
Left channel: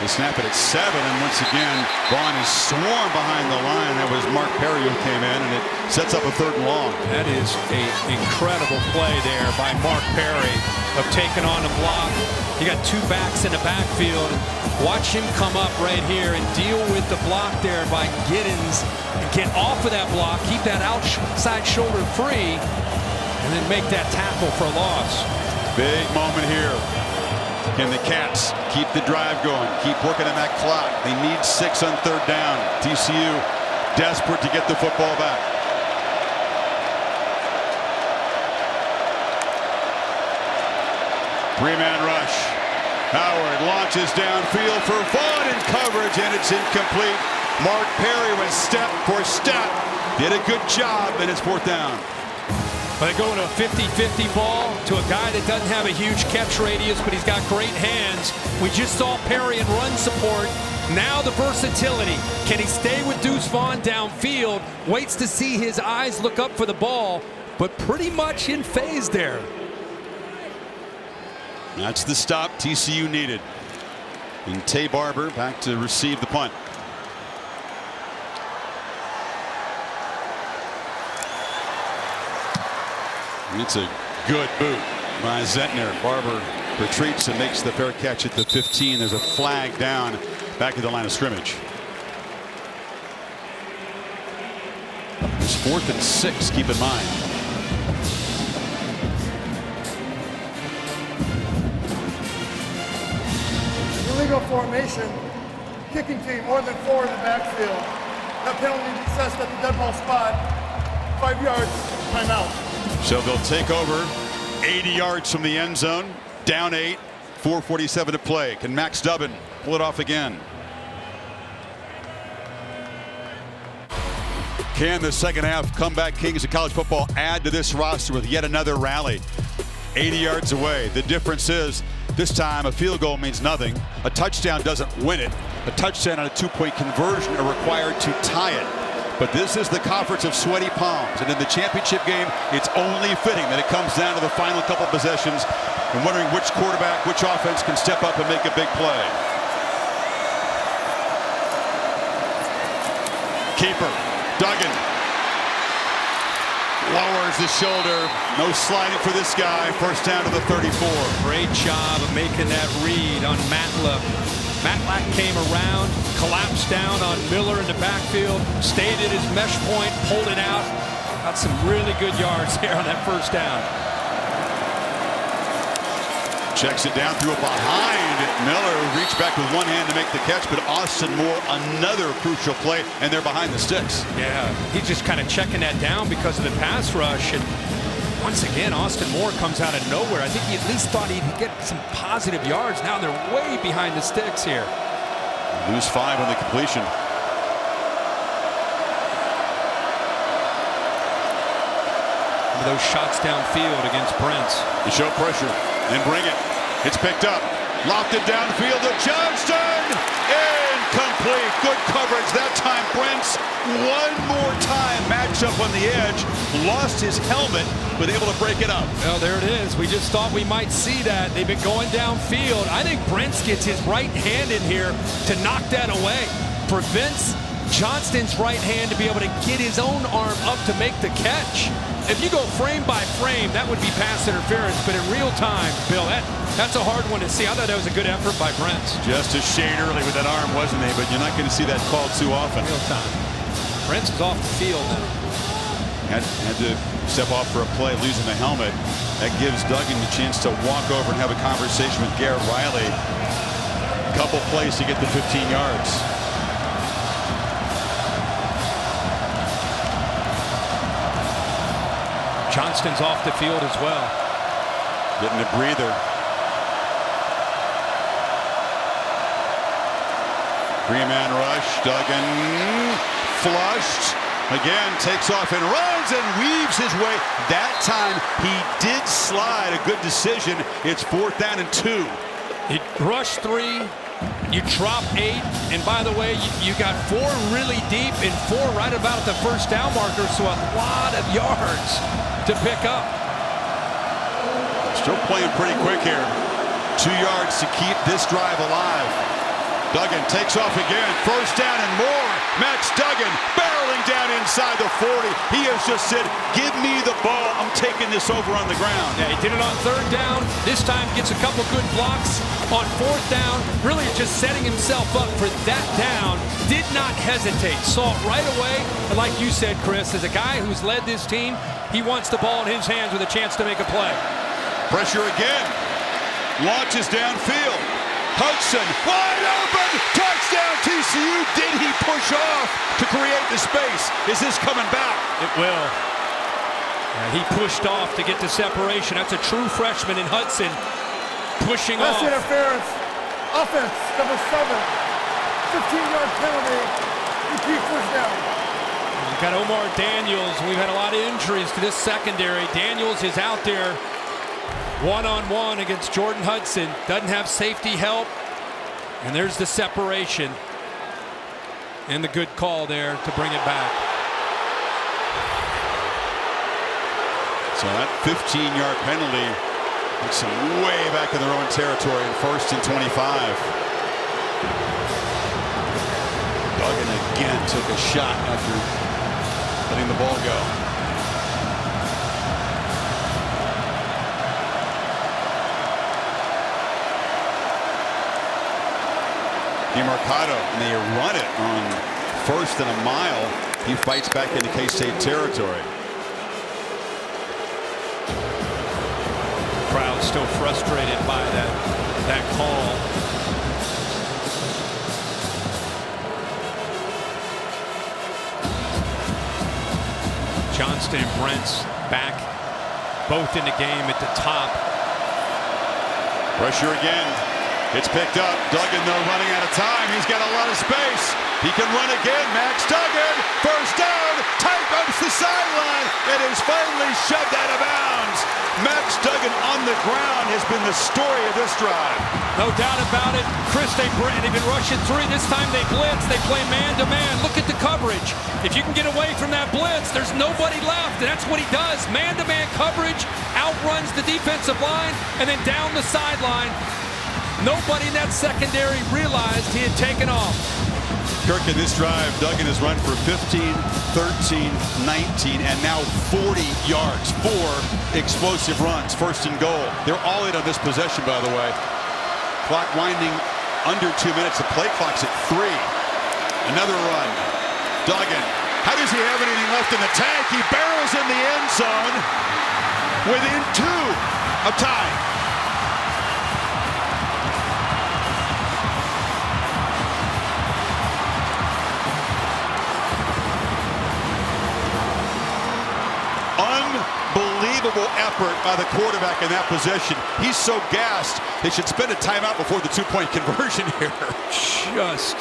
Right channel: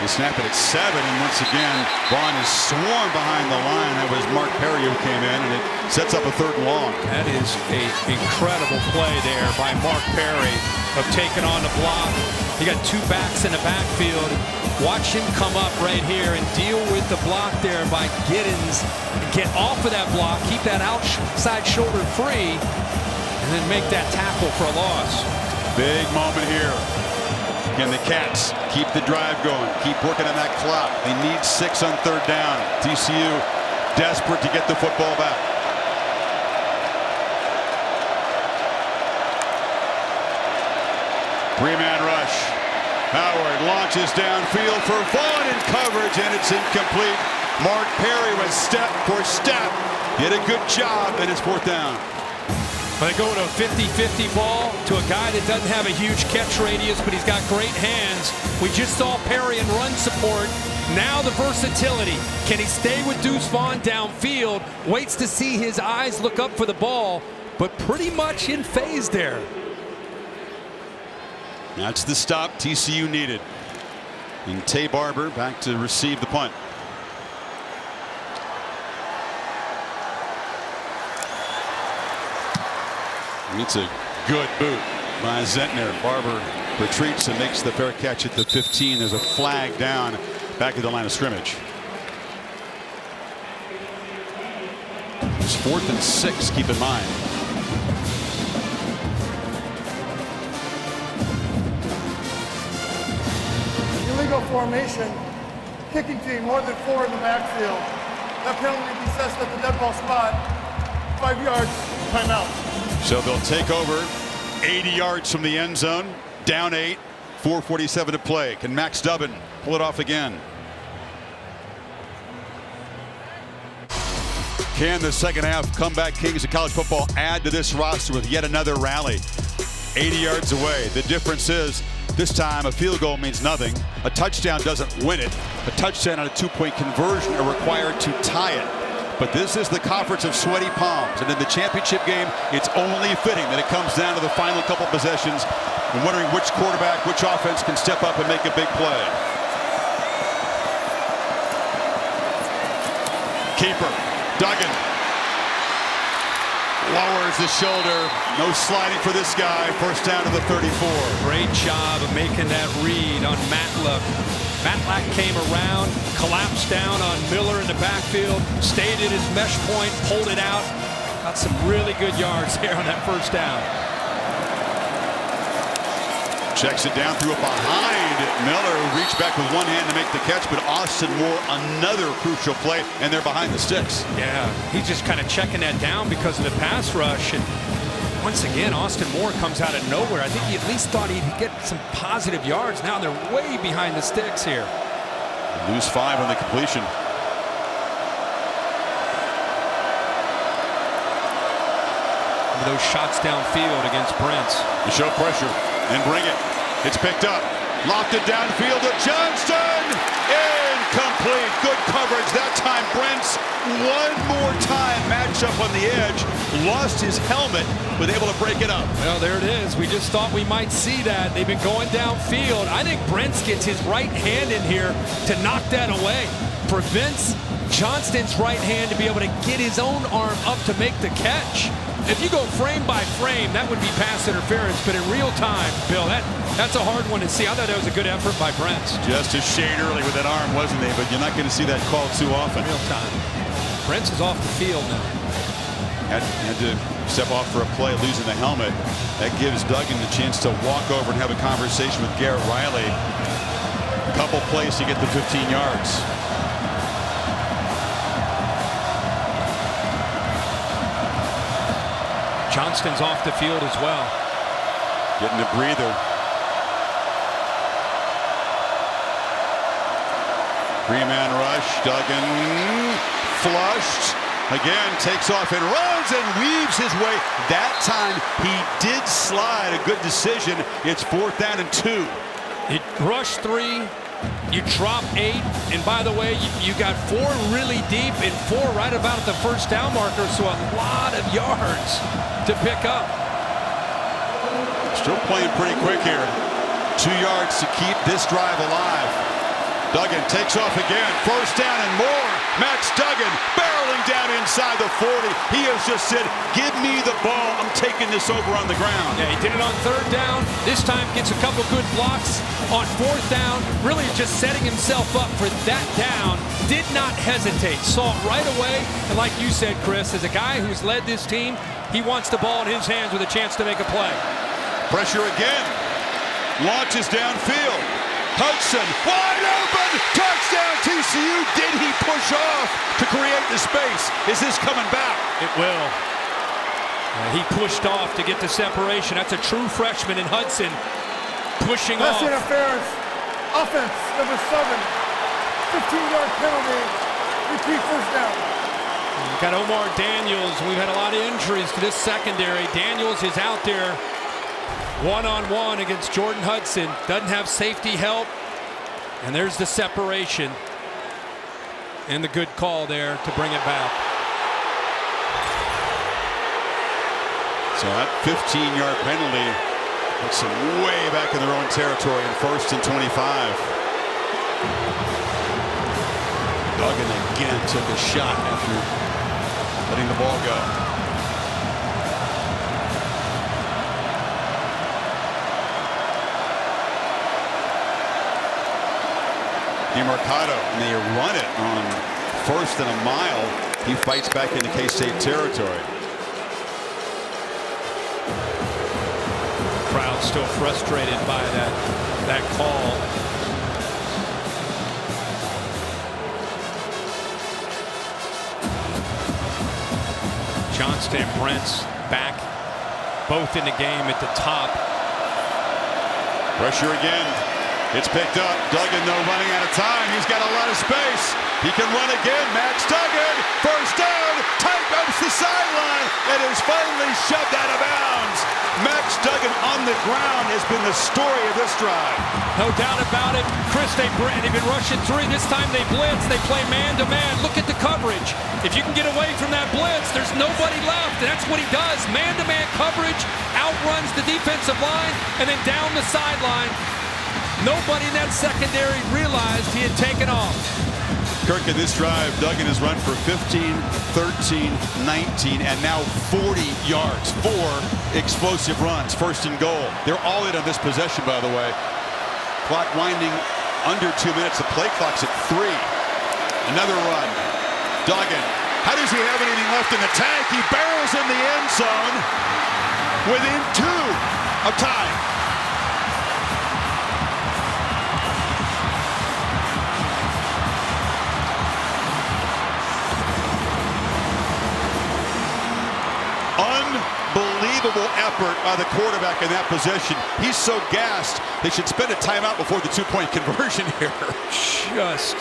They snap it at 7, and once again, Vaughn is swarmed behind the line. That was Mark Perry who came in, and it sets up a 3rd and long. That is an incredible play there by Mark Perry of taking on the block. You got 2 backs in the backfield, and watch him come up right here and deal with the block there by Giddens and get off of that block, keep that outside shoulder free, and then make that tackle for a loss. Big moment here. Can the Cats keep the drive going, keep working on that clock? They need 6 on 3rd down. TCU desperate to get the football back. Three-man rush. Howard launches downfield for Vaughn in coverage, and it's incomplete. Mark Perry was step for step. Did a good job, and it's 4th down. Well, they go to a 50-50 ball to a guy that doesn't have a huge catch radius, but he's got great hands. We just saw Perry in run support. Now the versatility. Can he stay with Deuce Vaughn downfield? Waits to see his eyes look up for the ball, but pretty much in phase there. That's the stop TCU needed. And Tay Barber back to receive the punt. It's a good boot by Zentner. Barber retreats and makes the fair catch at the 15. There's a flag down back at the line of scrimmage. There's 4th and 6, keep in mind. Illegal formation, kicking team, more than 4 in the backfield. That penalty be assessed at the dead ball spot. 5 yards, timeout. So they'll take over 80 yards from the end zone, down 8, 4:47 to play. Can Max Dubin pull it off again? Can the second half comeback kings of college football add to this roster with yet another rally? 80 yards away. The difference is this time a field goal means nothing. A touchdown doesn't win it. A touchdown and a 2-point conversion are required to tie it. But this is the conference of sweaty palms, and in the championship game, it's only fitting that it comes down to the final couple possessions and wondering which quarterback, which offense can step up and make a big play. Keeper, Duggan. Lowers the shoulder. No sliding for this guy. First down to the 34. Great job of making that read on Matlack. Matlack came around, collapsed down on Miller in the backfield, stayed at his mesh point, pulled it out. Got some really good yards there on that first down. Checks it down, threw it behind Miller, who reached back with one hand to make the catch, but Austin Moore, another crucial play, and they're behind the sticks. Yeah, he's just kind of checking that down because of the pass rush. And once again, Austin Moore comes out of nowhere. I think he at least thought he'd get some positive yards. Now they're way behind the sticks here. Lose 5 on the completion. Those shots downfield against Brents. To show pressure and bring it. It's picked up. Lofted downfield to Johnston. Incomplete. Good coverage that time. Brents one more time. Match up on the edge. Lost his helmet, but able to break it up. Well, there it is. We just thought we might see that. They've been going downfield. I think Brents gets his right hand in here to knock that away. Prevents Johnston's right hand to be able to get his own arm up to make the catch. If you go frame by frame, that would be pass interference. But in real time, Bill, that's a hard one to see. I thought that was a good effort by Brents. Just a shade early with that arm, wasn't he? But you're not going to see that called too often. Real time. Brents is off the field now. Had to step off for a play, losing the helmet. That gives Duggan the chance to walk over and have a conversation with Garrett Riley. Couple plays to get the 15 yards. Johnston's off the field as well. Getting a breather. Three-man rush. Duggan flushed. Again, takes off and runs and weaves his way. That time he did slide. A good decision. It's 4th down and 2. You rush 3. You drop 8, and by the way, you got 4 really deep and 4 right about at the first down marker, so a lot of yards to pick up. Still playing pretty quick here. 2 yards to keep this drive alive. Duggan takes off again. First down and more. Max Duggan barreling down inside the 40. He has just said, give me the ball. I'm taking this over on the ground. Yeah, he did it on 3rd down. This time gets a couple good blocks on 4th down. Really just setting himself up for that down. Did not hesitate. Saw it right away. And like you said, Chris, as a guy who's led this team, he wants the ball in his hands with a chance to make a play. Pressure again. Launches downfield. Hudson wide open. Touchdown TCU. Did he push off to create the space? Is this coming back? It will. He pushed off to get the separation. That's a true freshman in Hudson pushing off. Pass interference. Offense number 7. 15-yard penalty. Repeat first down. We've got Omar Daniels. We've had a lot of injuries to this secondary. Daniels is out there one-on-one against Jordan Hudson. Doesn't have safety help. And there's the separation. And the good call there to bring it back. So that 15-yard penalty puts them way back in their own territory in 1st and 25. Duggan again took a shot after letting the ball go. DeMarcado, and they run it on 1st and a mile. He fights back into K-State territory. The crowd still frustrated by that call. Johnston and Brents back both in the game at the top. Pressure again. It's picked up. Duggan, though, running out of time. He's got a lot of space. He can run again. Max Duggan, first down, tight ropes the sideline, and is finally shoved out of bounds. Max Duggan on the ground has been the story of this drive. No doubt about it. Chris, they've been rushing 3. This time they blitz. They play man-to-man. Look at the coverage. If you can get away from that blitz, there's nobody left, and that's what he does. Man-to-man coverage, outruns the defensive line, and then down the sideline. Nobody in that secondary realized he had taken off. Kirk, in this drive, Duggan has run for 15, 13, 19, and now 40 yards. 4 explosive runs, first and goal. They're all in on this possession, by the way. Clock winding under 2 minutes. The play clock's at 3. Another run. Duggan. How does he have anything left in the tank? He barrels in the end zone within 2 of tying. Unbelievable effort by the quarterback in that position. He's so gassed, they should spend a timeout before the 2-point conversion here. Just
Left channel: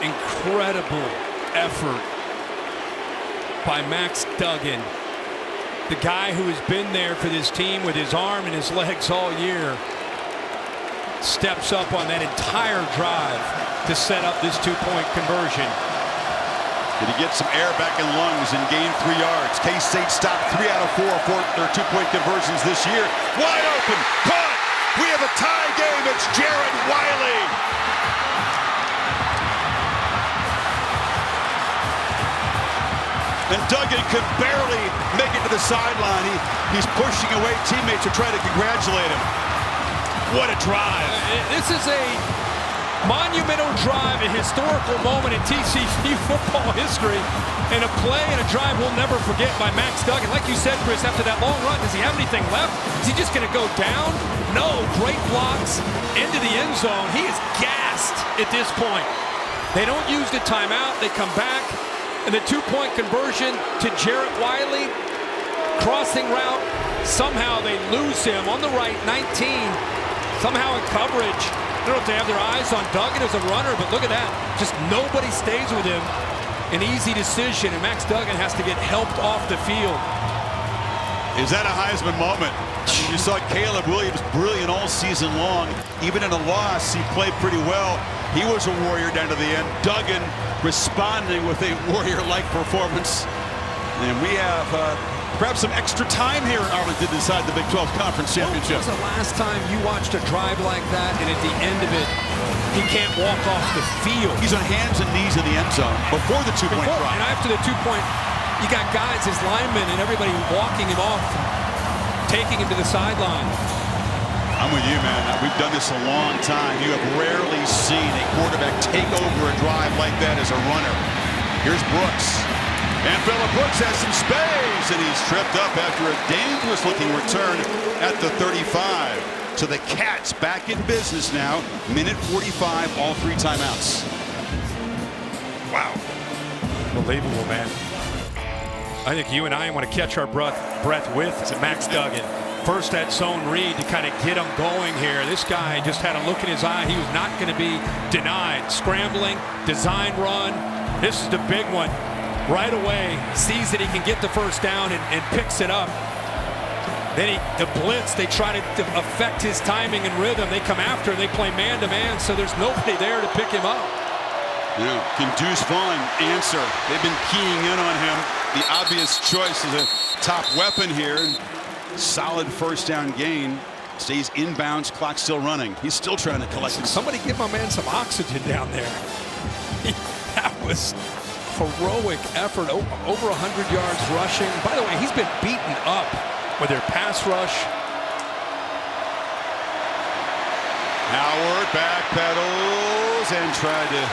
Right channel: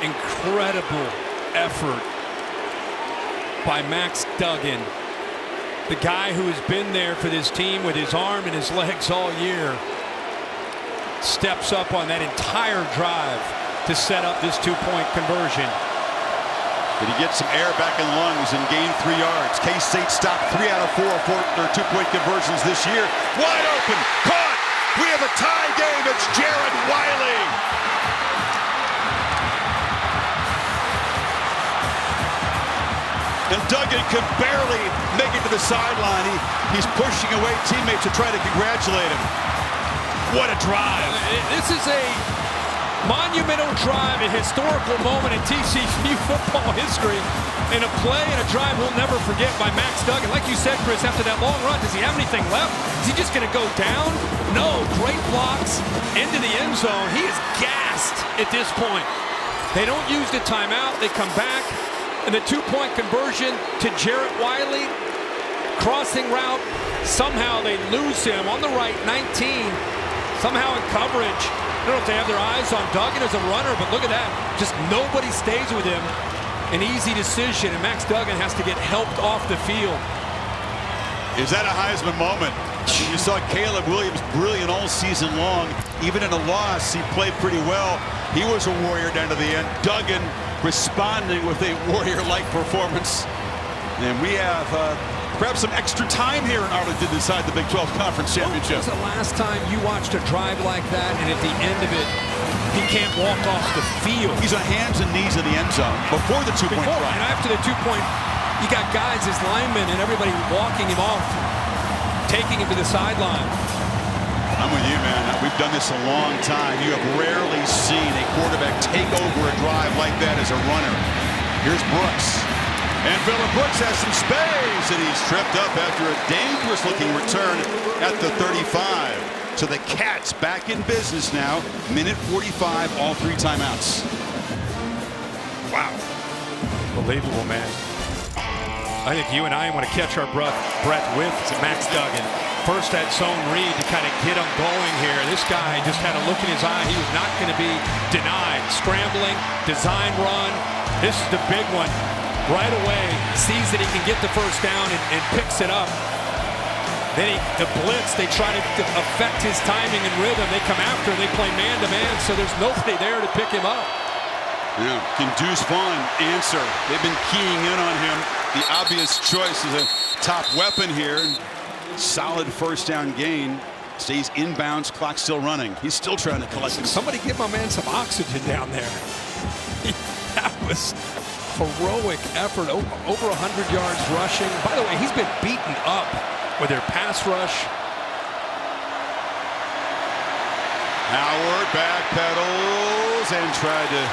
incredible effort by Max Duggan. The guy who has been there for this team with his arm and his legs all year steps up on that entire drive to set up this 2-point conversion. Did he get some air back in lungs and gain 3 yards? K-State stopped 3 out of 4 for their 2-point conversions this year. Wide open, caught. We have a tie game. It's Jared Wiley. And Duggan can barely make it to the sideline. He's pushing away teammates to try to congratulate him. What a drive. This is a monumental drive, a historical moment in TCU football history, and a play and a drive we'll never forget by Max Duggan. Like you said, Chris, after that long run, does he have anything left? Is he just going to go down? No, great blocks into the end zone. He is gassed at this point. They don't use the timeout. They come back, and the 2-point conversion to Jarrett Wiley, crossing route. Somehow they lose him on the right, 19, somehow in coverage. I don't know if they have their eyes on Duggan as a runner, but look at that. Just nobody stays with him. An easy decision, and Max Duggan has to get helped off the field. Is that a Heisman moment? I mean, you saw Caleb Williams brilliant all season long. Even in a loss, he played pretty well. He was a warrior down to the end. Duggan responding with a warrior-like performance. And we have perhaps some extra time here in Arlington to decide the Big 12 Conference Championship. When was the last time you watched a drive like that, and at the end of it, he can't walk off the field? He's on hands and knees in the end zone before the 2-point drive. And after the 2-point, you got guys, his linemen, and everybody walking him off and taking him to the sideline. I'm with you, man. We've done this a long time. You have rarely seen a quarterback take over a drive like that as a runner. Here's Brooks. And Phillip Brooks has some space, and he's tripped up after a dangerous-looking return at the 35. So the Cats back in business now. Minute 45, all 3 timeouts. Wow. Unbelievable, man. I think you and I want to catch our breath with Max Duggan. First that zone read to kind of get him going here. This guy just had a look in his eye. He was not going to be denied. Scrambling, design run. This is the big one. Right away, sees that he can get the first down and picks it up. Then the blitz, they try to affect his timing and rhythm. They come after him, they play man-to-man, so there's nobody there to pick him up. Yeah, can Deuce Vaughn answer? They've been keying in on him. The obvious choice is a top weapon here. Solid first down gain. Stays inbounds, clock still running. He's still trying to collect him. Somebody give my man some oxygen down there. That was heroic effort, over 100 yards rushing. By the way, he's been beaten up with their pass rush. Howard backpedals and tried to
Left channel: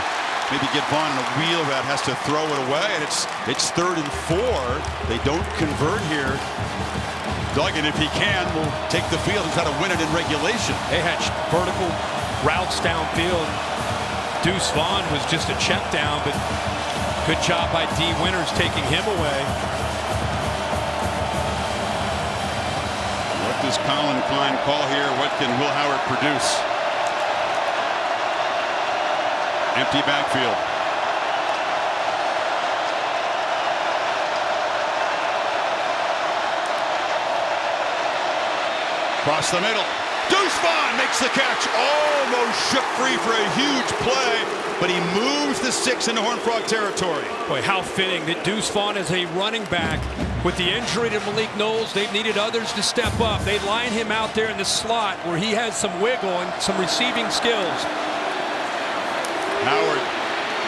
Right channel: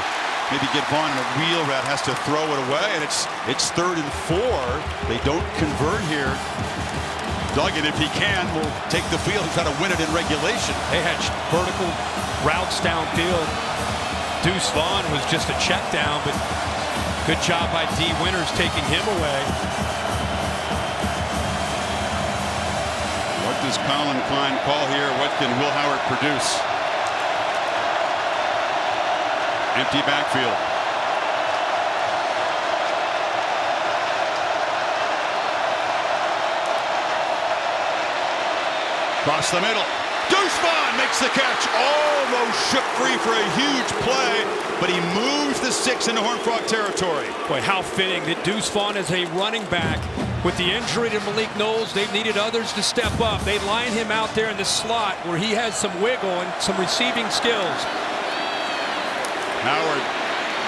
maybe get Vaughn in a wheel route, has to throw it away, and it's 3rd and 4. They don't convert here. Duggan, if he can, will take the field and try to win it in regulation. They had vertical routes downfield. Deuce Vaughn was just a check down, but good job by D. Winters taking him away. What does Colin Klein call here? What can Will Howard produce? Empty backfield. Across the middle. Deuce Vaughn makes the catch. Almost shook free for a huge play, but he moves the 6 into Horned Frog territory. Boy, how fitting that Deuce Vaughn is a running back. With the injury to Malik Knowles, they've needed others to step up. They line him out there in the slot where he has some wiggle and some receiving skills. Howard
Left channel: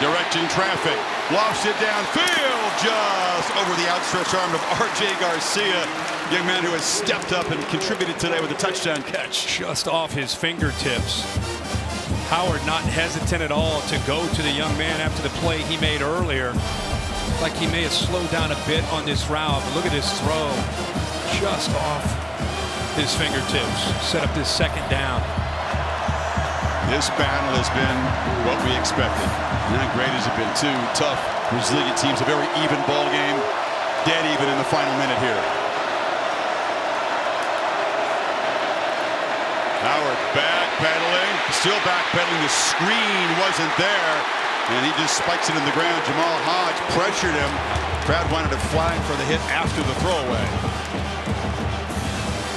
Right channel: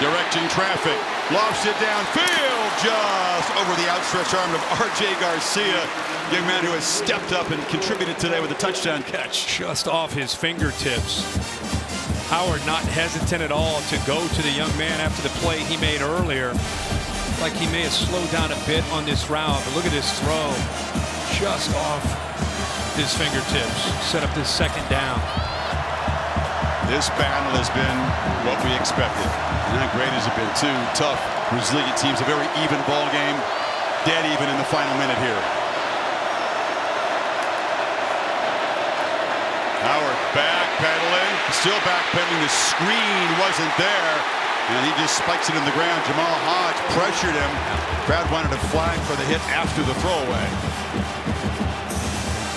directing traffic. Lofts it downfield, just over the outstretched arm of R.J. Garcia. Young man who has stepped up and contributed today with a touchdown catch. Just off his fingertips. Howard not hesitant at all to go to the young man after the play he made earlier. Like he may have slowed down a bit on this route, but look at his throw. Just off his fingertips. Set up this second down. This battle has been what we expected. And how great has it been? Two tough, resilient teams. A very even ball game. Dead even in the final minute here. Howard backpedaling, still backpedaling. The screen wasn't there, and he just spikes it in the ground. Jamal Hodge pressured him. Crowd wanted a flag for the hit after the throwaway.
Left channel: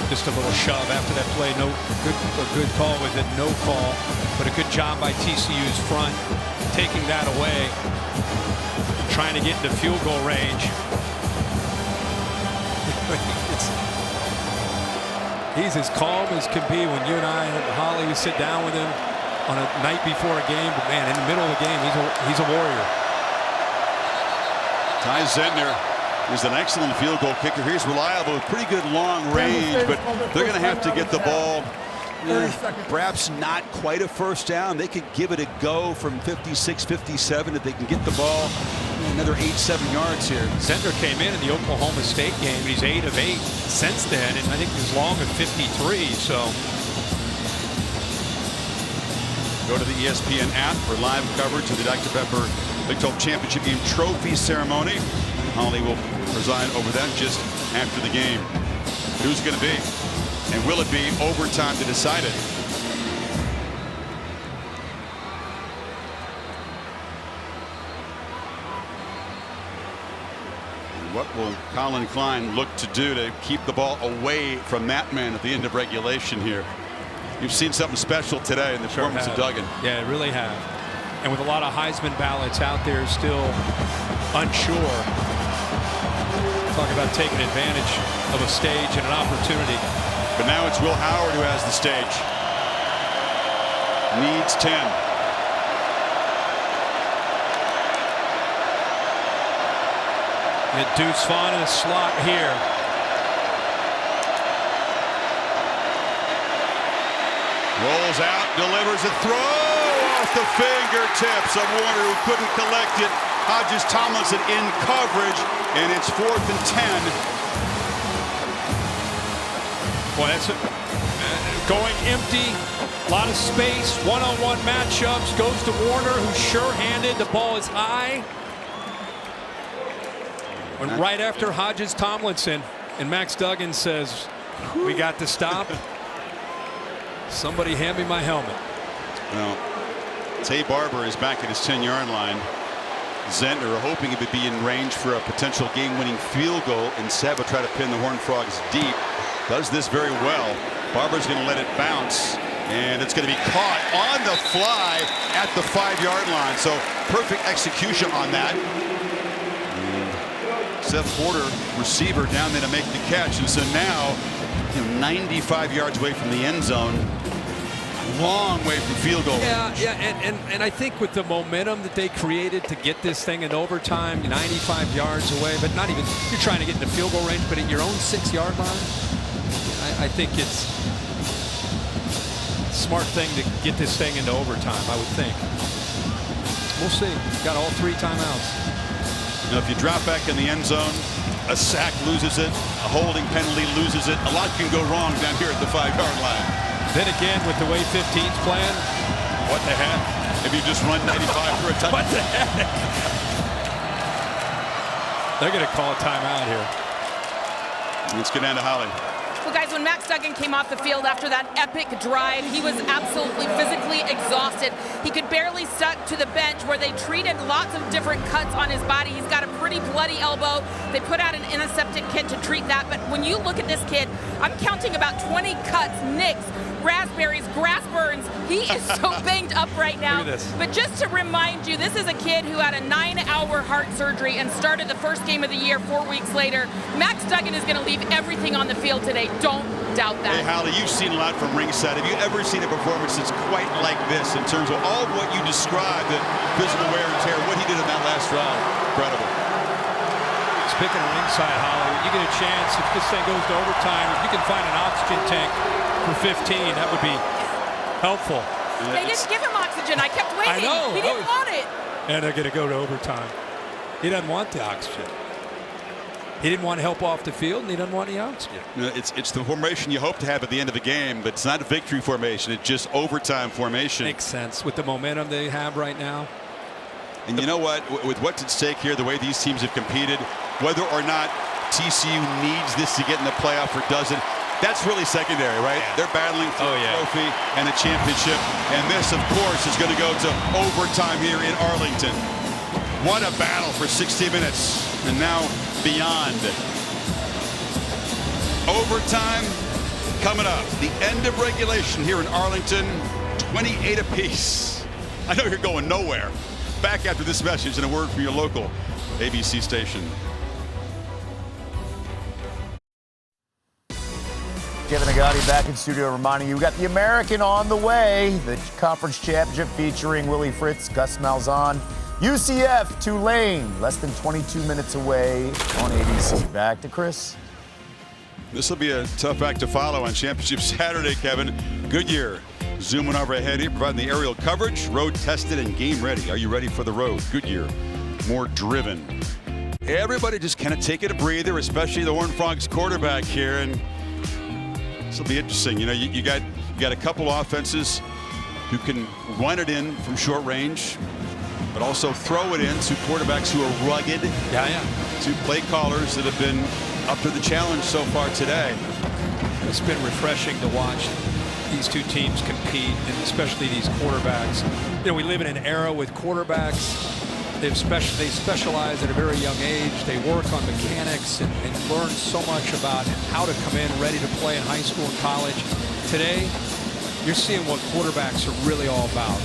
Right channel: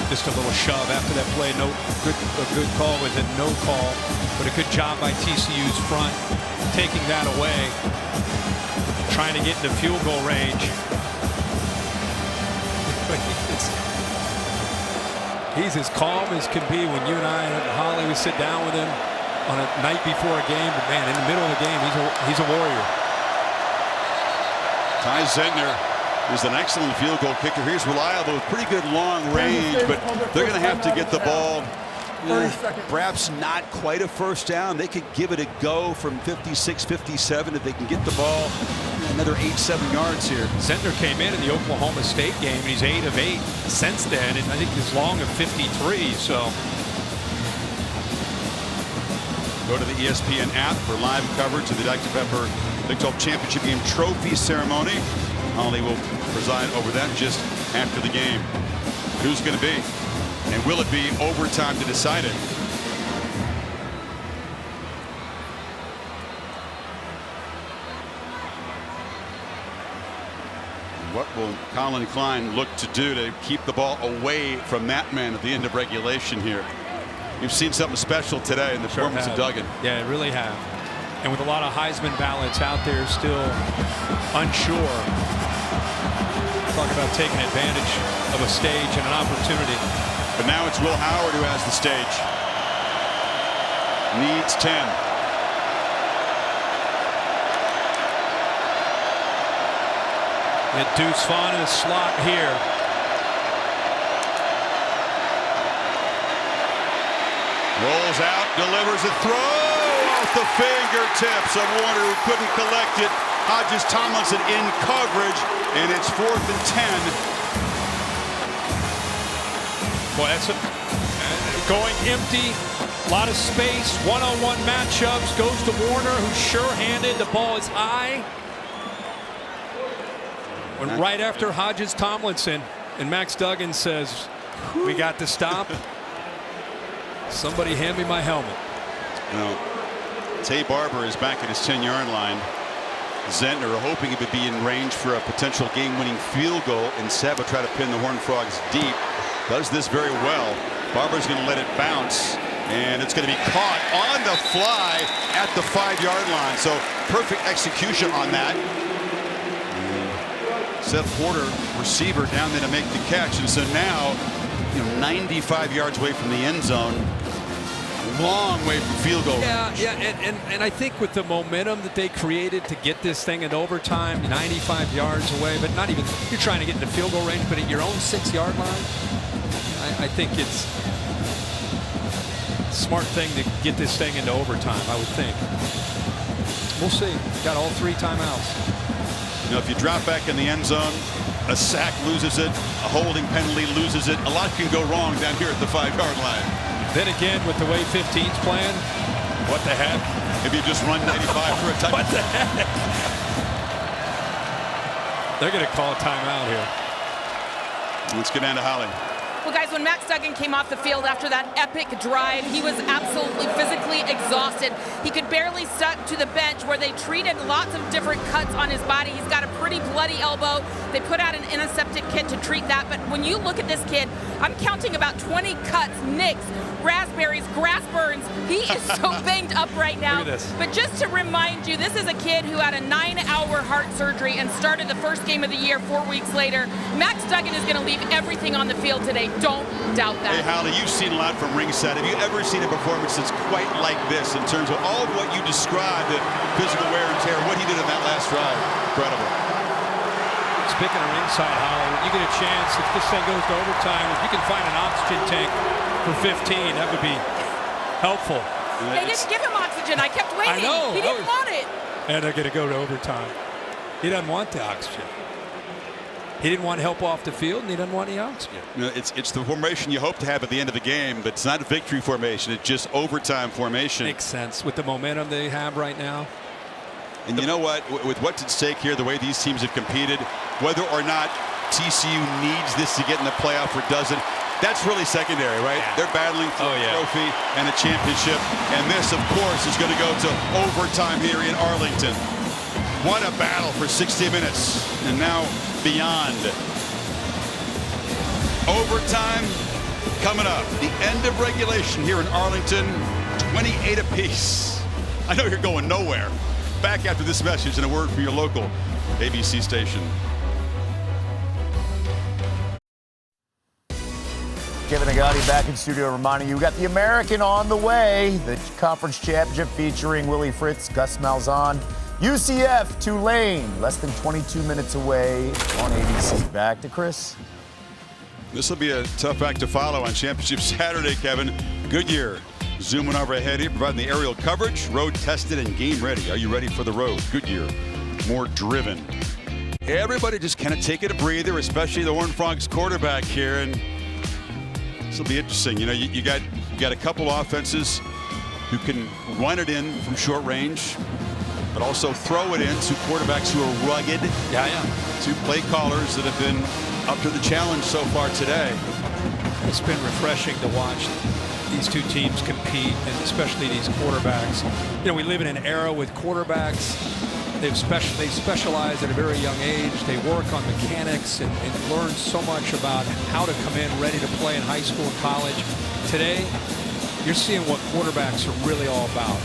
Just a little shove after that play. A good call with it. No call, but a good job by TCU's front, taking that away, trying to get into field goal range. He's as calm as can be when you and I and Holly would sit down with him on a night before a game. But man, in the middle of the game, he's a warrior. Ty Zentner is an excellent field goal kicker. He's reliable with pretty good long range, but they're going to have to get the ball. Perhaps not quite a first down. They could give it a go from 56, 57 if they can get the ball another 8-7 yards here. Zentner came in the Oklahoma State game, and he's 8 of 8 since then, and I think he's long of 53. So go to the ESPN app for live coverage of the Dr. Pepper Big 12 Championship Game Trophy Ceremony. Holly will preside over that just after the game. But who's going to be? And will it be overtime to decide it? And what will Colin Klein look to do to keep the ball away from that man at the end of regulation here? You've seen something special today in the performance of Duggan. Yeah, it really have. And with a lot of Heisman ballots out there still unsure. Talk about taking advantage of a stage and an opportunity. But now it's Will Howard who has the stage. Needs 10. Get Deuce Vaughn in the slot here. Rolls out, delivers a throw off the fingertips of Warner, who couldn't collect it. Hodges Tomlinson in coverage, and it's 4th and 10. Boy, that's going empty. A lot of space. One-on-one matchups. Goes to Warner, who's sure-handed. The ball is high. When right after Hodges Tomlinson, and Max Duggan says, "We got to stop." Somebody hand me my helmet. Well, Tay Barber is back at his 10-yard line. Zentner hoping he would be in range for a potential game-winning field goal. Instead, will try to pin the Horned Frogs deep. Does this very well. Barber's going to let it bounce, and it's going to be caught on the fly at the 5-yard line. So perfect execution on that. Seth Porter, receiver, down there to make the catch, and so now, 95 yards away from the end zone. A long way from field goal range. Yeah, and I think with the momentum that they created to get this thing in overtime, 95 yards away, but not even, you're trying to get into field goal range, but at your own 6-yard line, I think it's a smart thing to get this thing into overtime, I would think. We'll see. Got all 3 timeouts. If you drop back in the end zone, a sack loses it, a holding penalty loses it. A lot can go wrong down here at the 5-yard line. Then again, with the way 15's playing, what the heck? If you just run 95 for a touchdown. What the heck? They're going to call a timeout here. Let's get down to Holly. Well, guys, when Max Duggan came off the field after that epic drive, he was absolutely physically exhausted. He could barely stuck to the bench where they treated lots of different cuts on his body. He's got a pretty bloody elbow. They put out an antiseptic kit to treat that. But when you look at this kid, I'm counting about 20 cuts, nicks, raspberries, grass burns. He is so banged up right now. Look at this. But just to remind you, this is a kid who had a 9-hour heart surgery and started the first game of the year 4 weeks later. Max Duggan is going to leave everything on the field today. Don't doubt that. Hey, Holly, you've seen a lot from ringside. Have you ever seen a performance that's quite like this in terms of all of what you described, the physical wear and tear, what he did in that last drive? Incredible. Speaking of ringside, Holly, when you get a chance, if this thing goes to overtime, if you can find an oxygen tank for 15, that would be helpful. They didn't give him oxygen. I kept waiting. I know. He didn't want it. And they're going to go to overtime. He doesn't want the oxygen. He didn't want help off the field, and he doesn't want the oxygen. You know, it's the formation you hope to have at the end of the game, but it's not a victory formation. It's just overtime formation. Makes sense with the momentum they have right now. And you know what? With what's at stake here, the way these teams have competed, whether or not TCU needs this to get in the playoff or doesn't, that's really secondary, right? Yeah. They're battling for a trophy and a championship. And this, of course, is going to go to overtime here in Arlington. What a battle for 60 minutes. And now beyond. Overtime coming up. The end of regulation here in Arlington, 28 apiece. I know you're going nowhere. Back after this message and a word from your local ABC station. Kevin Agati back in studio reminding you we got the American on the way. The conference championship featuring Willie Fritz, Gus Malzahn, UCF, Tulane, less than 22 minutes away on ABC. Back to Chris. This will be a tough act to follow on Championship Saturday, Kevin. Goodyear zooming overhead here, providing the aerial coverage, road tested and game ready. Are you ready for the road? Goodyear, more driven. Everybody just kind of taking a breather, especially the Horned Frogs quarterback here. And this will be interesting. You know, you got a couple offenses who can run it in from short range, but also throw it in to quarterbacks who are rugged. Yeah. Two play callers that have been up to the challenge so far today. It's been refreshing to watch these two teams compete, and especially these quarterbacks. You know, we live in an era with quarterbacks. They specialize at a very young age. They work on mechanics and learn so much about how to come in ready to play in high school and college. Today, you're seeing what quarterbacks are really all about.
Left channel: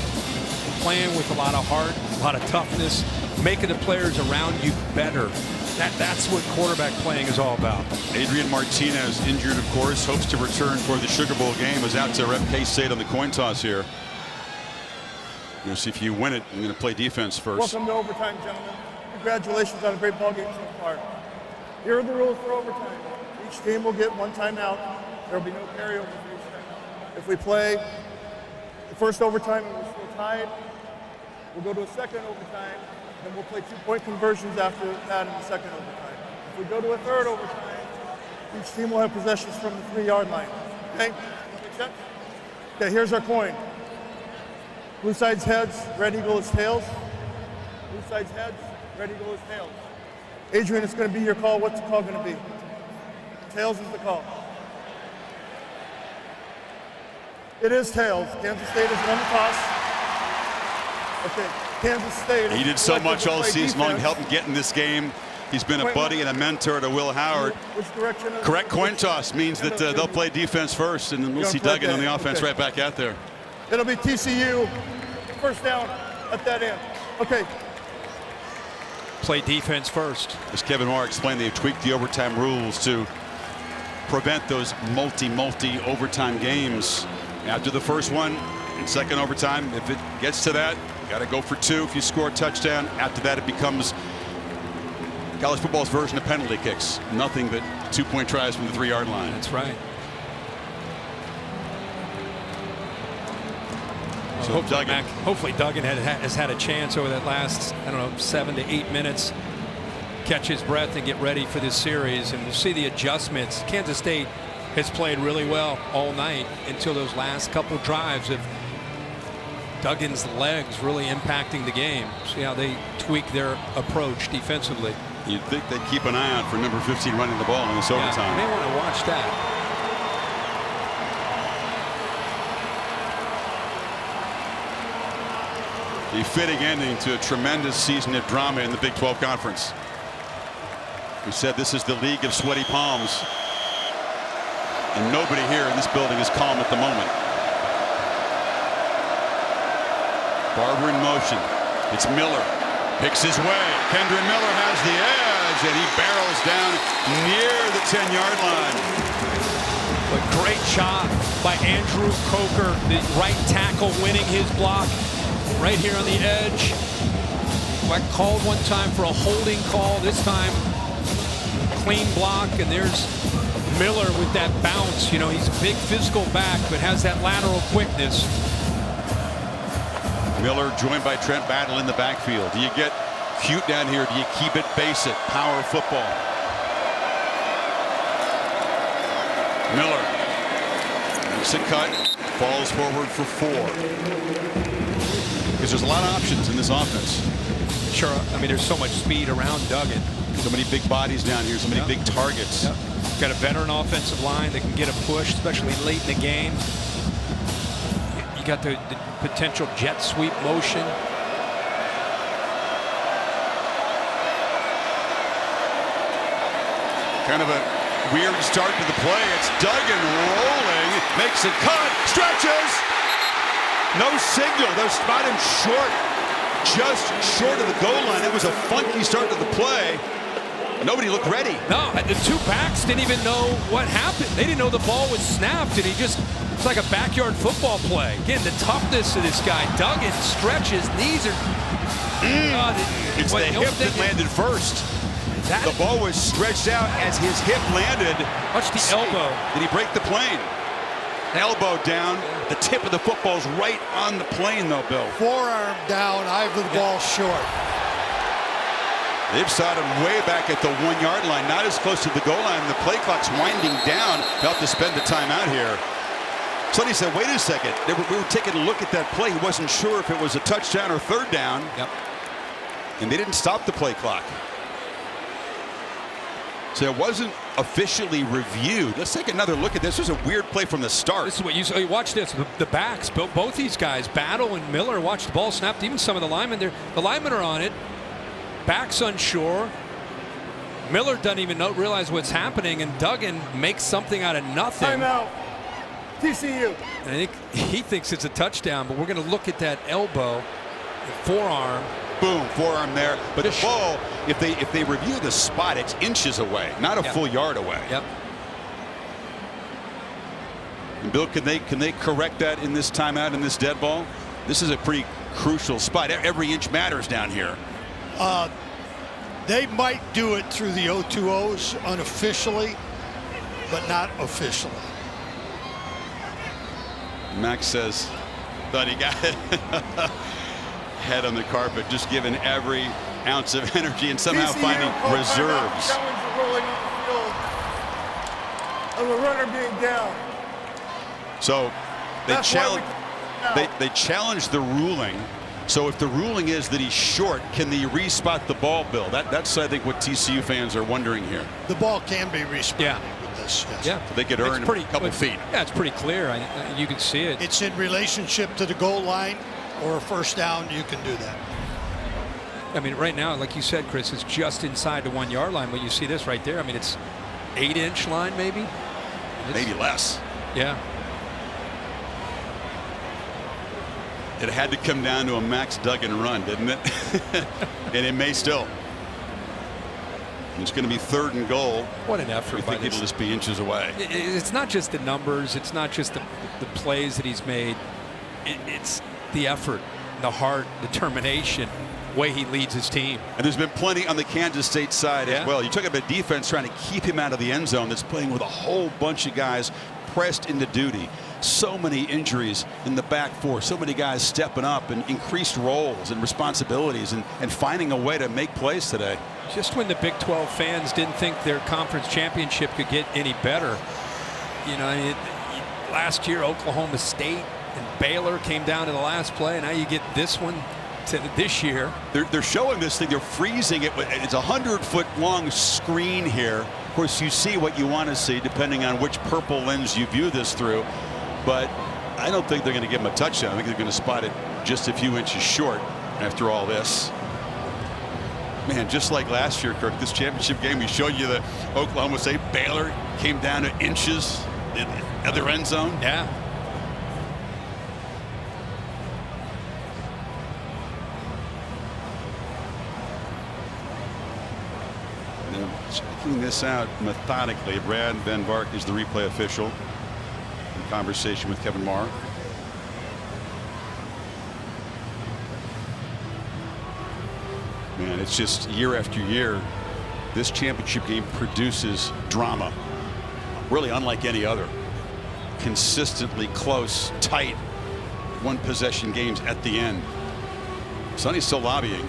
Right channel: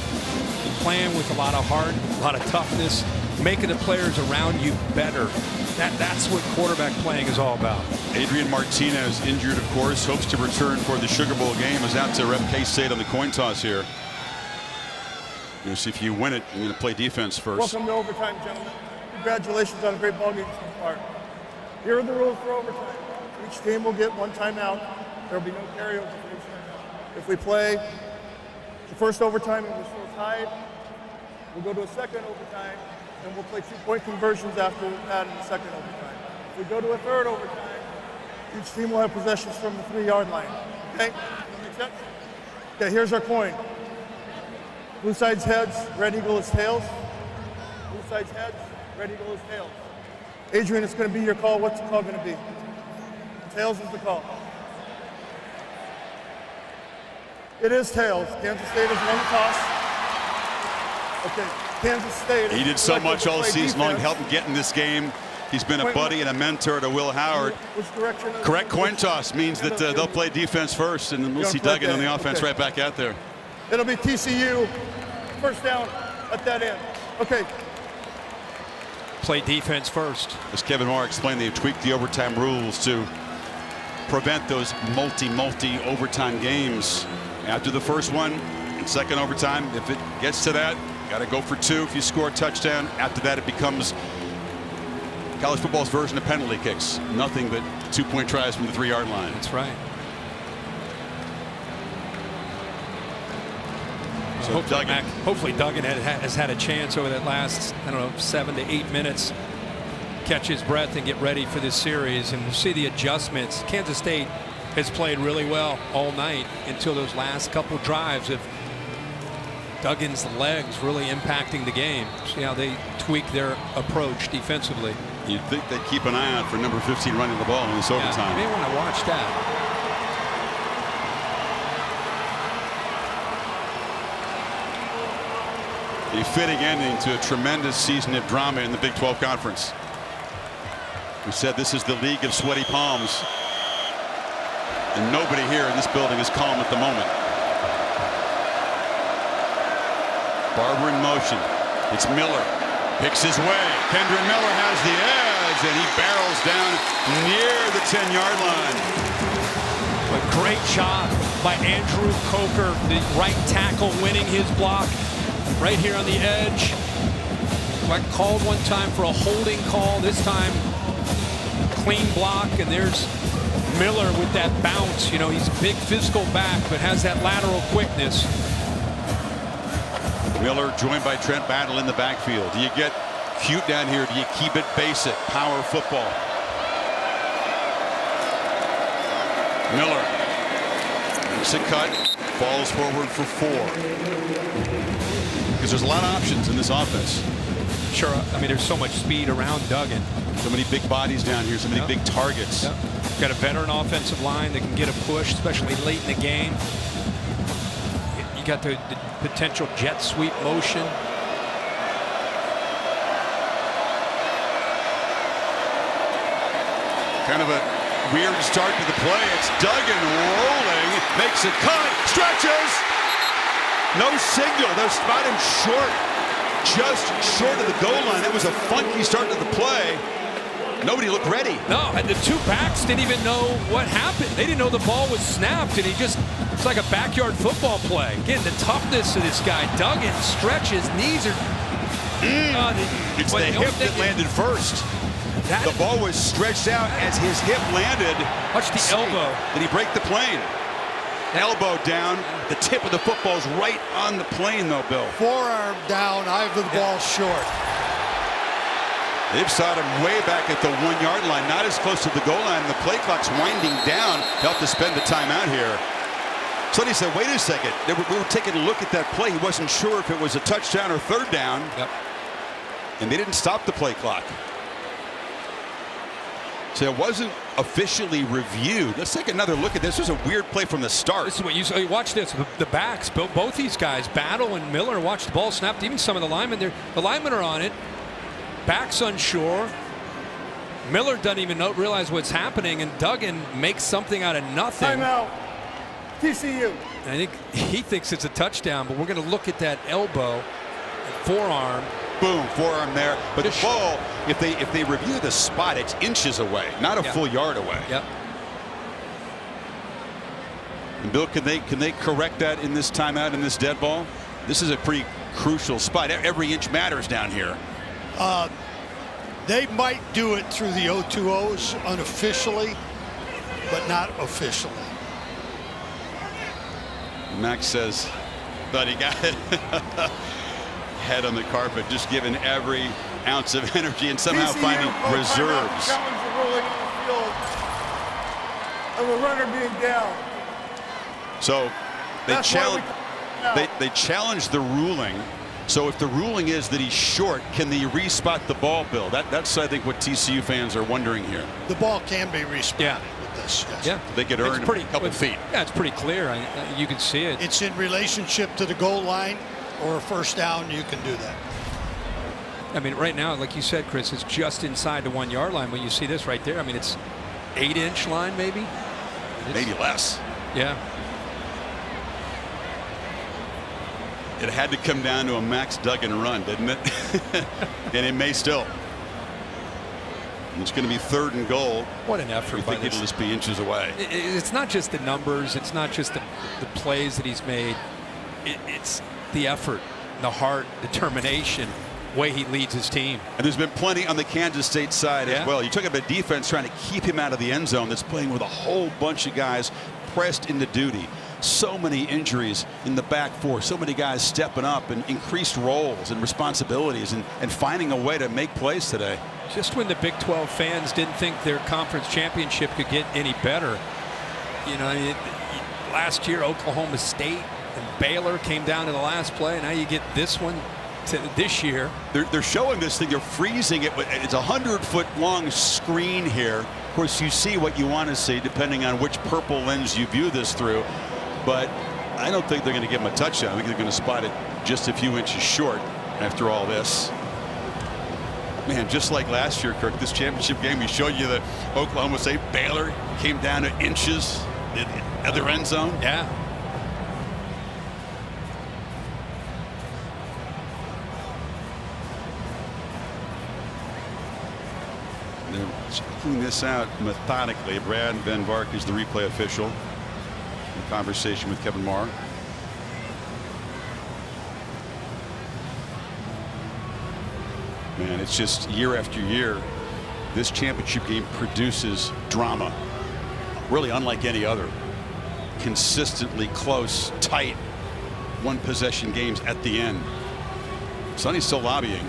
Playing with a lot of heart, a lot of toughness, making the players around you better. That's what quarterback playing is all about. Adrian Martinez, injured, of course, hopes to return for the Sugar Bowl game. Is out to rep K-State on the coin toss here. You're going to see if you win it. You're going to play defense first. Welcome to overtime, gentlemen. Congratulations on a great ball game so far. Here are the rules for overtime. Each team will get one timeout. There will be no carryover for each timeout. If we play the first overtime and we're still tied, we'll go to a second overtime. Then we'll play 2-point conversions after that in the second overtime. If we go to a third overtime, each team will have possessions from the 3-yard line. Okay? Does that make sense? Okay, here's our coin. Blue side's heads, red eagle is tails. Blue side's heads, red eagle is tails. Adrian, it's going to be your call. What's the call going to be? Tails is the call. It is tails. Kansas State has won the toss. Okay. Kansas State. He did so much all season long to help him get in this game. He's been a buddy and a mentor to Will Howard. Which direction? Correct coin toss means that they'll play defense first, and then we'll see Duggan on the offense right back out there. It'll be TCU. First down at that end. Okay. Play defense first. As Kevin Moore explained, they've tweaked the overtime rules to prevent those multi overtime games. After the first one and second overtime, if it gets to that, got to go for 2 if you score a touchdown. After that, it becomes college football's version of penalty kicks. Nothing but 2-point tries from the 3-yard line. That's right. So hopefully Duggan has had a chance over that last, 7 to 8 minutes. Catch his breath and get ready for this series. And we'll see the adjustments. Kansas State has played really well all night until those last couple drives of Duggan's legs really impacting the game. See how they tweak their approach defensively. You'd think they'd keep an eye out for number 15 running the ball in this overtime. You may want to watch that. A fitting ending to a tremendous season of drama in the Big 12 Conference. We said this is the league of sweaty palms. And nobody here in this building is calm at the moment. Barber in motion. It's Miller. Picks his way. Kendra Miller has the edge, and he barrels down near the 10-yard line. But great job by Andrew Coker, the right tackle, winning his block right here on the edge. He got called one time for a holding call. This time, clean block, and there's Miller with that bounce. You know, he's a big physical back, but has that lateral quickness. Miller joined by Trent Battle in the backfield. Do you get cute down here? Do you keep it basic? Power football. Miller makes a cut, falls forward for 4. Because there's a lot of options in this offense. Sure, I mean, there's so much speed around Duggan. So many big bodies down here, so many big targets. Yep. Got a veteran offensive line that can get a push, especially late in the game. You got the potential jet sweep motion. Kind of a weird start to the play. It's Duggan rolling, makes a cut, stretches. No signal. They'll spot him short, just short of the goal line. That was a funky start to the play. Nobody looked ready. No, and the two backs didn't even know what happened. They didn't know the ball was snapped, and it's like a backyard football play. Again, the toughness of this guy. Duggan stretches, knees are... It's the hip that landed first. The ball was stretched out as his hip landed. Watch the elbow. Did he break the plane? Elbow down. The tip of the football's right on the plane, though, Bill. Forearm down, eye of the ball short. They've sought him way back at the 1-yard line, not as close to the goal line. The play clock's winding down. He'll have to spend the timeout here. Sonny said, wait a second. We were taking a look at that play. He wasn't sure if it was a touchdown or third down. Yep. And they didn't stop the play clock. So it wasn't officially reviewed. Let's take another look at this. This was a weird play from the start. This is what you saw. Watch this. The backs, both these guys, Battle and Miller, watch the ball snapped. Even some of the linemen there. The linemen are on it. Backs unsure. Miller doesn't even realize what's happening, and Duggan makes something out of nothing. Timeout. TCU. And I think he thinks it's a touchdown, but we're going to look at that elbow, forearm. Boom, forearm there. But the ball, if they review the spot, it's inches away, not a full yard away. Yep. And Bill, can they correct that in this timeout, in this dead ball? This is a pretty crucial spot. Every inch matters down here. They might do it through the O2Os unofficially, but not officially. Max says, thought he got it. Head on the carpet, just giving every ounce of energy and somehow TCU finding reserves. Challenge the ruling on the field of a runner being down. So they challenged the ruling. So if the ruling is that he's short, can they respot the ball, Bill? That's I think what TCU fans are wondering here. The ball can be respotted with this. Yes. Yeah. So they could earn a couple feet. Yeah, it's pretty clear. You can see it. It's in relationship to the goal line or a first down. You can do that. I mean, right now, like you said, Chris, it's just inside the 1-yard line. But you see this right there. I mean, it's 8-inch line, maybe. Maybe less. Yeah. It had to come down to a Max Duggan run, didn't it? And it may still. It's going to be 3rd and goal. What an effort! We think it'll just be inches away. It's not just the numbers. It's not just the plays that he's made. It's the effort, the heart, determination, way he leads his team. And there's been plenty on the Kansas State side as well. You talk about defense trying to keep him out of the end zone. That's playing with a whole bunch of guys pressed into duty. So many injuries in the back four. So many guys stepping up and increased roles and responsibilities and finding a way to make plays today. Just when the Big 12 fans didn't think their conference championship could get any better. You know, last year Oklahoma State and Baylor came down to the last play. Now you get this one to this year. They're showing this thing. They're freezing it. It's a 100-foot long screen here. Of course, you see what you want to see depending on which purple lens you view this through. But I don't think they're going to give him a touchdown. I think they're going to spot it just a few inches short after all this. Man, just like last year, Kirk, this championship game, we showed you the Oklahoma State Baylor came down to inches in the other end zone. Yeah. They're checking this out methodically. Brad Van Vark is the replay official in conversation with Kevin Marr. Man, it's just year after year, this championship game produces drama, really unlike any other. Consistently close, tight, one possession games at the end. Sonny's still lobbying.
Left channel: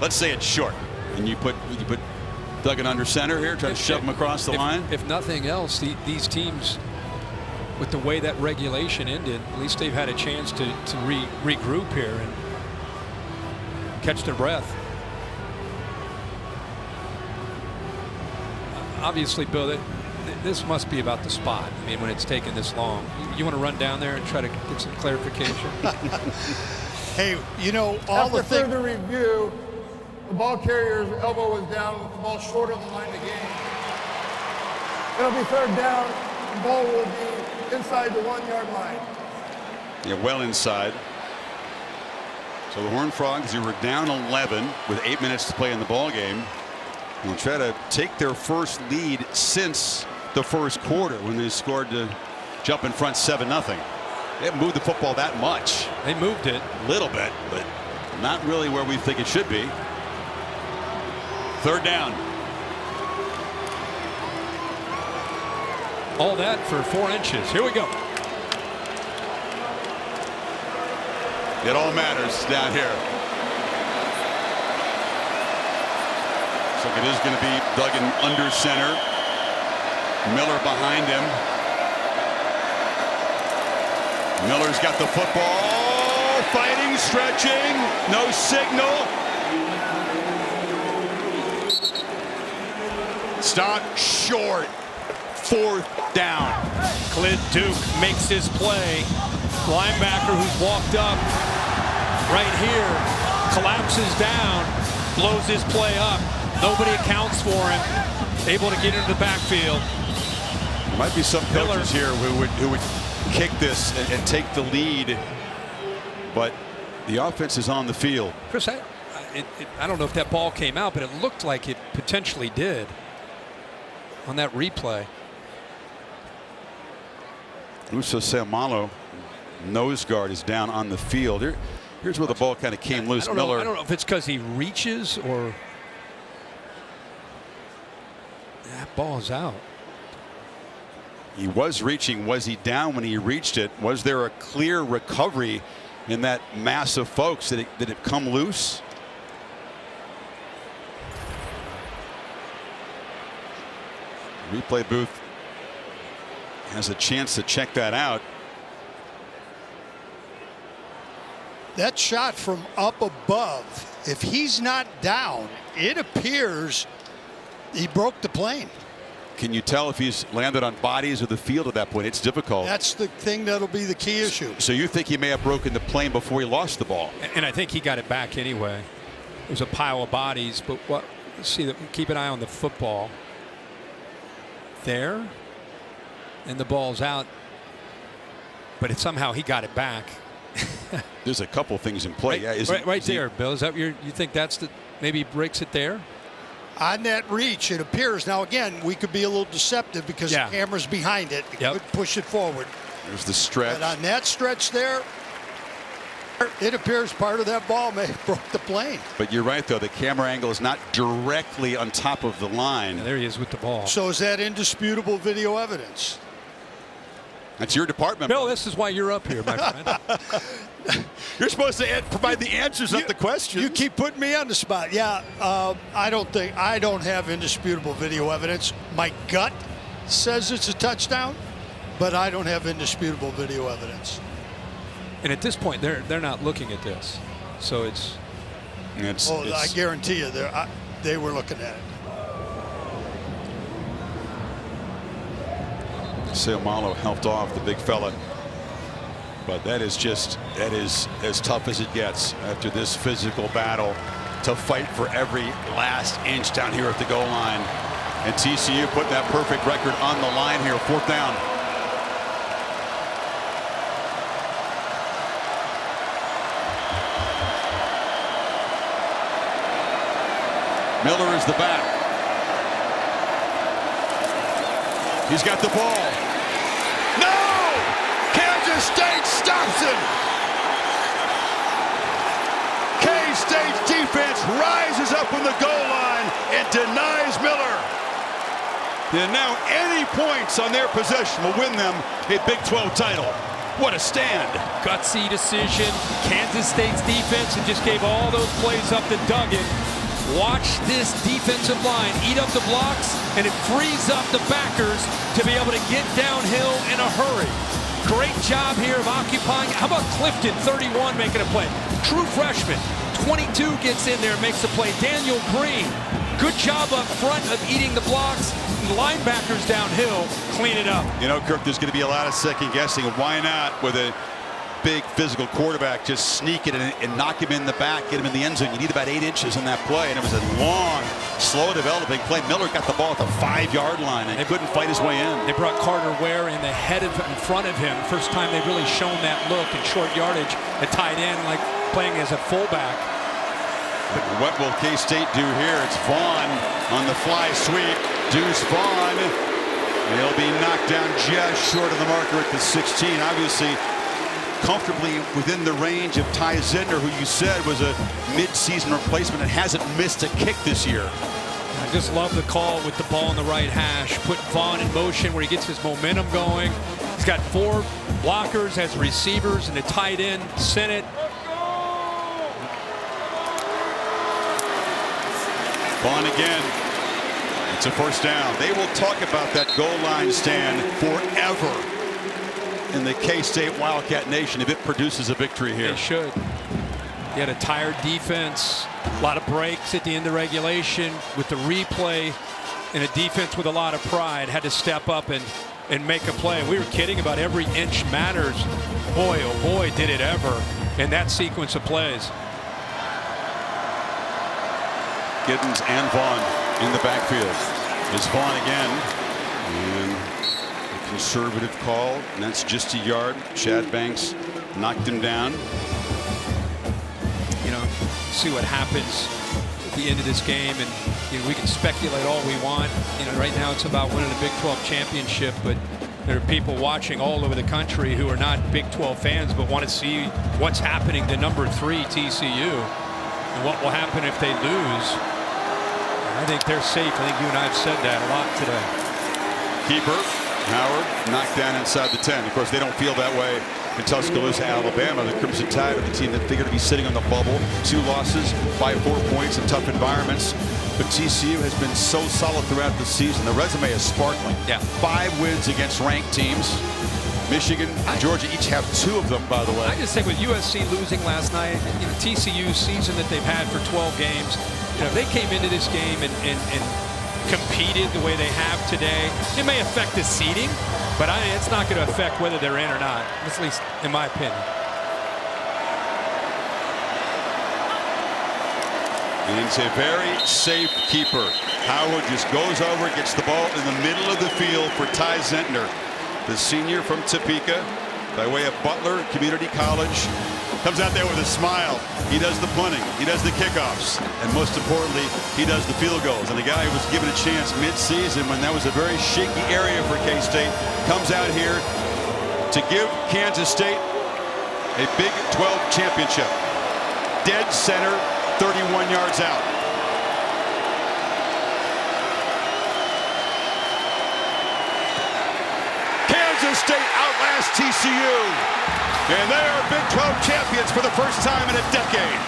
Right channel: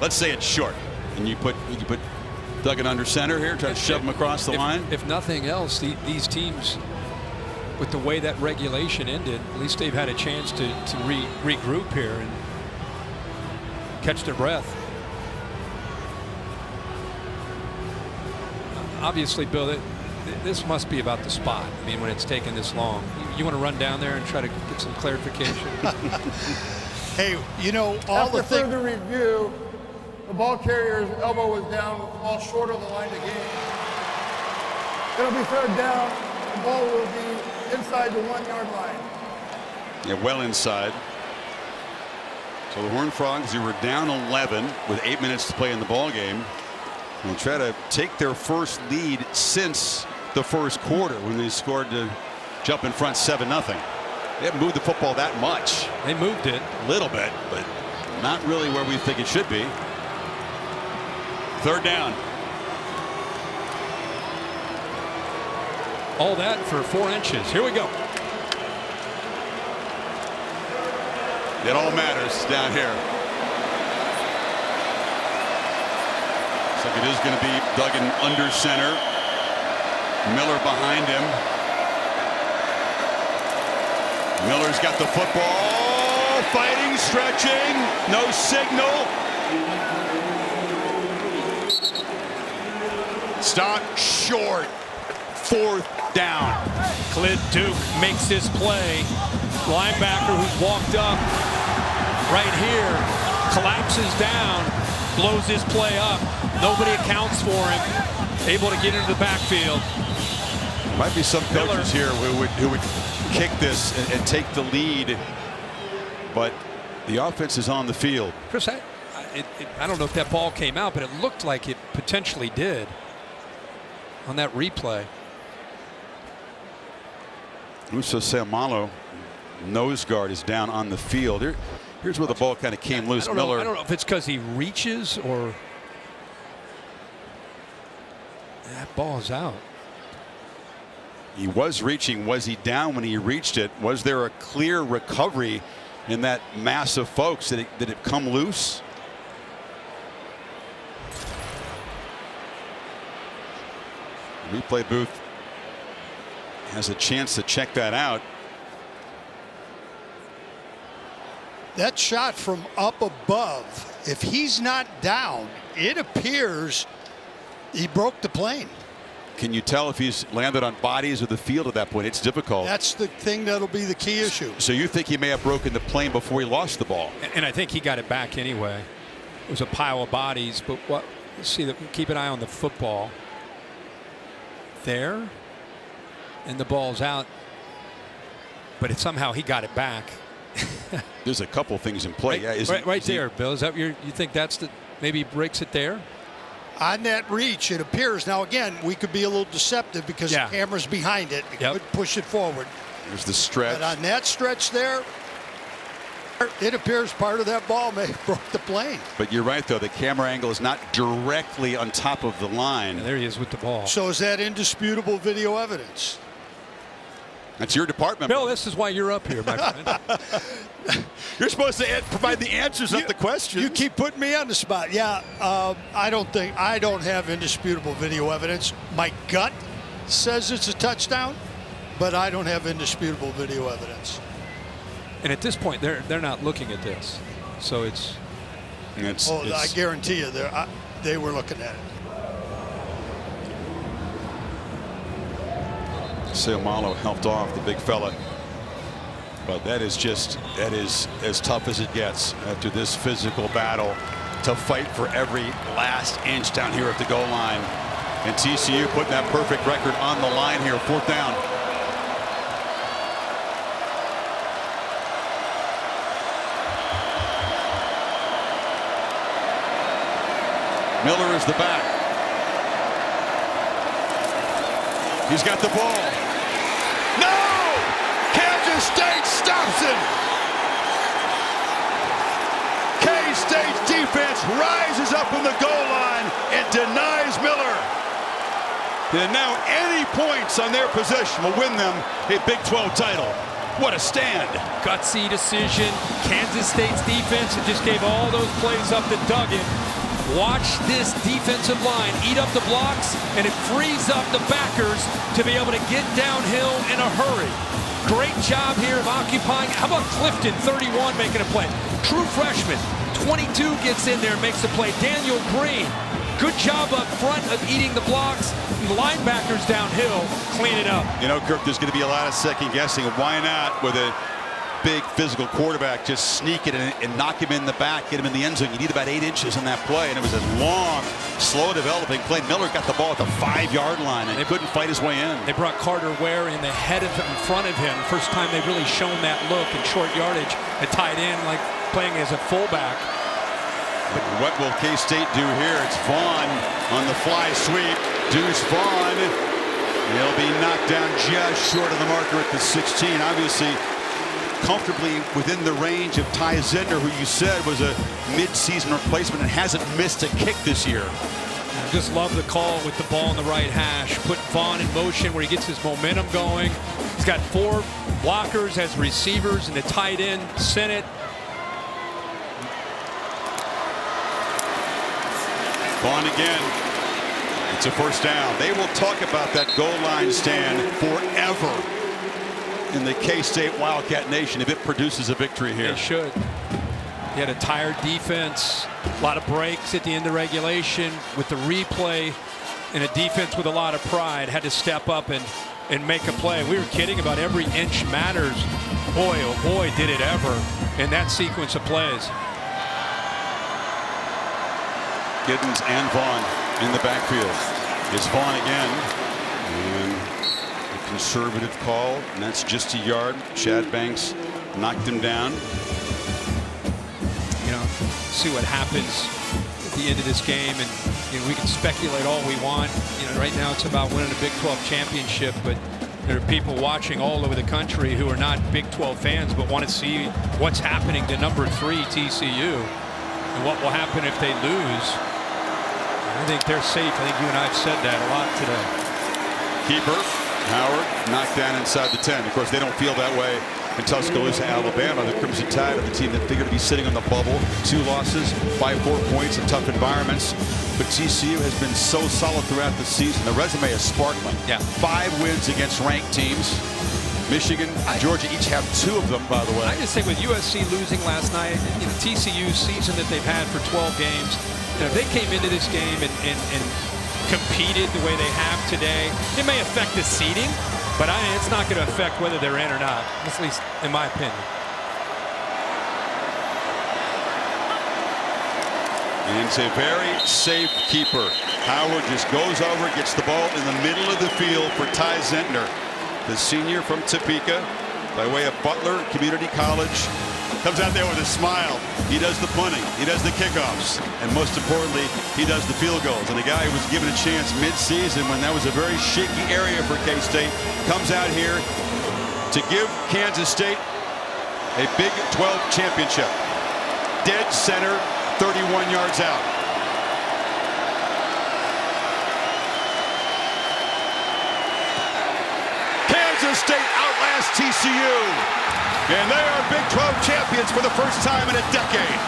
Let's say it's short, and you put Duggan under center here, try to shove him across the line. If nothing else, these teams, with the way that regulation ended, at least they've had a chance to regroup here and catch their breath. Obviously, Bill, this must be about the spot. I mean, when it's taken this long, you want to run down there and try to get some clarification? Hey, you know, all After the things. further review, the ball carrier's elbow was down with the ball short of the line to gain. It'll be third down. The ball will be inside the 1 yard line. Yeah, well inside. So the Horned Frogs, who were down 11 with 8 minutes to play in the ball game, will try to take their first lead since the first quarter when they scored to jump in front 7-0. They haven't moved the football that much. They moved it a little bit, but not really where we think it should be. Third down. All that for 4 inches. Here we go. It all matters down here. Looks like it is going to be Duggan under center. Miller behind him. Miller's got the football. Fighting, stretching. No signal. Stop short. Fourth down. Clint Duke makes his play. Linebacker who's walked up right here collapses down, blows his play up. Nobody accounts for him. Able to get into the backfield. There might be some coaches here who would kick this and take the lead, but the offense is on the field. Chris, I don't know if that ball came out, but it looked like it potentially did on that replay. Uso Seumalo, nose guard, is down on the field. Here's where the ball kind of came loose. I don't know if it's because he reaches or that ball is out. He was reaching. Was he down when he reached it? Was there a clear recovery in that mass of folks? Did it come loose? Replay booth has a chance to check that out. That shot from up above, if he's not down, it appears he broke the plane. Can you tell if he's landed on bodies or the field at that point? It's difficult. That's the thing that'll be the key issue. So you think he may have broken the plane before he lost the ball? And I think he got it back anyway. It was a pile of bodies, but what? Let's see. Keep an eye on the football. There, and the ball's out, but somehow he got it back. There's a couple things in play. Right there, Bill. Is that you think that's maybe he breaks it there? On that reach, it appears. Now, again, we could be a little deceptive because the camera's behind it. It could push it forward. There's the stretch. But on that stretch there, it appears part of that ball may have broke the plane. But you're right, though. The camera angle is not directly on top of the line. There he is with the ball. So is that indisputable video evidence? That's your department. Bill, this is why you're up here, my friend. You're supposed to provide the answers, not the questions. You keep putting me on the spot. Yeah, I don't have indisputable video evidence. My gut says it's a touchdown, but I don't have indisputable video evidence. And at this point, they're not looking at this, so it's. I guarantee you, they were looking at it. Seumalo helped off the big fella, but that is as tough as it gets after this physical battle to fight for every last inch down here at the goal line. And TCU putting that perfect record on the line here. Fourth down. Miller is the back. He's got the ball. No! Kansas State stops him. K-State's defense rises up on the goal line and denies Miller. And now any points on their possession will win them a Big 12 title. What a stand. Gutsy decision. Kansas State's defense, it just gave all those plays up to Duggan. Watch this defensive line eat up the blocks, and it frees up the backers to be able to get downhill in a hurry. Great job here of occupying. How about Clifton, 31, making a play? True freshman, 22, gets in there and makes the play. Daniel Green, good job up front of eating the blocks. And the linebackers downhill clean it up. You know, Kirk, there's going to be a lot of second guessing. Why not with a big physical quarterback just sneak it and knock him in the back, get him in the end zone? You need about 8 inches in that play, and it was a long, slow developing play. Miller got the ball at the 5-yard line and couldn't fight his way in. They brought Carter Ware in in front of him. First time they've really shown that look in short yardage, a tight end like playing as a fullback. But what will K-State do here? It's Vaughn on the fly sweep. Deuce Vaughn. He'll be knocked down just short of the marker at the 16. Obviously, comfortably within the range of Ty Zentner, who you said was a mid-season replacement and hasn't missed a kick this year. I just love the call with the ball in the right hash. Put Vaughn in motion where he gets his momentum going. He's got 4 blockers as receivers and a tight end. Sent it. Vaughn again. It's a first down. They will talk about that goal line stand forever in the K-State Wildcat Nation if it produces a victory here. They should. You had a tired defense, a lot of breaks at the end of regulation with the replay, and a defense with a lot of pride had to step up and make a play. We were kidding about every inch matters. Boy, oh boy, did it ever in that sequence of plays. Giddens and Vaughn in the backfield. It's Vaughn again. And a conservative call, and that's just a yard. Chad Banks knocked him down. You know, see what happens at the end of this game, and you know, we can speculate all we want. You know, right now it's about winning a Big 12 championship, but there are people watching all over the country who are not Big 12 fans but want to see what's happening to number 3 TCU and what will happen if they lose. I think they're safe. I think you and I have said that a lot today. Keeper, Howard, knocked down inside the 10. Of course, they don't feel that way in Tuscaloosa, Alabama. The Crimson Tide are the team that figured to be sitting on the bubble. 2 losses by 4 points in tough environments. But TCU has been so solid throughout the season. The resume is sparkling. Yeah. 5 wins against ranked teams. Michigan, Georgia each have 2 of them, by the way. I just think with USC losing last night, you know, TCU's season that they've had for 12 games, you know, if they came into this game and competed the way they have today, it may affect the seeding, but it's not going to affect whether they're in or not, at least in my opinion. And it's a very safe keeper. Howard just goes over, gets the ball in the middle of the field for Ty Zentner, the senior from Topeka, by way of Butler Community College. Comes out there with a smile. He does the punting, he does the kickoffs, and most importantly, he does the field goals. And the guy who was given a chance mid-season when that was a very shaky area for K-State comes out here to give Kansas State a Big 12 championship. Dead center, 31 yards out. Kansas State outlasts TCU. And they are Big 12 champions for the first time in a decade.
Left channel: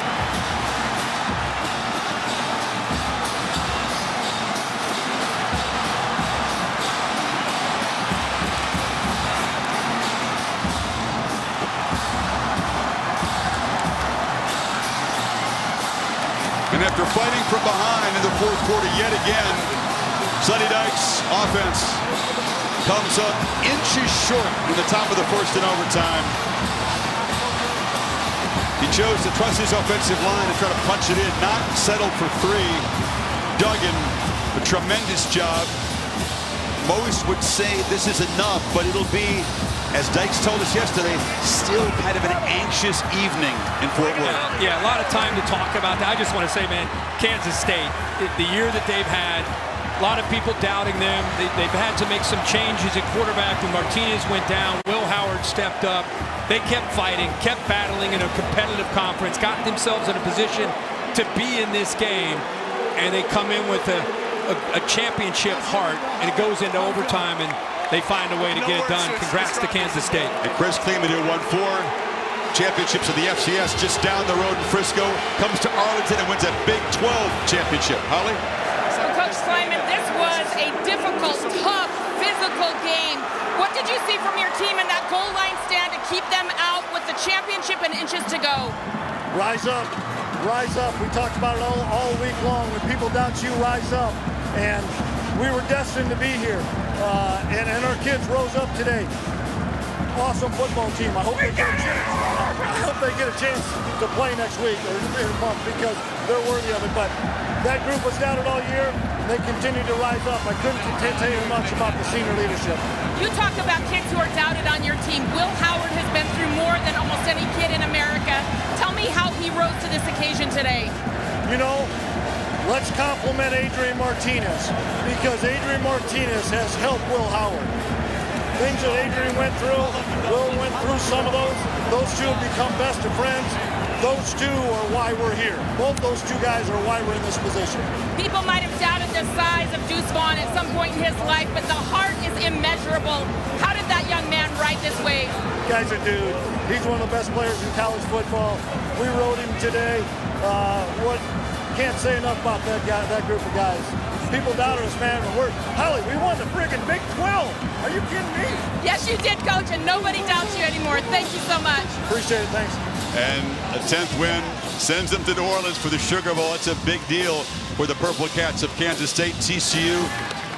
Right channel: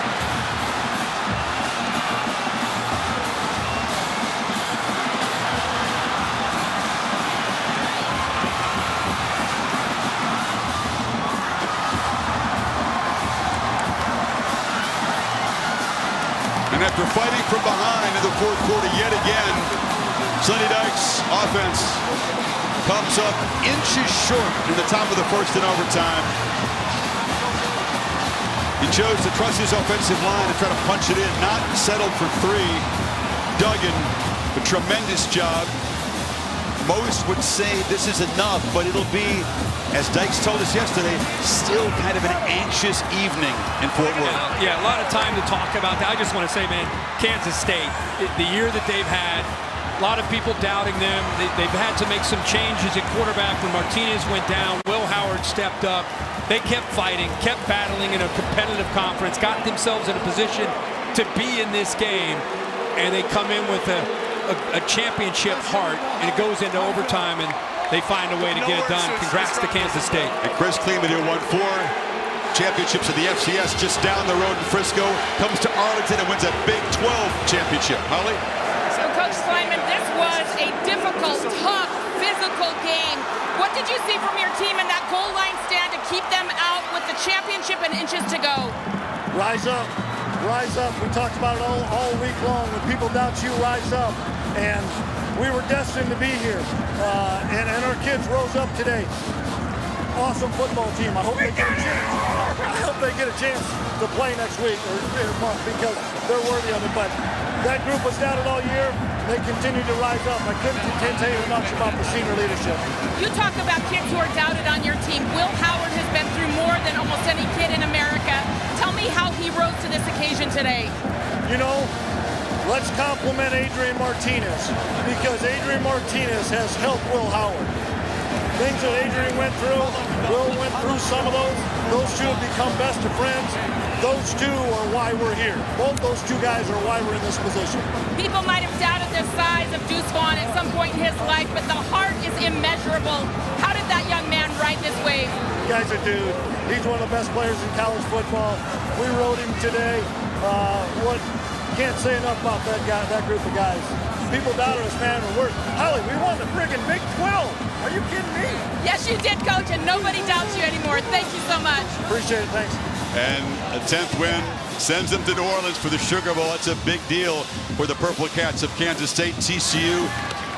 And after fighting from behind in the 4th quarter yet again, Sonny Dykes' offense comes up inches short in the top of the 1st in overtime. He chose to trust his offensive line and try to punch it in, not settle for 3. Duggan, a tremendous job. Most would say this is enough, but it'll be as Dykes told us yesterday, still kind of an anxious evening in Fort Worth. Yeah, a lot of time to talk about that. I just want to say, man, Kansas State, the year that they've had, a lot of people doubting them. They've had to make some changes at quarterback when Martinez went down. Will Howard stepped up. They kept fighting, kept battling in a competitive conference, got themselves in a position to be in this game, and they come in with a championship heart, and it goes into overtime, and they find a way to get it done. Congrats to Kansas State. And Chris Kleeman, who won 4 championships of the FCS just down the road in Frisco, comes to Arlington and wins a Big 12 championship. Holly? So, Coach Kleiman, this was a difficult, tough, physical game. What did you see from your team in that goal line stand to keep them out with the championship and inches to go? Rise up. Rise up. We talked about it all week long. When people doubt you, rise up. And we were destined to be here. And our kids rose up today. Awesome football team. I hope they get a chance. I hope they get a chance to play next week or in a month because they're worthy of it. But that group was doubted all year. And they continue to rise up. I couldn't tell you much about the senior leadership. You talk about kids who are doubted on your team. Will Howard has been through more than almost any kid in America. Tell me how he rose to this occasion today. You know, let's compliment Adrian Martinez because Adrian Martinez has helped Will Howard. Things that Adrian went through, Will went through some of those. Those two have become best of friends. Those two are why we're here. Both those two guys are why we're in this position. People might have doubted the size of Deuce Vaughn at some point in his life, but the heart is immeasurable. How did that young man ride this wave? Guy's a dude. He's one of the best players in college football. We rode him today. Can't say enough about that guy, that group of guys. People doubted us, man. Holly, we won the friggin' Big 12. Are you kidding me? Yes, you did, Coach, and nobody doubts you anymore. Thank you so much. Appreciate it. Thanks. And a 10th win sends them to New Orleans for the Sugar Bowl. That's a big deal for the Purple Cats of Kansas State. TCU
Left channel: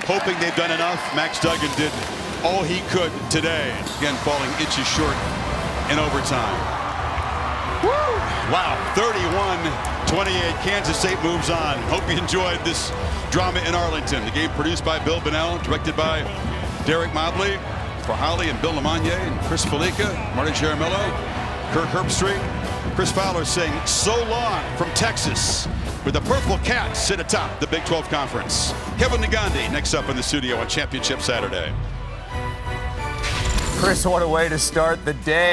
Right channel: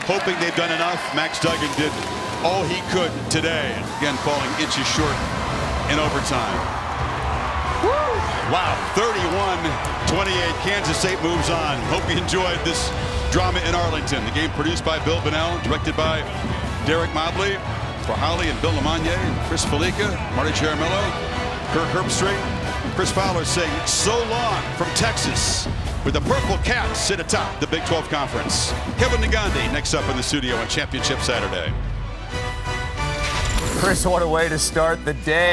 hoping they've done enough. Max Duggan did all he could today. Again, falling inches short in overtime. Woo! Wow, 31-28. Kansas State moves on. Hope you enjoyed this drama in Arlington. The game produced by Bill Bonnell, directed by Derek Mobley. For Holly and Bill Lamagna and Chris Felica, Marty Jaramillo, Kirk Herbstreit, Chris Fowler saying so long from Texas, with the Purple Cats sit atop the Big 12 Conference. Kevin Negandhi next up in the studio on Championship Saturday. Chris, what a way to start the day.